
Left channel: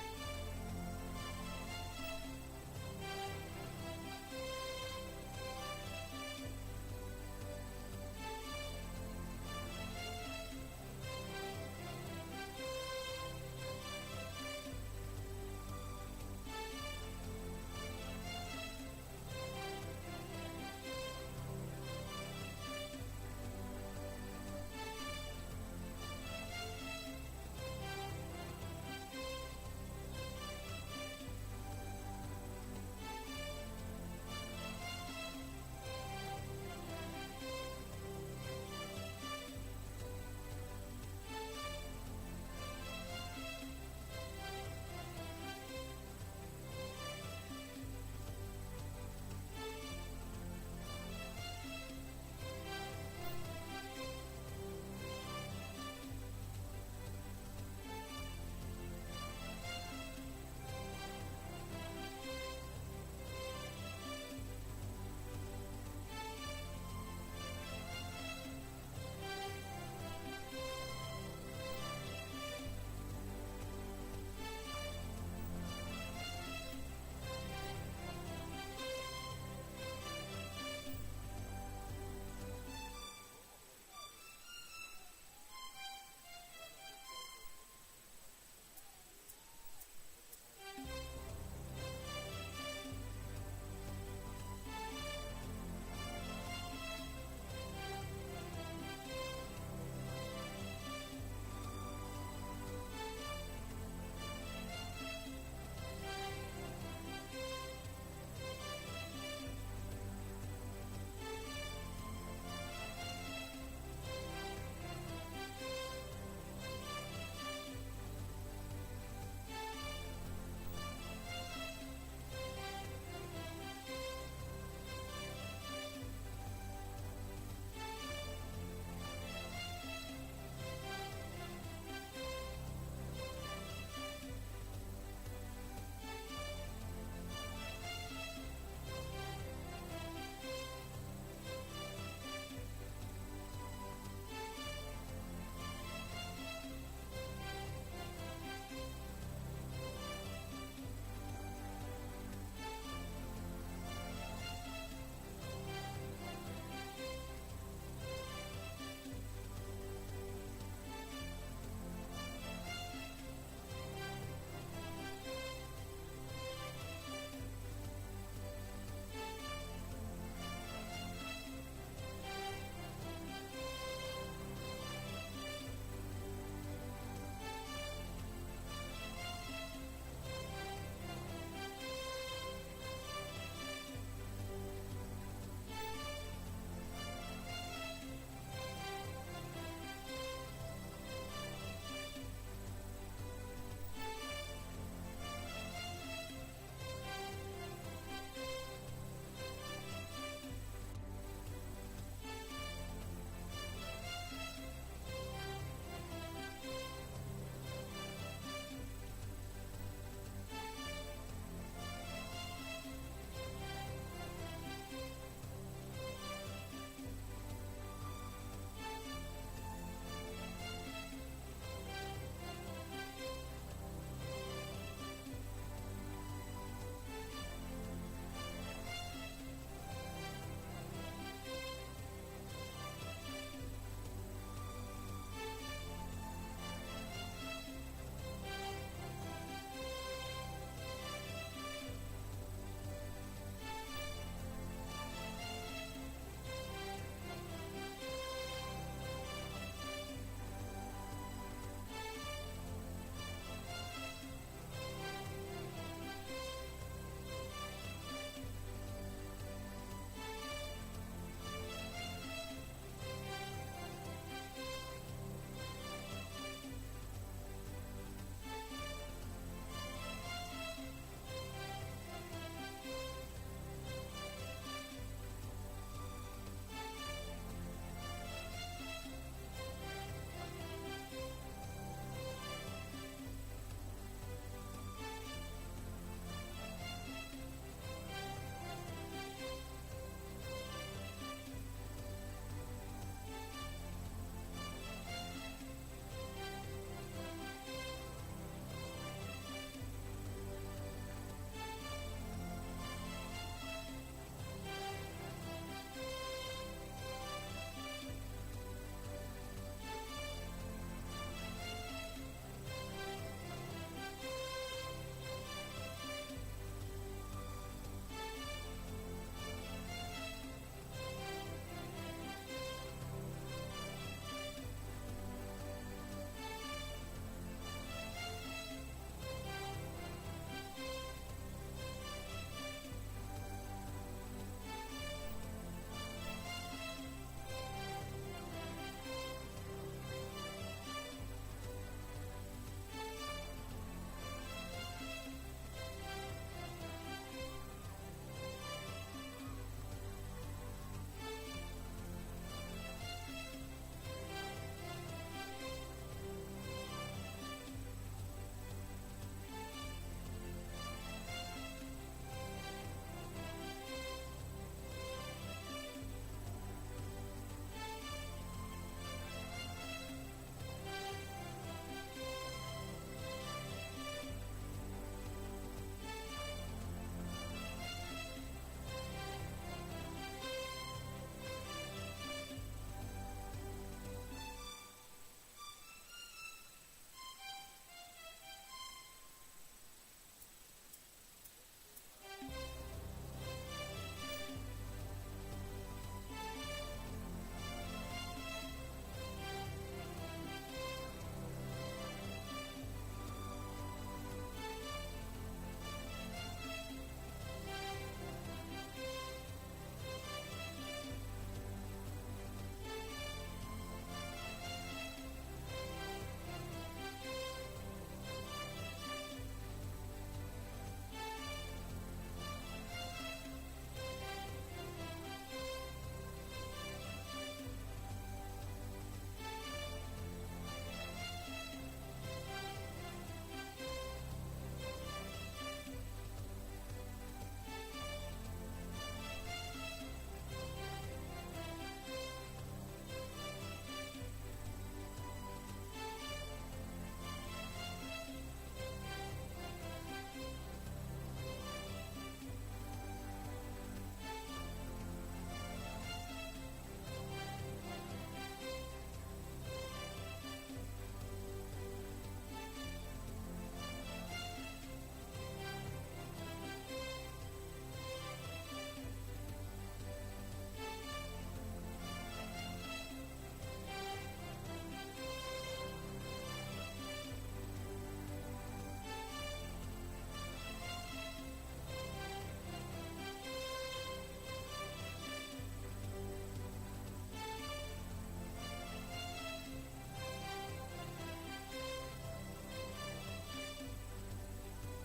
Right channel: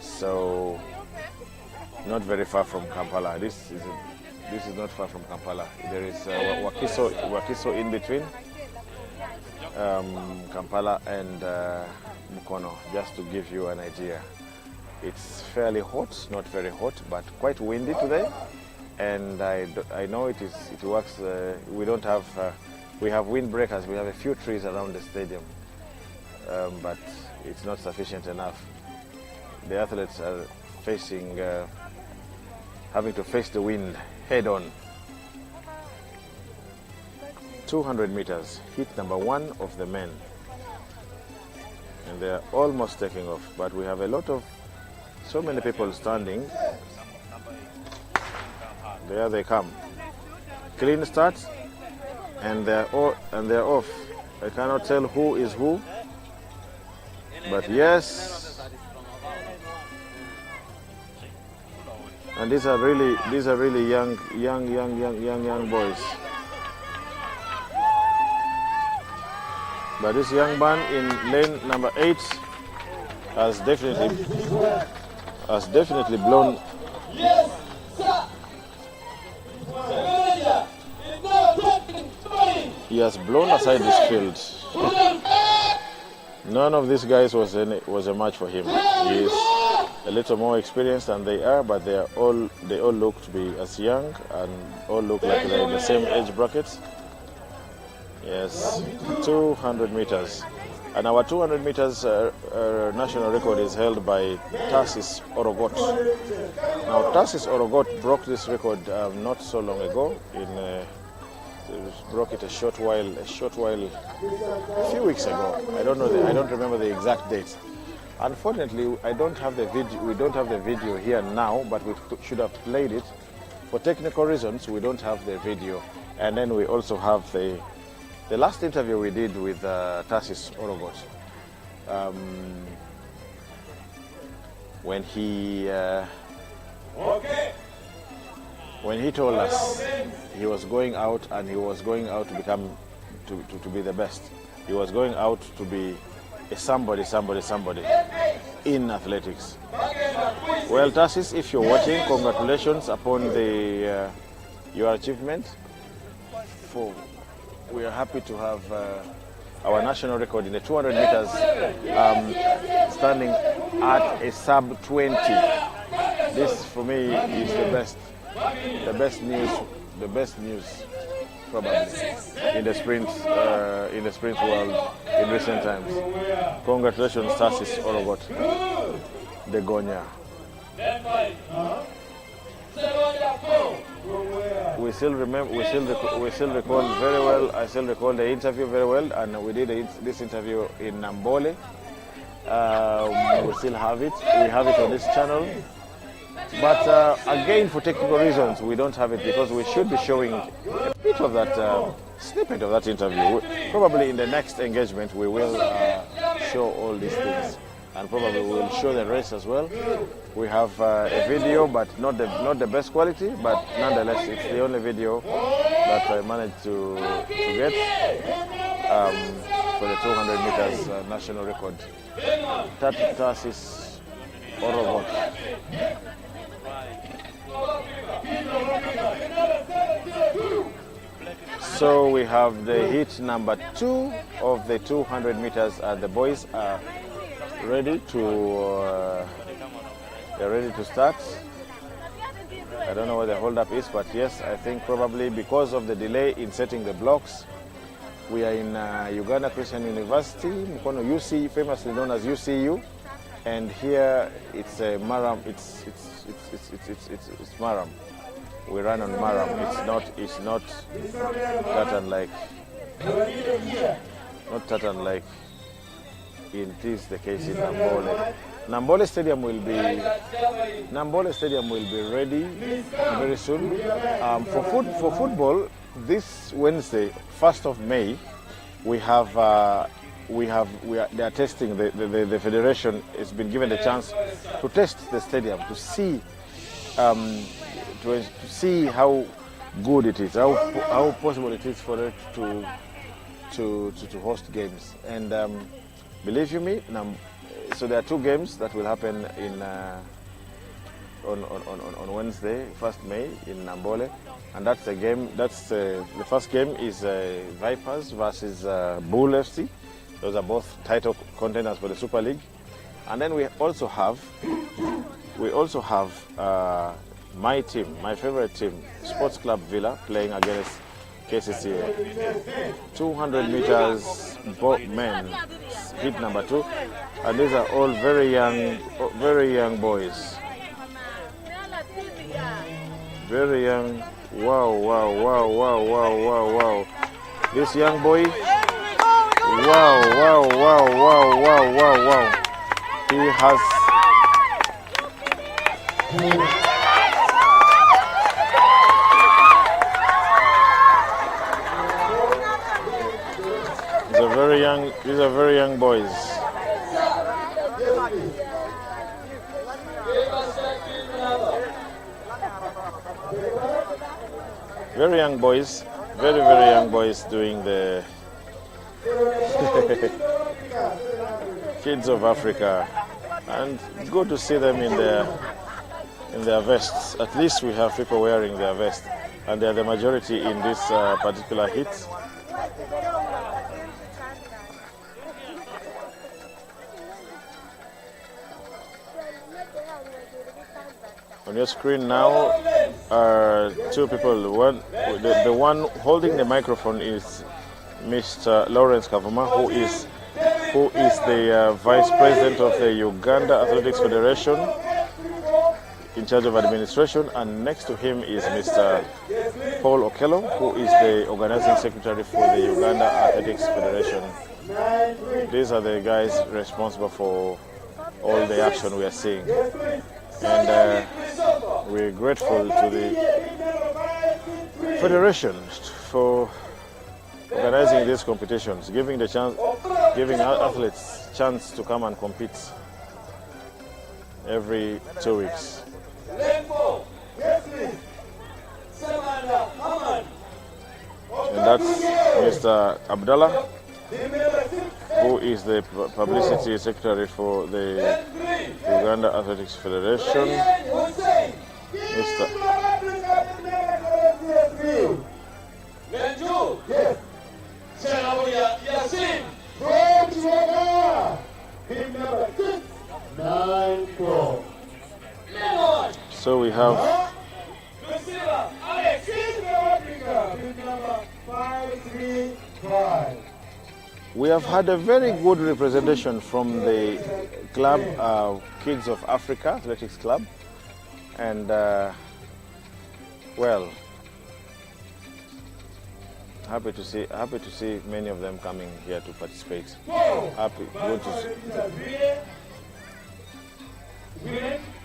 So, not very far from Kampala. This is not far from Kampala. There is Wakiso in between. Kampala and Mukono, just to give you an idea. It's fairly hot, not very hot, but quite windy today. And I know it works. We have windbreakers. We have a few trees around the stadium, but it's not sufficient enough. The athletes are having to face the wind head on. 200 meters, heat number 1 of the men. And they are almost taking off, but we have so many people standing. There they come. Clean start, and they're off. I cannot tell who is who, but yes. And these are really young boys. But this young man in lane number 8 has definitely blown. He has blown aside this field. None of these guys was a match for him. He is a little more experienced than they are, but they all look to be as young and all look like they're in the same age brackets. Yes, 200 meters. And our 200 meters national record is held by Tarsis Orogot. Now, Tarsis Orogot broke this record not so long ago. Broke it a few weeks ago. I don't remember the exact date. Unfortunately, we don't have the video here now, but we should have played it. For technical reasons, we don't have the video. And then we also have the last interview we did with Tarsis Orogot, when he told us he was going out and he was going out to become to be the best. He was going out to be a somebody in athletics. Well, Tarsis, if you're watching, congratulations upon your achievement. We are happy to have our national record in the 200 meters standing at a sub 20. This for me is the best news probably in the sprint world in recent times. Congratulations, Tarsis Orogot, the Gonya. We still remember, we still recall very well. I still recall the interview very well, and we did this interview in Nambole. We still have it. We have it on this channel. But again, for technical reasons, we don't have it because we should be showing a bit of that snippet of that interview. Probably in the next engagement, we will show all these things, and probably we will show the race as well. We have a video, but not the best quality, but nonetheless, it's the only video that I managed to get for the 200 meters national record. Tarsis Orogot. So we have the heat number 2 of the 200 meters. The boys are ready to they're ready to start. I don't know what the hold-up is, but yes, I think probably because of the delay in setting the blocks. We are in Uganda Christian University, Mukono UC, famously known as UCU, and here it's Maram. It's Maram. We run on Maram. It's not Tatan like it is the case in Nambole. Nambole Stadium will be ready very soon. For football, this Wednesday, 1st of May, they are testing. The federation has been given the chance to test the stadium to see how good it is, how possible it is for it to host games. And believe you me, so there are 2 games that will happen on Wednesday, 1st May in Nambole. And that's the game. The first game is Vipers versus Bull FC. Those are both title contenders for the Super League. And then we also have my team, my favorite team, Sports Club Villa, playing against KCCA. 200 meters men, heat number 2, and these are all very young boys. Very young. Wow. This young boy. Wow. He has. These are very young boys. Very young boys, very young boys doing the Kids of Africa, and it's good to see them in their vests. At least we have people wearing their vests, and they are the majority in this particular heat. On your screen now are 2 people. The one holding the microphone is Mr. Lawrence Kavuma, who is the Vice President of the Uganda Athletics Federation, in charge of administration, and next to him is Mr. Paul Okello, who is the Organizing Secretary for the Uganda Athletics Federation. These are the guys responsible for all the action we are seeing. And we're grateful to the Federation for organizing these competitions, giving our athletes chance to come and compete every 2 weeks. And that's Mr. Abdallah, who is the Publicity Secretary for the Uganda Athletics Federation. Mr. So we have We have had a very good representation from the club, Kids of Africa Athletics Club, and well, happy to see many of them coming here to participate.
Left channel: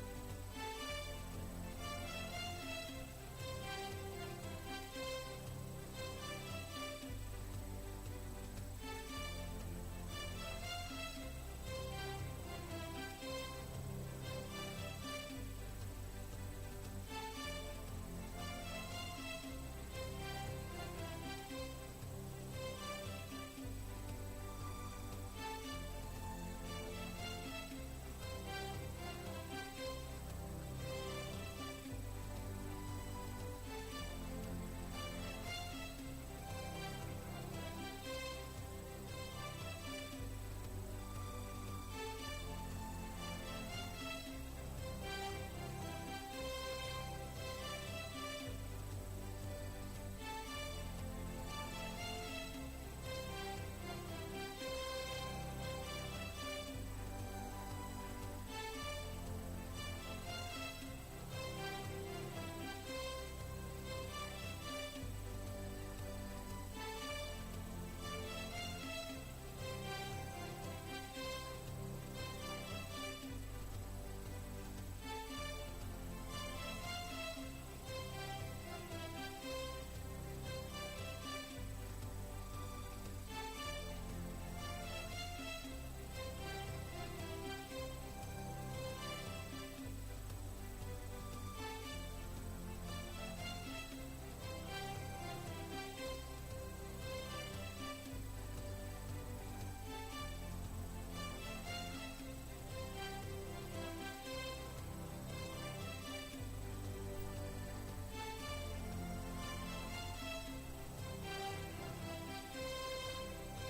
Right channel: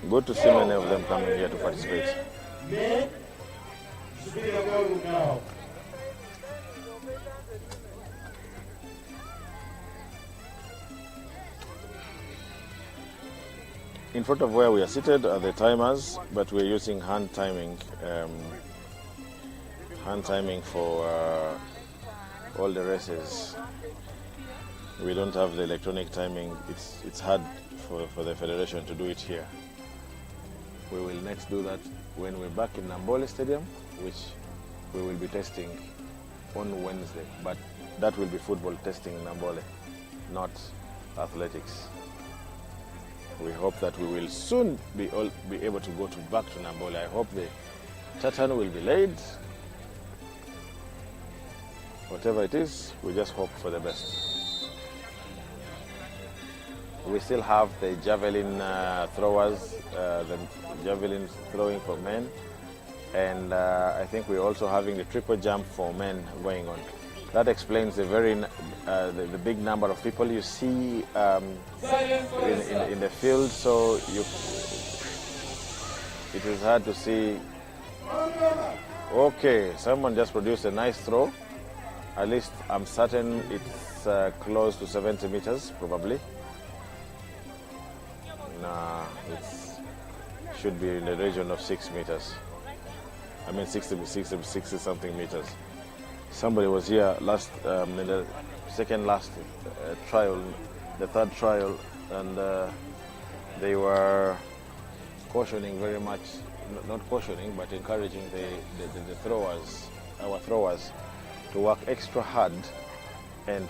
Good to see many of them coming here to participate. In front of where we are seated are the timers, but we're using hand timing for all the races. We don't have the electronic timing. It's hard for the federation to do it here. We will next do that when we're back in Nambole Stadium, which we will be testing on Wednesday. But that will be football testing in Nambole, not athletics. We hope that we will soon be able to go back to Nambole. I hope the tartan will be laid. Whatever it is, we just hope for the best. We still have the javelin throwers, the javelin throwing for men, and I think we're also having the triple jump for men going on. That explains the the big number of people you see in the field. So it is hard to see. Okay, someone just produced a nice throw. At least I'm certain it's close to 70 meters, probably. Nah, it should be in the region of 6 meters. I mean 60 something meters. Somebody was here last in the second last trial, the third trial, and they were cautioning very much, not cautioning, but encouraging the throwers, our throwers, to work extra hard and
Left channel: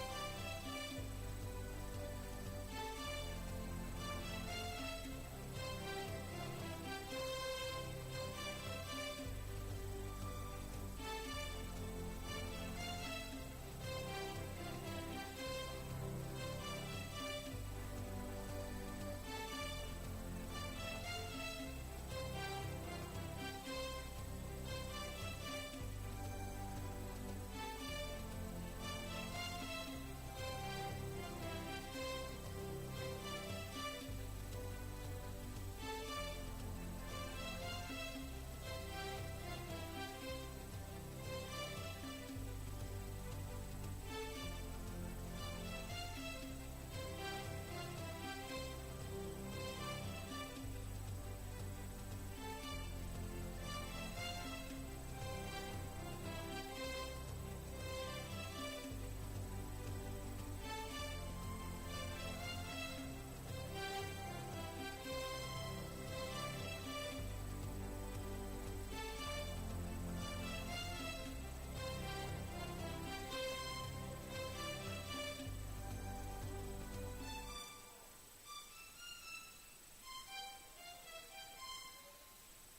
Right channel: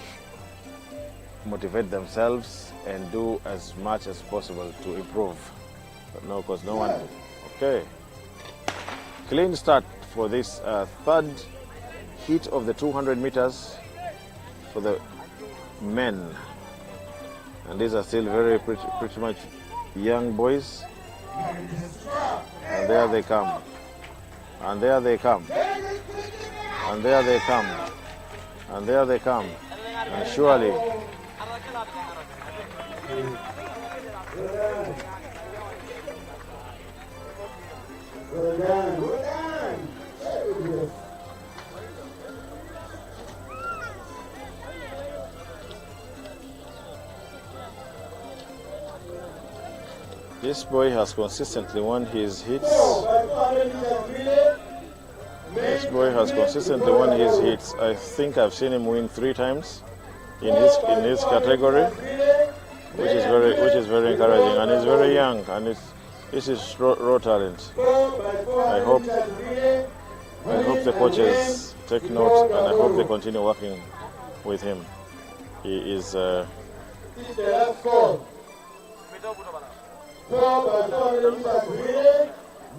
motivate themselves and do as much as possible to improve. But no, because no one. Okay. Clean start for this third heat of the 200 meters for the men. And these are still pretty much young boys. And there they come. And there they come. And there they come. And there they come. And surely. This boy has consistently won his hits. This boy has consistently won his hits. I think I've seen him win 3 times in his category, which is very encouraging. And he's very young, and this is raw talent. I hope the coaches take note, and I hope they continue working with him. He is.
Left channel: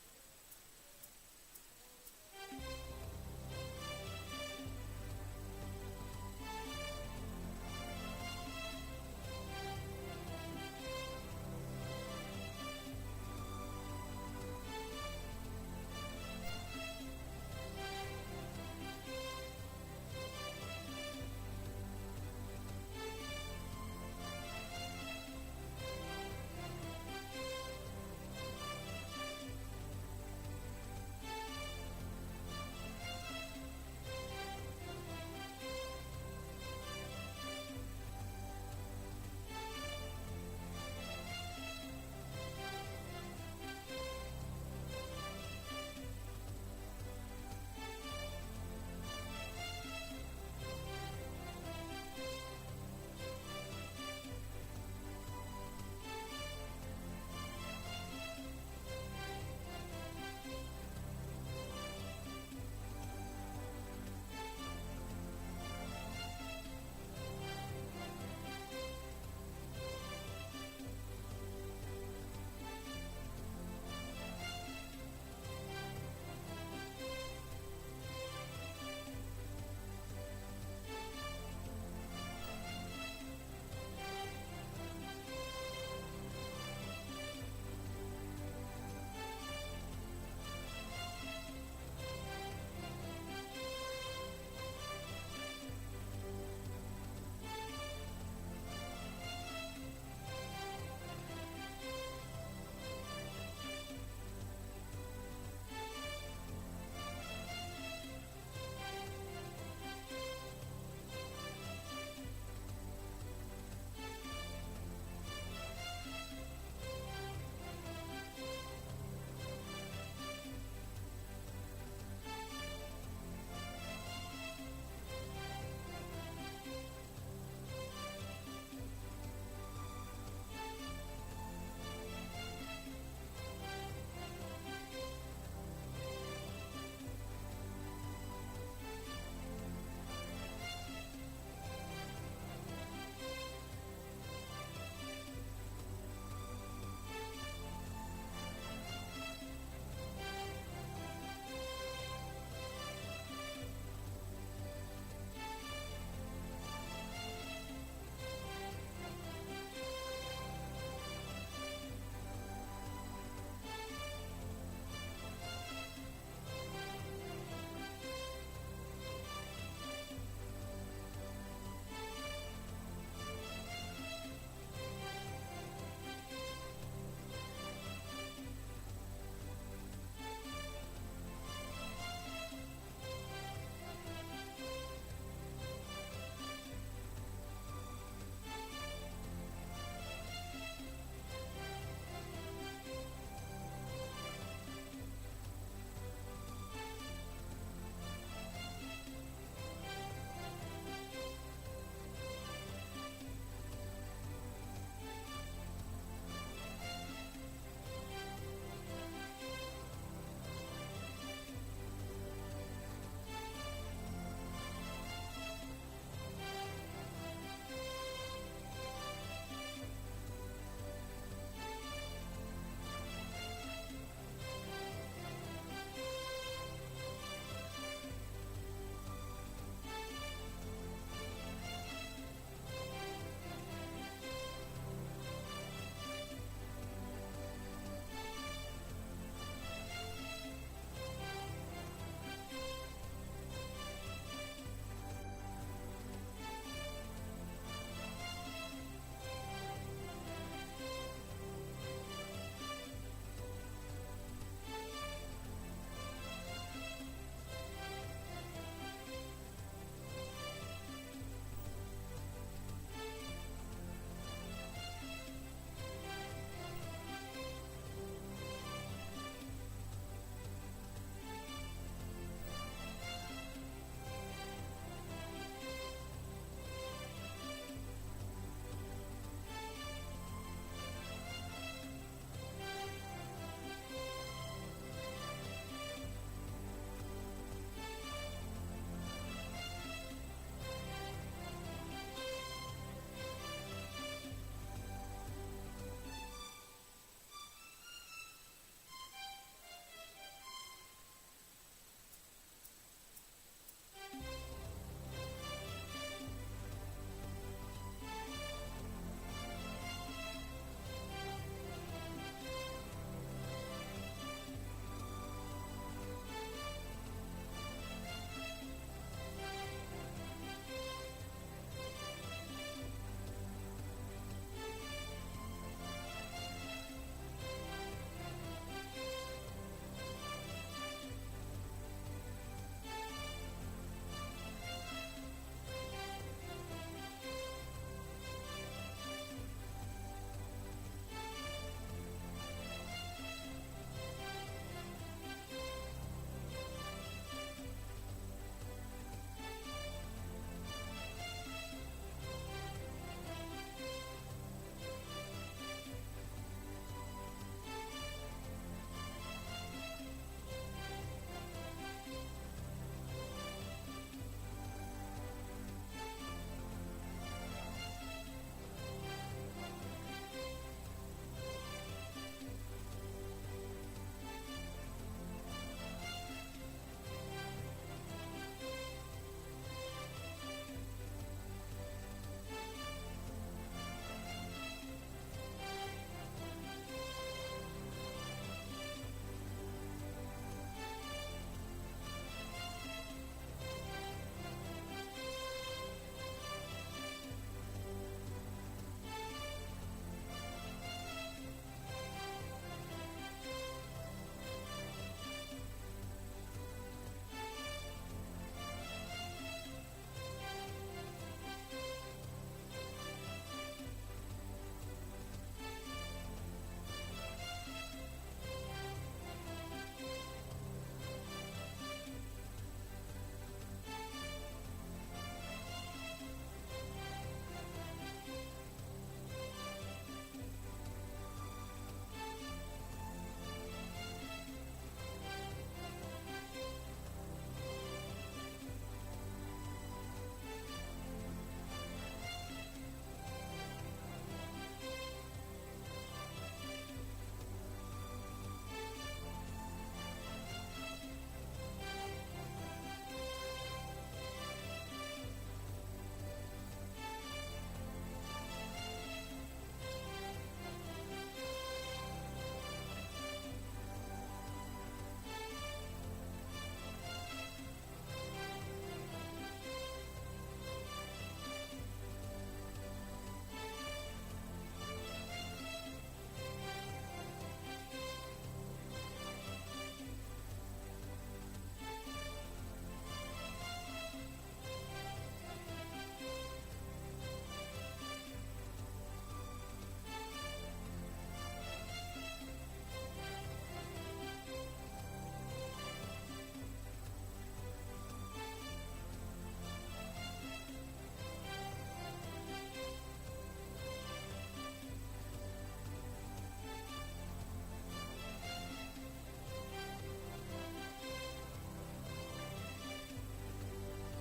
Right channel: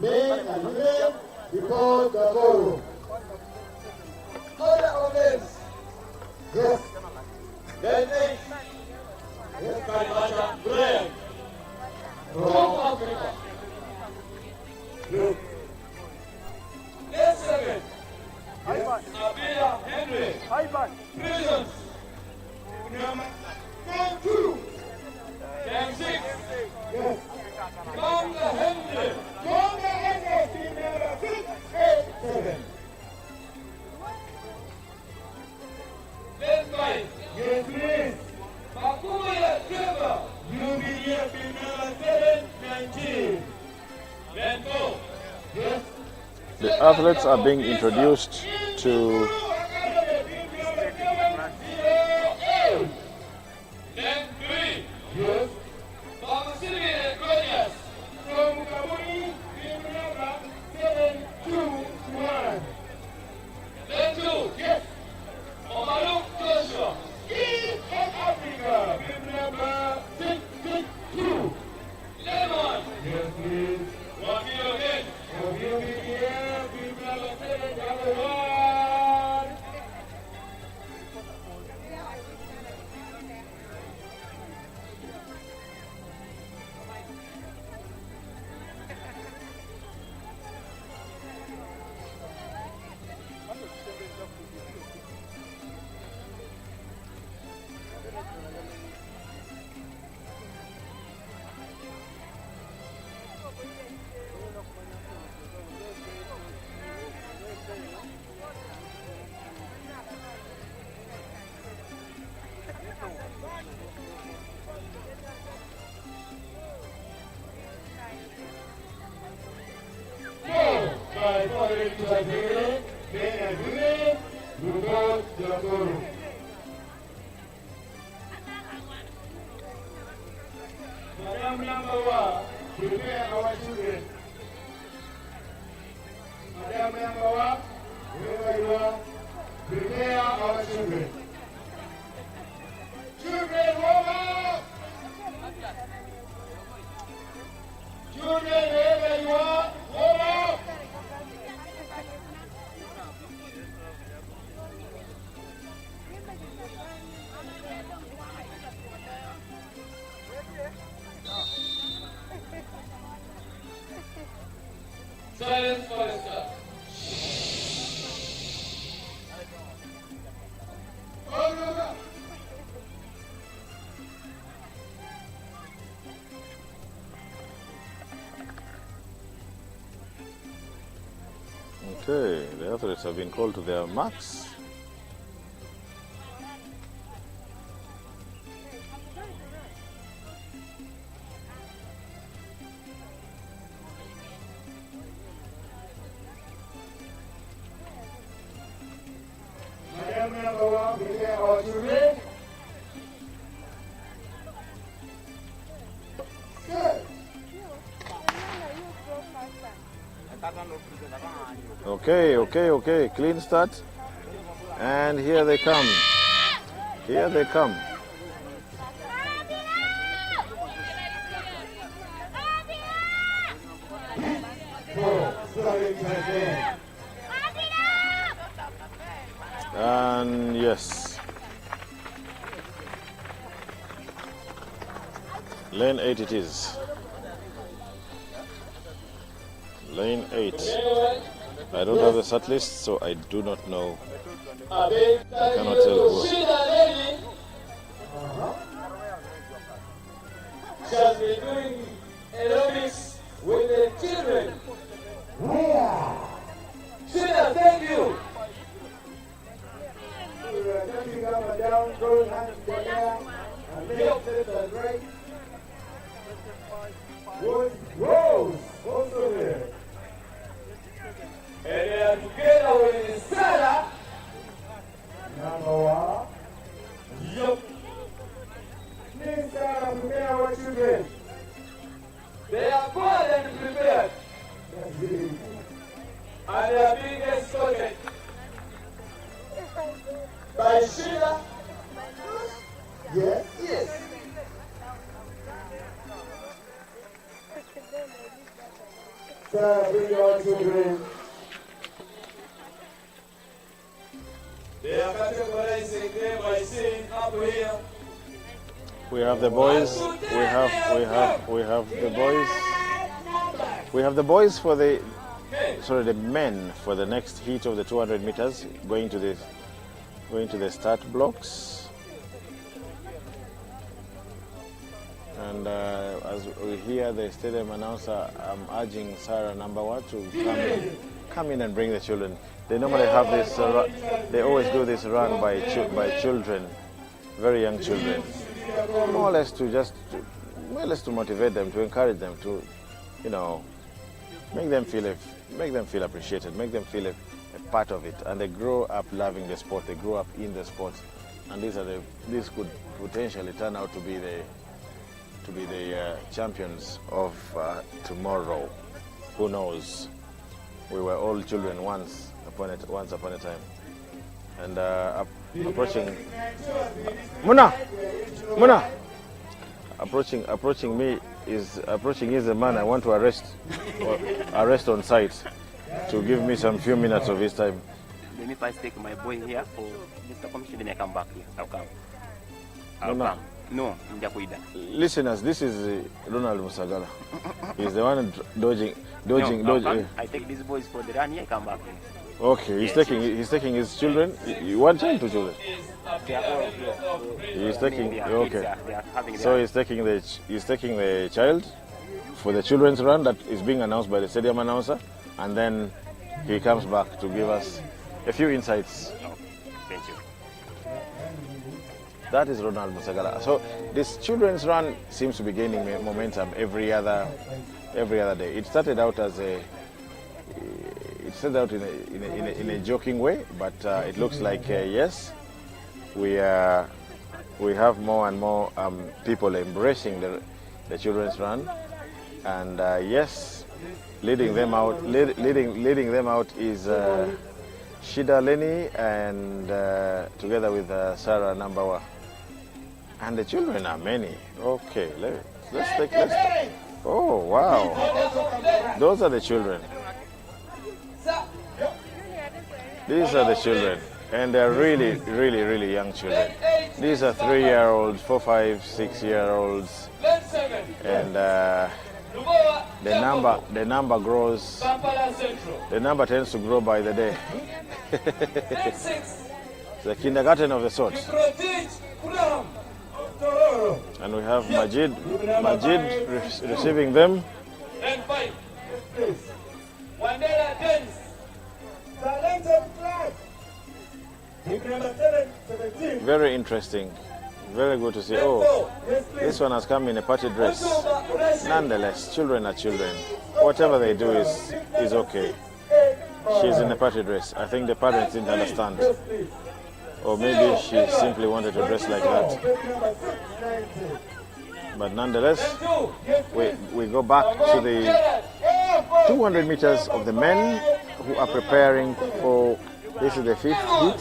Men and women before the ballroom. Other offense. Yes. Yes. Yes. From Africa. Good. Next second. Abia Henry. Prisons. Game 2. Game 6. Yes. Uganda Henry. Uganda Henry. Team number 6, 8, 7. Let's fight. Game 3. Bakuya Trevor. UGathletix team number 7, 19. Then go. Yes. The athletes are being introduced to Okay, the athletes have been called to their marks. Madam number 1, prepare our children. Good. Okay. Clean start. And here they come. Here they come. And yes. Lane 8 it is. Lane 8. I don't have the set list, so I do not know. I cannot tell who. She has been doing aerobics with the children. Sheila, thank you. Jumping up and down, throwing hands in the air, and left and right. Rose, also there. And they are together with Sarah. Number 1. Yup. Please, Sarah, prepare our children. They are bored and prepared. And they are being escorted by Sheila. Yes. Yes. Sarah, bring our children. They are categorizing them by saying up here. We have the boys. We have the boys. We have the boys for the the men for the next heat of the 200 meters going to the start blocks. And as we hear the stadium announcer, I'm urging Sarah number 1 to come in and bring the children. They normally have this. They always do this run by children, very young children, more or less to motivate them, to encourage them, to, make them feel appreciated, make them feel a part of it, and they grow up loving the sport. They grow up in the sport, and these could potentially turn out to be the champions of tomorrow. Who knows? We were all children once upon a time. And approaching Muna, approaching me is a man I want to arrest on site to give me some few minutes of his time. Let me first take my boy here for Mr. Commissioner, then I come back here. I'll come. Muna. No, Njakuida. Listeners, this is Ronald Musagala. He's the one dodging. I take these boys for the run here, come back here. Okay, he's taking his children. One child, 2 children. They are all here. He's taking. They are Okay. kids, they are having So their- he's taking the child for the children's run that is being announced by the stadium announcer, and then he comes back to give us a few insights. Thank you. That is Ronald Musagala. So this children's run seems to be gaining momentum every other day. It started out in a joking way, but it looks like yes, we have more and more people embracing the children's run, and yes, leading them out is Shida Lenny, and together with Sarah Nambawa. And the children are many. Okay, let's take. Oh wow, those are the children. These are the children, and they're really, really, really young children. These are 3-year-olds, 4, 5, 6-year-olds, and the number grows. The number tends to grow by the day. The kindergarten of the sort. And we have Majid receiving them. number 17. Very interesting. Very good to see. Oh, this one has come in a party dress. Nonetheless, children are children. Whatever they do is okay. She's in a party dress. I think the parents didn't understand. Or maybe she simply wanted to dress like that. But nonetheless, we go back to the 200 meters of the men who are preparing for, this is the 5th heat.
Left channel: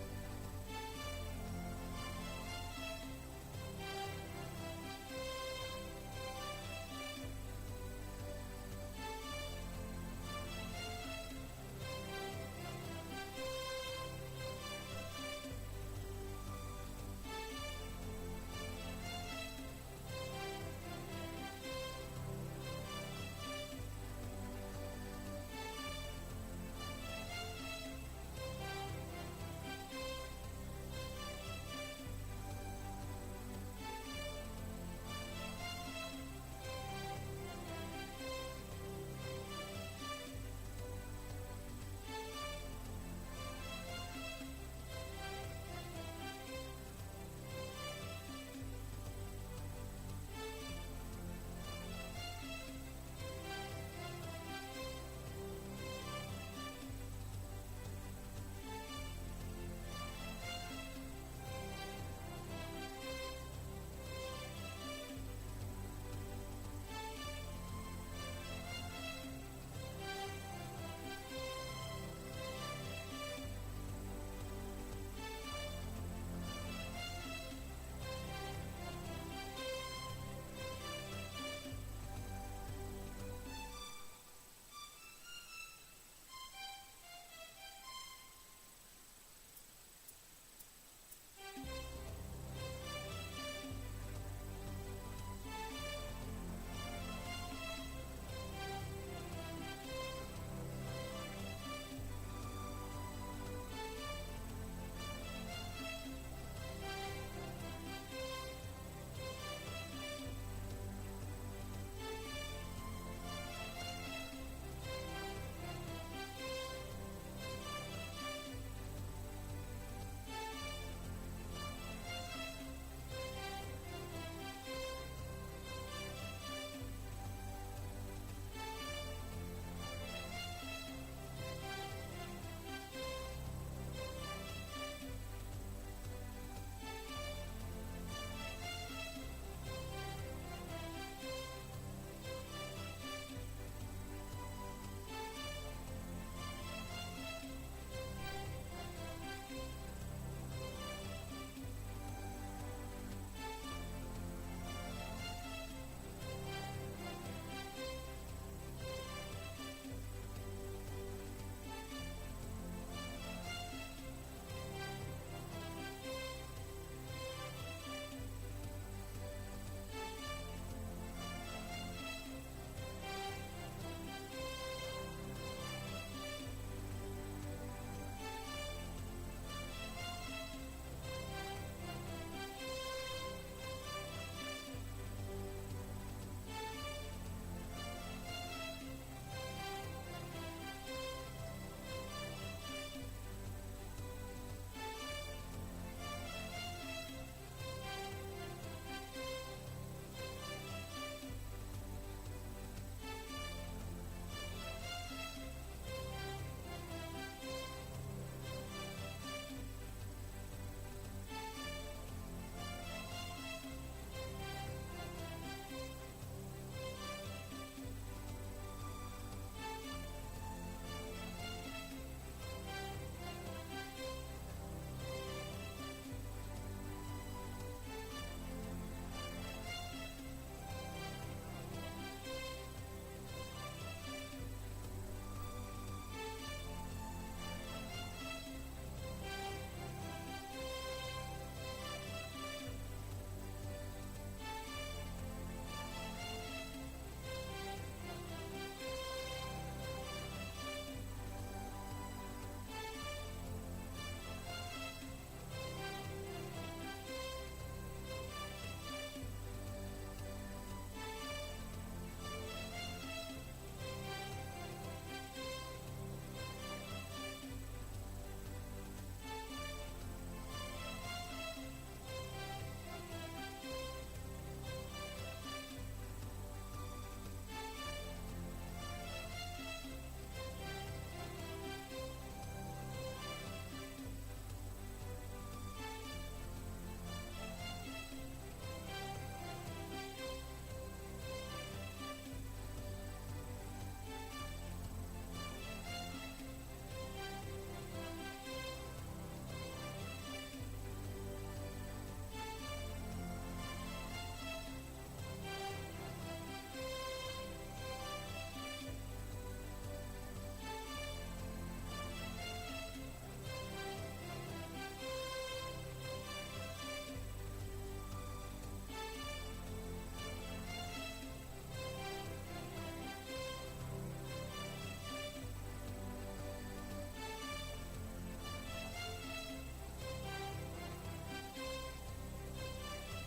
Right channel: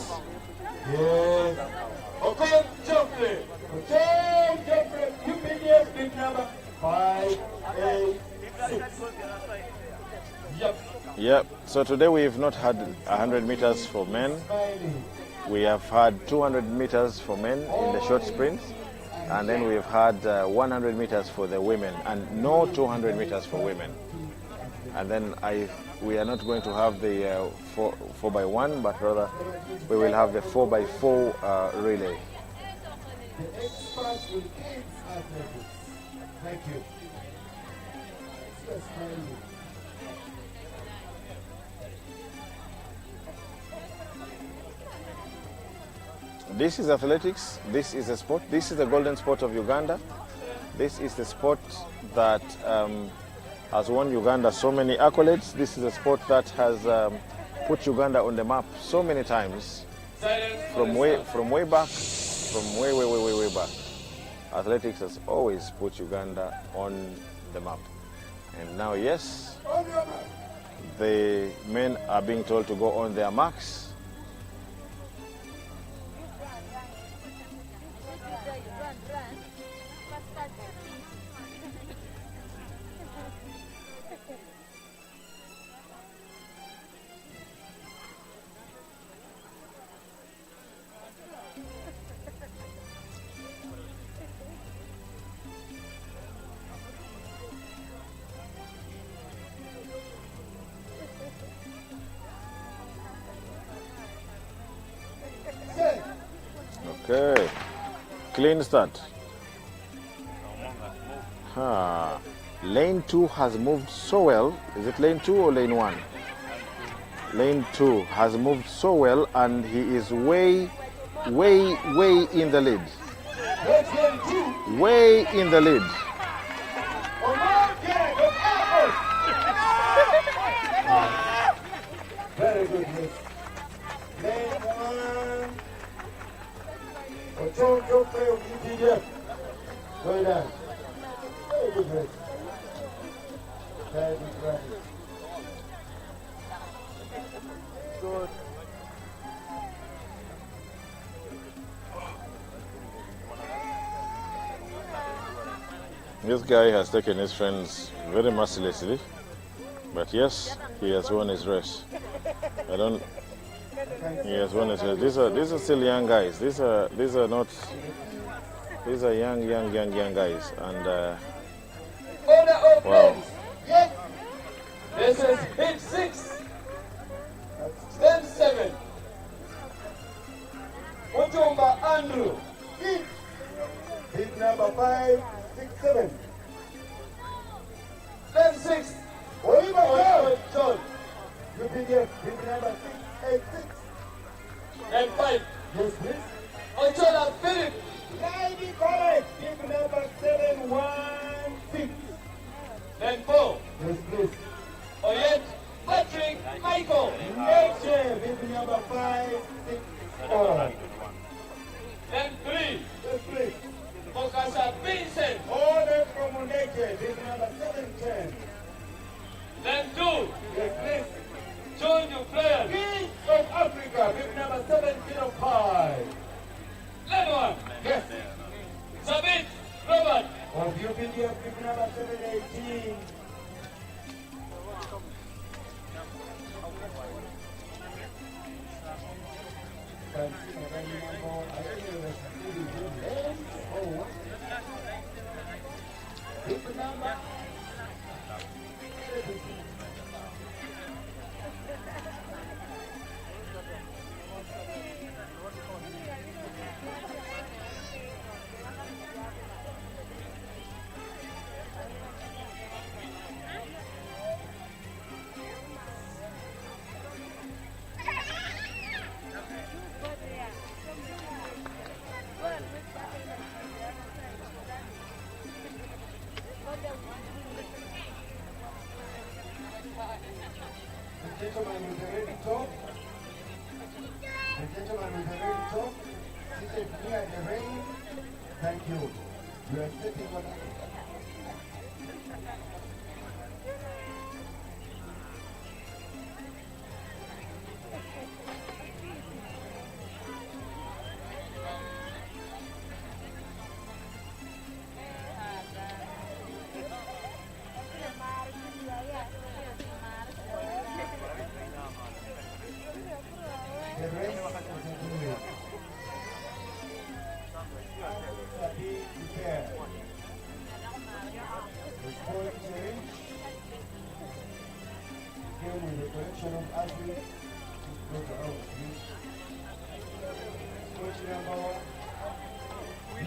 Yep, so today we've not had 100 meters for men. We have had 200 meters for men in the short sprints, and then we've had 100 meters for the women, and no 200 meters for women. And then we are not going to have the 4x1, but rather we will have the 4x4 relay. Thank you. This is athletics. This is a sport. This is the golden sport of Uganda. This is the sport that has won Uganda so many accolades. This is a sport that has put Uganda on the map so many times. From way back, from way back. Athletics has always put Uganda on the map. And now, yes, the men are being told to go on their marks. Okay, clean start. Lane 2 has moved so well. Is it lane 2 or lane 1? Lane 2 has moved so well, and he is way in the lead. Way in the lead. Very good miss. Lane 1. Ochocho play of UGathletix. Well done. Very good miss. Very good practice. Good. This guy has taken his friends very mercilessly, but yes, he has won his race. He has won his race. These are still young guys. These are young guys, and wow. Yes. This is hit 6. Then 7. Mutumba Andrew. Hit number 5, 6, 7. Then 6. Oliver John. UGathletix. Hit number 6, 8, 6. Then 5. Yes, please. Ochola Philip. Lady College. Hit number 7, 1, 6. Then 4. Yes, please. Oyet Patrick Michael. Nature. Hit number 5, 6, 4. Then 3. Yes, please. Mokasa Vincent. Order from Nature. Hit number 7, 10. Then 2. Yes, please. John Dufresne. King of Africa. Hit number 705.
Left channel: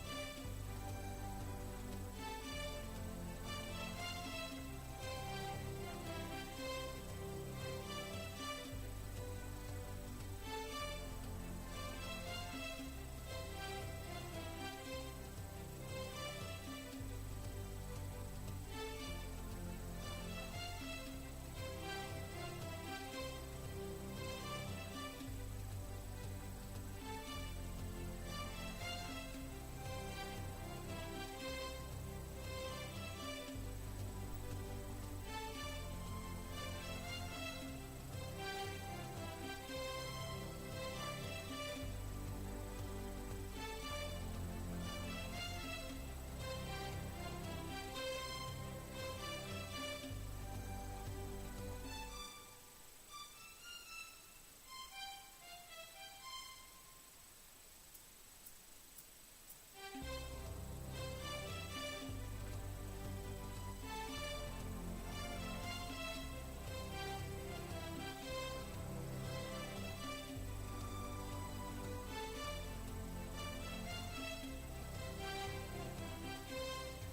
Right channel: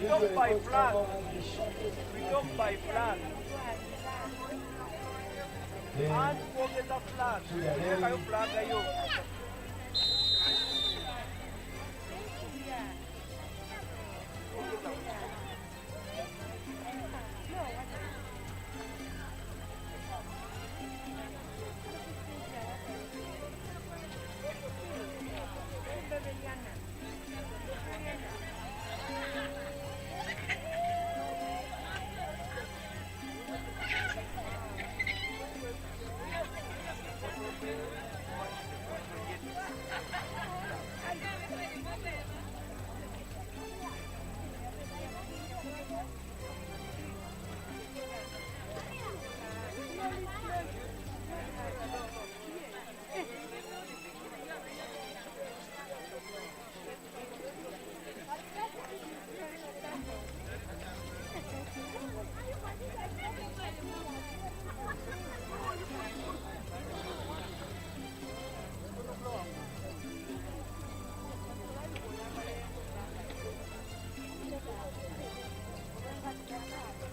We don't buy flag. We don't buy flag. Ask for the flag. Kayo flag kayo.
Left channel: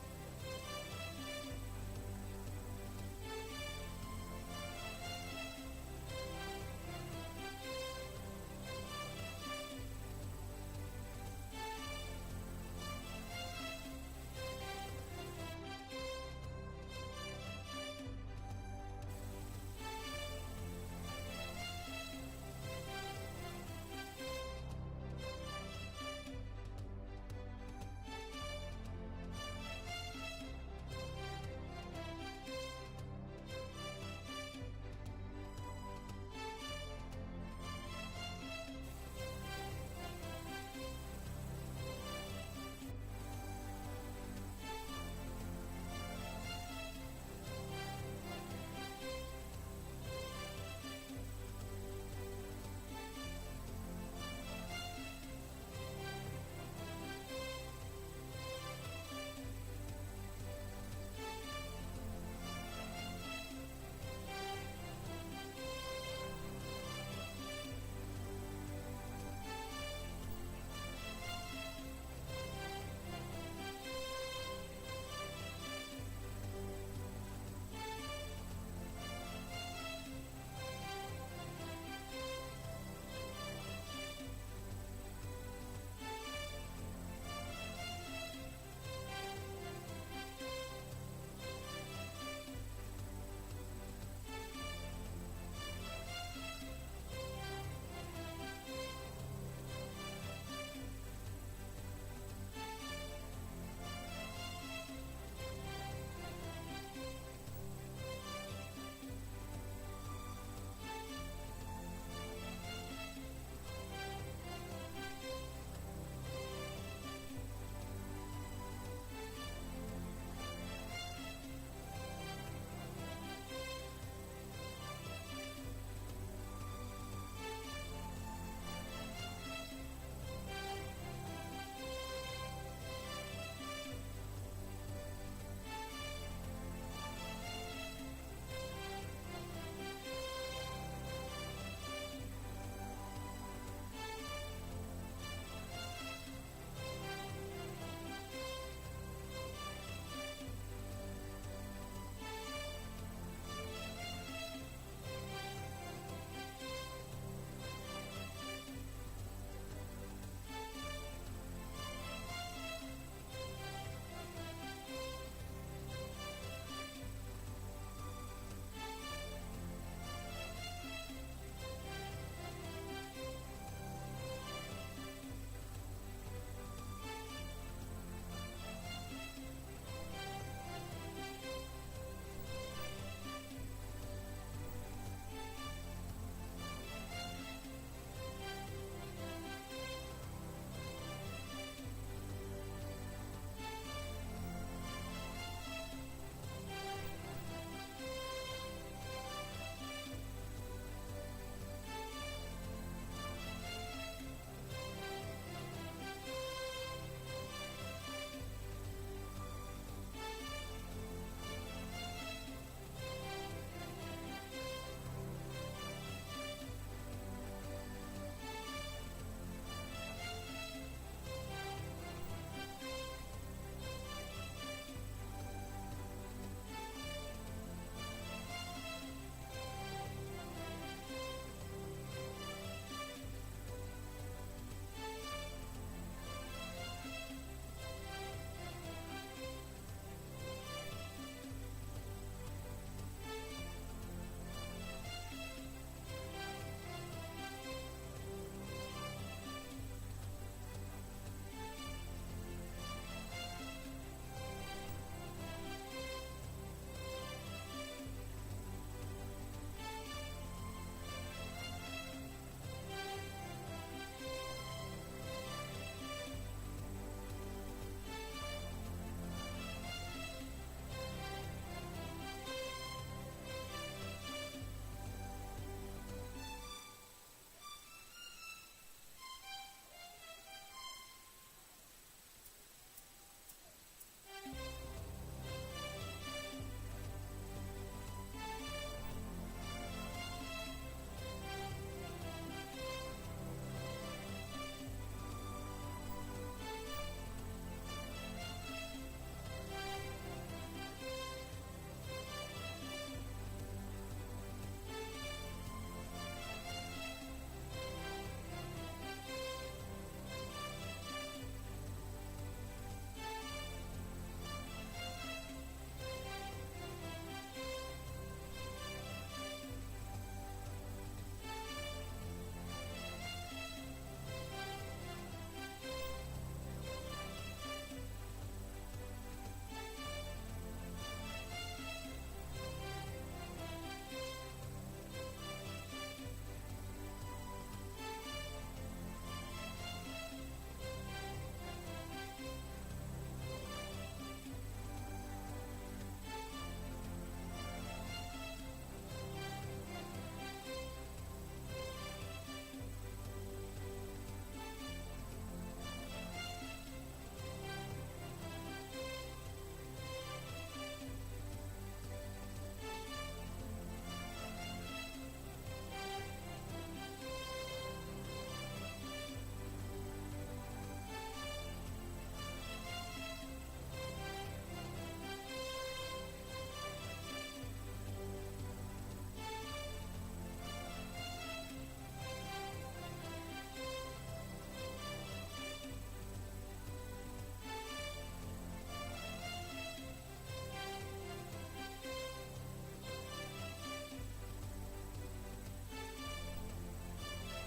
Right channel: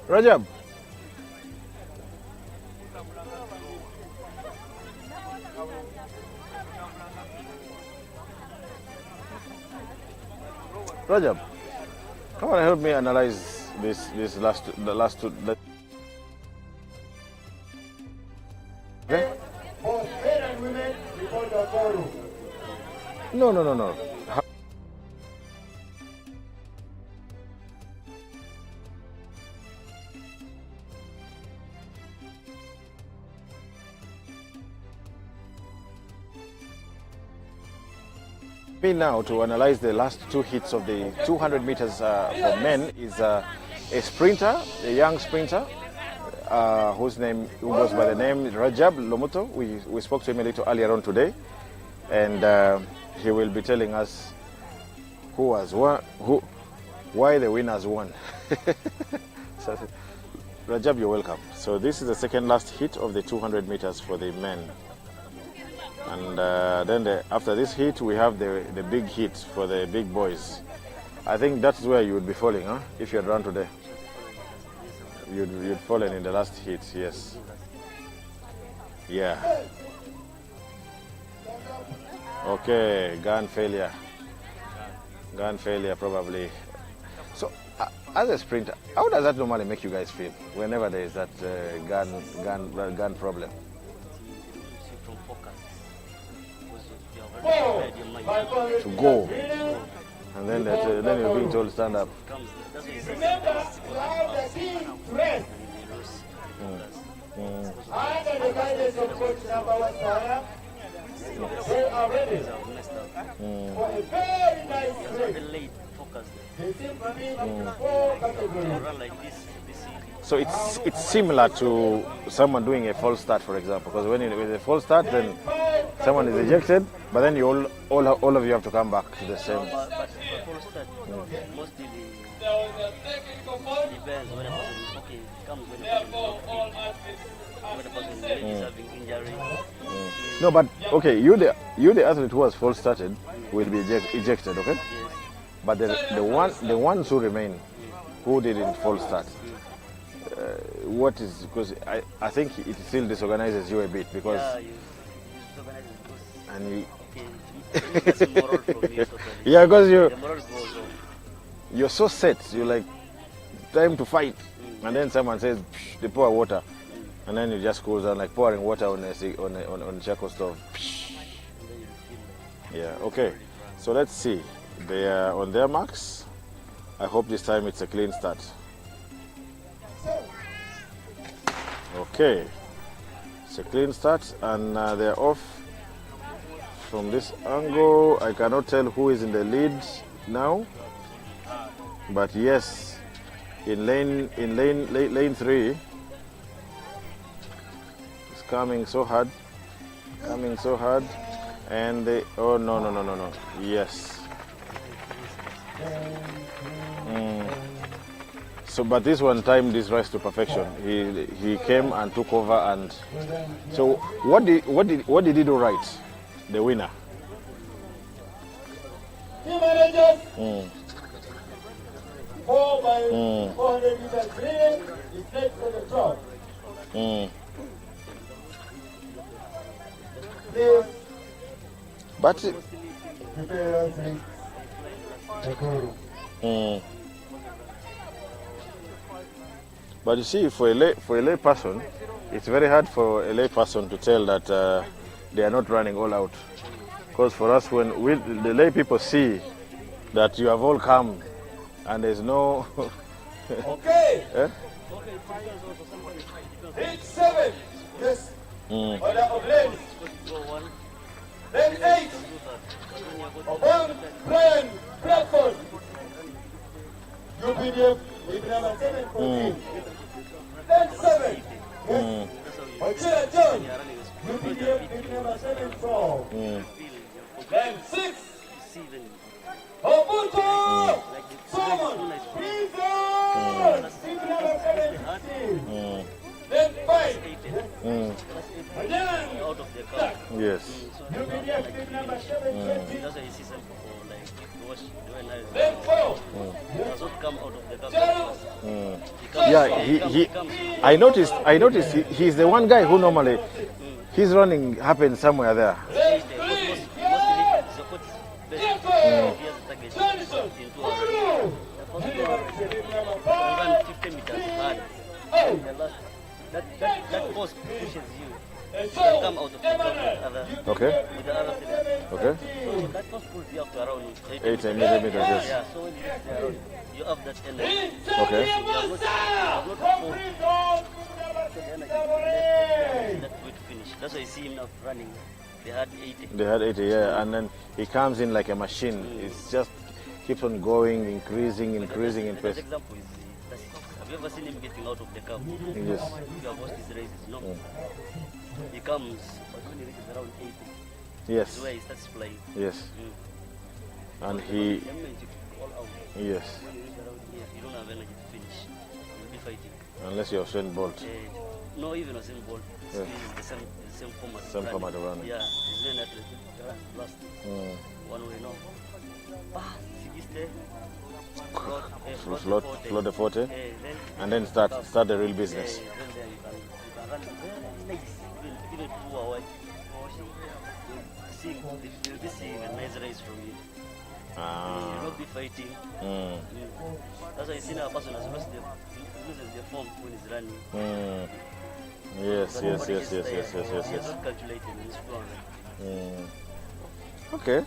Rajab. Rajab, come on, help me analyze the last two. Okay? Both men and women before the forum. No. Me now to analyze the last two hits of the 200 meters for men is a sprinter, a young sprinter, who goes by the name Rajab Lomuto. We spoke to him a little earlier on today, and he will be telling us who has won, why the winners won. So, Rajab, you're welcome. So this is the second last hit of the 200 meters for the men. And then after this hit, we have the big hit for the big boys. I think that's where you would be falling, huh? If you had run today. You'd fallen in the last hit, yes. Yeah. Okay, gun failure. Gun failure, probably. So, as a sprinter, how does that normally make you guys feel whenever there is that gun problem? To go, and then you're being told stand up. Remember, ride the team rest. Under the guidance of coach number 1 Sarah, they are ready for a very nice race. The team running 4 categories. So it's similar to someone doing a false start, for example, because when with a false start, then someone is ejected, but then you all of you have to come back to the same. But for false start, mostly depends when a person comes when a person is having injury. No, but okay, you the athlete who has false started will be ejected, okay? Yes. But the ones who remain, who didn't false start. What is, because I think it still disorganizes you a bit, because yeah, because you're so set, you're like time to fight, and then someone says they pour water, and then it just goes on like pouring water on a charcoal stove. Yeah, okay, so let's see. They are on their marks. I hope this time it's a clean start. Okay, it's a clean start, and they're off from this angle. I cannot tell who is in the lead now, but yes, in lane 3, it's coming so hard, and they, oh no, yes. So, but this one timed this race to perfection. He came and took over, and so what did he do right? The winner. Team managers, 4 by 400 meters relay is next to the top. But but you see, for a lay person, it's very hard for a lay person to tell that they are not running all out. Because for us, when the lay people see that you have all come and there's no... Okay. Eh? Reach 7. Yes. Order of lanes. Lane 8. Upon Brian Bradford. UPDF with number 714. Lane 7. Yes. Ochila John. UPDF with number 74. Lane 6. Obuto! Solomon! Freezer! With number 17. Lane 5. Again. Yes. UPDF with number 720. Lane 4. Yeah, I noticed he's the one guy who normally his running happens somewhere there. Okay. Okay. 8 millimeters, yes. You have that energy. Okay. That's why you see him now running. They had 80. They had 80, yeah, and then he comes in like a machine. It's just keeps on going, increasing in pace. Example is, have you ever seen him getting out of the car? Yes. You have watched his races, no? He comes when he reaches around 80. Yes. That's where he starts flying. Yes. And he, The moment you fall out, yes, when you reach around here, you don't have energy to finish. You'll be fighting. unless you're Usain Bolt. No, even a same ball. Yeah. The same format. Same format of running. Yeah, it's very athletic. Run fast. One way now. Float the 40, and then start the real business. That's why you see now a person has lost loses the form when he's running. Yes. Calculated in his flow. Okay,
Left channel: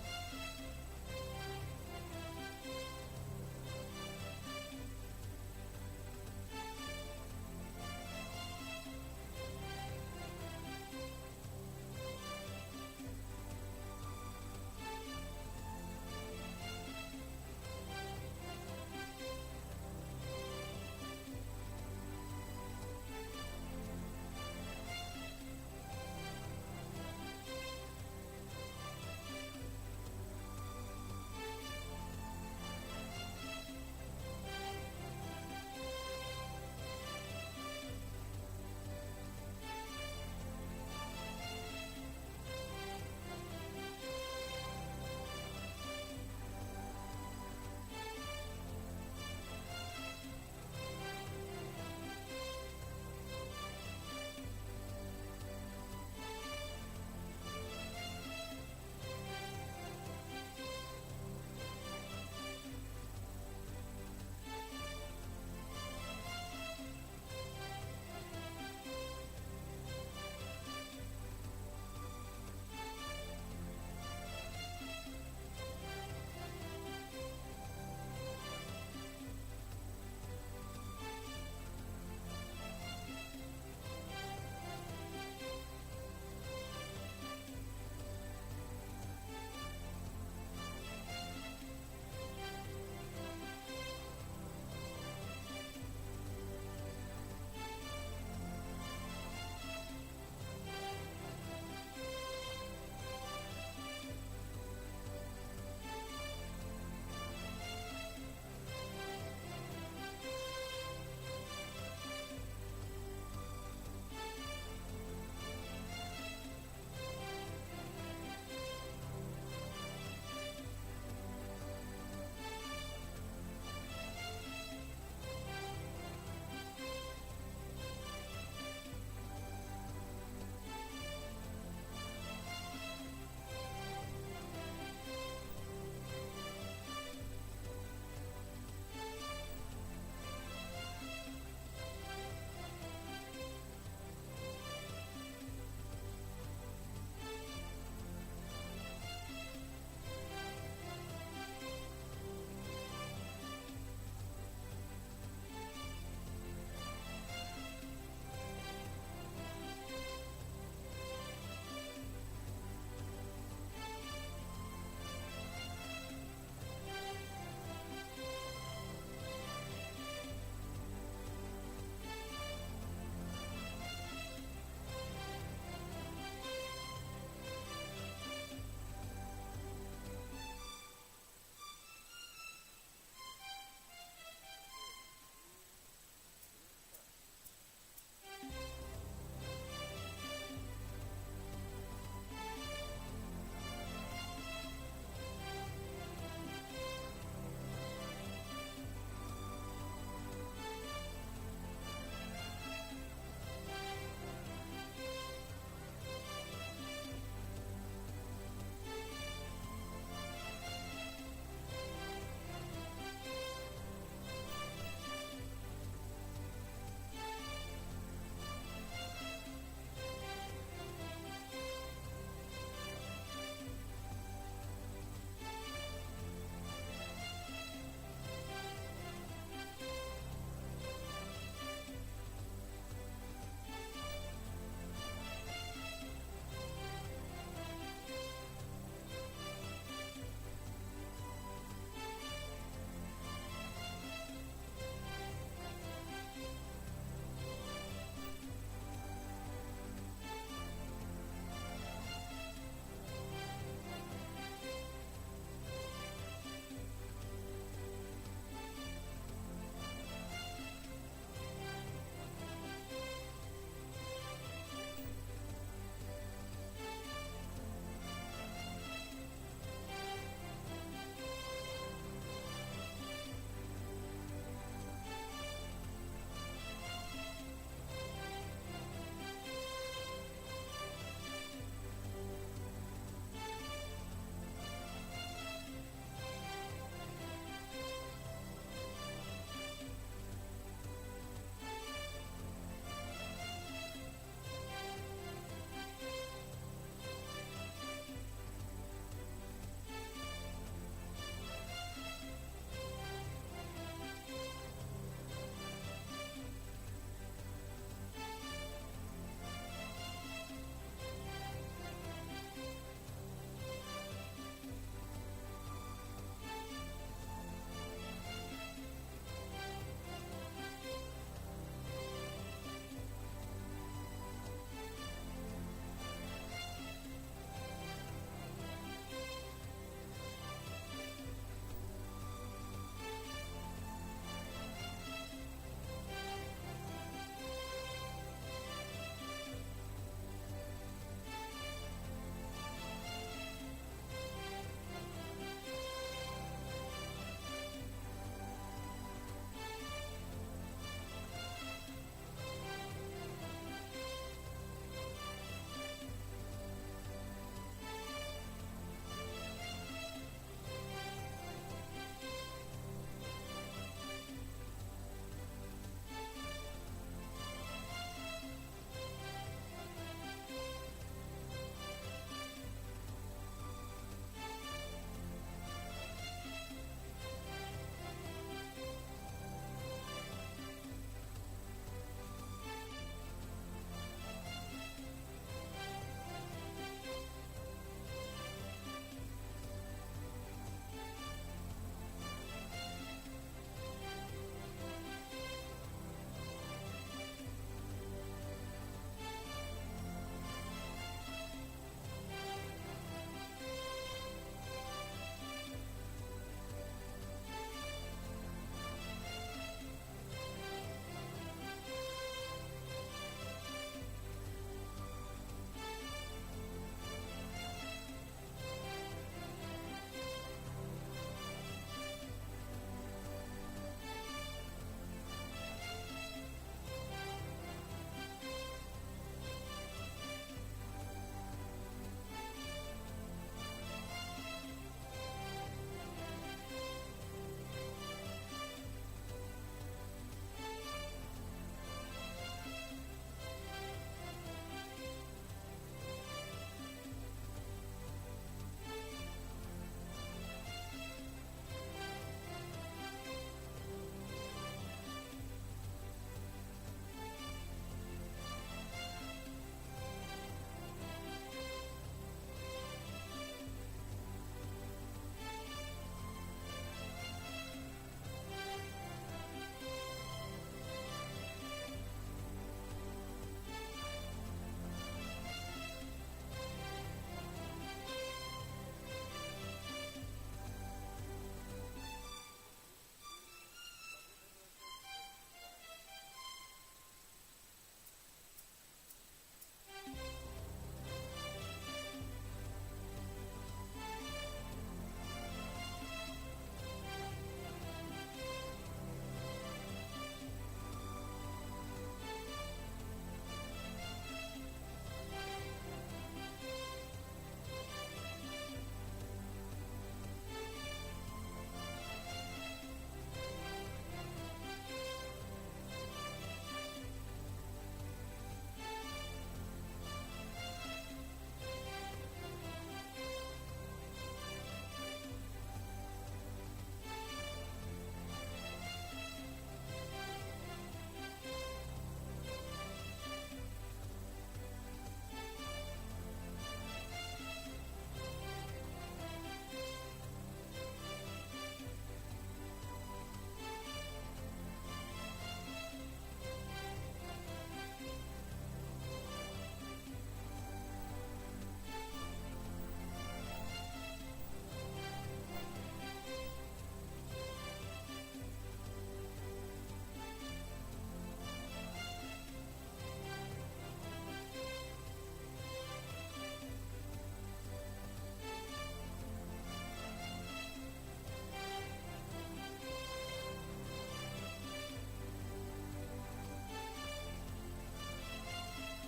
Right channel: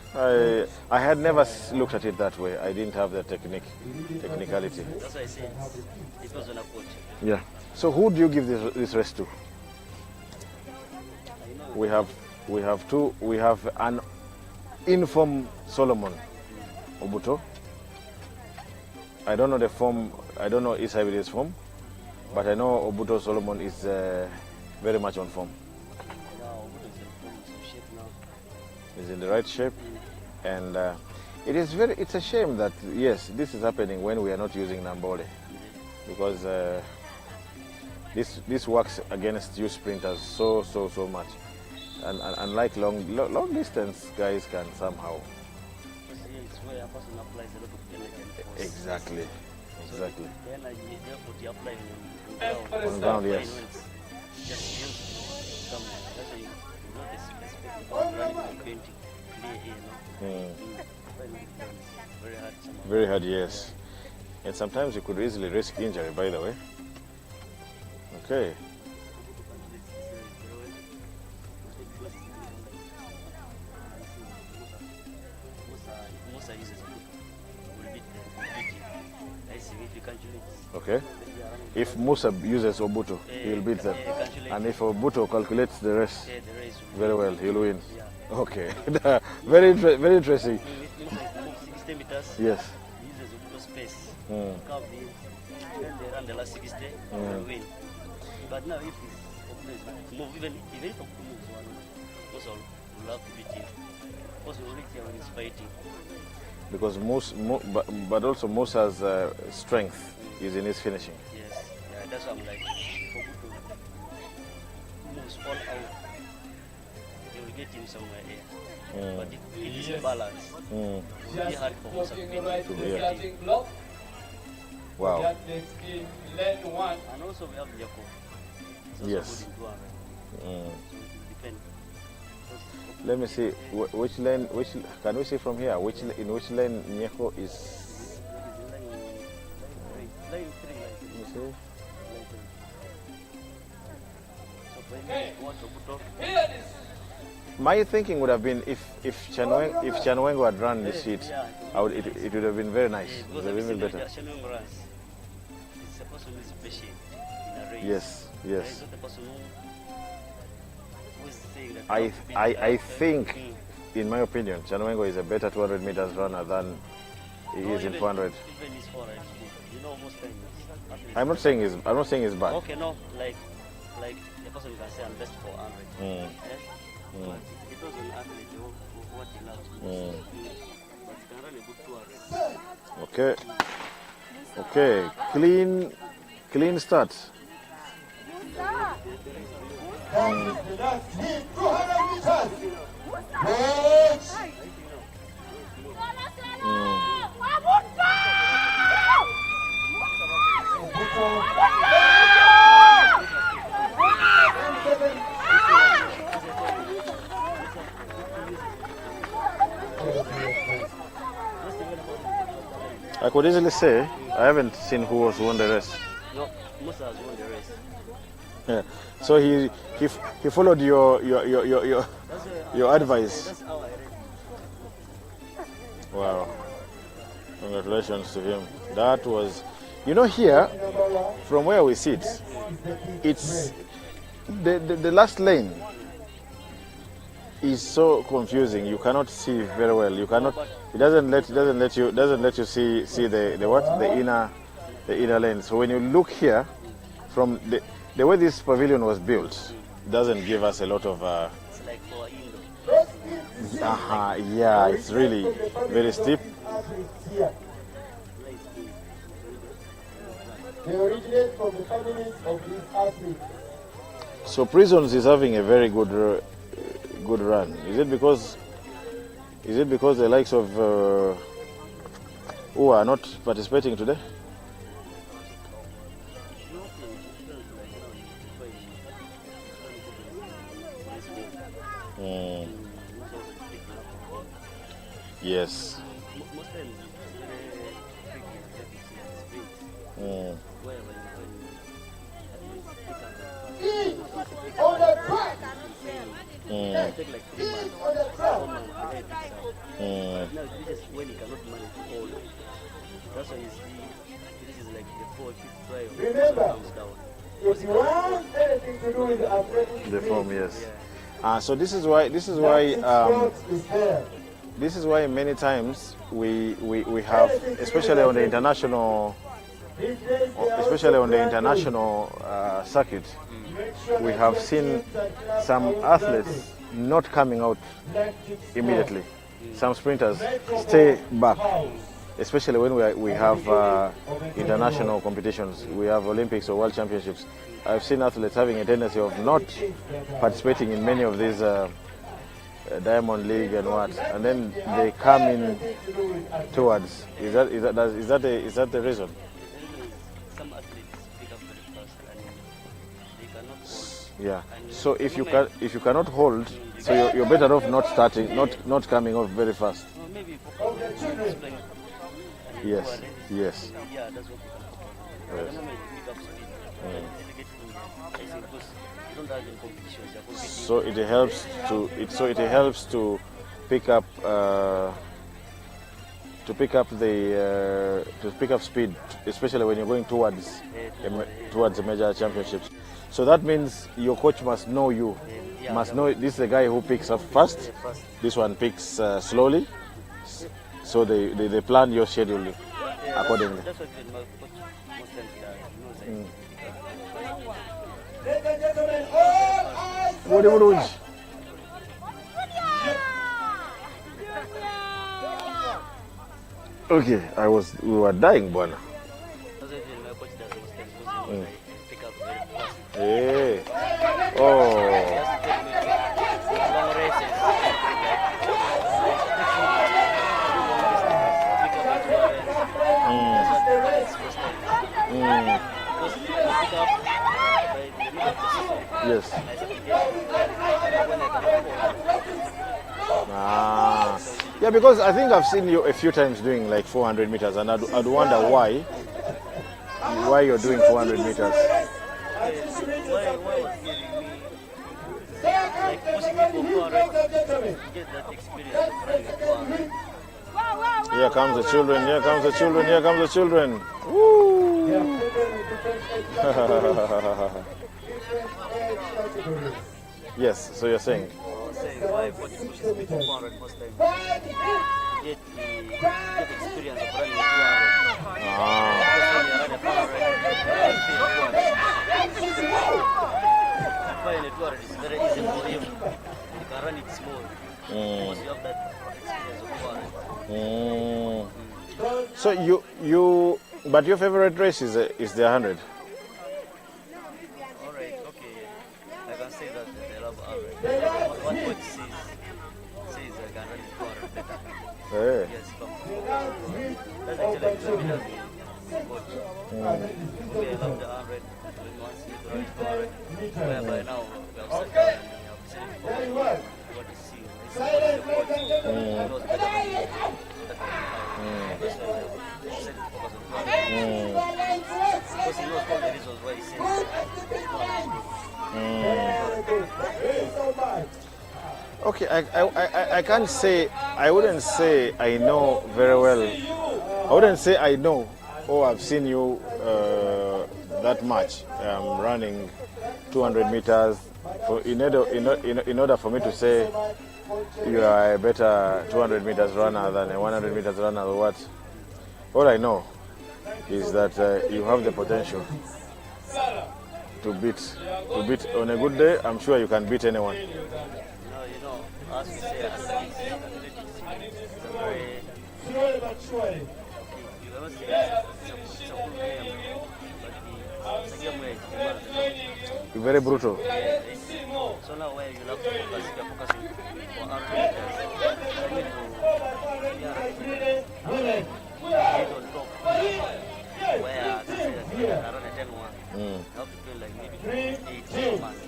I had never looked at it that way. I didn't have the technicality. That's why I say it was an approach. Yeah. So who do you give this race to? We have two. We have an informed Solomon Obuto. I don't know the form. I don't know Isabi's form, but I know Obuto Solomon is very much on form. Is in the right shape, and it's a shame that yes, this is happening when we are not using Nambole, because this works against you sprinters so much, and unlike long distance guys can somehow. Exactly. On ground, yes. Very hard, yes. And sometimes you could easily risk injury, by the way. Okay. Okay. if Musa uses Obuto, he will beat them. And if Obuto calculates the race very well, he'll win. Okay. Very interesting. Yes. The last 60 and win. But now if it's move even if also love to beat him. Also only when he's fighting. Because but also Musa's strength is in his finishing. Yes. Yeah, that's what I'm like. Moves all out. They will get him somewhere here. But if it is balance, it's really hard for Musa to beat him. Wow. And also we have Jacob. Yes. Let me see which lane. Can we see from here? In which lane Nyeko is? Line 3. My thinking would have been if Chanwengo had run this heat, it would have been very nice. It would have been better. Yes, yes. I think, in my opinion, Chanwengo is a better 200 meters runner than he is in 400. I'm not saying he's bad. Okay, no, like the person can say I'm best for 100. It doesn't athlete what he loves. But you can run a good 200. Okay. Clean start. I could easily say I haven't seen who was won the race. No, Musa has won the race. Yeah. So he followed your advice. That's how I read. Wow. Congratulations to him. That was, here, from where we sit, it's the last lane is so confusing. You cannot see very well. You cannot. It doesn't let you see the inner lane. So when you look here, from the way this pavilion was built, doesn't give us a lot of. It's like for indoor. Yeah, it's really very steep. They originate from the families of these athletes. So Prisons is having a very good run. Is it because the likes of who are not participating today? Yes. On the track. Take like 3 months. On the track. Now this is when you cannot manage to hold. That's why you see this is like the fourth drive. Remember, Comes down. if you want anything to do with the athletics, The form, yes. Yeah. So this is why many times we have, especially on the international circuit, we have seen some athletes not coming out immediately. Some sprinters stay back, especially when we have international competitions. We have Olympics or World Championships. I've seen athletes having a tendency of not participating in many of these Diamond League and what, and then they come in towards. Is that the reason? Some athletes pick up very fast and they cannot hold. Yeah. So if you cannot hold, so you're better off not starting, not coming off very fast. Or maybe for explain. Yes. Yes. Yeah, that's what. Yes. I don't know, maybe pick up because you don't have the competitions. You're competing. So it helps to pick up to pick up speed, especially when you're going towards the major championships. So that means your coach must know you, must know this is the guy who picks up fast. This one picks slowly. So they plan your schedule accordingly. That's what my coach most times does. Ladies and gentlemen, all eyes. Okay, we were dying, Bwana. Pick up very fast. Hey. Oh. Long races. Yes. Ah. Yeah, because I think I've seen you a few times doing like 400 meters, and I'd wonder why you're doing 400 meters. Here comes the children, here comes the children, here comes the children. Woo! Yes, so you're saying? Why coach pushes me for 400 most times. Get experience of running 200. Because when you run a 400, a 200 is very easy for him. You can run it small. Because you have that experience of 200. So but your favorite race is the 100? Alright, okay. I can say that I love 100. What coach says I can run 200 better. Hey. Yes, that's actually like coach. Okay, I love the 100. When you want to run 200, whereby now we have set what to see. The coach knows better than me. That's why I said focus on 200. Because he knows all the reasons why he says Okay, I can't say, I wouldn't say I know very well. I wouldn't say I know or I've seen you that much running 200 meters. In order for me to say you are a better 200 meters runner than a 100 meters runner or what, all I know is that you have the potential to beat on a good day. I'm sure you can beat anyone. As we say, athletics is a very, very brutal. So now where you have to focus, you're focusing for 100 meters. You need to on top. Where I say that I run a 10-1. You have to feel like maybe 8 months.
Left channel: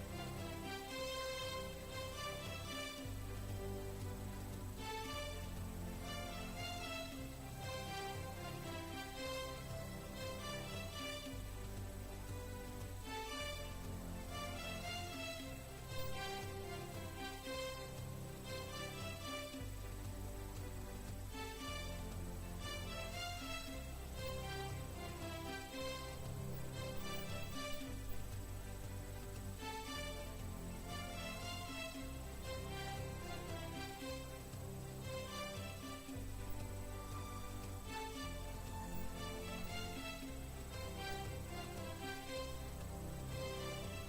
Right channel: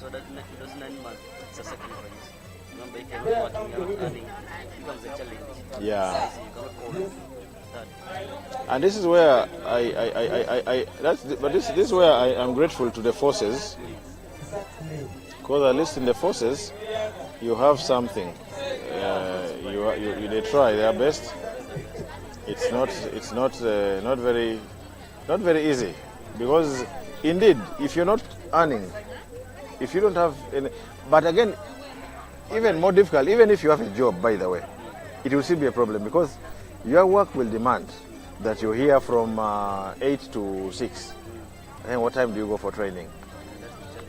So that those 9 months, it's a sacrifice. Remember, you can do what you are earning. It becomes a challenge. Yeah. You cannot hold that. And this is where this is where I am grateful to the forces, because at least in the forces, you have something. They try their best. It's not very easy, because indeed, if you're not earning, if you don't have any, but again, even more difficult, even if you have a job, by the way, it will still be a problem, because your work will demand that you're here from 8 to 6. And what time do you go for training?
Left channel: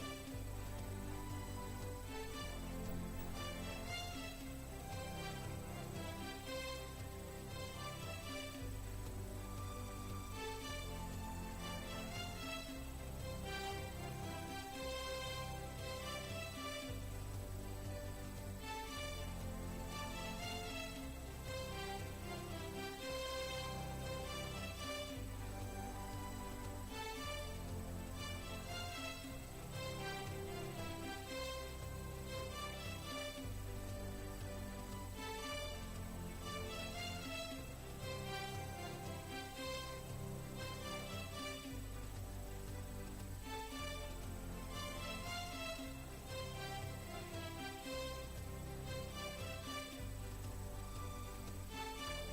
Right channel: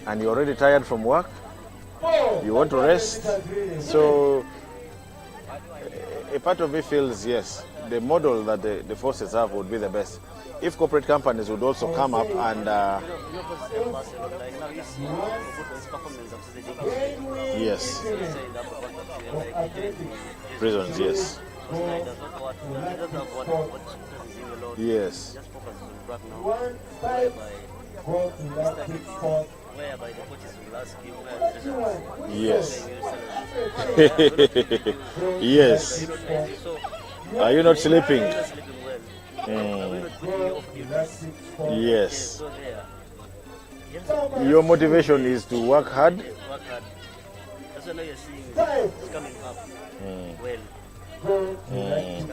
And you're already tired from work, you want to rest. So a part of me feels, yes, the model that the forces have would be the best. If corporate companies would also come up and yes, prisons, yes, yes, yes, yes. Are you not sleeping? Yes. Your motivation is to work hard. That's why now you're seeing it's coming up well. It's coming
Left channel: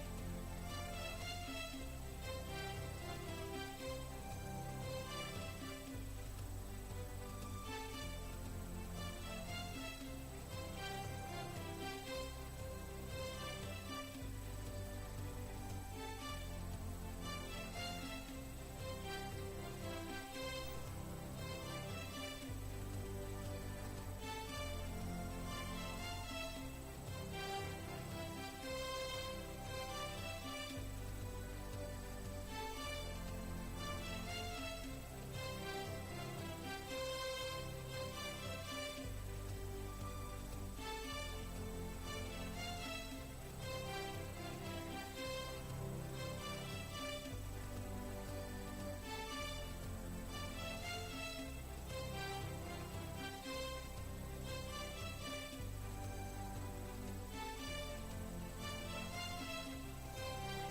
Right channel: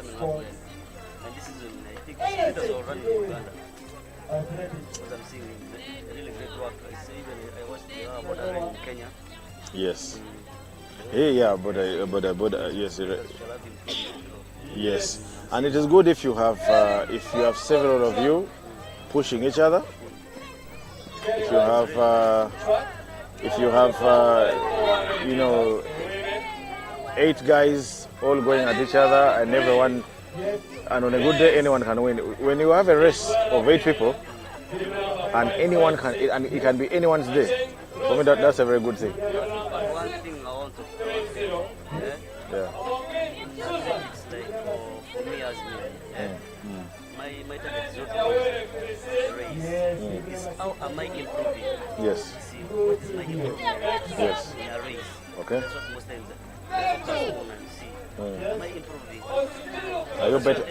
Yes. Yeah, but yes, yes. And it is good if you have several of you pushing each other. If you have 8 guys all going at each other, and everyone, and on a good day anyone can win. When you have a race of 8 people, and anyone can, and it can be anyone's day, for me that's a very good thing. One thing I want to Yeah. it's like for me as me, my target is not race. It's how am I improving? Yes. See, what is my improvement? Yes. In a race. Okay. That's what most times I focus on and see. Am I improving?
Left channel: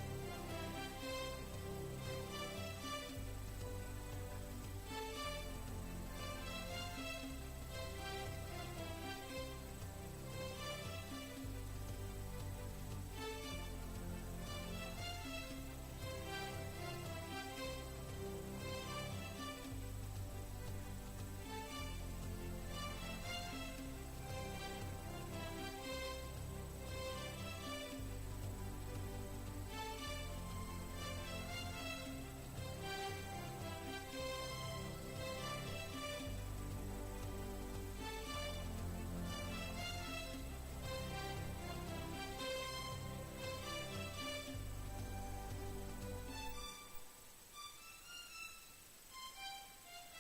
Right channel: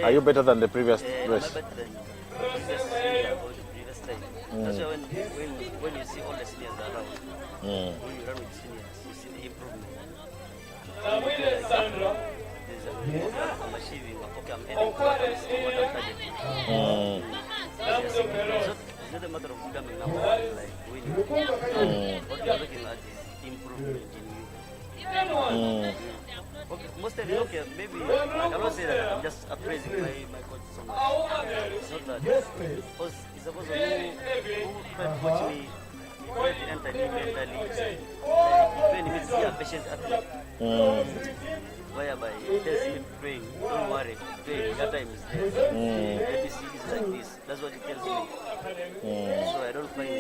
Are you better than the previous Am I race? better than the previous year or the previous time? That's why when you see all the seniors around, when you run with seniors, you see the improvement. I'm achieving, okay, I'm heading to what I'm targeting. It's not a matter of becoming number one, like winning. What you're looking at is improvement in you. Okay, most times, okay, maybe, I cannot say that I'm just appraising my coach so much. It's not that. Because it's supposed to who can coach me, who enter me mentally. When he meets a patient athlete, whereby he tells me praying, don't worry, praying, that time is there. ABC is like this. That's what he tells me. So I don't find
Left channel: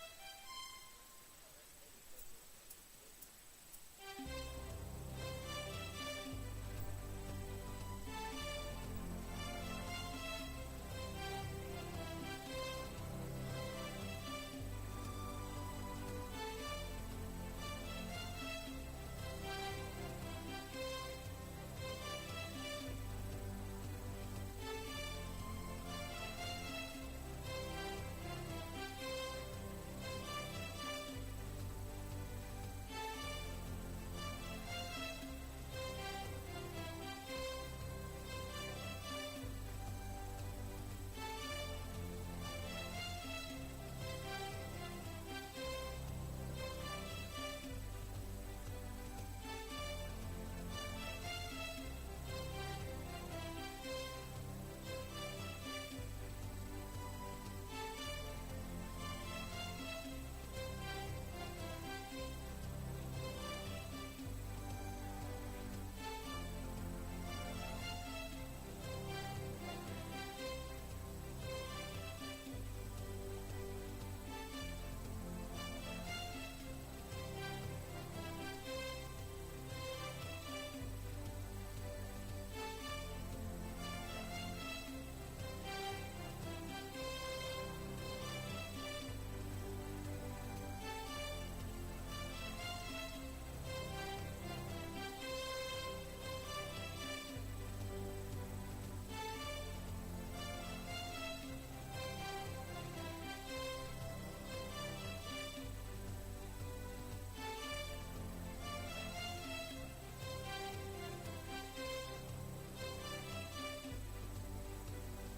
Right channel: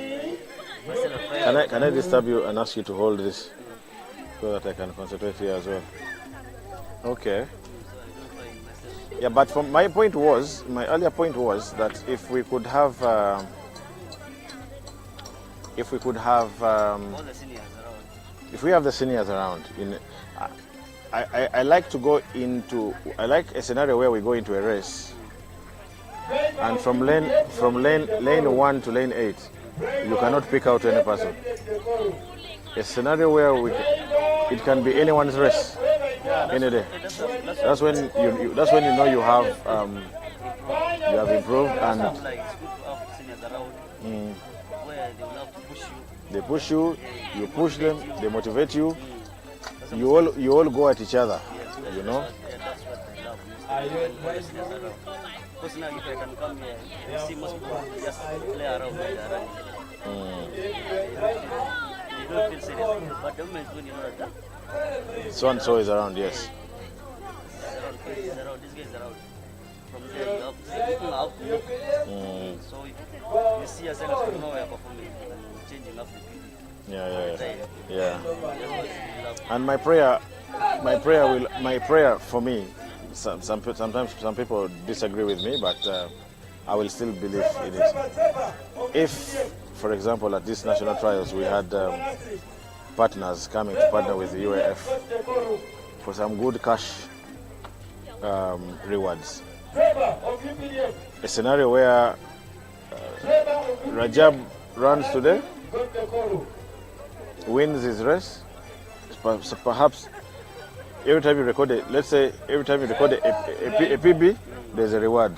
myself. Can I disturb you and ask you to hold this so that I can concentrate here as well? Okay. Yeah, but from my earlier point was that if we could have All the seniors around. if we have the seniors around, I like to go into, I like a scenario where we go into a race, and from lane 1 to lane 8, you cannot pick out any person. A scenario where it can be anyone's race, any day. That's when you know you have improved, and they push you, you push them, they motivate you. You all go at each other, you know. Personally, if I can come here, you see most people just play around with the running. You don't feel serious. But the moment when you know that, So and so is around, yes. this guy is around. From there, you have people out to move. So if you see yourself from nowhere performing, changing up the people. Yeah. And my prayer for me, sometimes some people disagree with me, but I will still believe in it. If, for example, at these national trials we had partners coming to partner with the UAF for some good cash rewards. A scenario where Rajab runs today, wins his race, so perhaps every time you record a PB, there's a reward.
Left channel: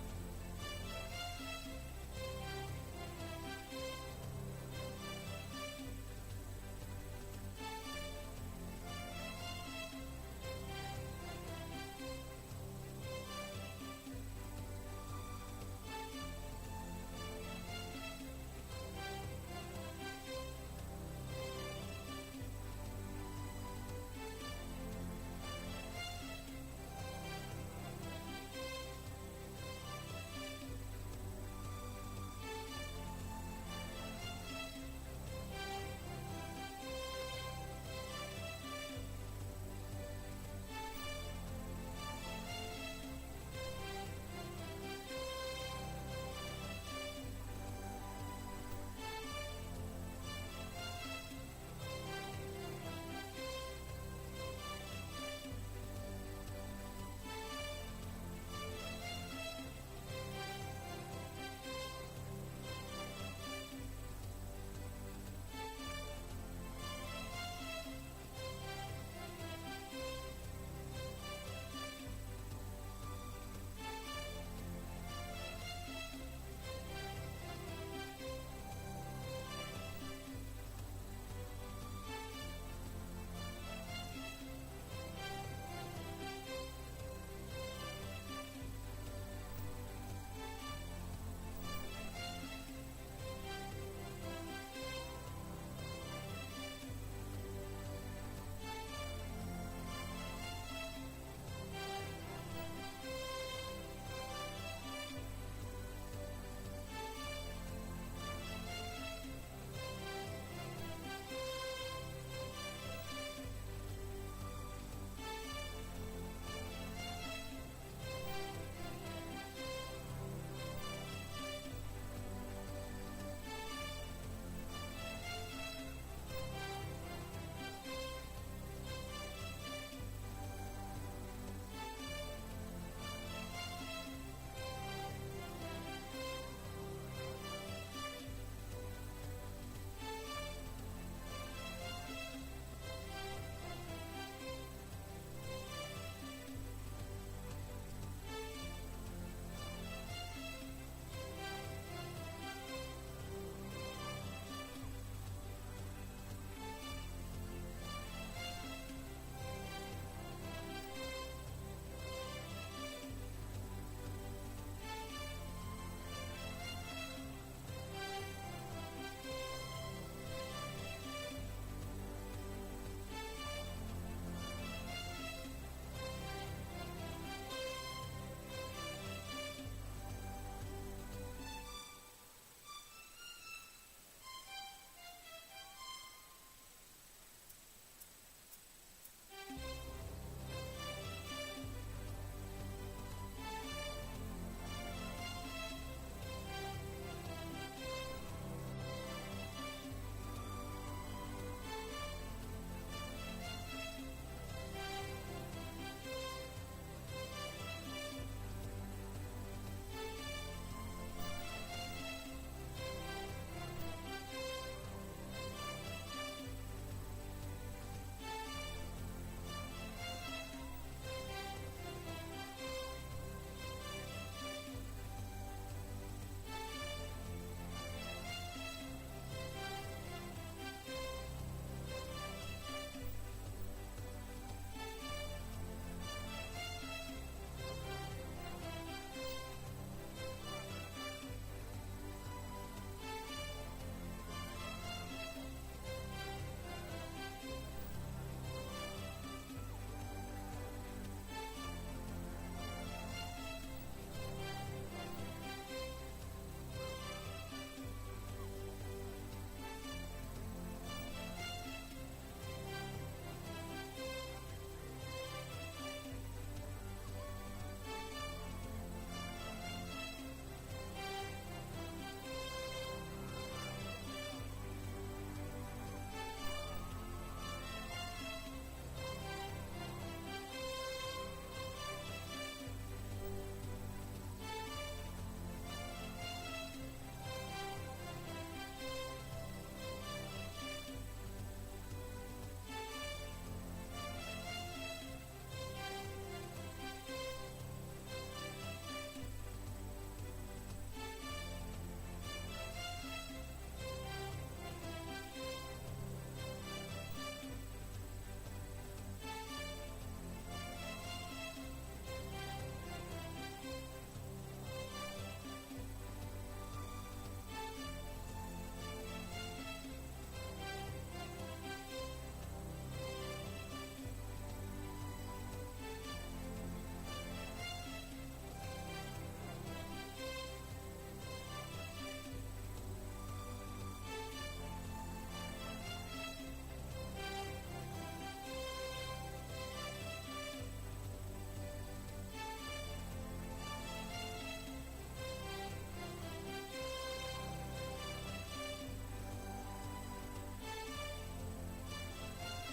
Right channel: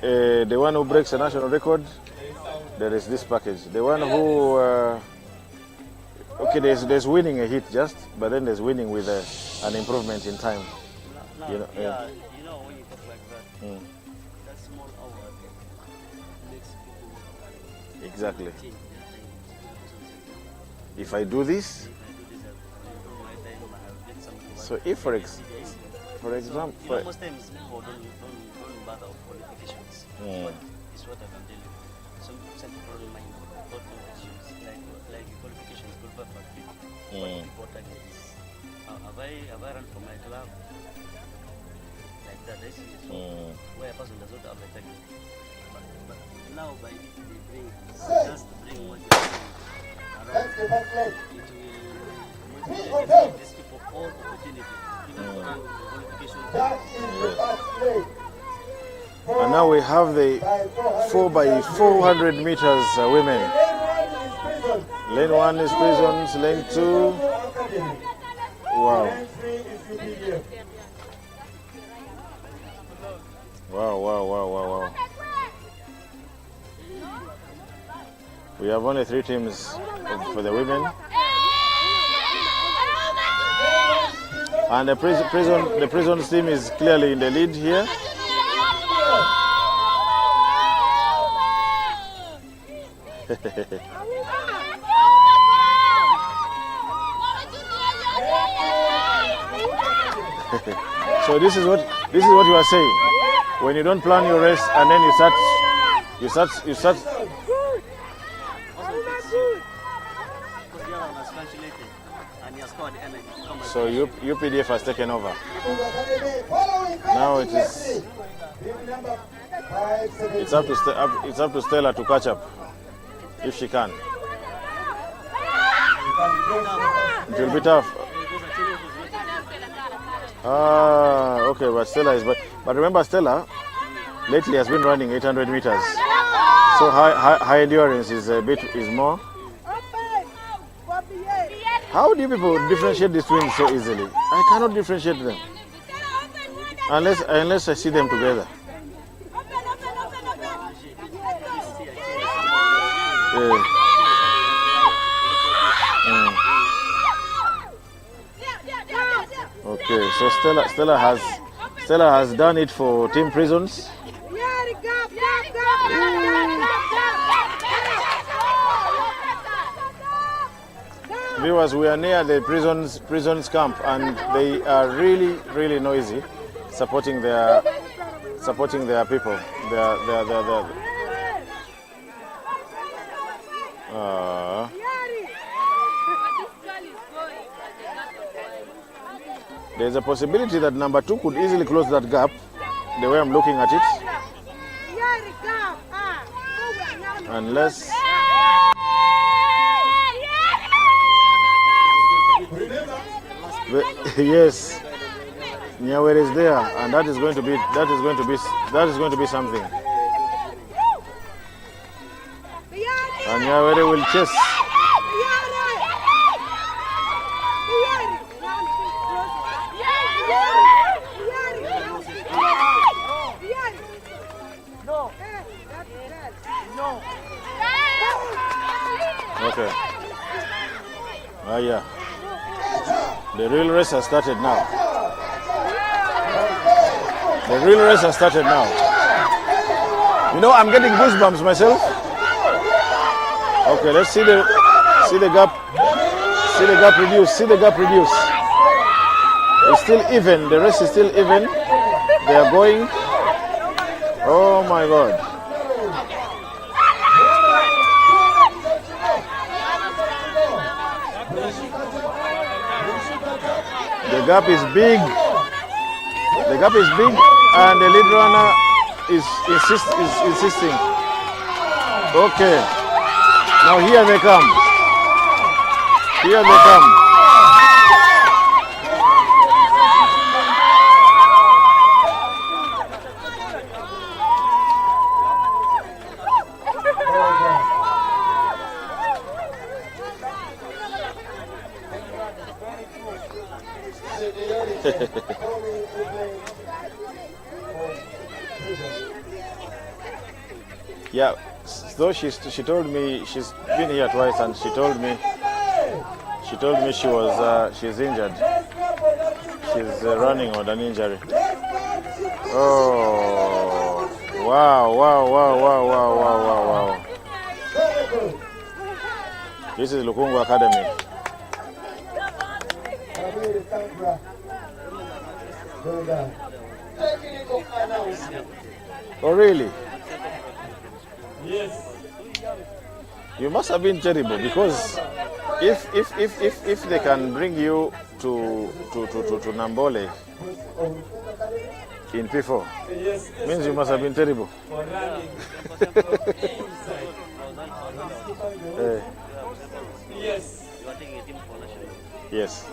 The one who breaks a national record, there is this package. The one who there's winning a hit just, but then there's winning with an improvement in time. You know, when you talk like that, that's small hour makes people exactly. change their time. If I do this, so if for example, Most times people don't bother with qualifications. But it's what I can tell you. Some people don't mind about qualifications, like qualifications, but what important is, have I run for my club? Like that is where a person does not have a target. But now by just bring what you see around, it will give these people all opportunity. and now we have the 4x400 meters women. Lane 1 is prisons, lane 2. Wow. Wow. We have only 3 teams for the women. And the prison's team is clearly in the lead here. So this is what you are saying. When you don't plan your race and then you start. So UPDF has taken over. Now it's up to Stella to catch up if she can. It will be tough. Okay, but Stella is. But remember, Stella lately has been running 800 meters, so high endurance is more. How do you people differentiate these twins so easily? I cannot differentiate them unless I see them together. Yeah. Okay, so Stella has done it for Team Prisons. Viewers, we are near the prisons camp, and they are really noisy, supporting their people. There's a possibility that number 2 could easily close that gap, the way I'm looking at it. Unless... Yes, Nyawere is there, and that is going to be something. And Nyawere will chase. Okay. Yeah. The real race has started now. You know, I'm getting goosebumps myself. Okay, let's see the gap. See the gap reduce. It's still even. The race is still even. They are going. Oh my God. The gap is big, and the lead runner is insisting. Okay, now here they come. Yeah, so she told me she's been here twice, and she told me she's injured. She's running on an injury. Oh, wow. This is Lukungu Academy. Oh, really? Yes. You must have been terrible, because if they can bring you to Nambole in P4, means you must have been terrible. Yes. Yes.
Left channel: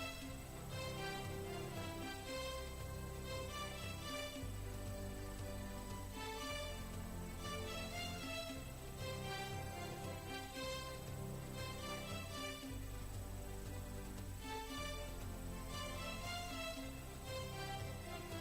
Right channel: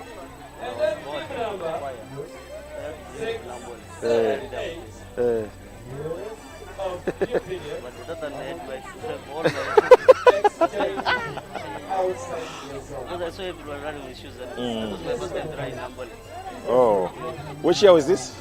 Oh, which year was this?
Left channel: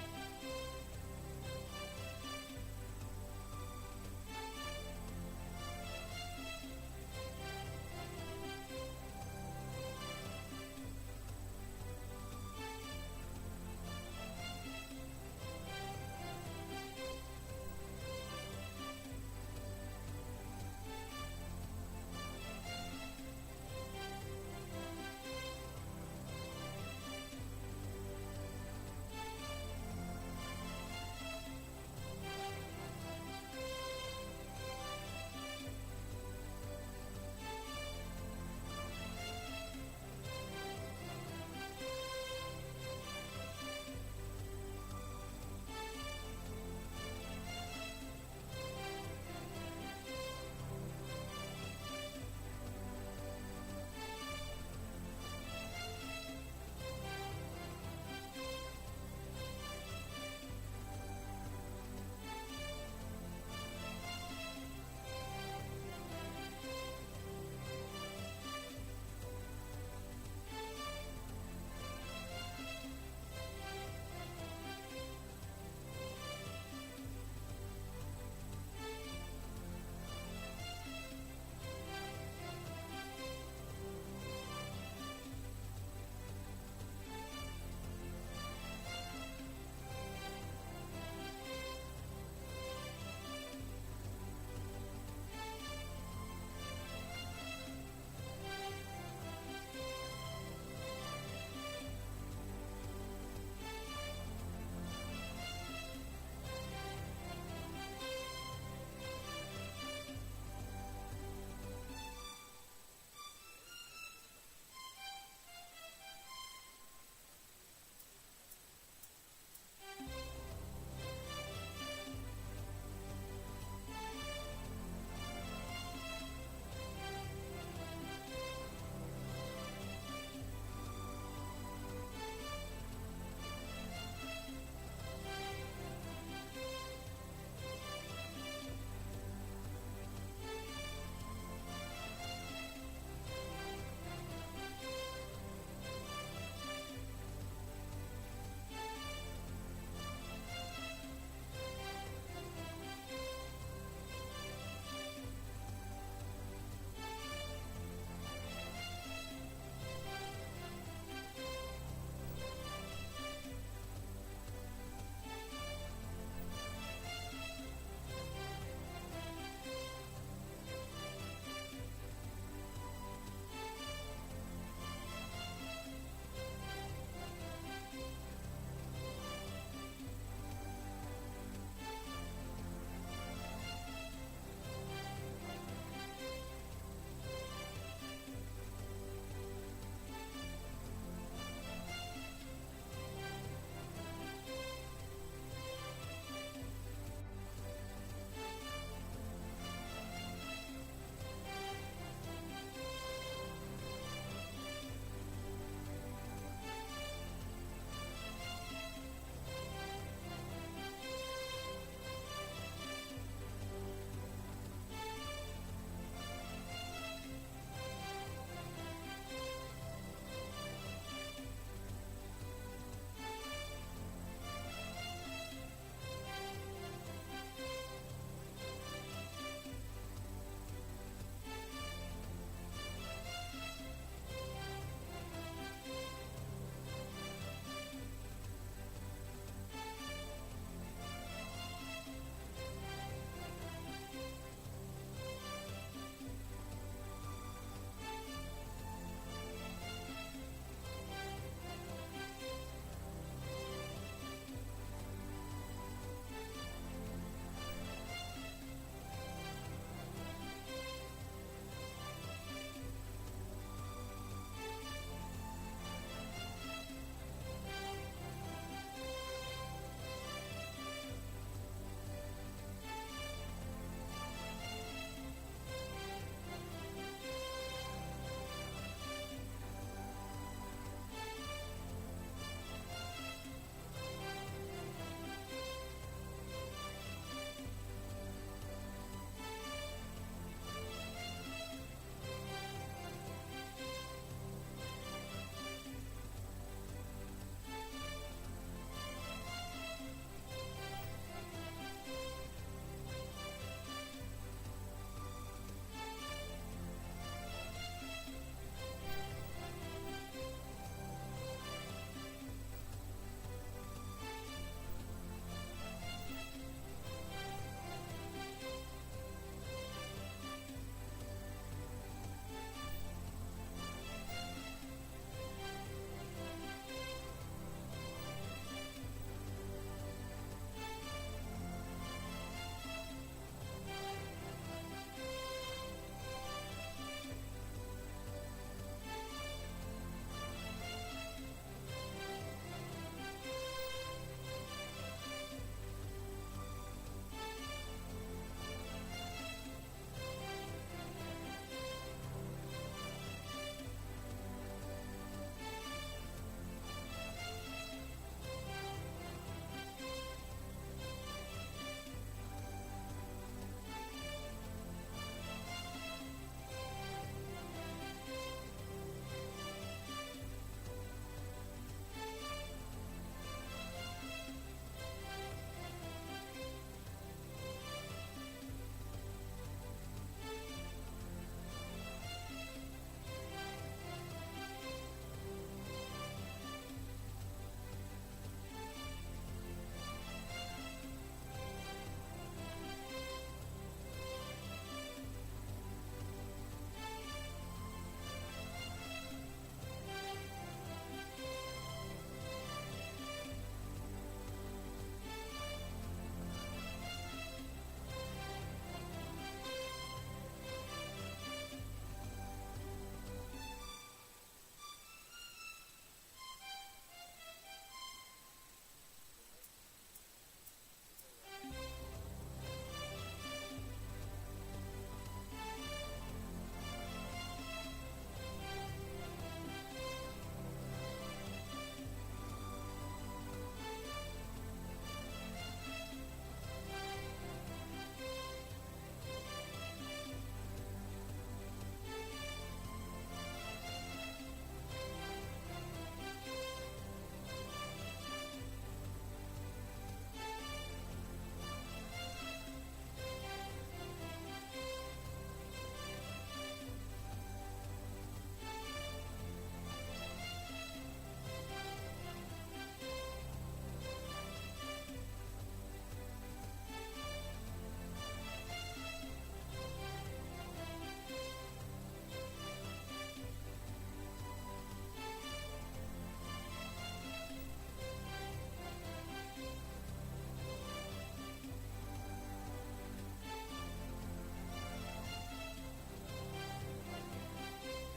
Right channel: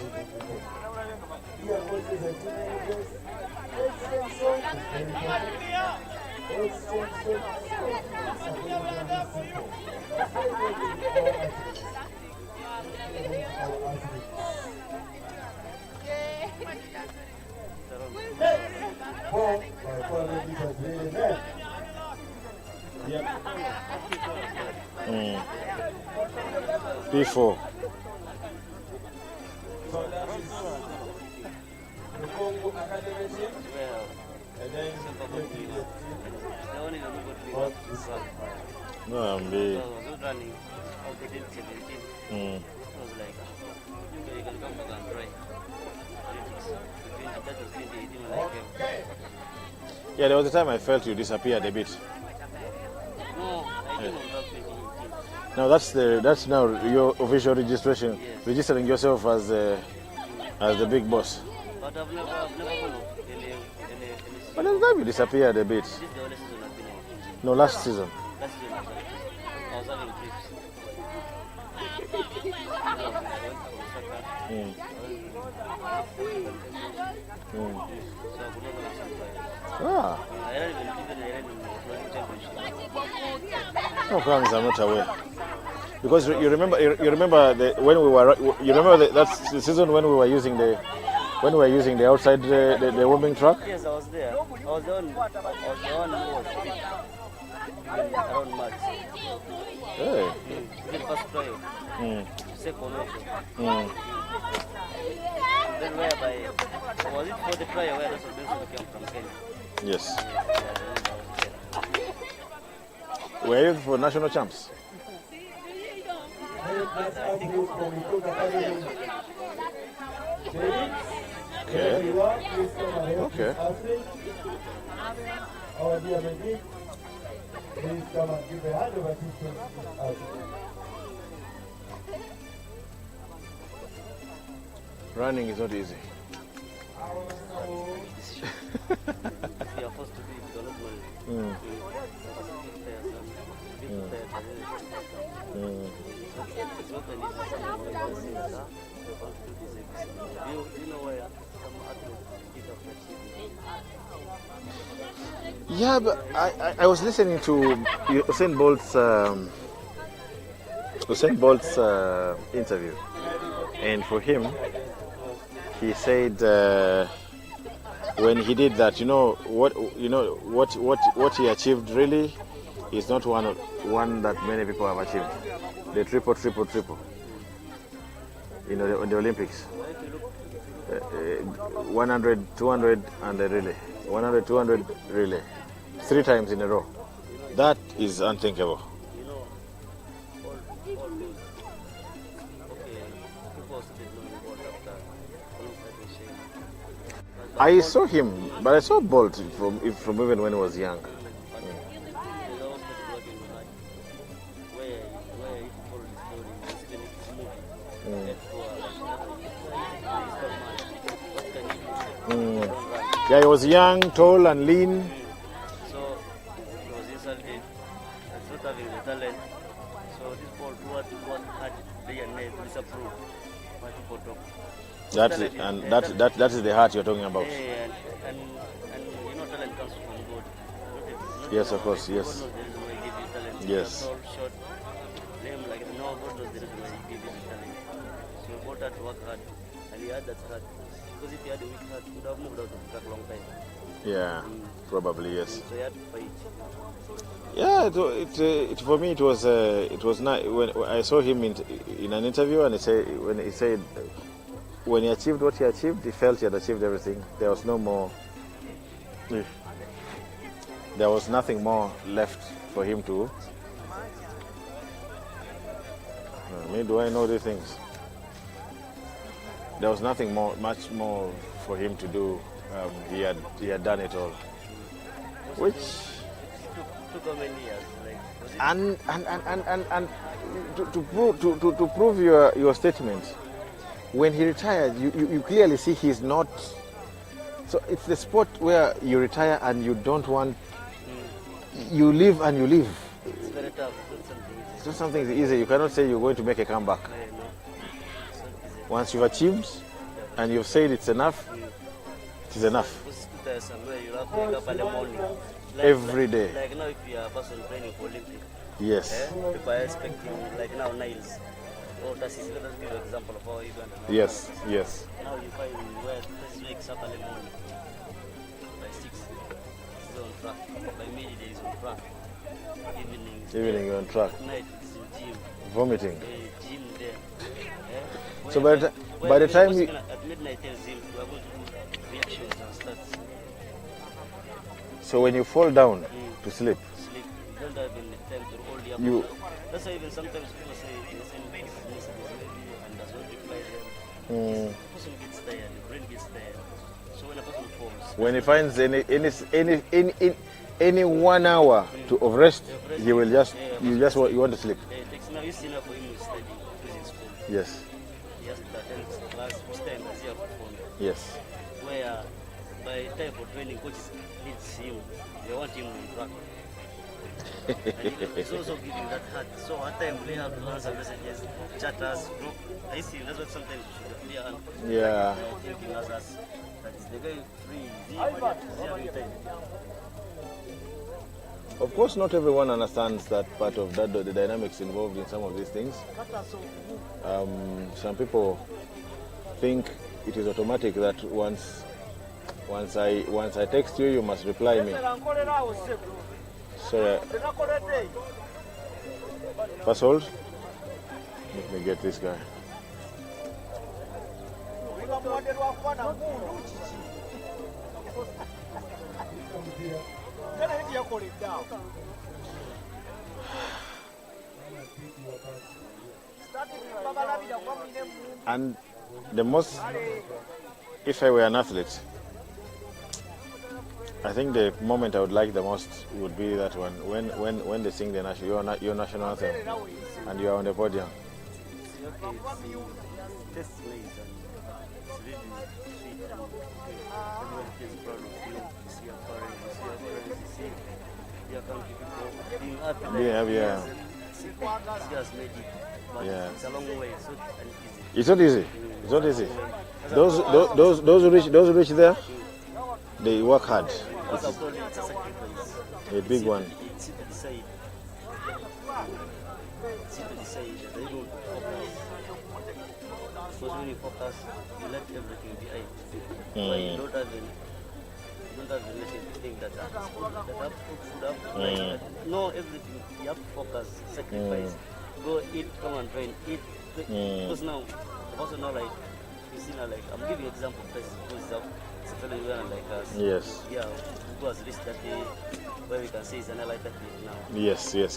P4. So that is the Congo Academy team. And then what is that? No, I'm the. Yeah, there was a time I felt you disappeared a bit. Now that's now your official registration, registering yourself as the big boss. But I've never But at the time you disappeared a bit. No, last season. Last year, I was having trips. Ah. No problems, I'm not aware. Because you remember when we were that's the season when we were using the outside the warming track. Yes, I was there. I was the one who was fit around March. Hey. The first trial. Second also. Then whereby was it for the trial where Russell Benson came from Kenya? Yes. Were you for national champs? Okay. Okay. Running is not easy. Yeah, but I was listening to Usain Bolt's interview, and for him, he said when he did that, what he achieved really is not one that many people have achieved. The triple. In the Olympics, 100, 200, and the relay. 100, 200 relay, 3 times in a row. That is unthinkable. I saw him, but I saw Bolt from even when he was young. Yeah, he was young, tall, and lean. So he was insulted, not having the talent. So this Paul what had DNA disapproved what people talk. That is the heart you're talking about. And talent comes from God. Yes, of course, yes. God knows the reason why he gave you talent. Yes. Tall, short, name like no, God knows the reason why he gave you talent. So he brought her to work hard, and he had that heart. Because if he had a weak heart, he would have moved out of the track a long time. Yeah, probably yes. So he had to fight. Yeah, for me it was nice when I saw him in an interview, and he said when he achieved what he achieved, he felt he had achieved everything. There was no more. There was nothing more left for him to. Do I know these things? There was nothing much more for him to do. He had done it all. Which Took how many years? and to prove your statement, when he retired, you clearly see he's not. So it's the sport where you retire and you don't want. You live and you live. It's very tough. It's not something easy. You cannot say you're going to make a comeback. Once you've achieved and you've said it's enough, it is enough. You have to wake up early morning. Every day. Like now, if you are a person training for Olympics, Yes. people are expecting, like now, Niles. Oh, that's his let's give an example of how Uganda. Yes. Yes. Now you find where this wakes up early morning. By 6, he's on track. By midday, he's on track. Evening you're on track. Night, he's in gym. Vomiting. Gym there. So by the time you... At midnight, tells him we are going to do reactions and stats. So when you fall down to sleep, Sleep. You don't have any time to hold your you... That's why even sometimes people say they send messages and does not reply them. Mm. The person gets tired, the brain gets tired. So when a person falls, When he finds any 1 hour of rest, he will just you want to sleep. it takes now you see now for him to study using school. Yes, He has to attend class each time as he has to phone. yes. Where by time for training, coaches needs him. They want him on track. And it's also giving that heart. So at time they have to answer messages, chat us, group. I see that's what sometimes you should clear and Yeah. thinking as us. That is the guy free, is having time. Of course, not everyone understands that part of that, the dynamics involved in some of these things. Some people think it is automatic that once I text you, you must reply me. So, first hold. Let me get this guy. And the most, if I were an athlete, I think the moment I would like the most would be that one when they sing the your national anthem and you are on the podium. Yeah. Yeah. It's a long way. It's not easy. It's not easy. Those who reach there, they work hard. It's a big one. Because when you focus, you let everything be eye. But you don't have the message to think that no, everything. You have to focus, sacrifice. Go eat, come and train, eat. Because now, also now like, you see now like, I'm giving an example of this because it's a fellow Uganda like us. Yes. Yeah, who has reached that day where we can say it's an like that day now. Yes. Whereby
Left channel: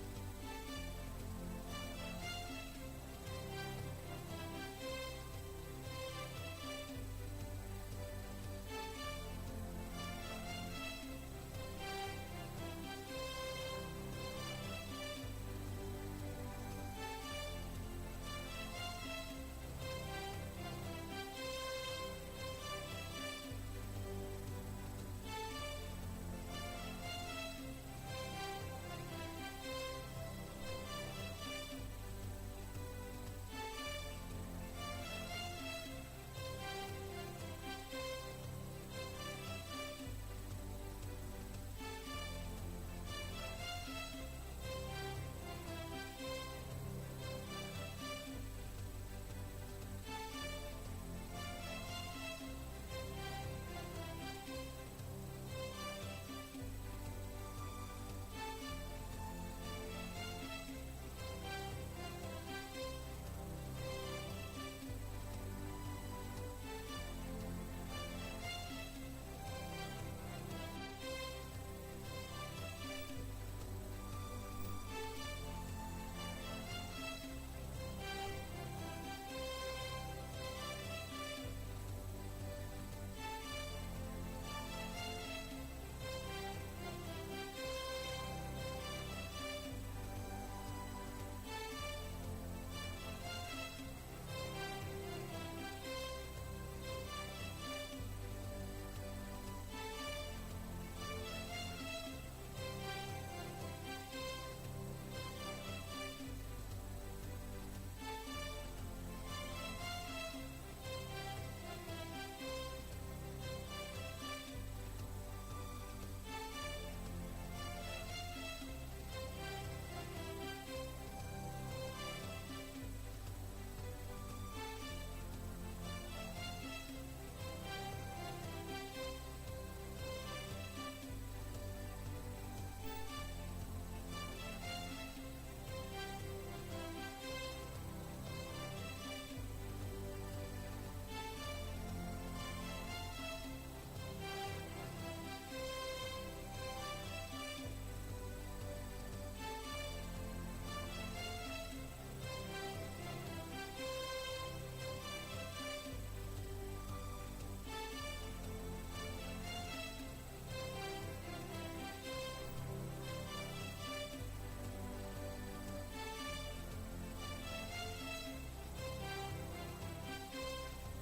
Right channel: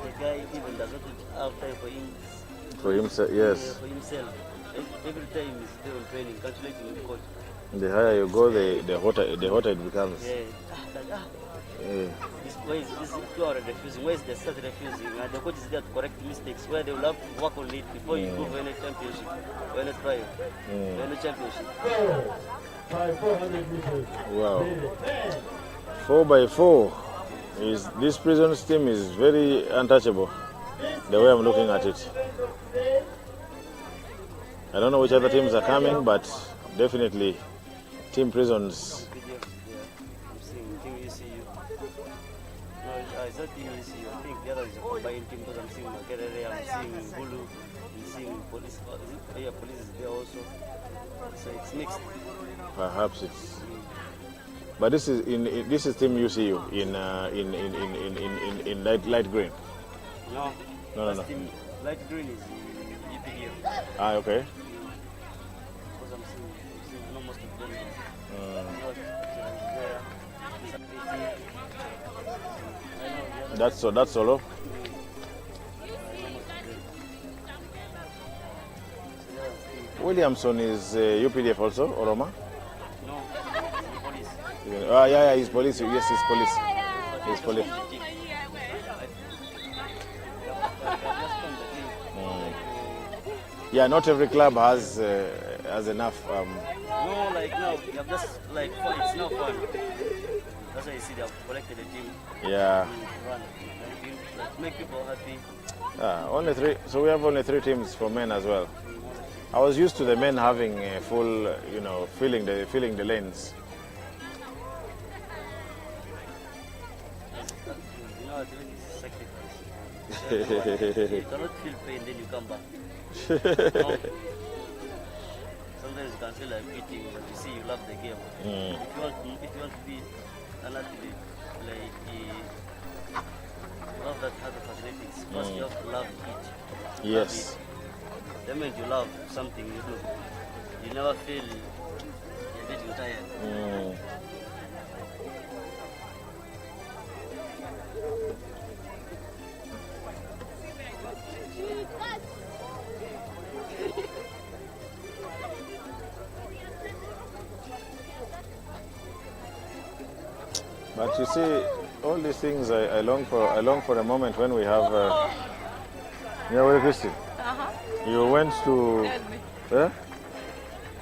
the guy even does not have time for him. For himself, yes. For himself. Every time he's there on training, calculating with coach. The higher you go, the hotter it becomes. Yeah. Where is this 2 hours refusing? Where is the start refusing? And the coach is there to correct mistakes where they will have to work on it before you go for any championship or any trial or any championship. Wow. 4x4 this prisons team is very untouchable. The way I'm looking at it. I don't know which other teams are coming, but definitely Team Prisons. I'm seeing Team ECU. No, it's not Team ECU. I think the other is a combined team because I'm seeing Makerere, I'm seeing Bulu, I'm seeing police. Police is there also. So it's mixed. Perhaps it's. But this is Team UCU in light green. No. Team light green is EPU. Ah, okay. Because I'm seeing most of them. That's solo. Williamson is UPDF also, Oroma? No, police. Yeah, he's police. Yes, he's police. He's police. Yeah, not every club has enough. No, like now, you have just like fun. It's not fun. That's why you see they have collected a team. Yeah. Run. Like, make people happy. Only 3. So we have only 3 teams for men as well. I was used to the men having a full, filling the lanes. You know, it's really sacrifice. You cannot feel pain, then you come back. No. Sometimes you can feel like beating, but you see you love the game. If you want to be an athlete, like love that other facilities. First, you have to love it. Yes. The moment you love something you do, you never feel you're getting tired. But you see, all these things I long for. I long for a moment when we have. Yeah, well, Christine, you went to.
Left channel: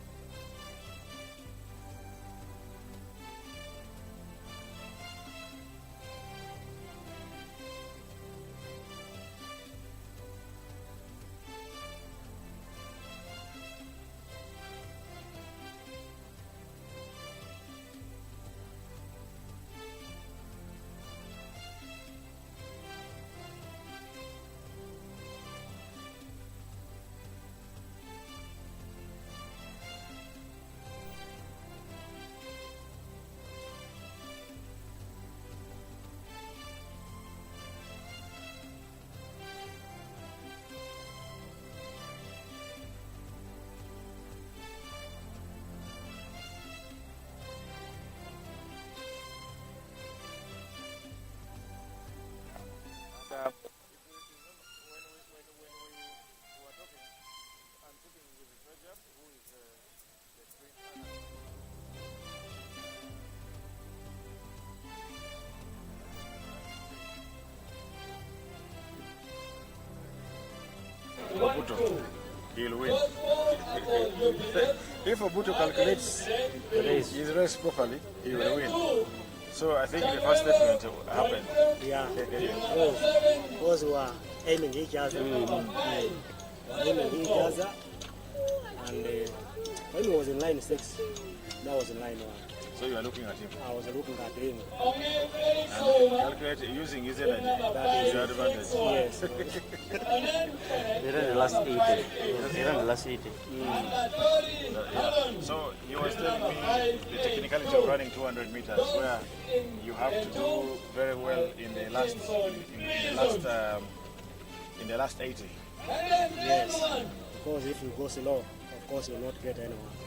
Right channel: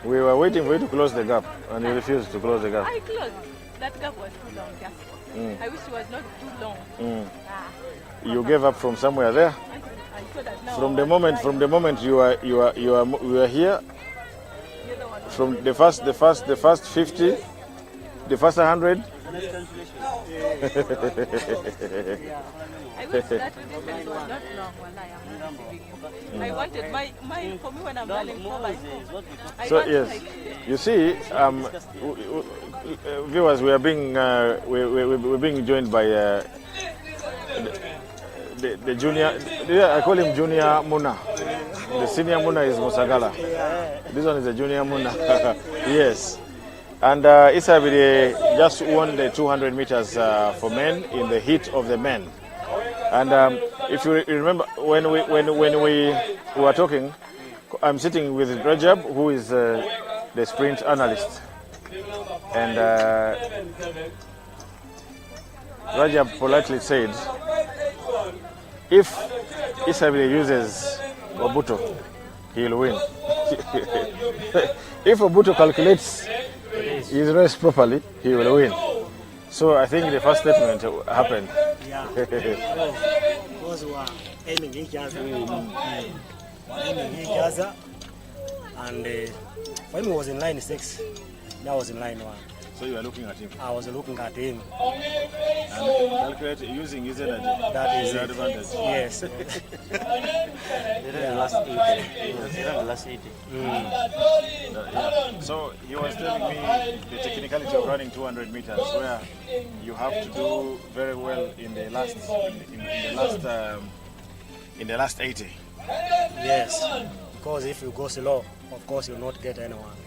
We were waiting for you to close the gap, and you refused to close the gap. I closed. That gap was too long. Just. I wish it was not too long. You gave up from somewhere there. I saw that now. From the moment you are here. From the first 50, the first 100. I wish that distance was not long when I wanted my for me when I'm running 4x4. So yes, you see, viewers, we are being we're being joined by the junior. I call him Junior Muna. The senior Muna is Musagala. This one is the junior Muna. Yes. And Isabile just won the 200 meters for men in the heat of the men. And if you remember, when we were talking, I'm sitting with Rajab, who is the sprint analyst. And Rajab politely said, if Isabile uses Obuto, he'll win. If Obuto calculates his race properly, he will win. So I think the first statement happened. Yeah. Because we were aiming each other. And when he was in line 6, that was in line 1. So you are looking at him? I was looking at him. And calculate using his energy. That is the advantage. Yes. They ran the last 80. They ran the last 80. Yeah. So he was telling me the technicality of running 200 meters, where you have to do very well in the last in the last 80. Yes. Because if you go slow, of course you will not get anyone.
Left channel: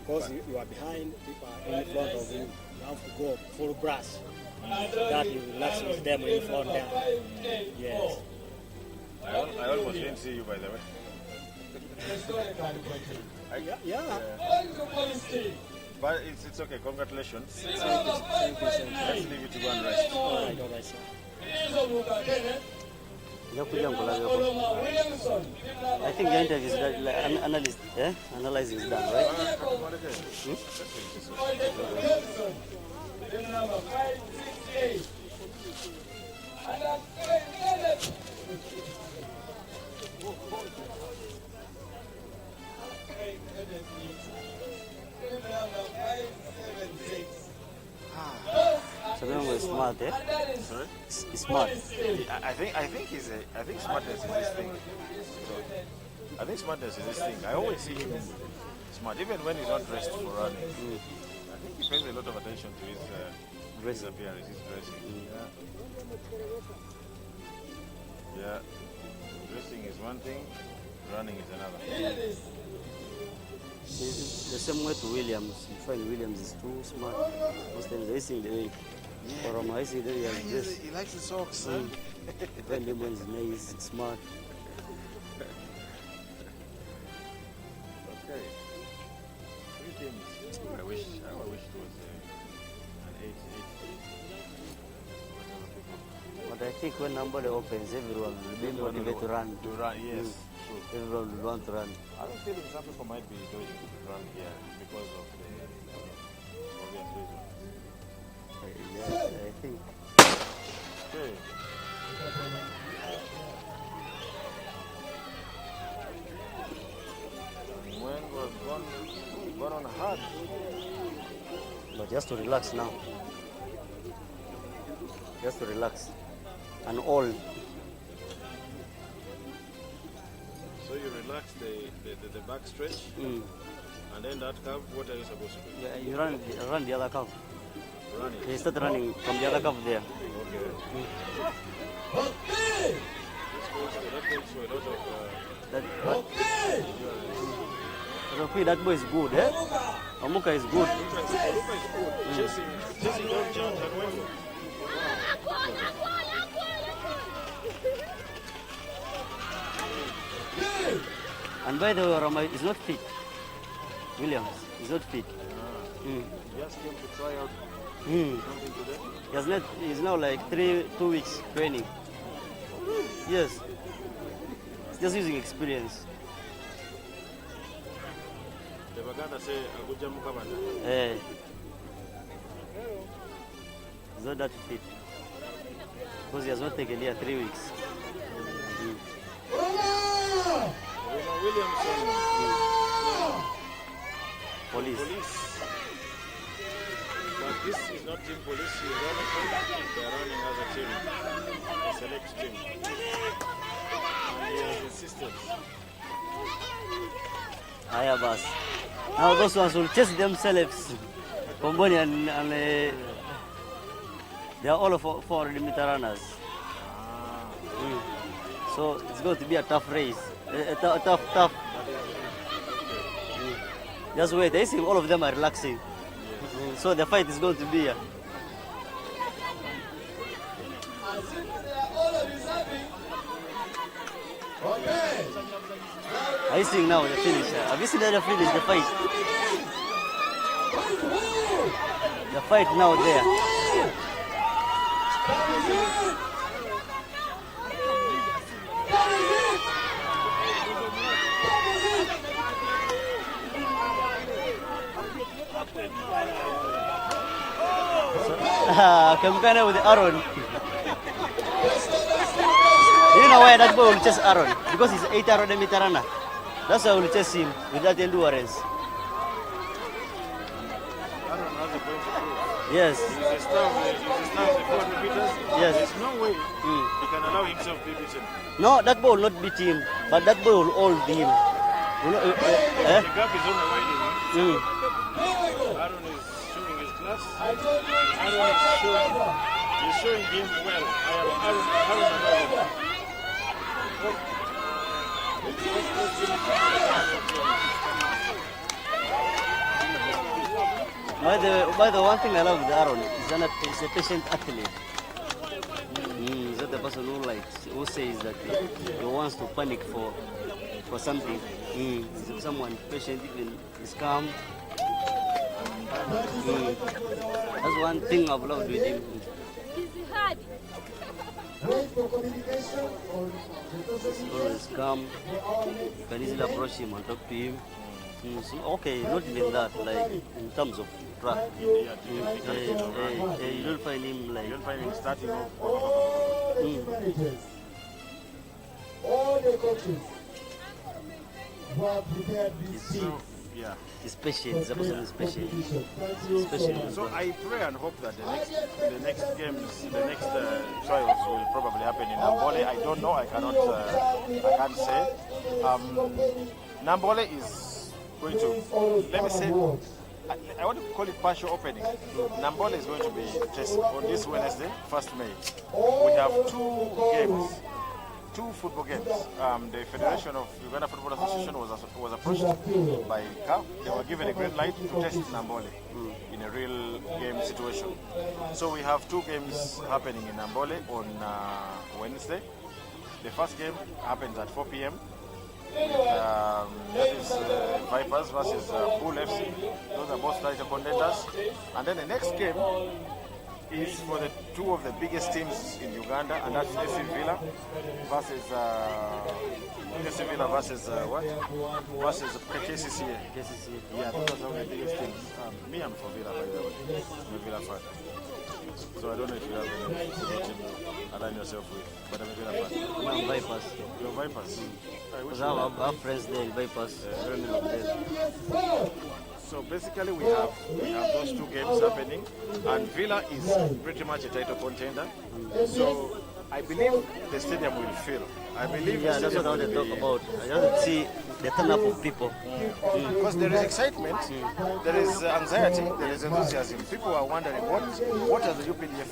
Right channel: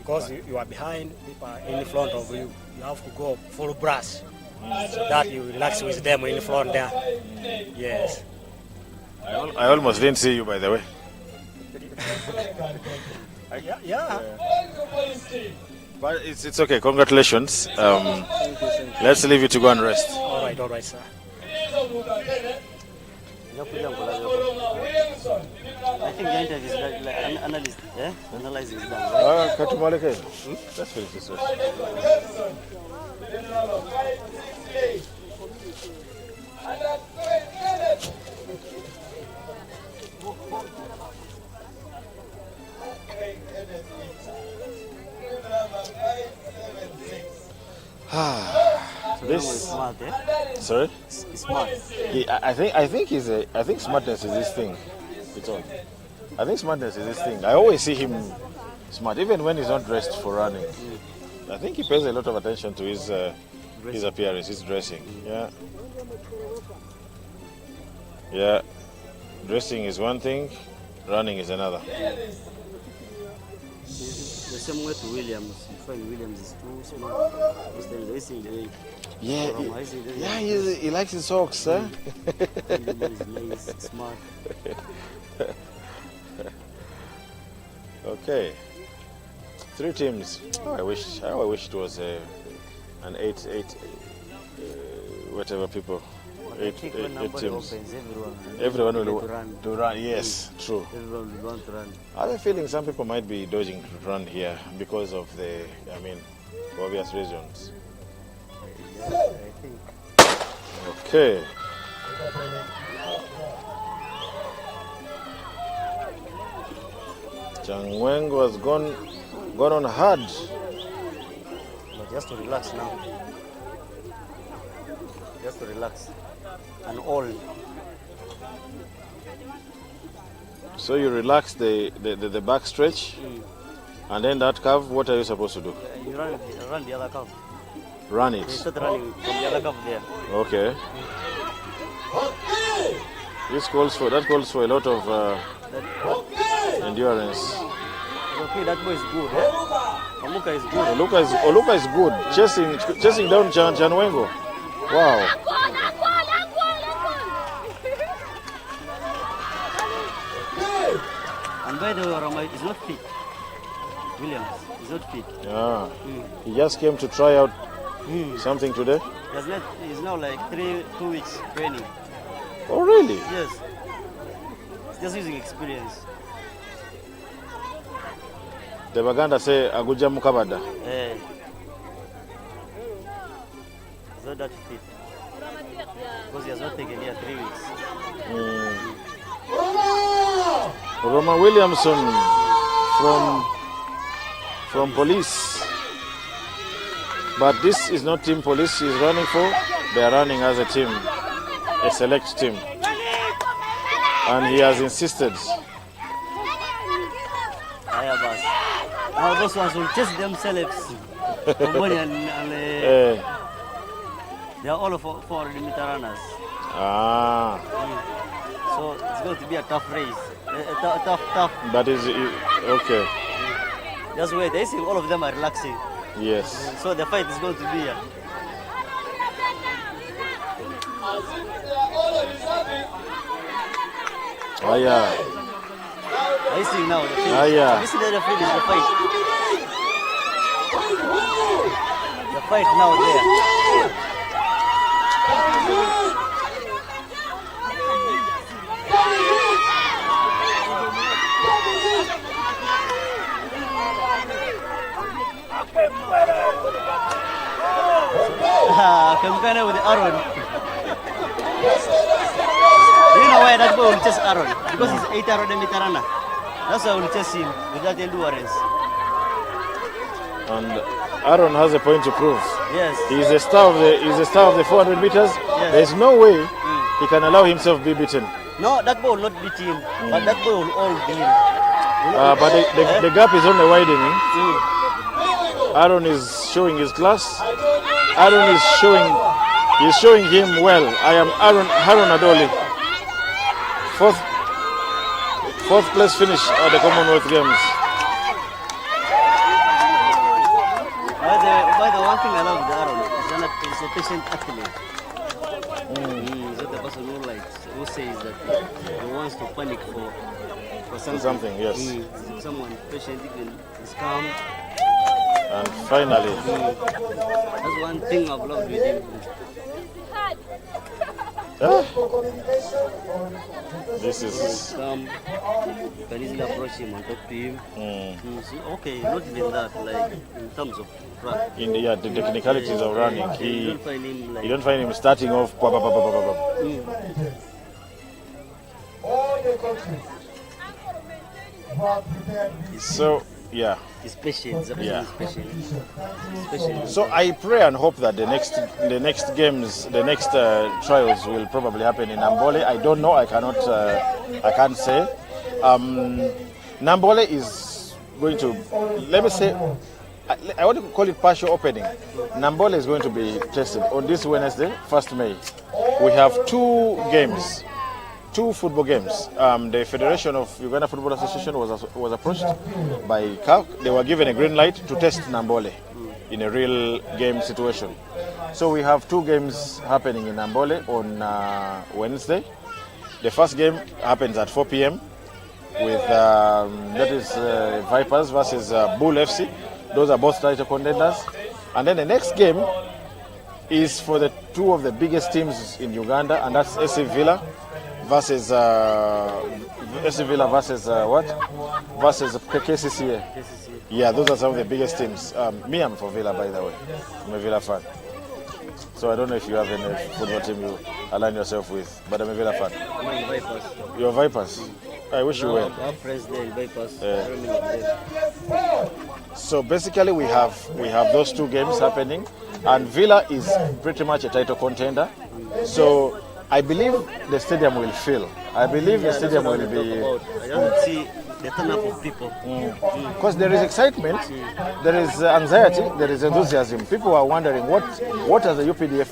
Because you are behind, people are in front of you, you have to go full brush. So that you relax with them in front there. Yes. I almost didn't see you, by the way. Yeah. But it's okay. Congratulations. Let's leave you to go and rest. All right, sir. I think the interview is done, like analysis is done, right? Let's finish this one. So this was smart, eh? Sorry? He's smart. I think smartness is this thing. I think smartness is this thing. I always see him smart, even when he's not dressed for running. I think he pays a lot of attention to his appearance, his dressing. Yeah. Dressing is one thing, running is another. The same way to Williams. You find Williams is too smart. Most times I see the way. He likes his socks, huh? Everybody is nice, smart. Okay. 3 teams. I wish it was an 8, whatever people. But I think when nobody opens, everyone will to run. Yes, true. Everyone will want to run. I have a feeling some people might be dodging to run here because of for obvious reasons. Yeah, I think. Okay. Changweng was gone on hard. But just to relax now. Just to relax. And all. So you relax the back stretch, and then that curve, what are you supposed to do? You run the other curve. Run it? You start running from the other curve there. Okay. That calls for a lot of endurance. Okay, that boy is good, eh? Omuka is good. Oluka is good. Chasing down Janwengo. Wow. And by the way, Rama is not fit. Williams is not fit. Yeah. He just came to try out something today. He's now like 2 weeks training. Oh, really? Yes. He's just using experience. The Baganda say Aguja Mukabada. He's not that fit. Because he has not taken here 3 weeks. Roma Williamson from police. But this is not team police he's running for. They are running as a team, a select team. And he has insisted. Now those ones will chase themselves. Komboni and they are all 400 meter runners. So it's going to be a tough race. Tough. That is okay. Just wait. I see all of them are relaxing. Yes. So the fight is going to be. Yeah. I see now the finish. Yeah. Have you seen the finish? The fight. The fight now there. Campaigner with Aaron. Do you know why that boy will chase Aaron? Because he's 800 meter runner. That's why I will chase him with that endurance. And Aaron has a point to prove. Yes. He's a star of the 400 meters. Yes. There's no way he can allow himself to be beaten. No, that boy will not beat him, but that boy will hold him. But the gap is only widening. Aaron is showing his class. Aaron is showing him well. I am Aaron Adoli. Fourth place finish at the Commonwealth Games. By the one thing I love with Aaron is he's a patient athlete. He's not the person who says that he wants to panic for something. Yes. Someone patient, even is calm. And finally, that's one thing I've loved with him. This is calm. You can easily approach him and talk to him. So, okay, not even that. Like in terms of track. The technicalities of running. You don't find him like. You don't find him starting off. All the coaches who are prepared. So yeah. He's patient. The person is patient. He's patient. So I pray and hope that the next games, the next trials will probably happen in Nambole. I don't know. I can't say. Nambole is going to, let me say, I want to call it partial opening. Nambole is going to be tested on this Wednesday, 1st May. We have 2 games. 2 football games. The Federation of Uganda Football Association was approached by CAF. They were given a green light to test Nambole in a real game situation. So we have 2 games happening in Nambole on Wednesday. The first game happens at 4 p.m. with that is Vipers versus Bull FC. Those are both title contenders. And then the next game is for the 2 of the biggest teams in Uganda, and that's SC Villa versus KCCA. Yeah, those are some of the biggest teams. Me, I'm for Villa, by the way. I'm a Villa fan. So I don't know if you have any football team you align yourself with, but I'm a Villa fan. I'm Vipers. You're Vipers? I wish you were. Our friends there, Vipers. So basically we have those 2 games happening, and Villa is pretty much a title contender. So I believe the stadium will fill. I believe the stadium will be. About. I don't see the turn up of people. Because there is excitement, there is anxiety, there is enthusiasm. People are wondering what has the UPDF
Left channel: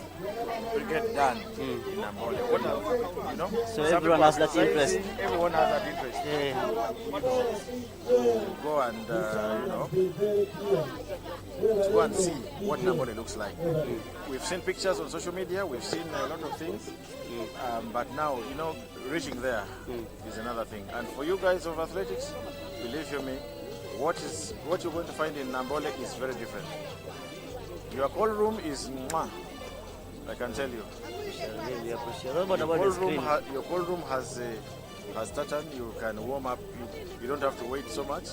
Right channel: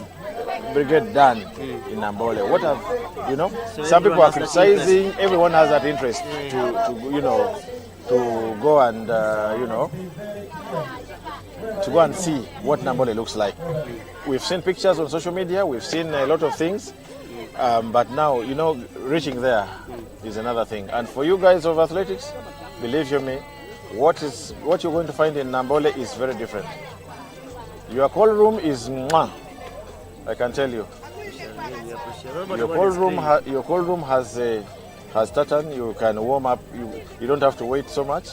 brigade done in Nambole? What have, you know, So some people everyone are has that criticizing, interest. everyone has that interest to, you know, to go and, you know, to go and see what Nambole looks like. We've seen pictures on social media, we've seen a lot of things, but now, you know, reaching there is another thing. And for you guys of athletics, believe you me, what you're going to find in Nambole is very different. Your call room is mwah, I can tell you. Really appreciate. Your call room has tartan. You can warm up. You don't have to wait so much.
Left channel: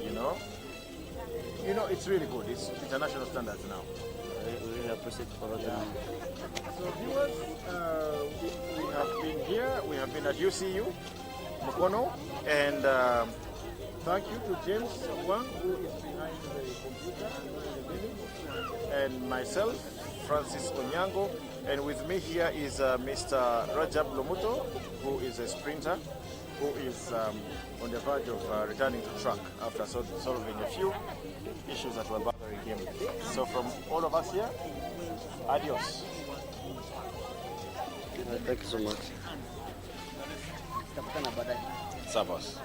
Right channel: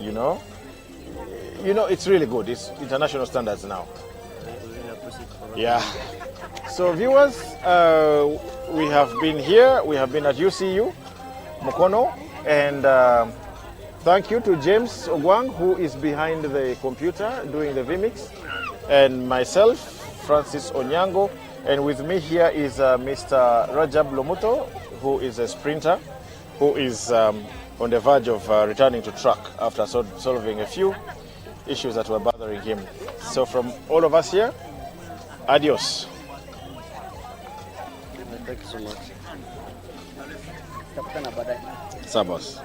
You know, it's really good. It's international standards now. Really appreciate for Yeah. So viewers, we have been here. We have been at UCU Mukono, and thank you to James Ogwang, who is behind the computer doing the vmix, and myself, Francis Onyango, and with me here is Mr. Rajab Lomuto, who is a sprinter, who is on the verge of returning to track after solving a few issues that were bothering him. So from all of us here, adios. Thank you so much. Sabos.